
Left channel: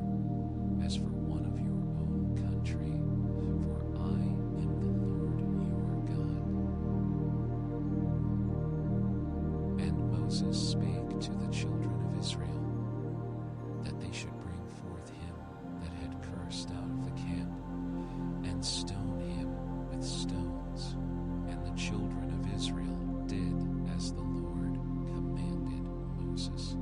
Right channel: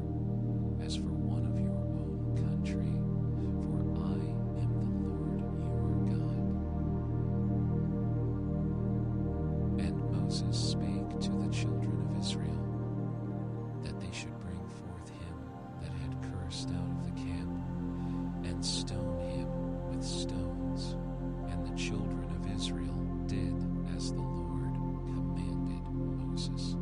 as for one of your own country, for I am the Lord your God. And Moses spake to the children of Israel, that they should bring forth him that had cursed out of the camp, and stone him with stones. And the children of Israel did as the Lord commanded Moses.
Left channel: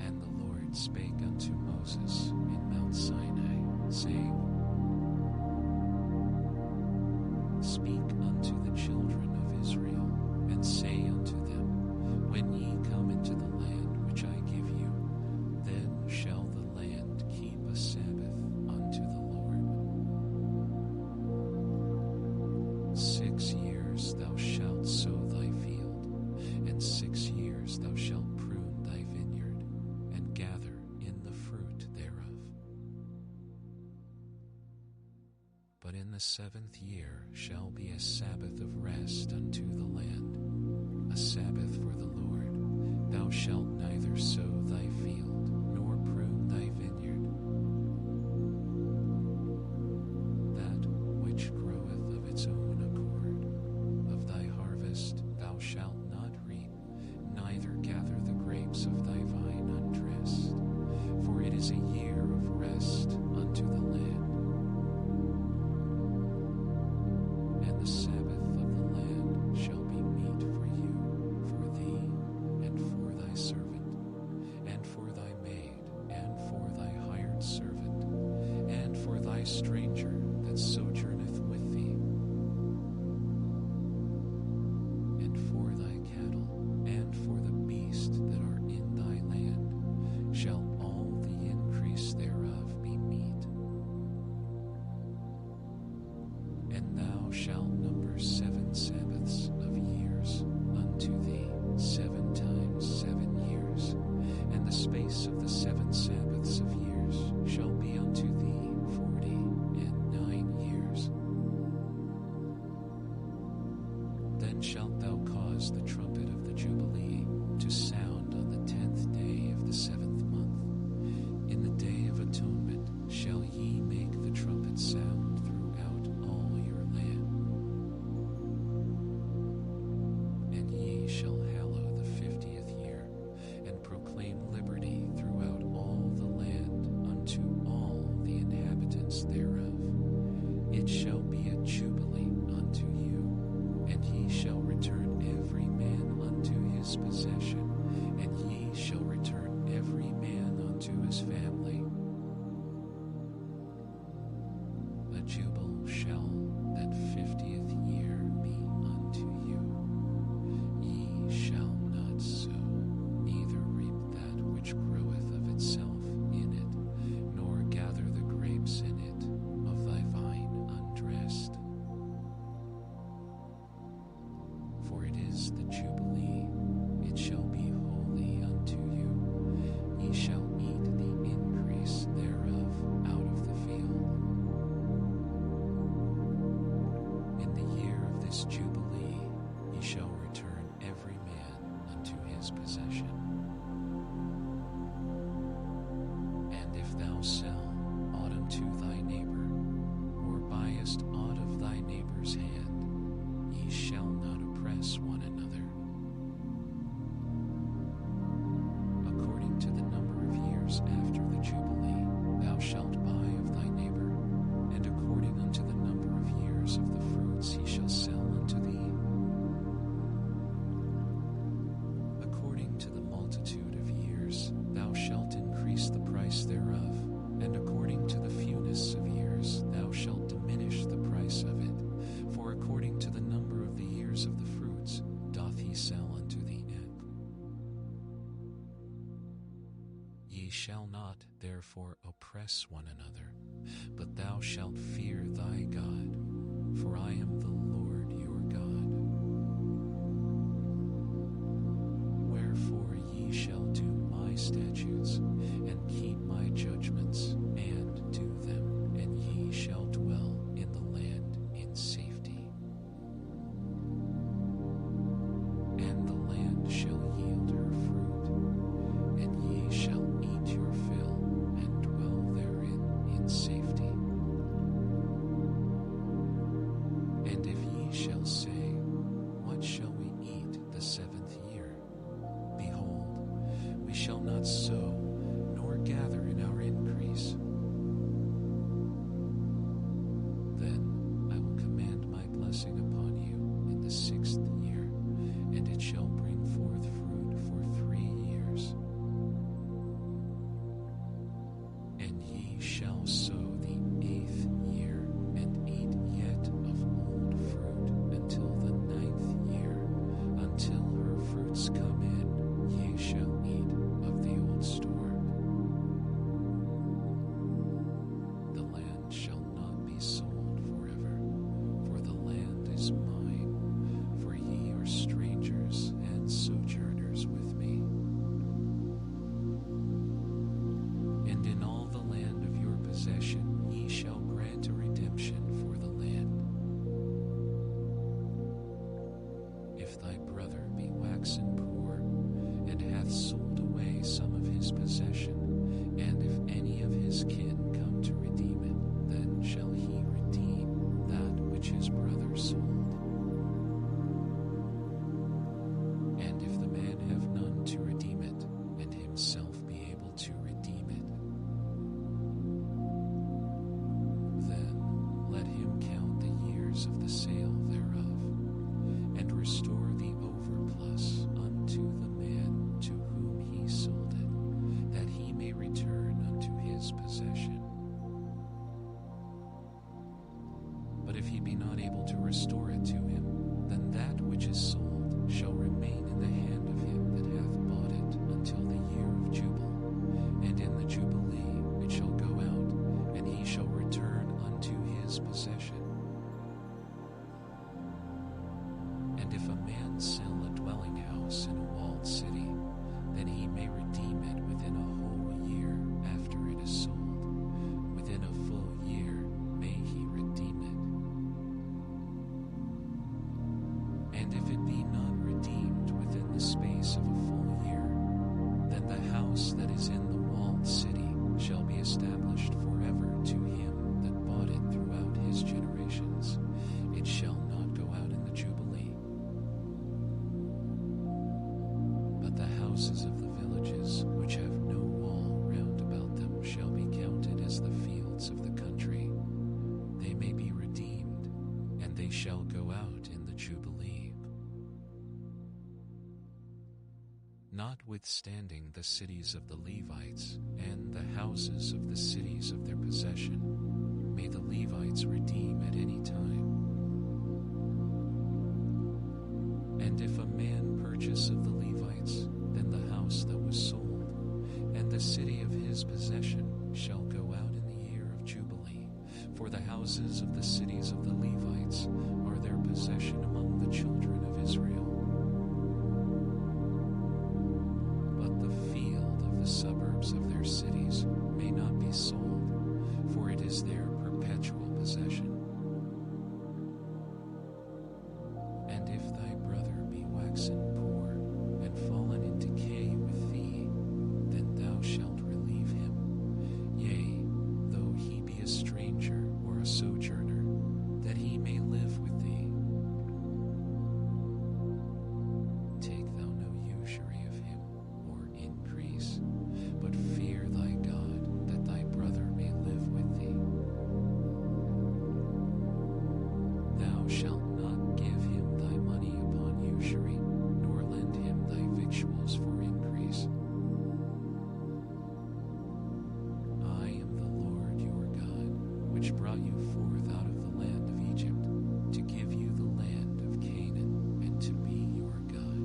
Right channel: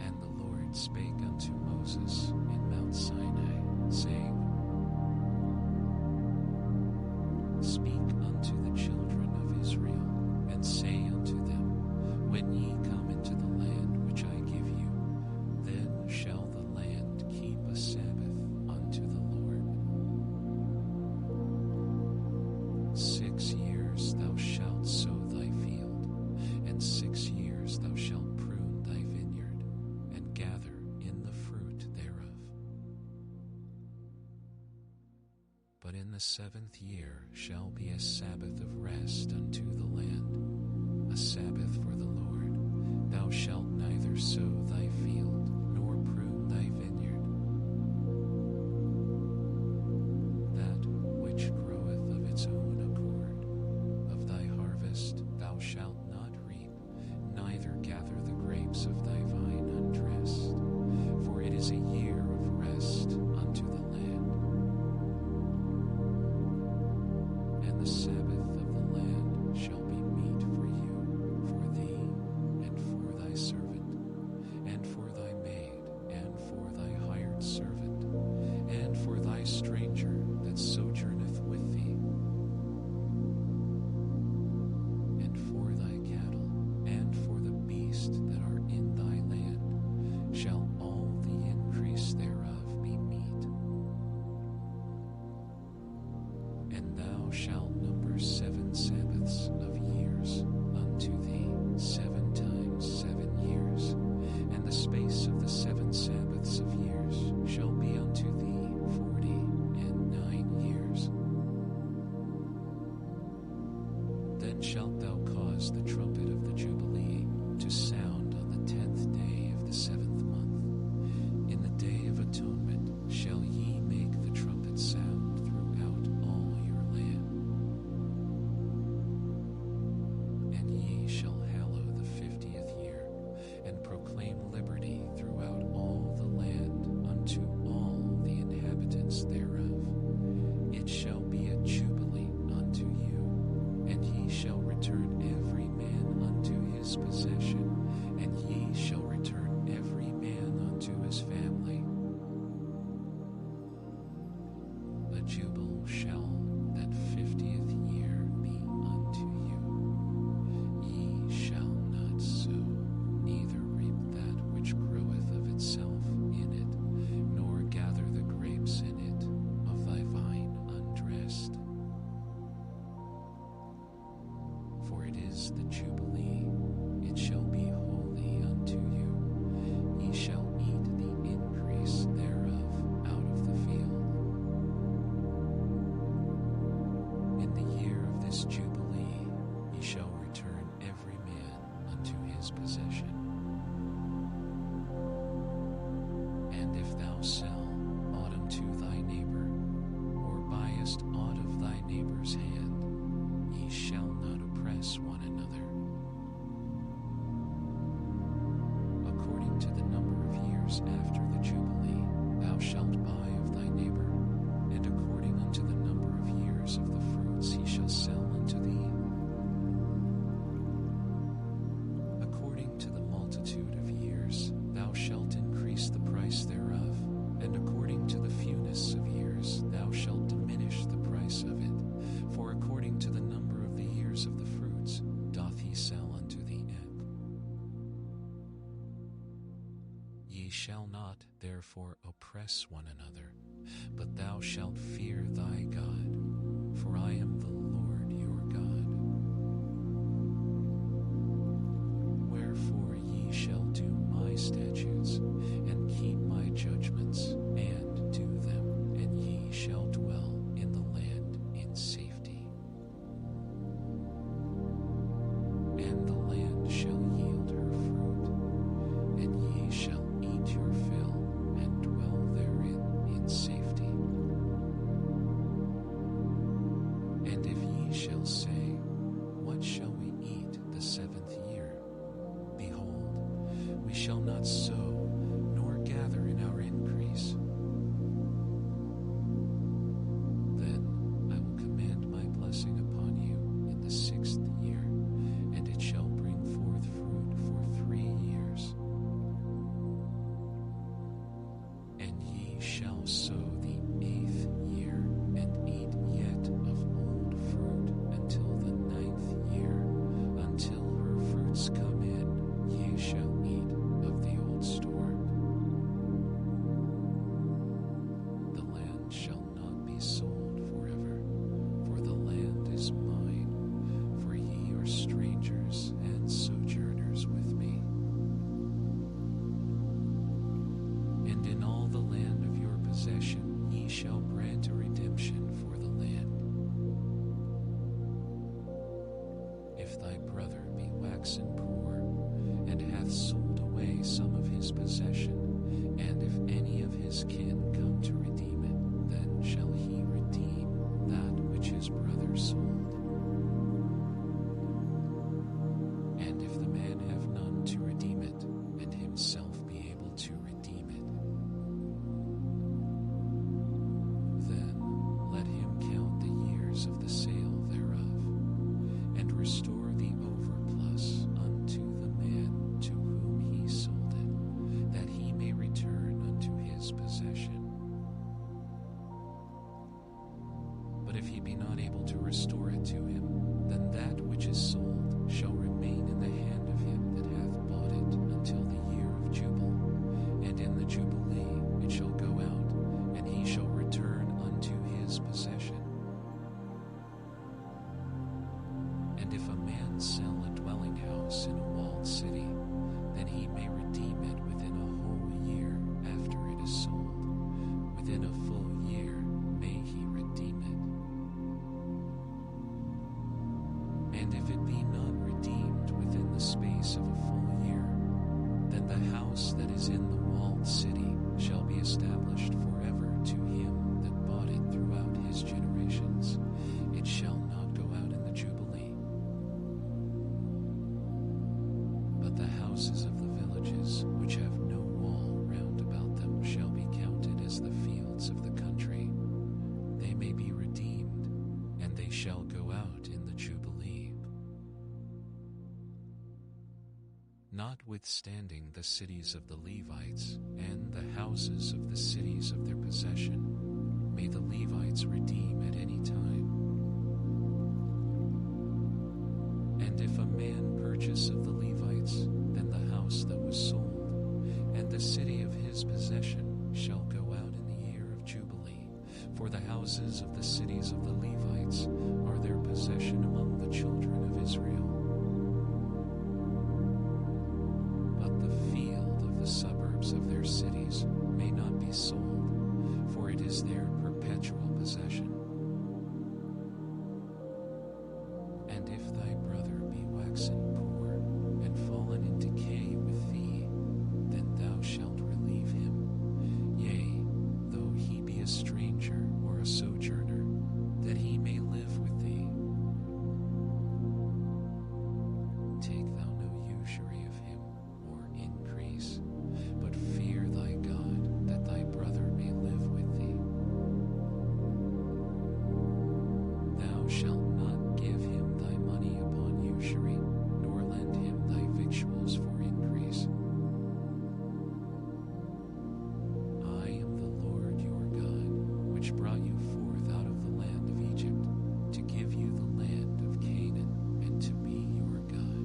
And the Lord spake unto Moses in Mount Sinai, saying, Speak unto the children of Israel, and say unto them, When ye come into the land which I give you, then shall the land keep a Sabbath unto the Lord. 6 years sow thy field, and 6 years thou shalt prune thy vineyard, and gather in the fruit thereof. But in the 7th year shall be a Sabbath of rest unto the land, a Sabbath for the Lord. Thou shalt neither sow thy field, nor prune thy vineyard. That which groweth of its own accord, of thy harvest thou shalt not reap, neither gather the grapes of thy vine undressed. For it is a year of rest unto the land. And the Sabbath of the land shall be meat for you, for thee, and for thy servant, and for thy maid, and for thy hired servant, and for thy stranger that sojourneth with thee, and for thy cattle, and for the beasts that are in thy land, shall all the increase thereof be meat. And thou shalt number 7 Sabbaths of years unto thee, 7 times 7 years, and the space of the 7 Sabbaths of years shall be unto thee 49 years. Then shalt thou cause the trumpet of the Jubilee to sound on the 10th day of the 7th month. In the day of atonement shall ye make the trumpet sound throughout all your land. And ye shall hallow the 50th year, and proclaim liberty throughout all the land unto all the inhabitants thereof. It shall be a jubilee unto you, and ye shall return every man unto his possession, and ye shall return every man unto his family. A jubile shall that 50th year be unto you. Ye shall not sow, neither reap that which groweth of itself in it, nor gather the grapes in it of thy vine undressed. For it is the Jubilee, it shall be holy unto you. Ye shall eat the increase thereof out of the field. In the year of this Jubilee ye shall return every man unto his possession. And if thou sell aught unto thy neighbor, or buyest aught of thy neighbor's hand, ye shall not oppress one another. According to the number of years after the Jubilee, thou shalt buy of thy neighbor, and according unto the number of years of the fruits he shall sell unto thee. According to the multitude of years thou shalt increase the price thereof, and according to the fewness of years thou shalt diminish the price of it. For according to the number of the years of the fruits doth he sell unto the end. Ye shall not therefore oppress one another, but thou shalt fear thy God, for I am the Lord your God. Wherefore ye shall do my statutes, and keep my judgments, and do them, and ye shall dwell in the land in safety. And the land shall yield her fruit, and ye shall eat your fill, and dwell therein in safety. And if ye shall say, what shall we eat the 7th year? Behold, we shall not sow, nor gather in our increase. Then I will command my blessing upon you in the 6th year, and it shall bring forth fruit for 3 years. And ye shall sow the 8th year, and eat yet of old fruit until the 9th year, until her fruits come in, ye shall eat of the old store. The land shall not be sold forever, for the land is mine, for ye are And in all the land of your possession ye shall grant a redemption for the land. If thy brother be waxen poor, and hath sold away some of his possession, and if any of his kin come to redeem it, then shall he redeem that which his brother sold. And if the man have none to redeem it, and himself be able to redeem it, then let him count the years of the sale thereof, and restore the overplus unto the man to whom he sold it, that he may return unto his possession. But if he be not able to restore it to him, then that which is sold shall remain in the hand of him that hath bought it until the year of Jubile, and in the Jubilee it shall go out, and he shall return unto his possession. And if a man sell a dwelling house in a walled city, then he may redeem it within a whole year after it is sold. Within a full year may he redeem it. And if it be not redeemed within the space of a full year, then the house that is in the walled city shall be established forever to him that bought it throughout his generations. It shall not go out in the Jubilee. But the houses of the villages which have no wall round about them shall be counted as the fields of the country. They may be redeemed, and they shall go out in the Jubilee. Notwithstanding the cities of the Levites and the houses of the cities of their possession, may the Levites redeem at any time. And if a man purchase of the Levites, then the house that was sold, and the city of his possession shall go out in the year of Jubilee. For the houses of the cities of the Levites are their possession among the children of Israel. But the field of the suburbs of their cities may not be sold, for it is their perpetual possession. And if thy brother be waxen poor, and fallen in decay with thee, then thou shalt relieve him. Yea, though he be a stranger or a sojourner, that he may live with thee. Take thou no usury of him, or increase, but fear thy God, that thy brother may live with thee. Thou shalt not give him thy money upon usury, nor lend him thy victuals for increase. I am the Lord your God, which brought you forth out of the land of Egypt, to give you the land of Canaan, and to be your God.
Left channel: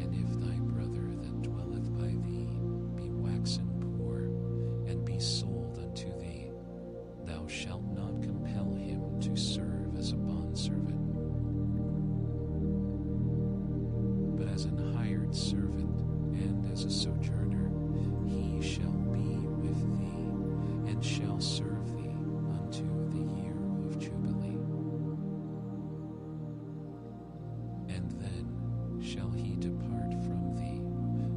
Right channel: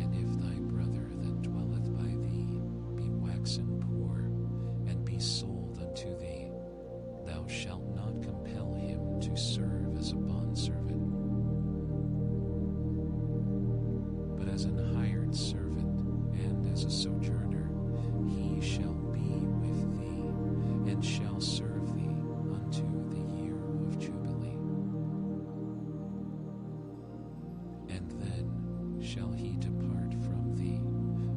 And if thy brother that dwelleth by thee be waxen poor, and be sold unto thee, thou shalt not compel him to serve as a bondservant, but as an hired servant and as a sojourner, he shall be with thee, and shall serve thee unto the year of Jubilee. And then shall he depart from thee,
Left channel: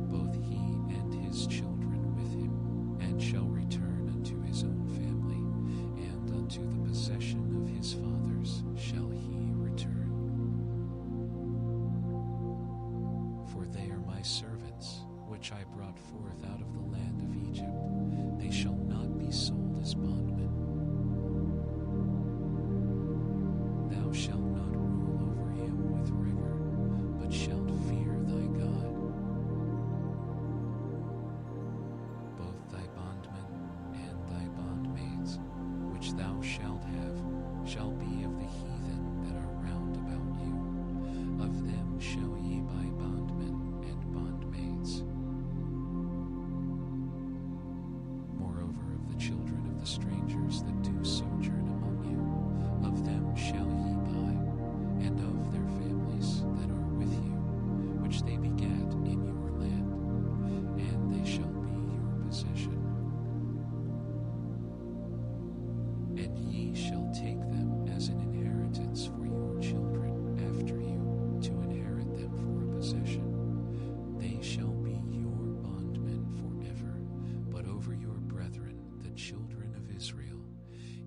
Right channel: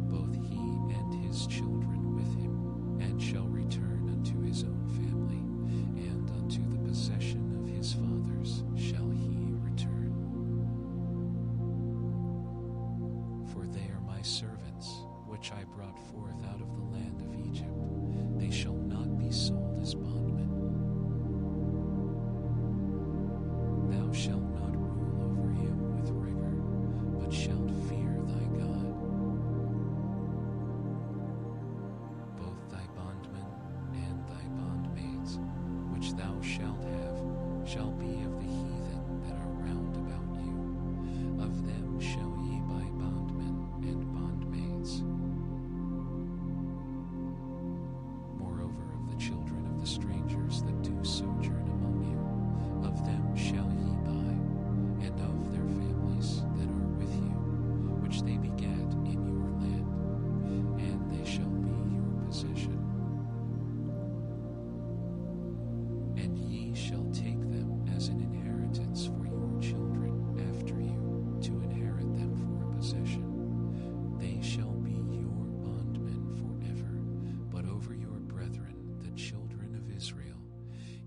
both he and his children with him, and shall return unto his own family, and unto the possession of his fathers shall he return. For they are my servants, which I brought forth out of the land of Egypt. They shall not be sold as bondmen. Thou shalt not rule over him with rigor, but shalt fear thy God. Both thy bondmen and thy bondmaids, which thou shalt have, shall be of the heathen that are round about you. Of them shall ye buy bondmen and bondmaids. Moreover, of the children of the strangers that do sojourn among you, of them shall ye buy, and of their families that are with you, which they begat in your land. And shall take them as an inheritance for your children after you, to inherit them for a possession. They shall be your bondmen forever, but over your brethren, the children of Israel,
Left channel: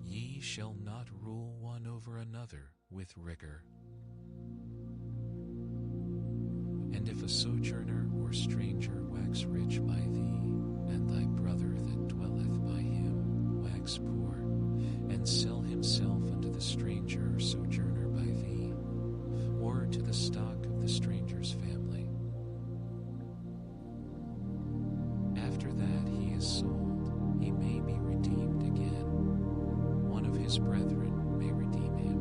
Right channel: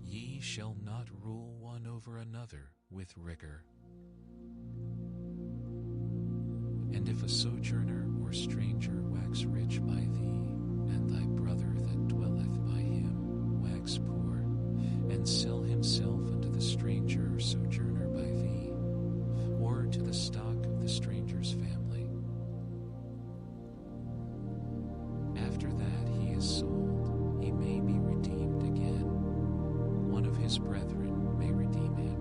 ye shall not rule one over another with rigor. And if a sojourner or stranger wax rich by thee, and thy brother that dwelleth by him wax poor, and sell himself unto the stranger or sojourner by thee, or to the stock of the stranger's family, after that he is sold, he may be redeemed again. One of his brethren may redeem him.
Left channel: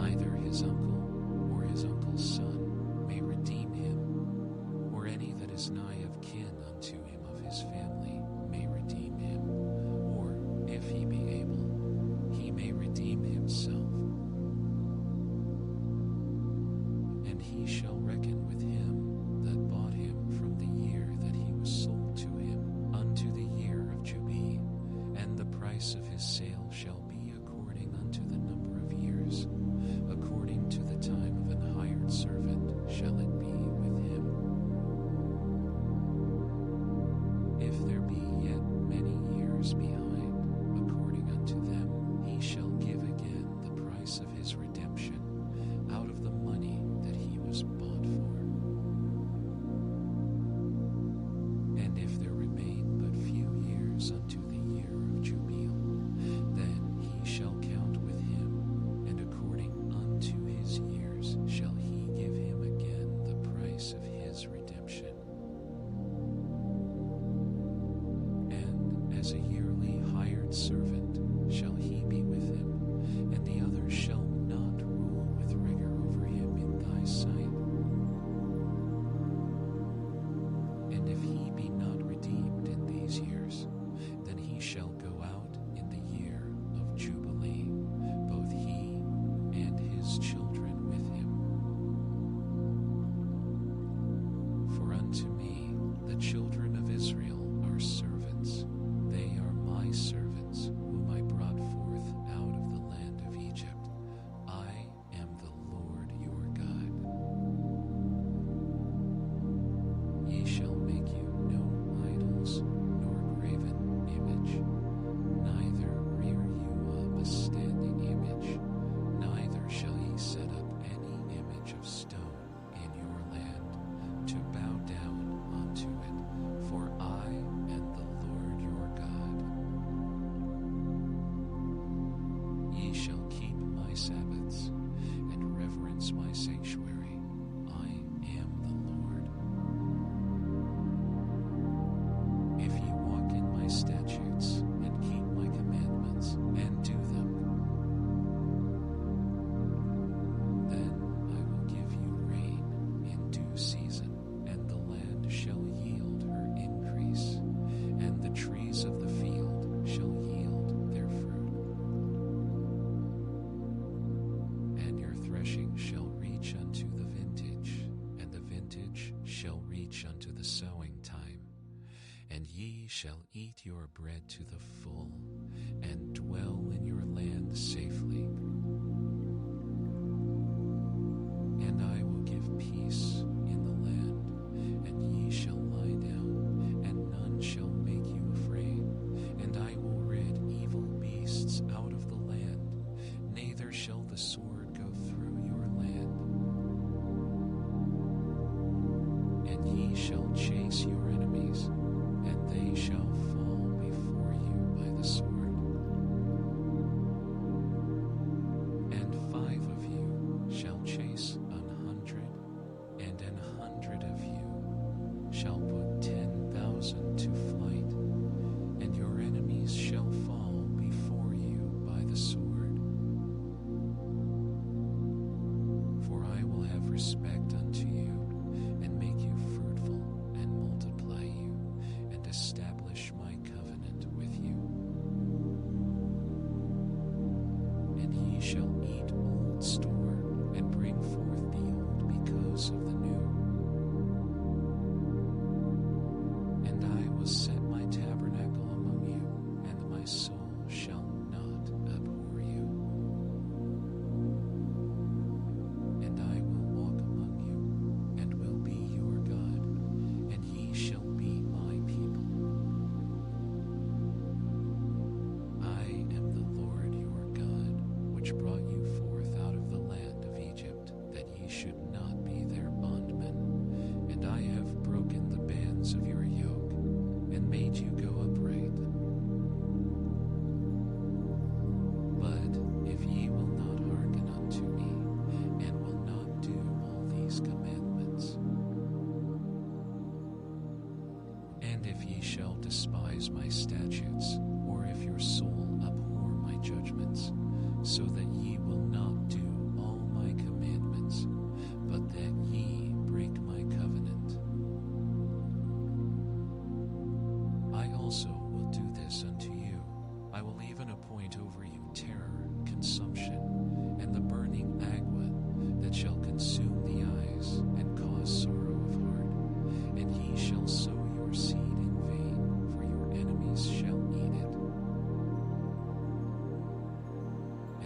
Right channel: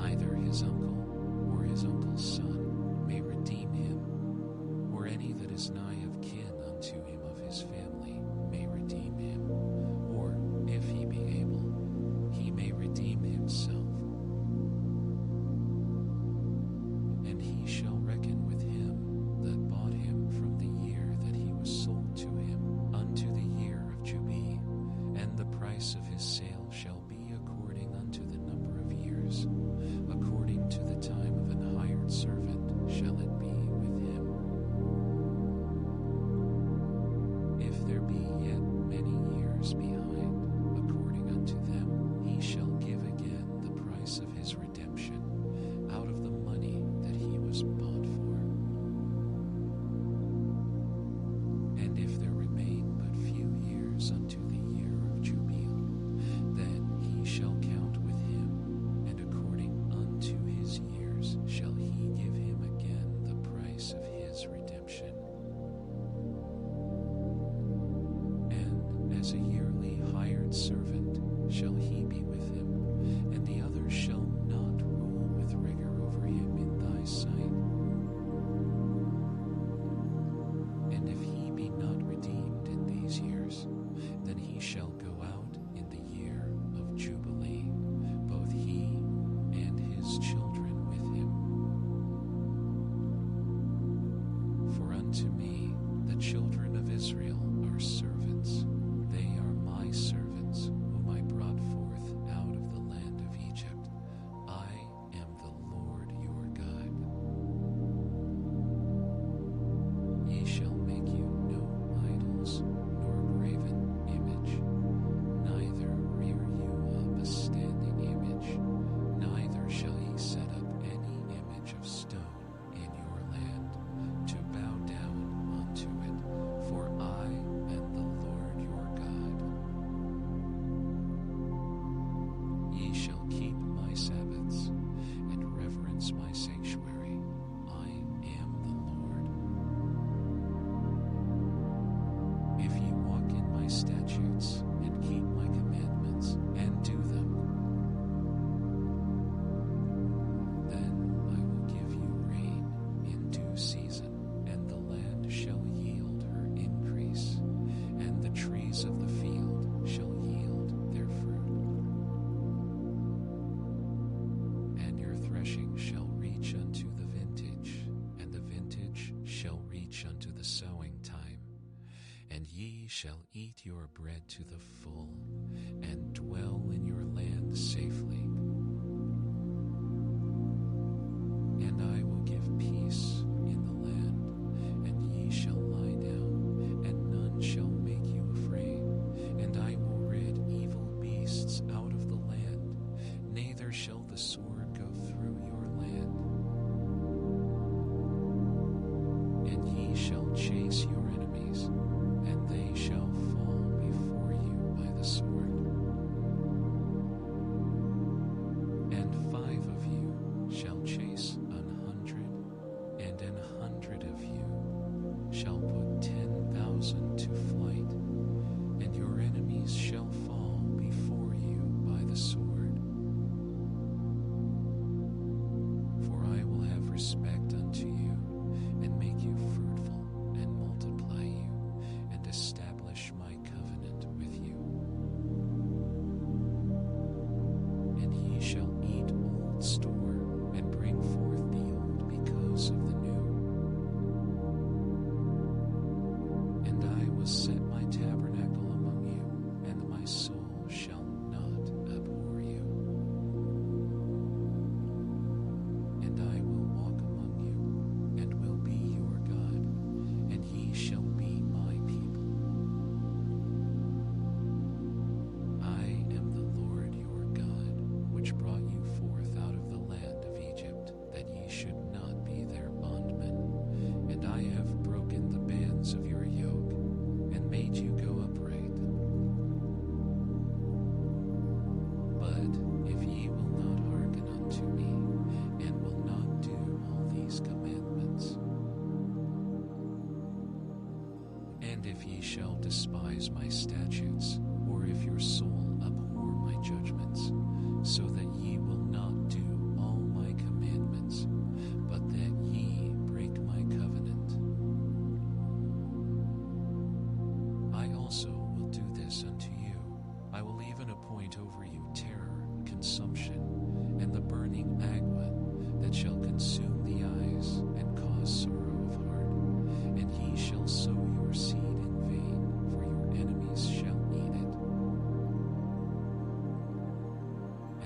Either his uncle or his uncle's son may redeem him, or any that is nigh of kin unto him of his family may redeem him, or, if he be able, he may redeem himself. And he shall reckon with him that bought him from the year that he was sold to him unto the year of Jubilee, and the price of his sale shall be according unto the number of years, according to the time of an hired servant shall it be with him. If there be yet many years behind, according unto them, he shall give again the price of his redemption out of the money that he was bought for. And if there remain but few years unto the year of Jubilee, then he shall count with him, and according unto his years shall he give him again the price of his redemption. And as a yearly hired servant shall he be with him, and the other shall not rule with rigor over him in thy sight. And if he be not redeemed in these years, then he shall go out in the year of Jubilee, both he and his children with him. For unto me the children of Israel are servants. They are my servants, whom I brought forth out of the land of Egypt. I am the Lord your God. Ye shall make you no idols, nor graven image, neither rear you up a standing image, neither shall ye set up any image of stone in your land, to bow down unto it, for I am the Lord your God. Ye shall keep my Sabbaths, and reverence my sanctuary. I am the Lord. If ye walk in my statutes, and keep my commandments, and do them, then I will give you rain in due season, and the land shall yield her increase, and the trees of the field shall yield their fruit. And your threshing shall reach unto the vintage, and the vintage shall reach unto the sowing time. And ye shall eat your bread to the full, and dwell in your land safely. And I will give peace in the land, and ye shall lie down, and none shall make you afraid. And I will rid evil beasts out of the land, neither shall the sword go through your land. And ye shall chase your enemies, and they shall fall before you by the sword. And 5 of you shall chase 100, and 100 of you shall put 10,000 to flight, and your enemies shall fall before you by the sword. For I will have respect unto you, and make you fruitful, and multiply you, and establish my covenant with you. And ye shall eat old store, and bring forth the old because of the new. And I will set my tabernacle among you, and my brought you forth out of the land of Egypt, that ye should not be their bondmen. And I have broken the bands of your yoke, and made you go upright. But if ye will not hearken unto me, and will not do all these commandments, and if ye shall despise my statutes, or if your soul abhor my judgments, so that ye will not do all my commandments, but that ye break my covenant, I also will do this unto you. I will even appoint over you terror, consumption, and the burning agua, that shall consume the eyes, and cause sorrow of heart. And ye shall sow your seed in vain, for your enemies shall eat it.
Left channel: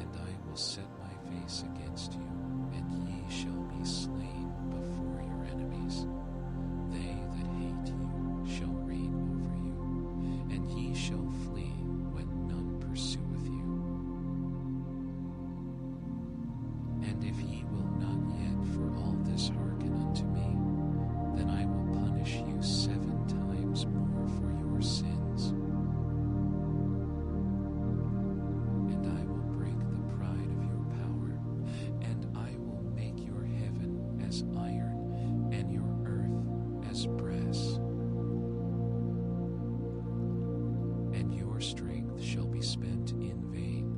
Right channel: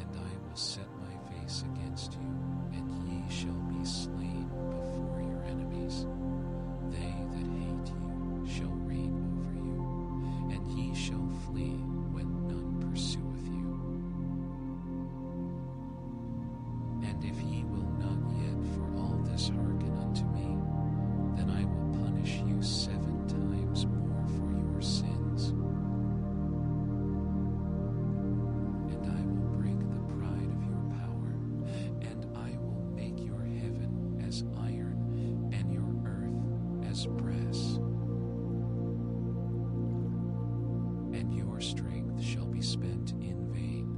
And I will set my face against you, and ye shall be slain before your enemies. They that hate you shall reign over you, and ye shall flee when none pursueth you. And if ye will not yet for all this hearken unto me, then I will punish you 7 times more for your sins. And I will break the pride of your power, and I will make your heaven as iron, and your earth as brass. And your strength shall be spent in vain,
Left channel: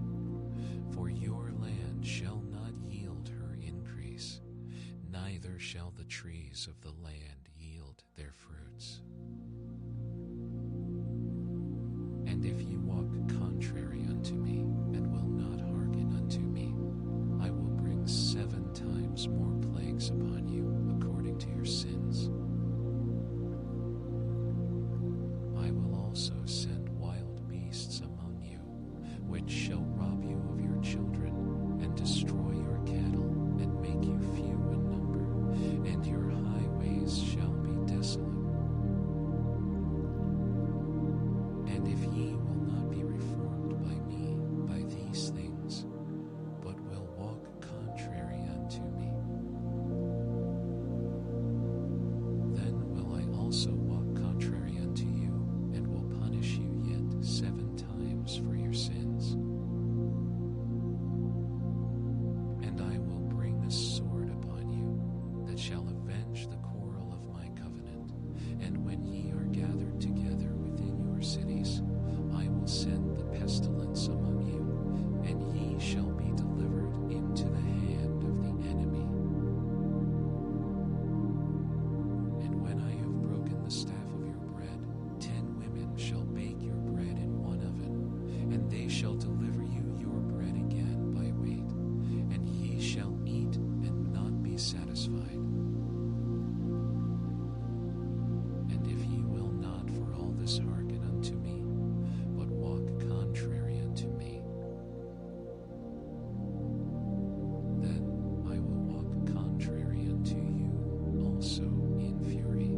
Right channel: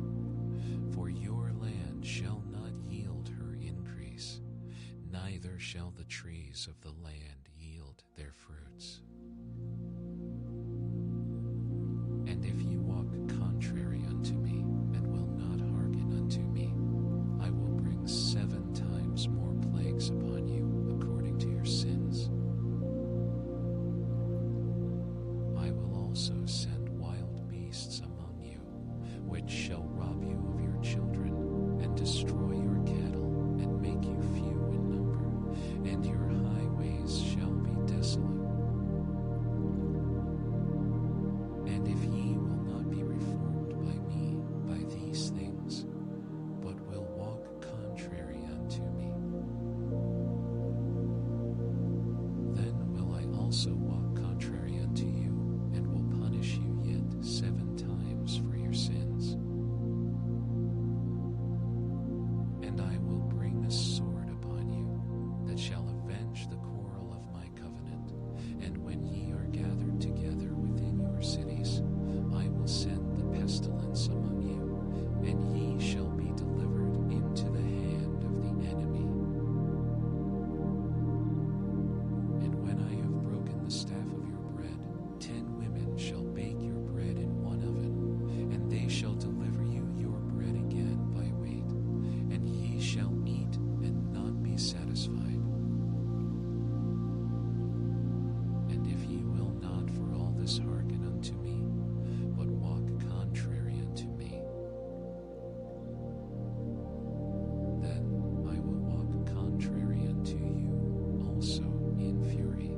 for your land shall not yield her increase, neither shall the trees of the land yield their fruits. And if ye walk contrary unto me, and will not hearken unto me, I will bring 7 times more plagues upon you, according to your sins. I will also send wild beasts among you, which shall rob you of your children, and destroy your cattle, and make you few in number, and your highways shall be desolate. And if ye will not be reformed by me by these things, but will walk contrary unto me, then will I also walk contrary unto you, and will punish you yet 7 times for your sins. And I will bring a sword upon you, that shall avenge the quarrel of my covenant. And when ye are gathered together within your cities, I will send the pestilence among you, and ye shall be delivered into the hand of the enemy. And when I have broken the staff of your bread, 10 women shall bake your bread in one oven, and they shall deliver you your bread again by weight, and ye shall eat and not be satisfied. And if ye will not for all this hearken unto me, but walk contrary unto me, then I will walk contrary unto you also in fury,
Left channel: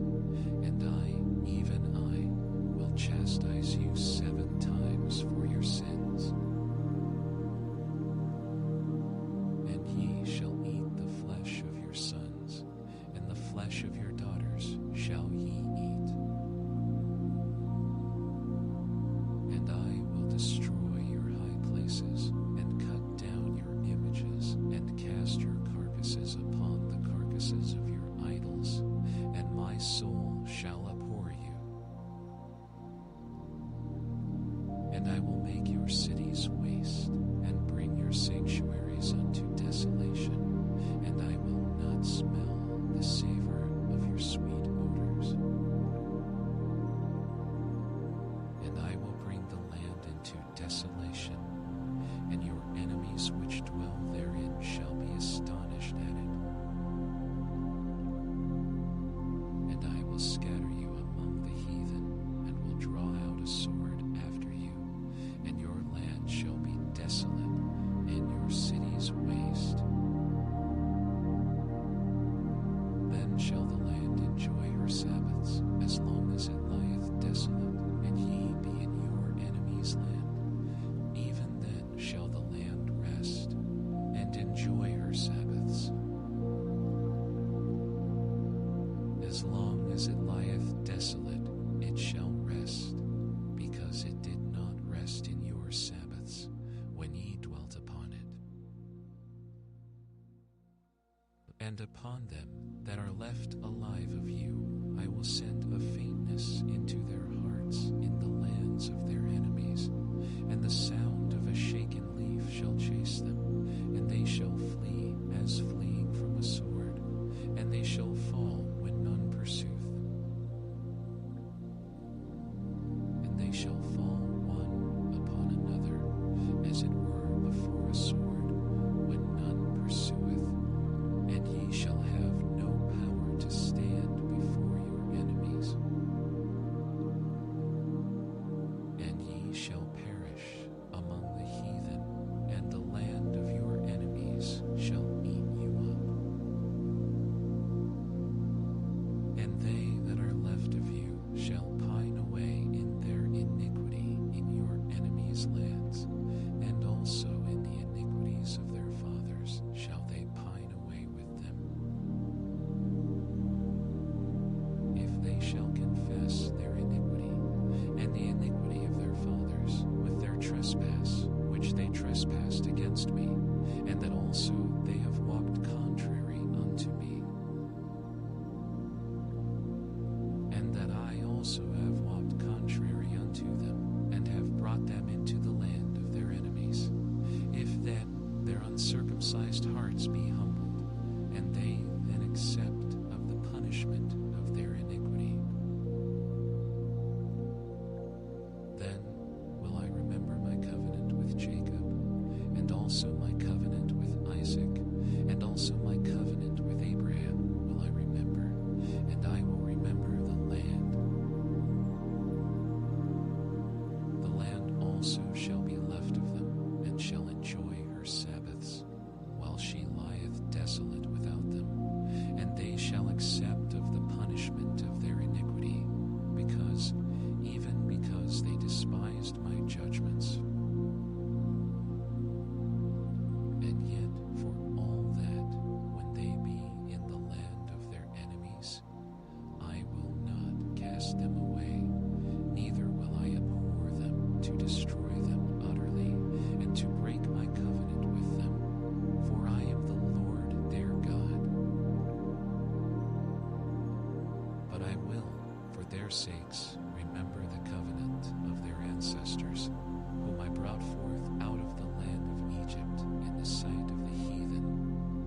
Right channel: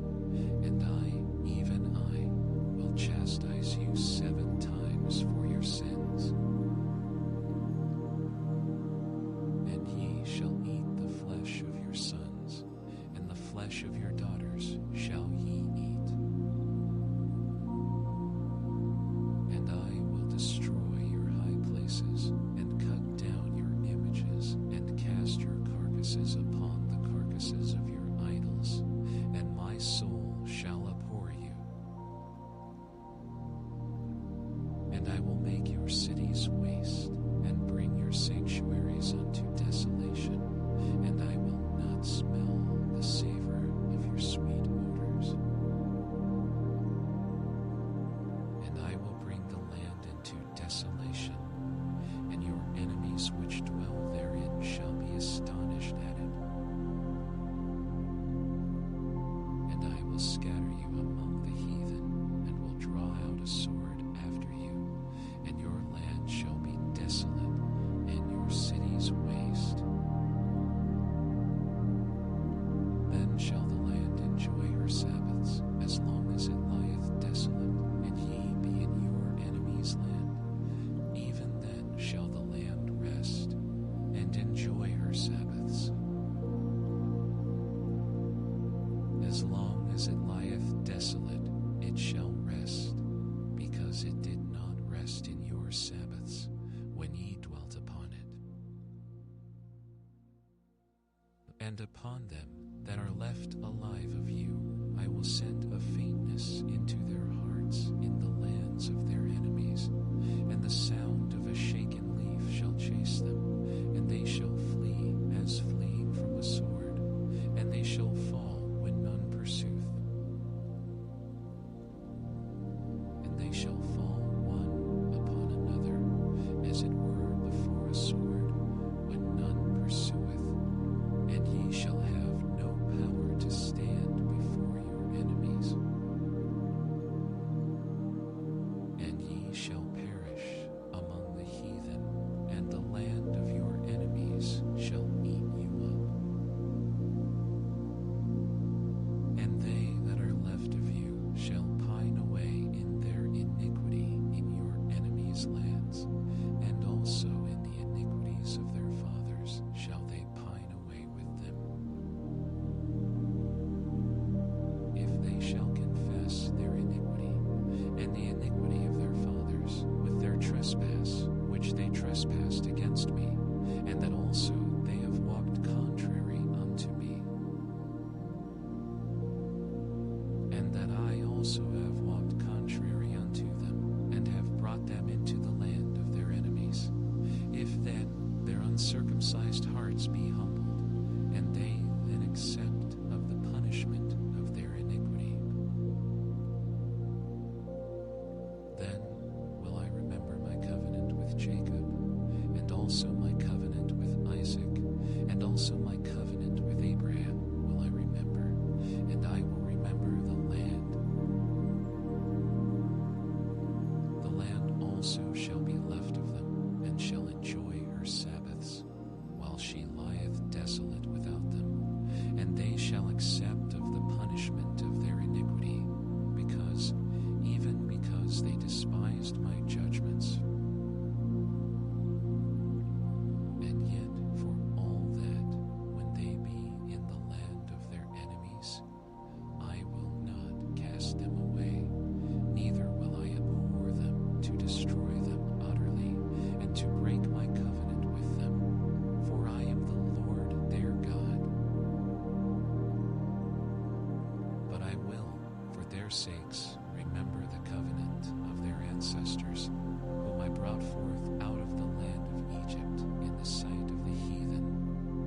and I, even I, will chastise you 7 times for your sins. And ye shall eat the flesh of your sons, and the flesh of your daughters shall ye eat. And I will destroy your high places, and cut down your images, and cast your carcasses upon the carcasses of your idols, and my soul shall abhor you. And I will make your cities waste, and bring your sanctuaries unto desolation, and I will not smell the savor of your sweet odors. And I will bring the land into desolation, and your enemies which dwell therein shall be astonished at it. And I will scatter you among the heathen, and will draw out a sword after you, and your land shall be desolate, and your cities waste. Then shall the land enjoy her Sabbaths, as long as it lieth desolate, and ye be in your enemy's land. Even then shall the land rest, and enjoy her Sabbaths. As long as it lieth desolate, it shall rest, because it did not rest in your Sabbaths, when ye dwelt upon it. And upon them that are left alive of you, I will send a faintness into their hearts in the lands of their enemies, and the sound of a shaken leaf shall chase them, and they shall flee as fleeing from a sword, and they shall fall when none pursueth. And they shall fall one upon another, as it were before a sword, when none pursueth, and ye shall have no power to stand before your enemies. And ye shall perish among the heathen, and the land of your enemies shall eat you up. And they that are left of you shall pine away in their iniquity in your enemies' lands, and also in the iniquities of their fathers shall they pine away with them. If they shall confess their iniquity, and the iniquity of their fathers, with their trespass, which they trespassed against me, and that also they have walked contrary unto me, and that I also have walked contrary unto them, and have brought them into the land of their enemies. If then their uncircumcised hearts be humbled, and they then accept of the punishment of their iniquity, then will I remember my covenant with Jacob, and also my covenant with Isaac, and also my covenant with Abraham will I remember, and I will remember the land. The land also shall be left of them, and shall enjoy her Sabbaths, while she lieth desolate without them, and they shall accept of the punishment of their iniquity, even because they despised my judgments. And yet for all that, when they be in the land of their enemies, I will not cast them away, neither will I abhor them to destroy them utterly, and to break my covenant with them, for I am the Lord their God. But I will, for their sakes, remember the covenant of their ancestors, whom I brought forth out of the land of Egypt in the sight of the heathen,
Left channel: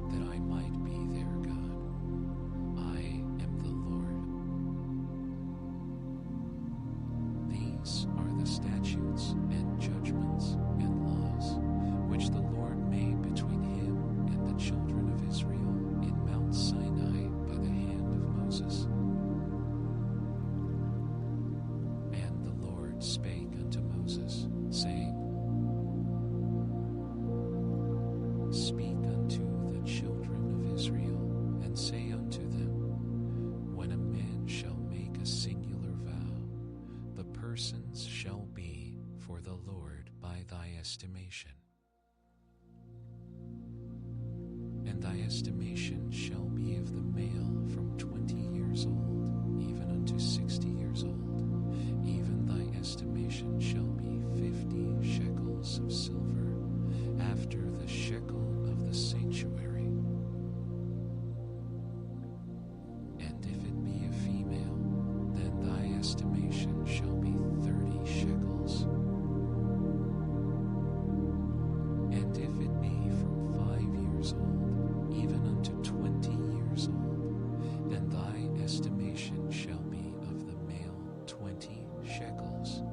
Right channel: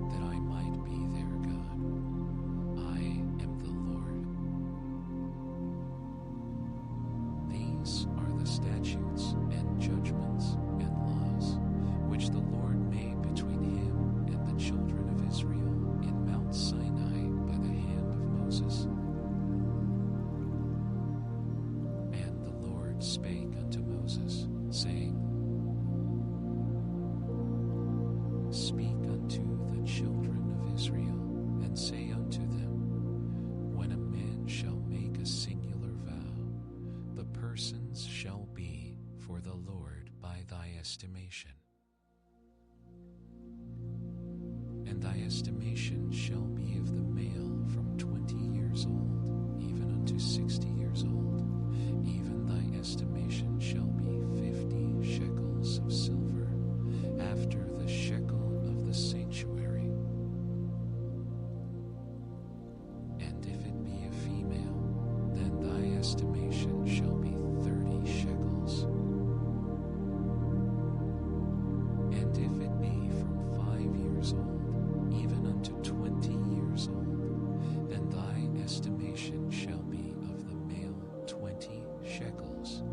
that I might be their God. I am the Lord. These are the statutes and judgments and laws, which the Lord made between him and the children of Israel in Mount Sinai by the hand of Moses. And the Lord spake unto Moses, saying, Speak unto the children of Israel, and say unto them, When a man shall make a singular vow, the persons shall be for the Lord by thy estimation. And thy estimation shall be of the male from 20 years old, even unto 60 years old. Even thy estimation shall be 50 shekels of silver, after the shekel of the sanctuary. And if it be a female, then thy estimation shall be 30 shekels. And if it be from 5 years old, even unto 20 years old, then thy estimation shall be of the male 20 shekels,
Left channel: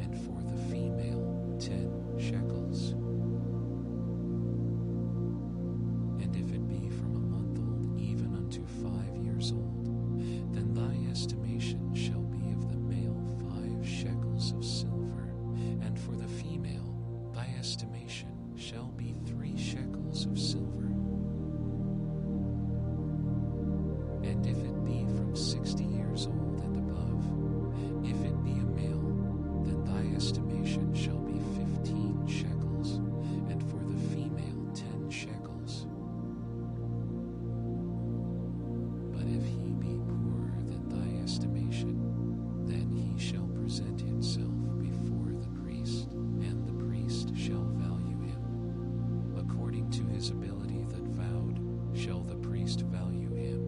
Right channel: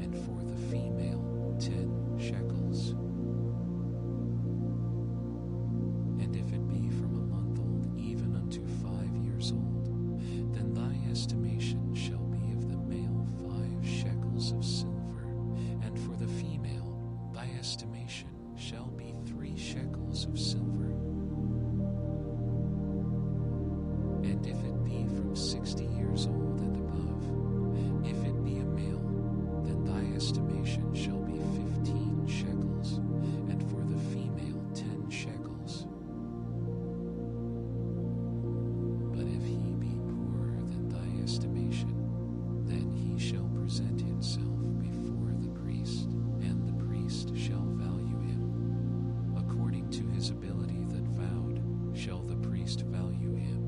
and for the female 10 shekels. And if it be from a month old even unto 5 years old, then thy estimation shall be of the male 5 shekels of silver, and for the female thy estimation shall be 3 shekels of silver. And if it be from 60 years old and above, if it be a male, then thy estimation shall be 15 shekels, and for the female 10 shekels. he shall present himself before the priest, and the priest shall value him. According to his ability that vowed, shall the priest value him.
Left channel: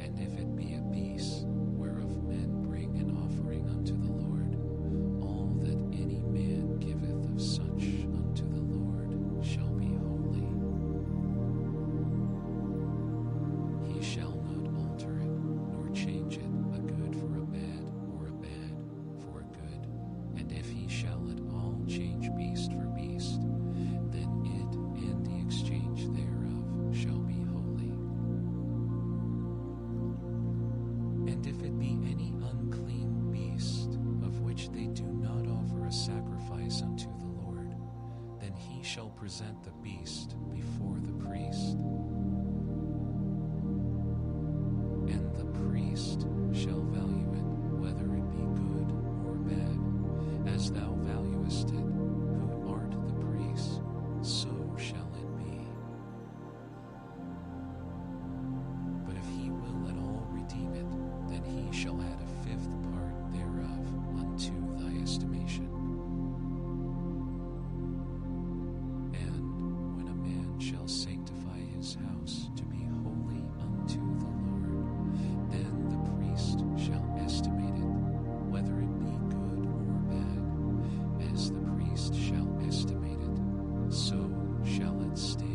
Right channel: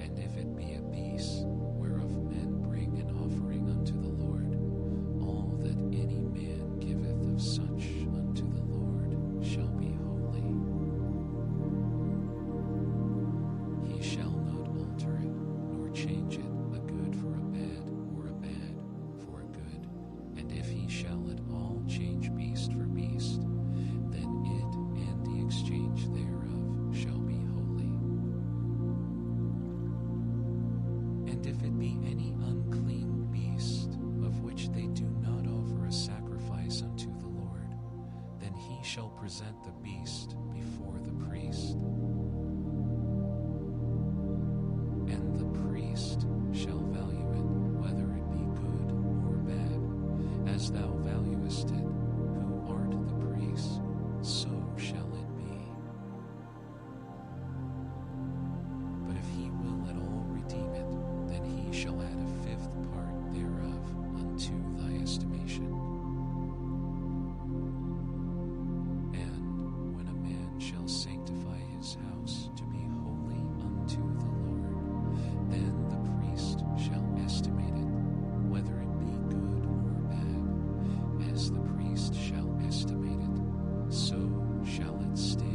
And if it be a beast, whereof men bring an offering unto the Lord, all that any man giveth of such unto the Lord shall be holy. He shall not alter it, nor change it, a good for a bad, or a bad for a good. And if he shall at all change beast for beast, then it and the exchange thereof shall be holy. And if it be any unclean beast, of which they do not offer a sacrifice unto the Lord, then he shall present the beast before the priest. And the priest shall value it, whether it be good or bad, as thou valuest it, who art the priest, so shall it be. But if he will at all redeem it, then he shall add a fifth part thereof unto thy estimation. And when a man shall sanctify his house to be holy unto the Lord, then the priest shall estimate it, whether it be good or bad, as the priest shall estimate it, so shall it stand.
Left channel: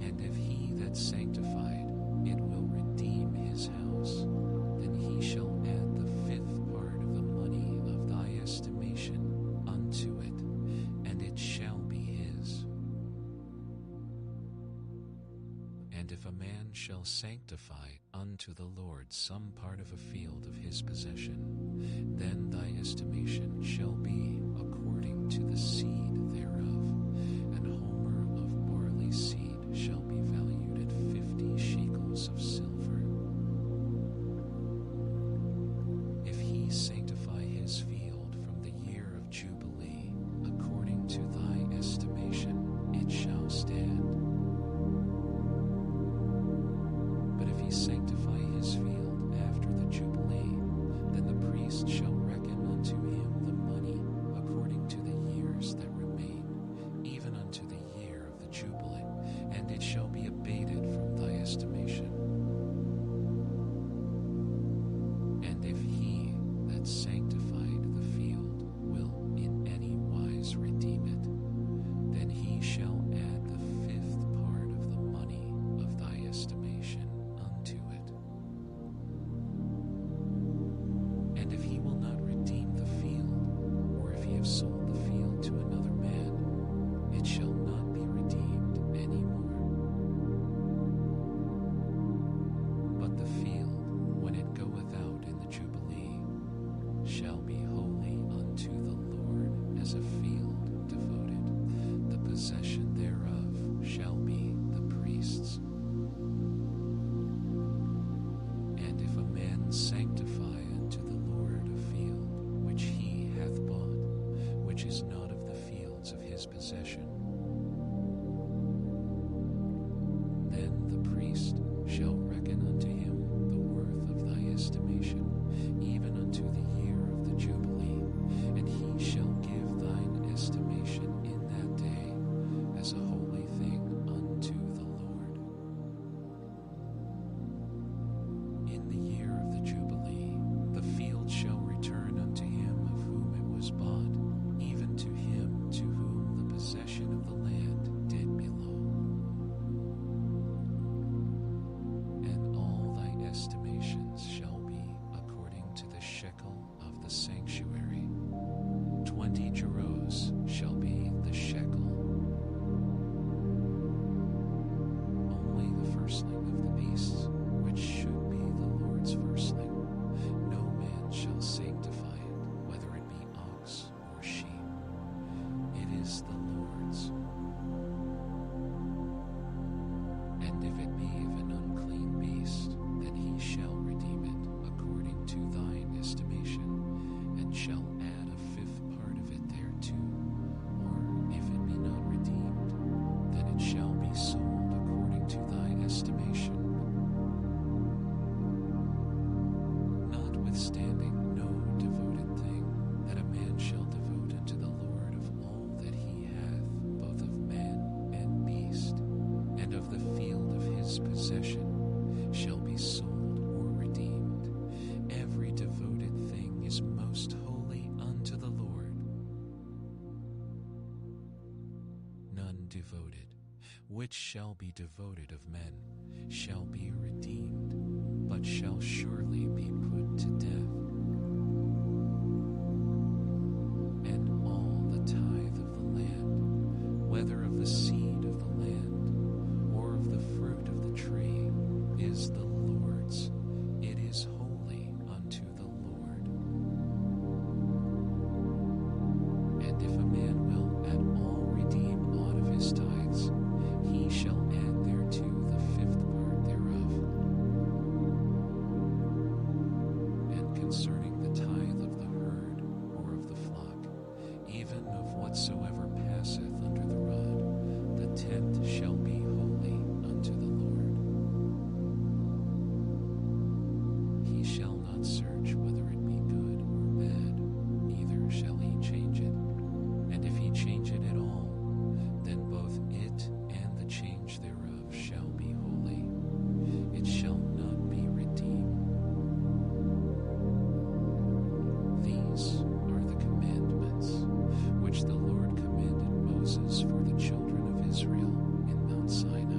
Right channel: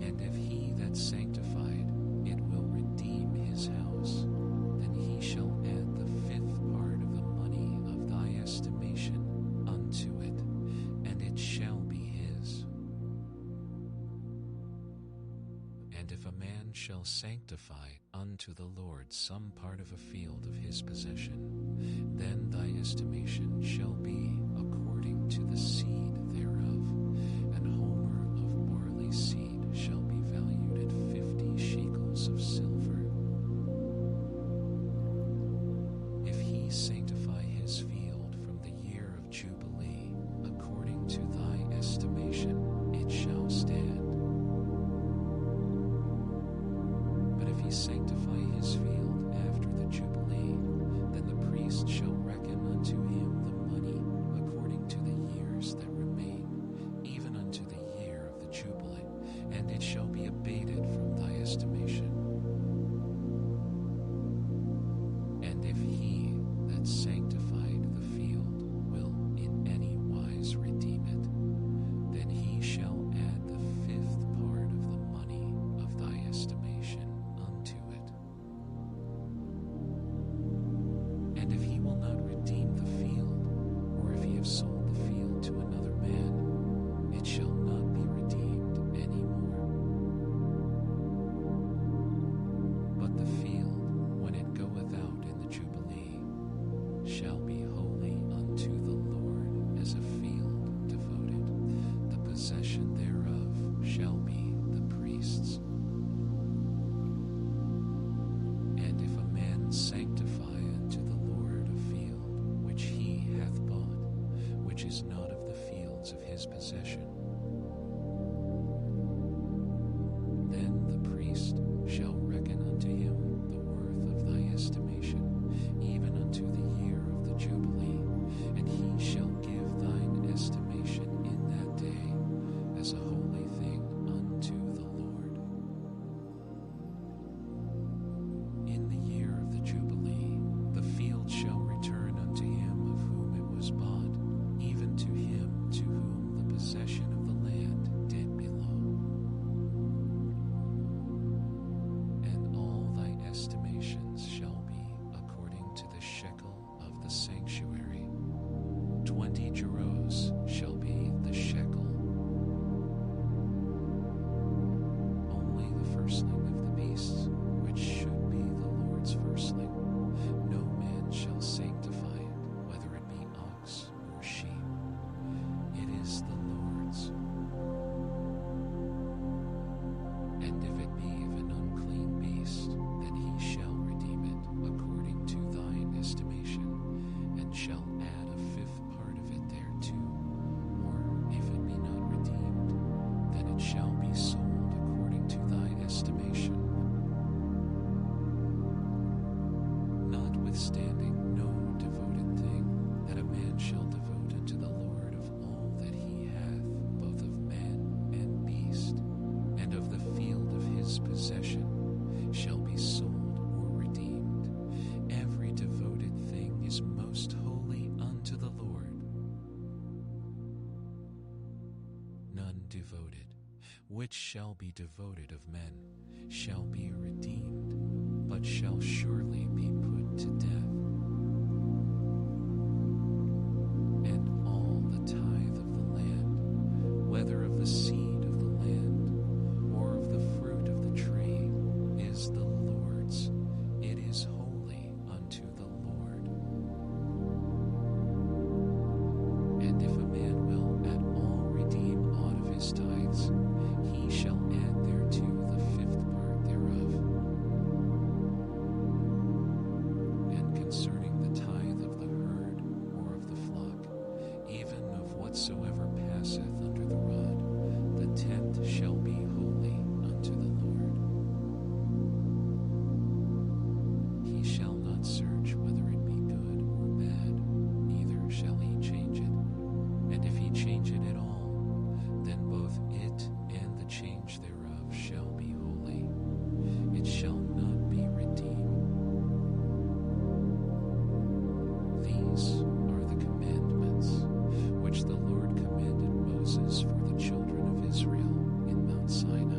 And if he that sanctified it will redeem his house, then he shall add the fifth part of the money of thy estimation unto it, and it shall be his. And if a man shall sanctify unto the Lord some part of a field of his possession, then thy estimation shall be according to the seed thereof. An homer of barley seed shall be valued at 50 shekels of silver. If he sanctify his field from the year of Jubilee, according to thy estimation, it shall stand. But if he sanctify his field after the Jubilee, then the priest shall reckon unto him the money according to the years that remain, even unto the year of the Jubilee, and it shall be abated from thy estimation. And if he that sanctified the field will in any wise redeem it, then he shall add the fifth part of the money of thy estimation unto it. And if he will not redeem the field, or if he have sold the field to another man, it shall not be redeemed any more. But the field, when it goeth out in the Jubilee, shall be holy unto the Lord as a field devoted. The possession thereof shall be the priest's. And if a man sanctify unto the Lord a field which he hath bought, which is not of the fields of his possession, then the priest shall reckon unto him the worth of thy estimation, even unto the year of the Jubilee, and he shall give thine estimation in that day as a holy thing unto the Lord. In the year of the Jubilee, the field shall return unto him of whom it was bought, even to him to whom the possession of the land did belong. And all thy estimations shall be according to the shekel of the sanctuary. 20 gerahs shall be the shekel. Only the firstling of the beasts, which should be the Lord's firstling, no man shall sanctify it, whether it be ox or sheep. It is the Lord's. And if it be of an unclean beast, then he shall redeem it according to thine estimation, and shall add a fifth part of it thereto. Or if it be not redeemed, then it shall be sold according to thy estimation, shall devote unto the Lord of all that he hath, both of man and beast, and of the field of his possession, shall be sold or redeemed. Every devoted thing is most holy unto the Lord. None devoted, which shall be devoted of men, shall be redeemed, but shall surely be put to death. And all the tithe of the land, whether of the seed of the land, or of the fruit of the tree, is the Lord's. It is holy unto the Lord. And if a man will at all redeem aught of his tithes, he shall add thereto the fifth part thereof. And concerning the tithe of the herd or of the flock, even of whatsoever passeth under the rod, the tenth shall be holy unto the Lord. He shall not search whether it be good or bad, neither shall he change it. And if he change it at all, then both it and the change thereof shall be holy. It shall not be redeemed. These are the commandments which the Lord commanded Moses for the children of Israel in Mount Sinai.